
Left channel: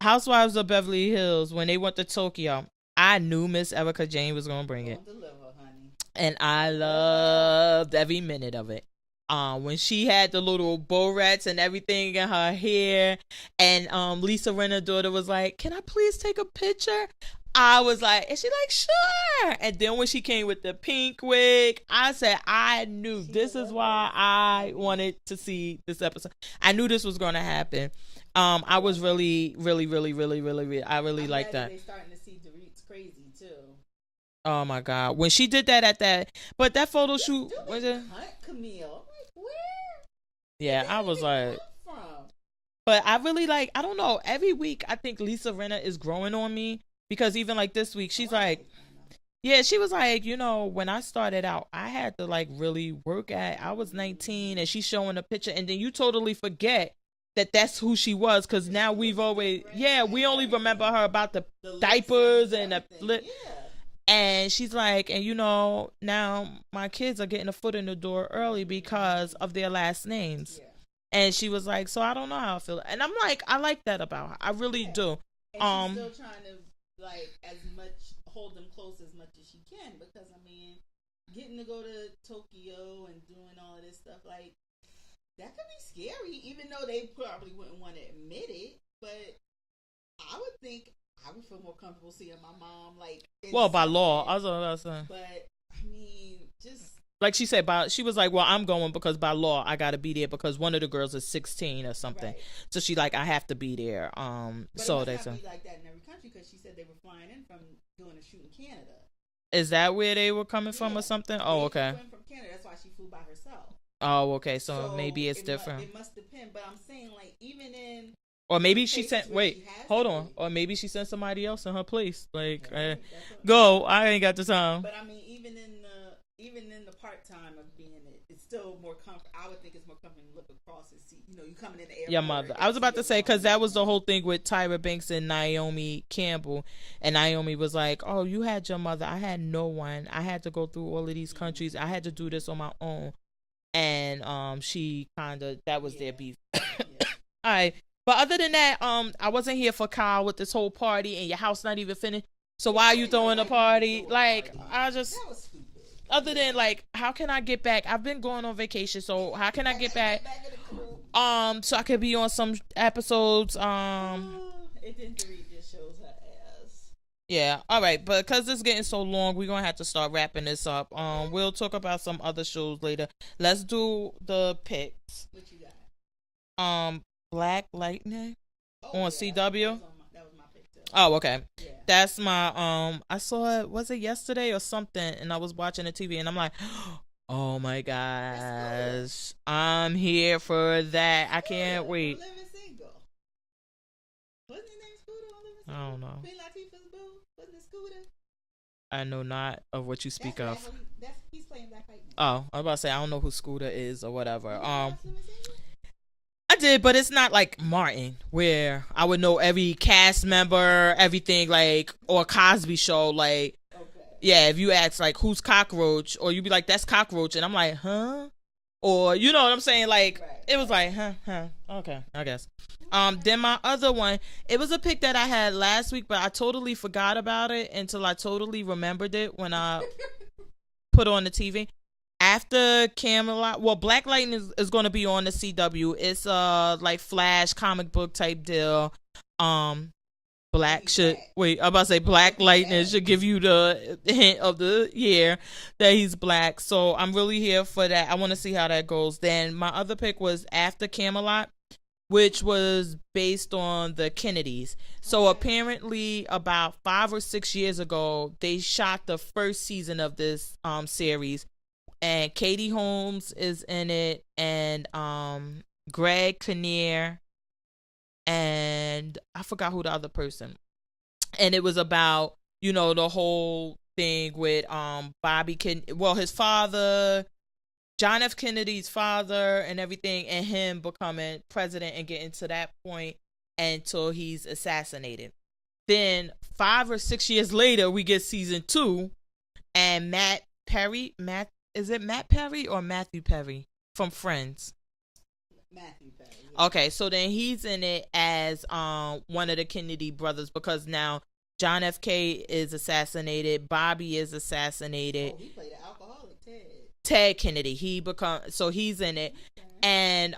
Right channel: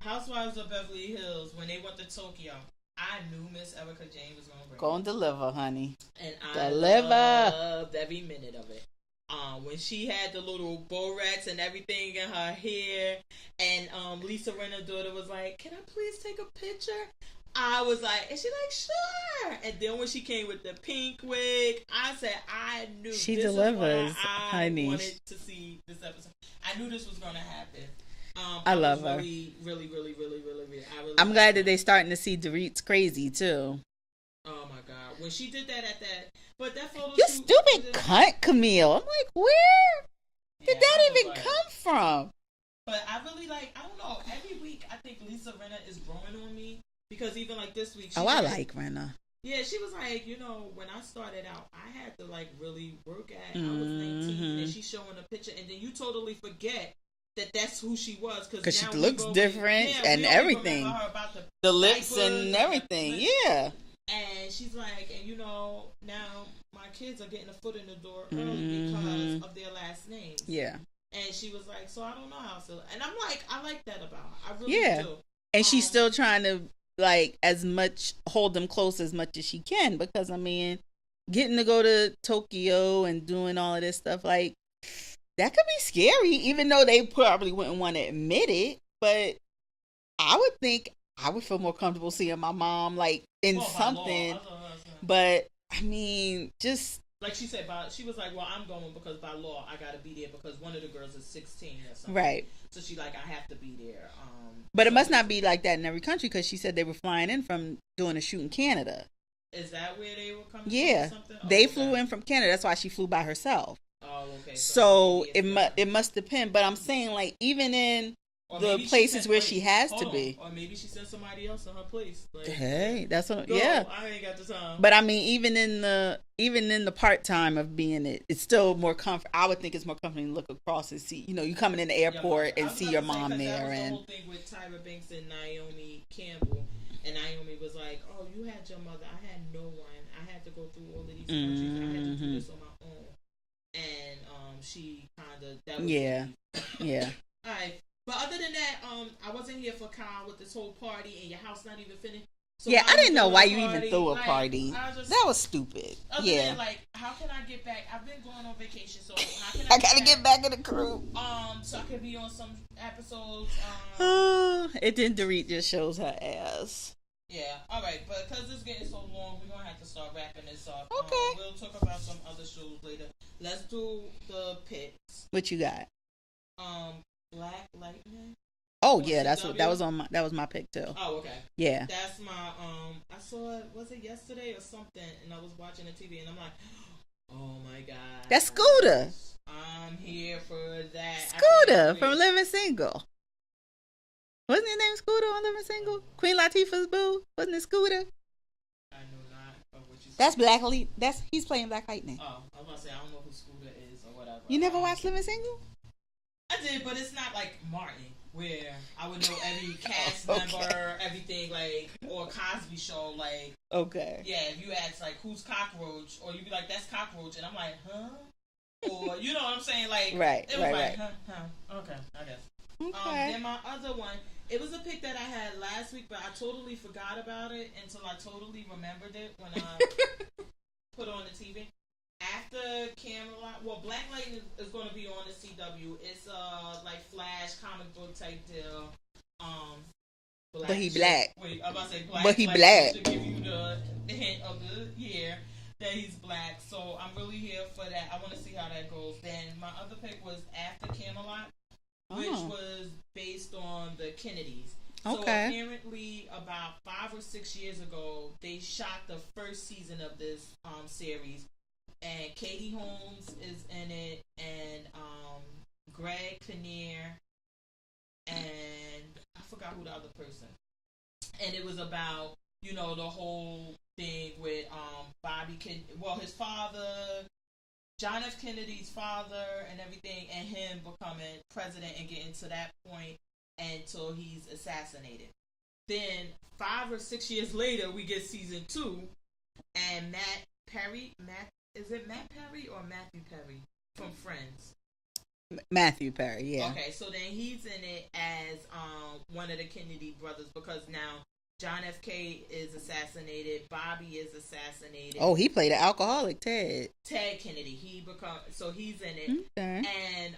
Housewives of Beverly Hills, when they went to Tokyo, I knew Miss Ericka Jayne was gonna bring it. Gonna deliver, honey. And I loved every minute of it. When she had the little bow rats and everything in her hair, and Lisa Rinna's daughter was like, "Can I please take a picture?" I was like, and she like, "Sure." And then when she came with the pink wig, I said, I knew this is why I wanted to see this episode. I knew this was gonna happen. I was really. I'm glad that they're starting to see Dorit's crazy too. Oh my God! When she did that at that, but that photo shoot, stupid cunt, Camille. I'm like, where did that even come from? But I really like. I don't know. Every week, I think Lisa Rinna is growing on me, because even like this week, she's I like Rinna. Yeah, she was like, when I started out, I had to like really work at. I was 19, and she's showing a picture, and then you totally forget that's who she was, because now we've always we only remember her about the diapers and everything. And she's like, and now my kids are getting a foot in the door early because of their last names. Yeah. And she was like, so I don't know how I feel. And I'm like, I like that about her. I really do. And she's still trying to like hold them close as much as she can, because I mean, getting to go to Tokyo and doing all of this stuff, like, that could be scary, even though they probably wouldn't want to admit it. But I would think I would feel more comfortable seeing my mom, like, in something. By law. I was about to say. But, I mean, just... Like she said, she was like, well, I'm going because by law, I got to be there because one of the girls is 16 or something. Right. So she like, I have to be there. But it must not be like that in every country, because she said they were flying in from doing a shoot in Canada. Is that where they were coming from or something? Oh, they flew in from Canada. That's why she flew by herself. Oh, okay. So maybe it's different. It must depend. But I'm saying, like, even in places where she has to be. Or maybe she sent somebody else in her place. Like, that's what. Go. Yeah. I ain't got the time. But I mean, even in the part time of being it's still more comfort. I would think it's more comforting to look across and see. You coming in the airport. And I was about to say, because that was the whole thing with Tyra Banks and Naomi Campbell. And Naomi was like, "Oh, you had your mother. I had no one. I had to go through all of these countries. I had to do this on my own." And she kind of, that was their beef. Yeah. All right. But other than that, I wasn't here for Kyle with this whole party and your house not even finished. So why you throwing a party? That was stupid. Other than like, how can I get back? I've been going on vacation, so how can I get back in the crew? So I could be on some episodes. It didn't. Dorit just shows her ass. Yeah, all right, but because it's getting so long, we're going to have to start wrapping this up. Okay. We'll talk about some other shows later. Let's do the picks. What you got? Black Lightning. Oh, yeah, that was my pick, too. Oh, okay. Yeah. That's my, I saw it, was it yesterday or something, and I was watching the TV, and I'm like, oh, my God. That's Scooter. I'm here for that. Scooter I can't wait. From Living Single. Wasn't his name Scooter on Living Single? Queen Latifah's boo? Wasn't it Scooter? I know not of what you speak of. That's Black he's playing Black Lightning. Oh, I was about to say, I don't know who Scooter is or whatever. You never watched Living Single? I did, but it's not like Martin, where I would know every cast member, everything, like, or Cosby Show, like. Okay. Yeah, if you ask, like, who's Cockroach, or you'd be like, that's Cockroach, and I'm like, huh? Or, you know what I'm saying? Like, it was huh. Okay, I guess. Okay. Then my other one, it was a pick that I had last week, but I totally forgot about it until I totally remembered it when I put on the TV. After Camelot, well, Black Lightning is going to be on the CW. It's like Flash comic book type deal. black he shit. black. Wait, I'm about to say black But he lightning black. should give you the hint of the year that he's black. So I'm really here for that. I want to see how that goes. Then my other pick was After Camelot, which was based on the Kennedys. So apparently about 5 or 6 years ago, they shot the first season of this series, and Katie Holmes is in it, and Greg Kinnear, and I forgot who the other person. And it was about, you know, the whole thing with Bobby his father, John F. Kennedy's father, and everything, and him becoming president and getting to that point until he's assassinated. Then 5 or 6 years later, we get season 2, and is it Matt Perry or Matthew Perry from Friends? Matthew Perry, yeah. Okay, so then he's in it as one of the Kennedy brothers, because now John F. K is assassinated, Bobby is assassinated. Oh, he played an alcoholic, Ted Kennedy. So he's in it. Okay. And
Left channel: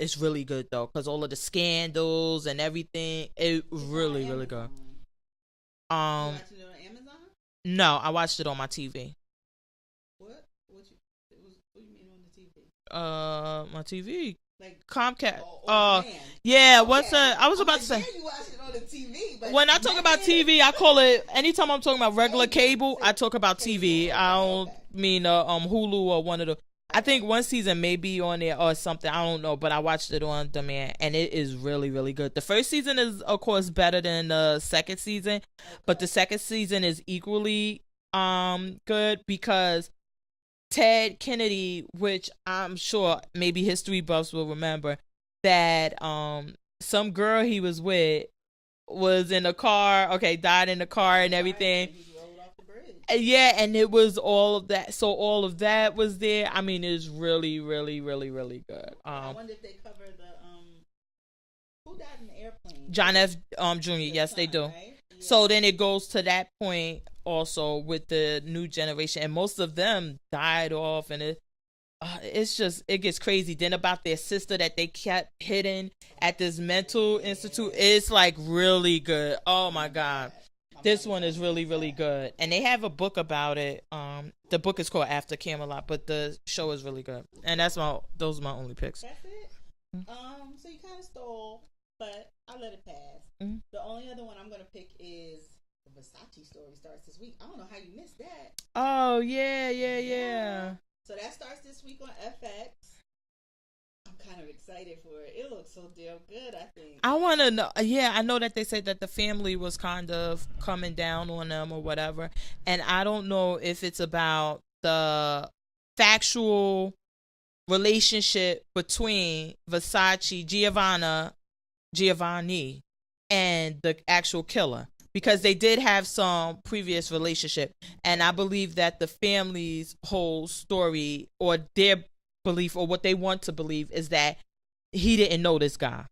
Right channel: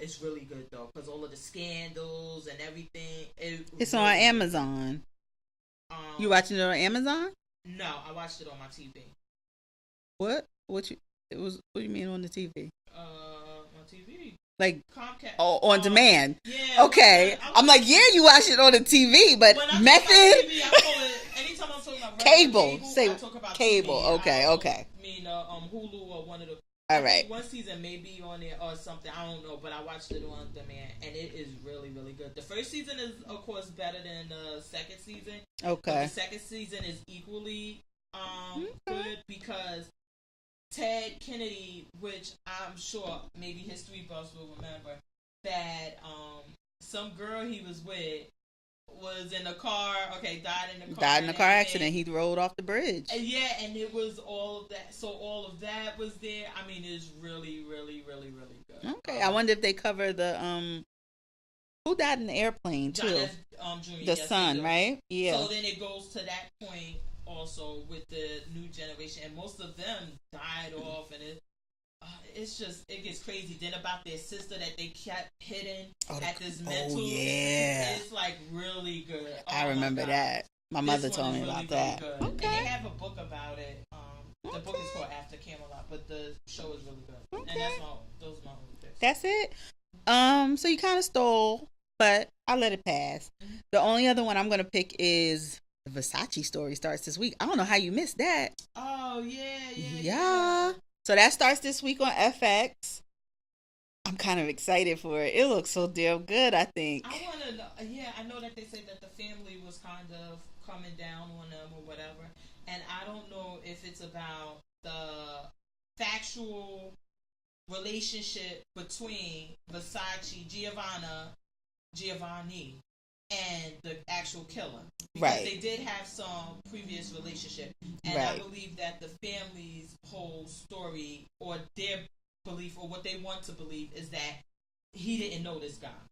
it's really good though, because all of the scandals and everything. It's really, on Amazon. Really you watching it on Amazon? No, I watched it on my TV. What do you mean on the TV? My TV. Like Comcast. Oh, on demand. Yeah. Okay. I'm like, yeah, you watch it on the TV, but when I talk about TV, I call it, anytime I'm talking about regular cable, I talk about cable. TV. Okay, I don't mean Hulu or one of the. I think right. one season may be on there or something. I don't know, but I watched it on demand, and it is really, really good. The first season is, of course, better than the second season. Okay. But the second season is equally good, because Ted Kennedy, which I'm sure maybe history buffs will remember, that some girl he was with was in a car, died in the car and everything. Accident. He rolled off the bridge. Yeah, and it was all of that. So all of that was there. I mean, it's really, really, really, really good. Okay. I wonder if they cover the who died in the airplane? John F. Jr. Yes, son, they do. Right? Yeah. So then it goes to that point also with the new generation, and most of them died off, and it's just, it gets crazy. Then about their sister that they kept hidden at this mental institute. It's like really good. Oh my god, this one is really, really good. Okay. And they have a book about it. The book is called After Camelot, but the show is really good. And those are my only picks. That's it. So you kind of stole, but I let it pass. Mm-hmm. The only other one I'm gonna pick is the Versace story. Starts this week. I don't know how you missed that. Oh yeah. So that starts this week on FX. I'm kind of excited for it. It looks so damn good, I think. I want to know. Yeah, I know that they said that the family was kind of coming down on them or whatever. And I don't know if it's about the factual relationship between Giovanni, and the actual killer. Because they did have some previous relationship. And I believe that the family's whole story, or their belief, or what they want to believe, is that he didn't know this guy.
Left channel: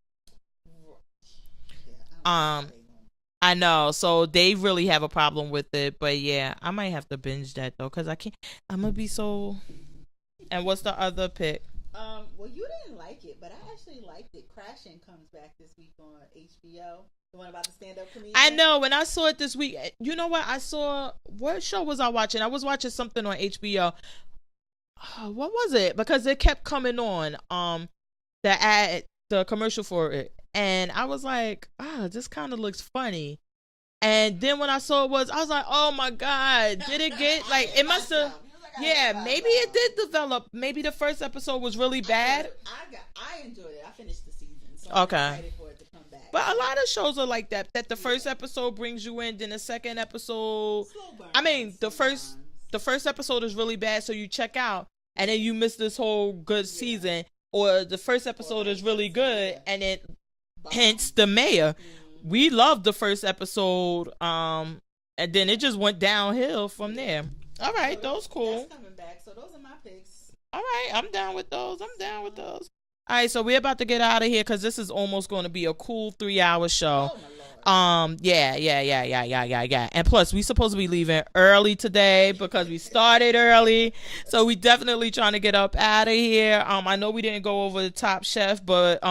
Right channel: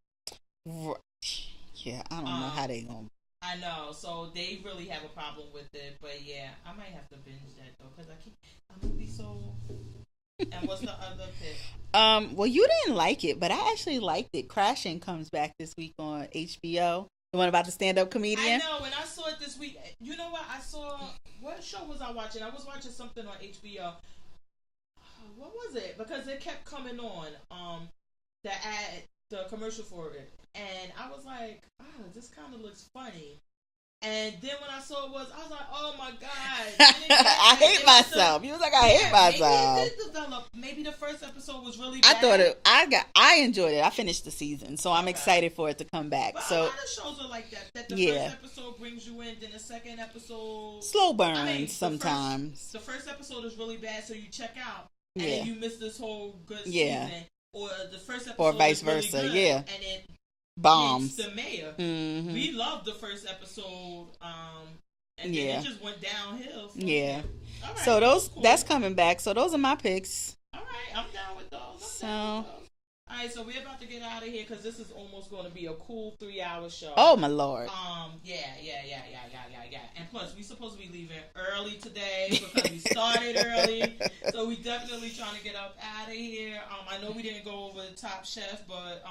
Yeah, I don't know how they gonna. I know. So they really have a problem with it. But yeah, I might have to binge that though, because I can't. I'm going to be so... And what's the other pick? Well, you didn't like it, but I actually liked it. Crashing comes back this week on HBO. The one about the stand-up comedian. I know. When I saw it this week, you know what? What show was I watching? I was watching something on HBO. What was it? Because it kept coming on. The commercial for it, and I was like, this kind of looks funny. And then when I saw I was like, oh my god, did it get like I hate myself? He was like, I hate myself. Maybe it did develop. Maybe the first episode was really bad. I enjoyed it. I finished the season, so I'm excited for it to come back. But a lot of shows are like that. That the first episode brings you in, then the second episode slow burn. I mean, sometimes the first episode is really bad, so you check out, and then you miss this whole good season. Or the first episode is really good, and then hence the mayor. Mm-hmm. We loved the first episode, and then it just went downhill from there. All right, so that's coming back. So those are my picks. All right, I'm down with those. All right, so we're about to get out of here because this is almost going to be a cool 3-hour show. Oh my lord. Yeah. And plus, we supposed to be leaving early today because we started early. So we definitely trying to get up out of here. I know we didn't go over the Top Chef, but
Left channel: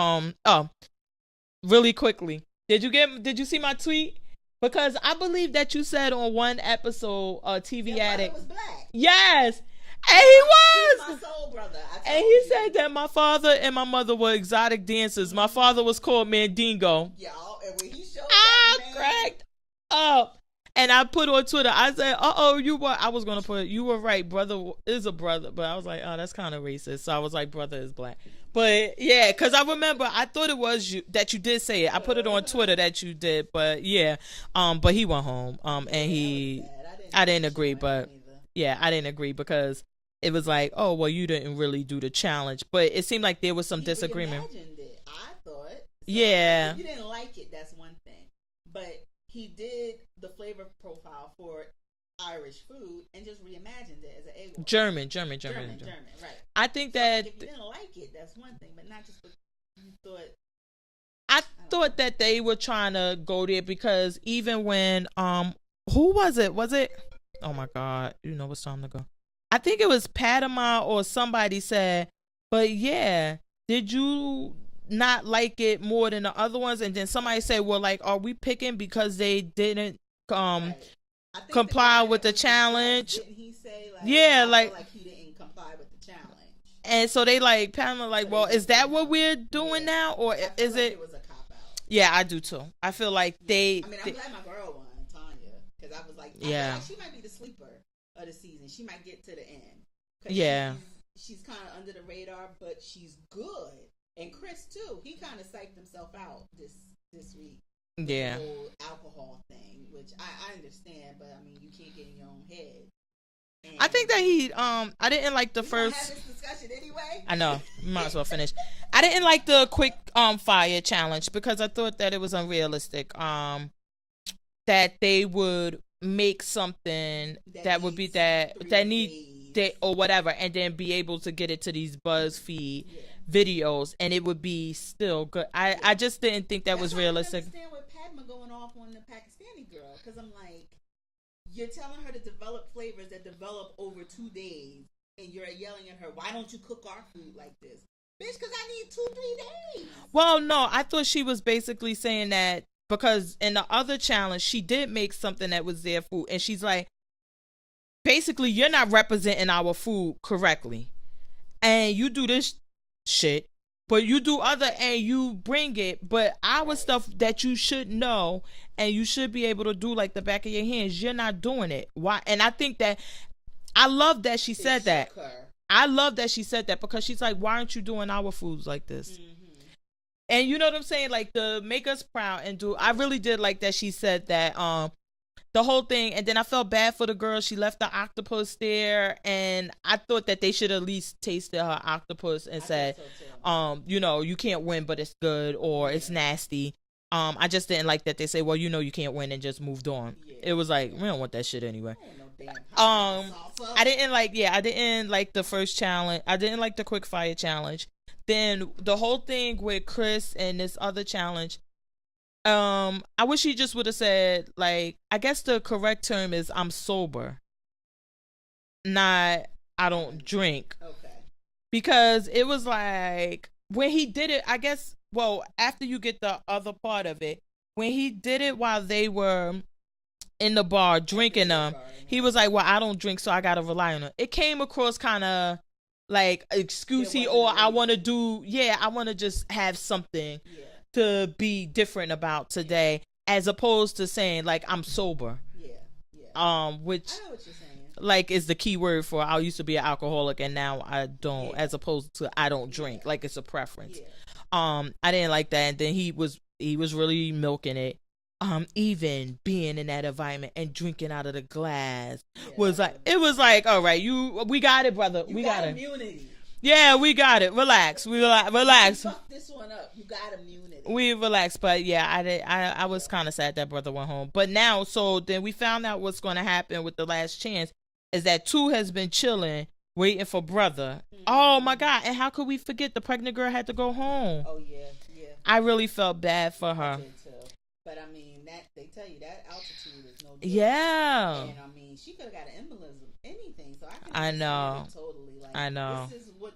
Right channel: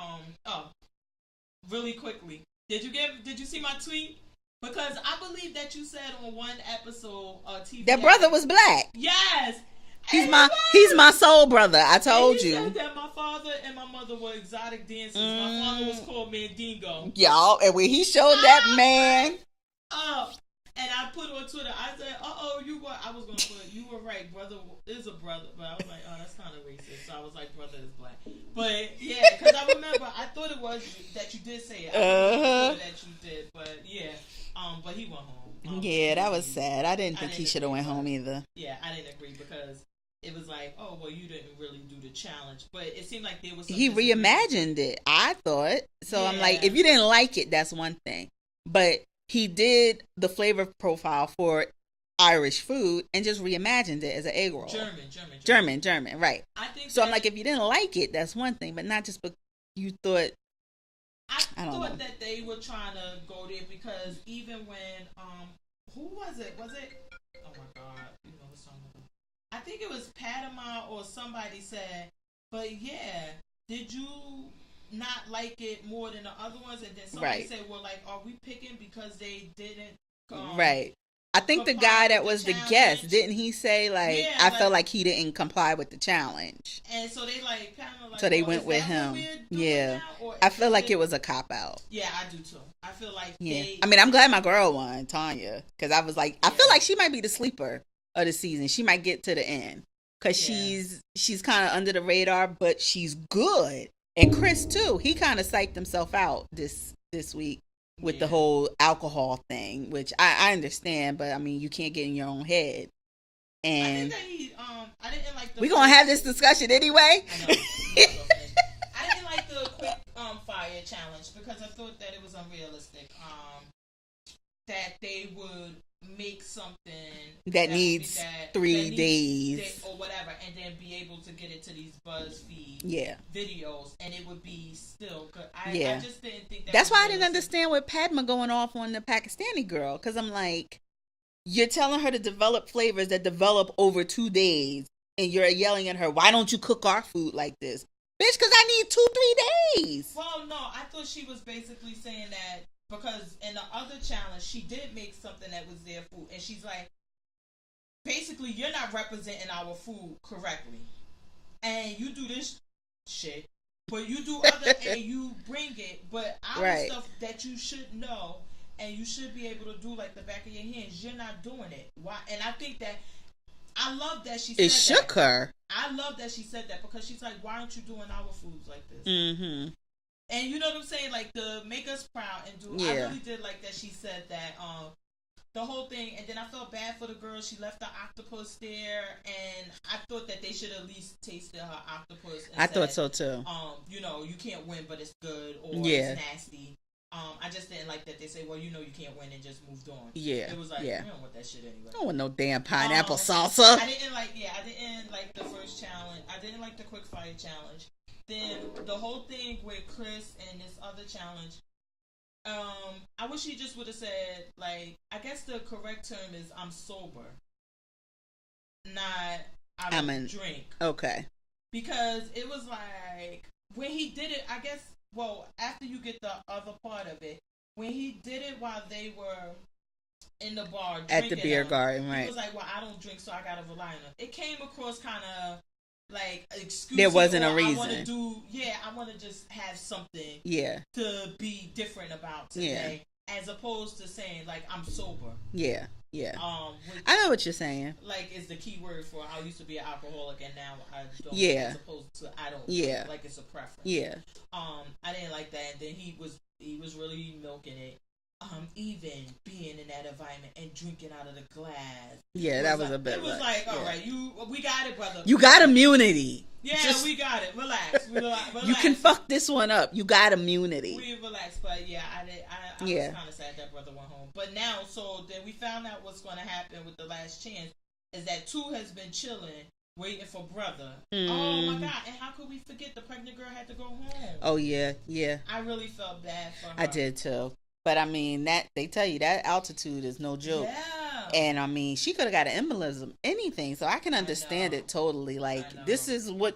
really quickly, Did you see my tweet? Because I believe that you said on one episode TV that brother was black. Yes. He's my soul brother. I told you. He said that my father and my mother were exotic dancers. My father was called Mandingo. Y'all, and when he showed that man. Oh. And I put on Twitter, I said, I was going to put, you were right, brother is a brother. But I was like, oh, that's kind of racist. So I was like, brother is black. But yeah, because I remember, I thought it was you, that you did say it. I put it on Twitter that you did. But yeah, but he went home. And that was sad. I didn't agree, but home either. Yeah, I didn't agree because it was like, oh, well, you didn't really do the challenge. But it seemed like there was some disagreement. He reimagined it, I thought. So yeah. I'm like, if you didn't like it, that's one thing. But he did the flavor profile for Irish food and just reimagined it as an egg roll. German, right. I think so. I'm like, if you didn't like it, that's one thing, but not just because you thought. I thought that they were trying to go there because even when who was it? Was it? Oh my God! You know it's time to go. I think it was Padma or somebody said, but yeah, did you not like it more than the other ones? And then somebody said, well, like, are we picking because they didn't right. I think the guy that was the guest, didn't he say like, I felt like he didn't comply with the challenge, and so they like Pamela like, so well, is that what we're doing now? Or I feel like it was a cop out. Yeah, I do too. I feel like I'm glad my girl won, Tanya, because I was like, I feel like she might be the sleeper of the season. She might get to the end because she's kind of under the radar, but she's good. And Chris too, he kind of psyched himself out this week with the whole alcohol thing, which I understand, but I mean, you can't get in your own head. And I think that he I didn't like the We're gonna have this discussion anyway. I know. Might as well finish. I didn't like the quick fire challenge because I thought that it was unrealistic. That they would make something that would be that 3 days or whatever, and then be able to get it to these BuzzFeed videos, and it would be still good. I just didn't think that. That's was why realistic. I didn't understand with Padma going off on the Pakistani girl, because I'm like, you're telling her to develop flavors that develop over 2 days, and you're yelling at her, why don't you cook our food like this, bitch? Because I need 2-3 days. Well, no, I thought she was basically saying that. Because in the other challenge, she did make something that was their food. And she's like, basically, you're not representing our food correctly. And you do this shit, but you do other and you bring it. But our stuff that you should know and you should be able to do like the back of your hands, you're not doing it. Why? And I think that, I love that she said that. It shook her. I love that she said that because she's like, why aren't you doing our foods like this? Mm-hmm. And you know what I'm saying? Like, to make us proud and do. I really did like that she said that. The whole thing. And then I felt bad for the girl. She left the octopus there. And I thought that they should at least tasted her octopus and said, I thought so too. You know, you can't win, but it's good, or it's nasty. I just didn't like that they say, well, you know, you can't win, and just moved on. Yeah. It was like, we don't want that shit anyway. I don't want no damn pineapple salsa. I didn't like the first challenge. I didn't like the quick fire challenge. Then the whole thing with Chris and this other challenge, I wish he just would have said, like, I guess the correct term is I'm sober, not I don't drink. Okay. Because it was like, when he did it, I guess, well, after you get the other part of it, when he did it while they were in the bar drinking them, he was like, well, I don't drink, so I got to rely on it. It came across kind of like excuse, or I want to do, I want to just have something to be different about today, as opposed to saying like I'm sober. Which I know what you're saying. Like, is the key word for I used to be an alcoholic and now I don't, as opposed to I don't drink. Like, it's a preference. I didn't like that, and then he was really milking it. Even being in that environment and drinking out of the glass was like, it was like, all right, we got it, brother. You got immunity. Yeah, we got it. Relax. Relax. You can fuck this one up. You got immunity. We relaxed, but I was kind of sad that brother went home. But now, so then we found out what's going to happen with the last chance is that 2 has been chilling, waiting for brother. Oh my God! And how could we forget the pregnant girl had to go home? Oh yeah. I really felt bad for her. I did too. But I mean, that they tell you that altitude is no joke. Yeah. And I mean, she could have got an embolism, anything. So I can understand it totally. Like, this is what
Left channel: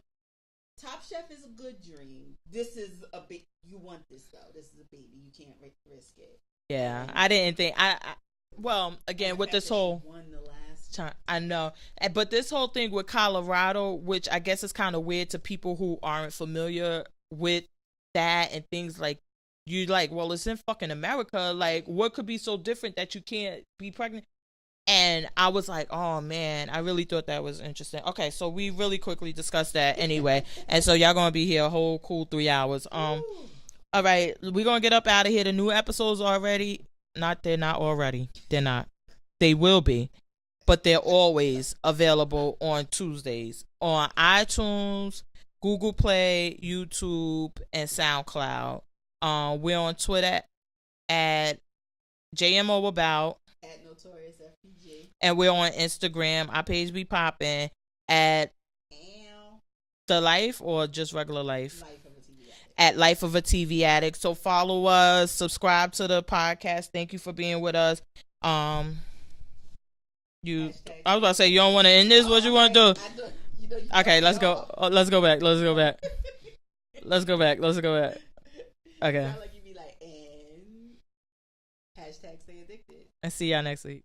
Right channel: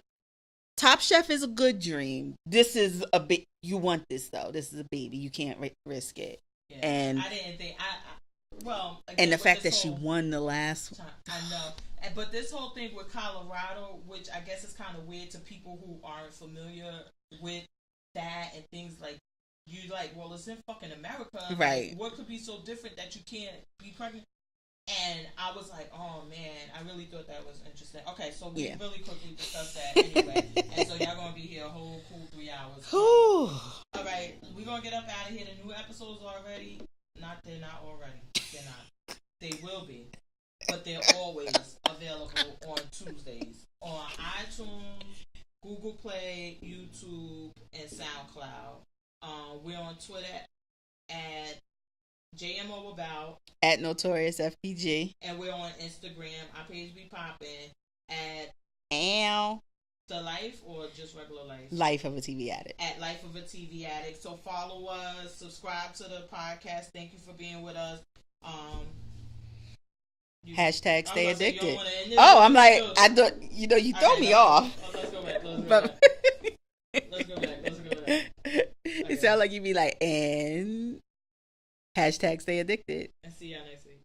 Top Chef is a good dream. This is a bit. You want this though. This is a baby. You can't risk it. Yeah, and I didn't think well, again, and the with fact this that whole she won the last time, I know, but this whole thing with Colorado, which I guess is kind of weird to people who aren't familiar with that and things like you like. Well, it's in fucking America. Right. Like, what could be so different that you can't be pregnant? And I was like, oh man, I really thought that was interesting. Okay, so we really quickly discussed that anyway, and so y'all gonna be here a whole cool 3 hours. All right, we're gonna get up out of here. The new episodes already. They're not already. They're not. They will be, but they're always available on Tuesdays on iTunes, Google Play, YouTube, and SoundCloud. We're on Twitter at JMO About, at Notorious FPG, and we're on Instagram. Our page be popping at The Life or just regular life? Life of a TV Addict. At Life of a TV Addict. So follow us, subscribe to the podcast. Thank you for being with us. Hashtag. I was gonna say you don't want to end this. Oh, I'm like, I don't. You know, you okay. Let's off. go. Let's go back. Let's go back. Let's go back. Let's go back. Okay. You sound like you be like, and hashtag stay addicted. And see y'all next week.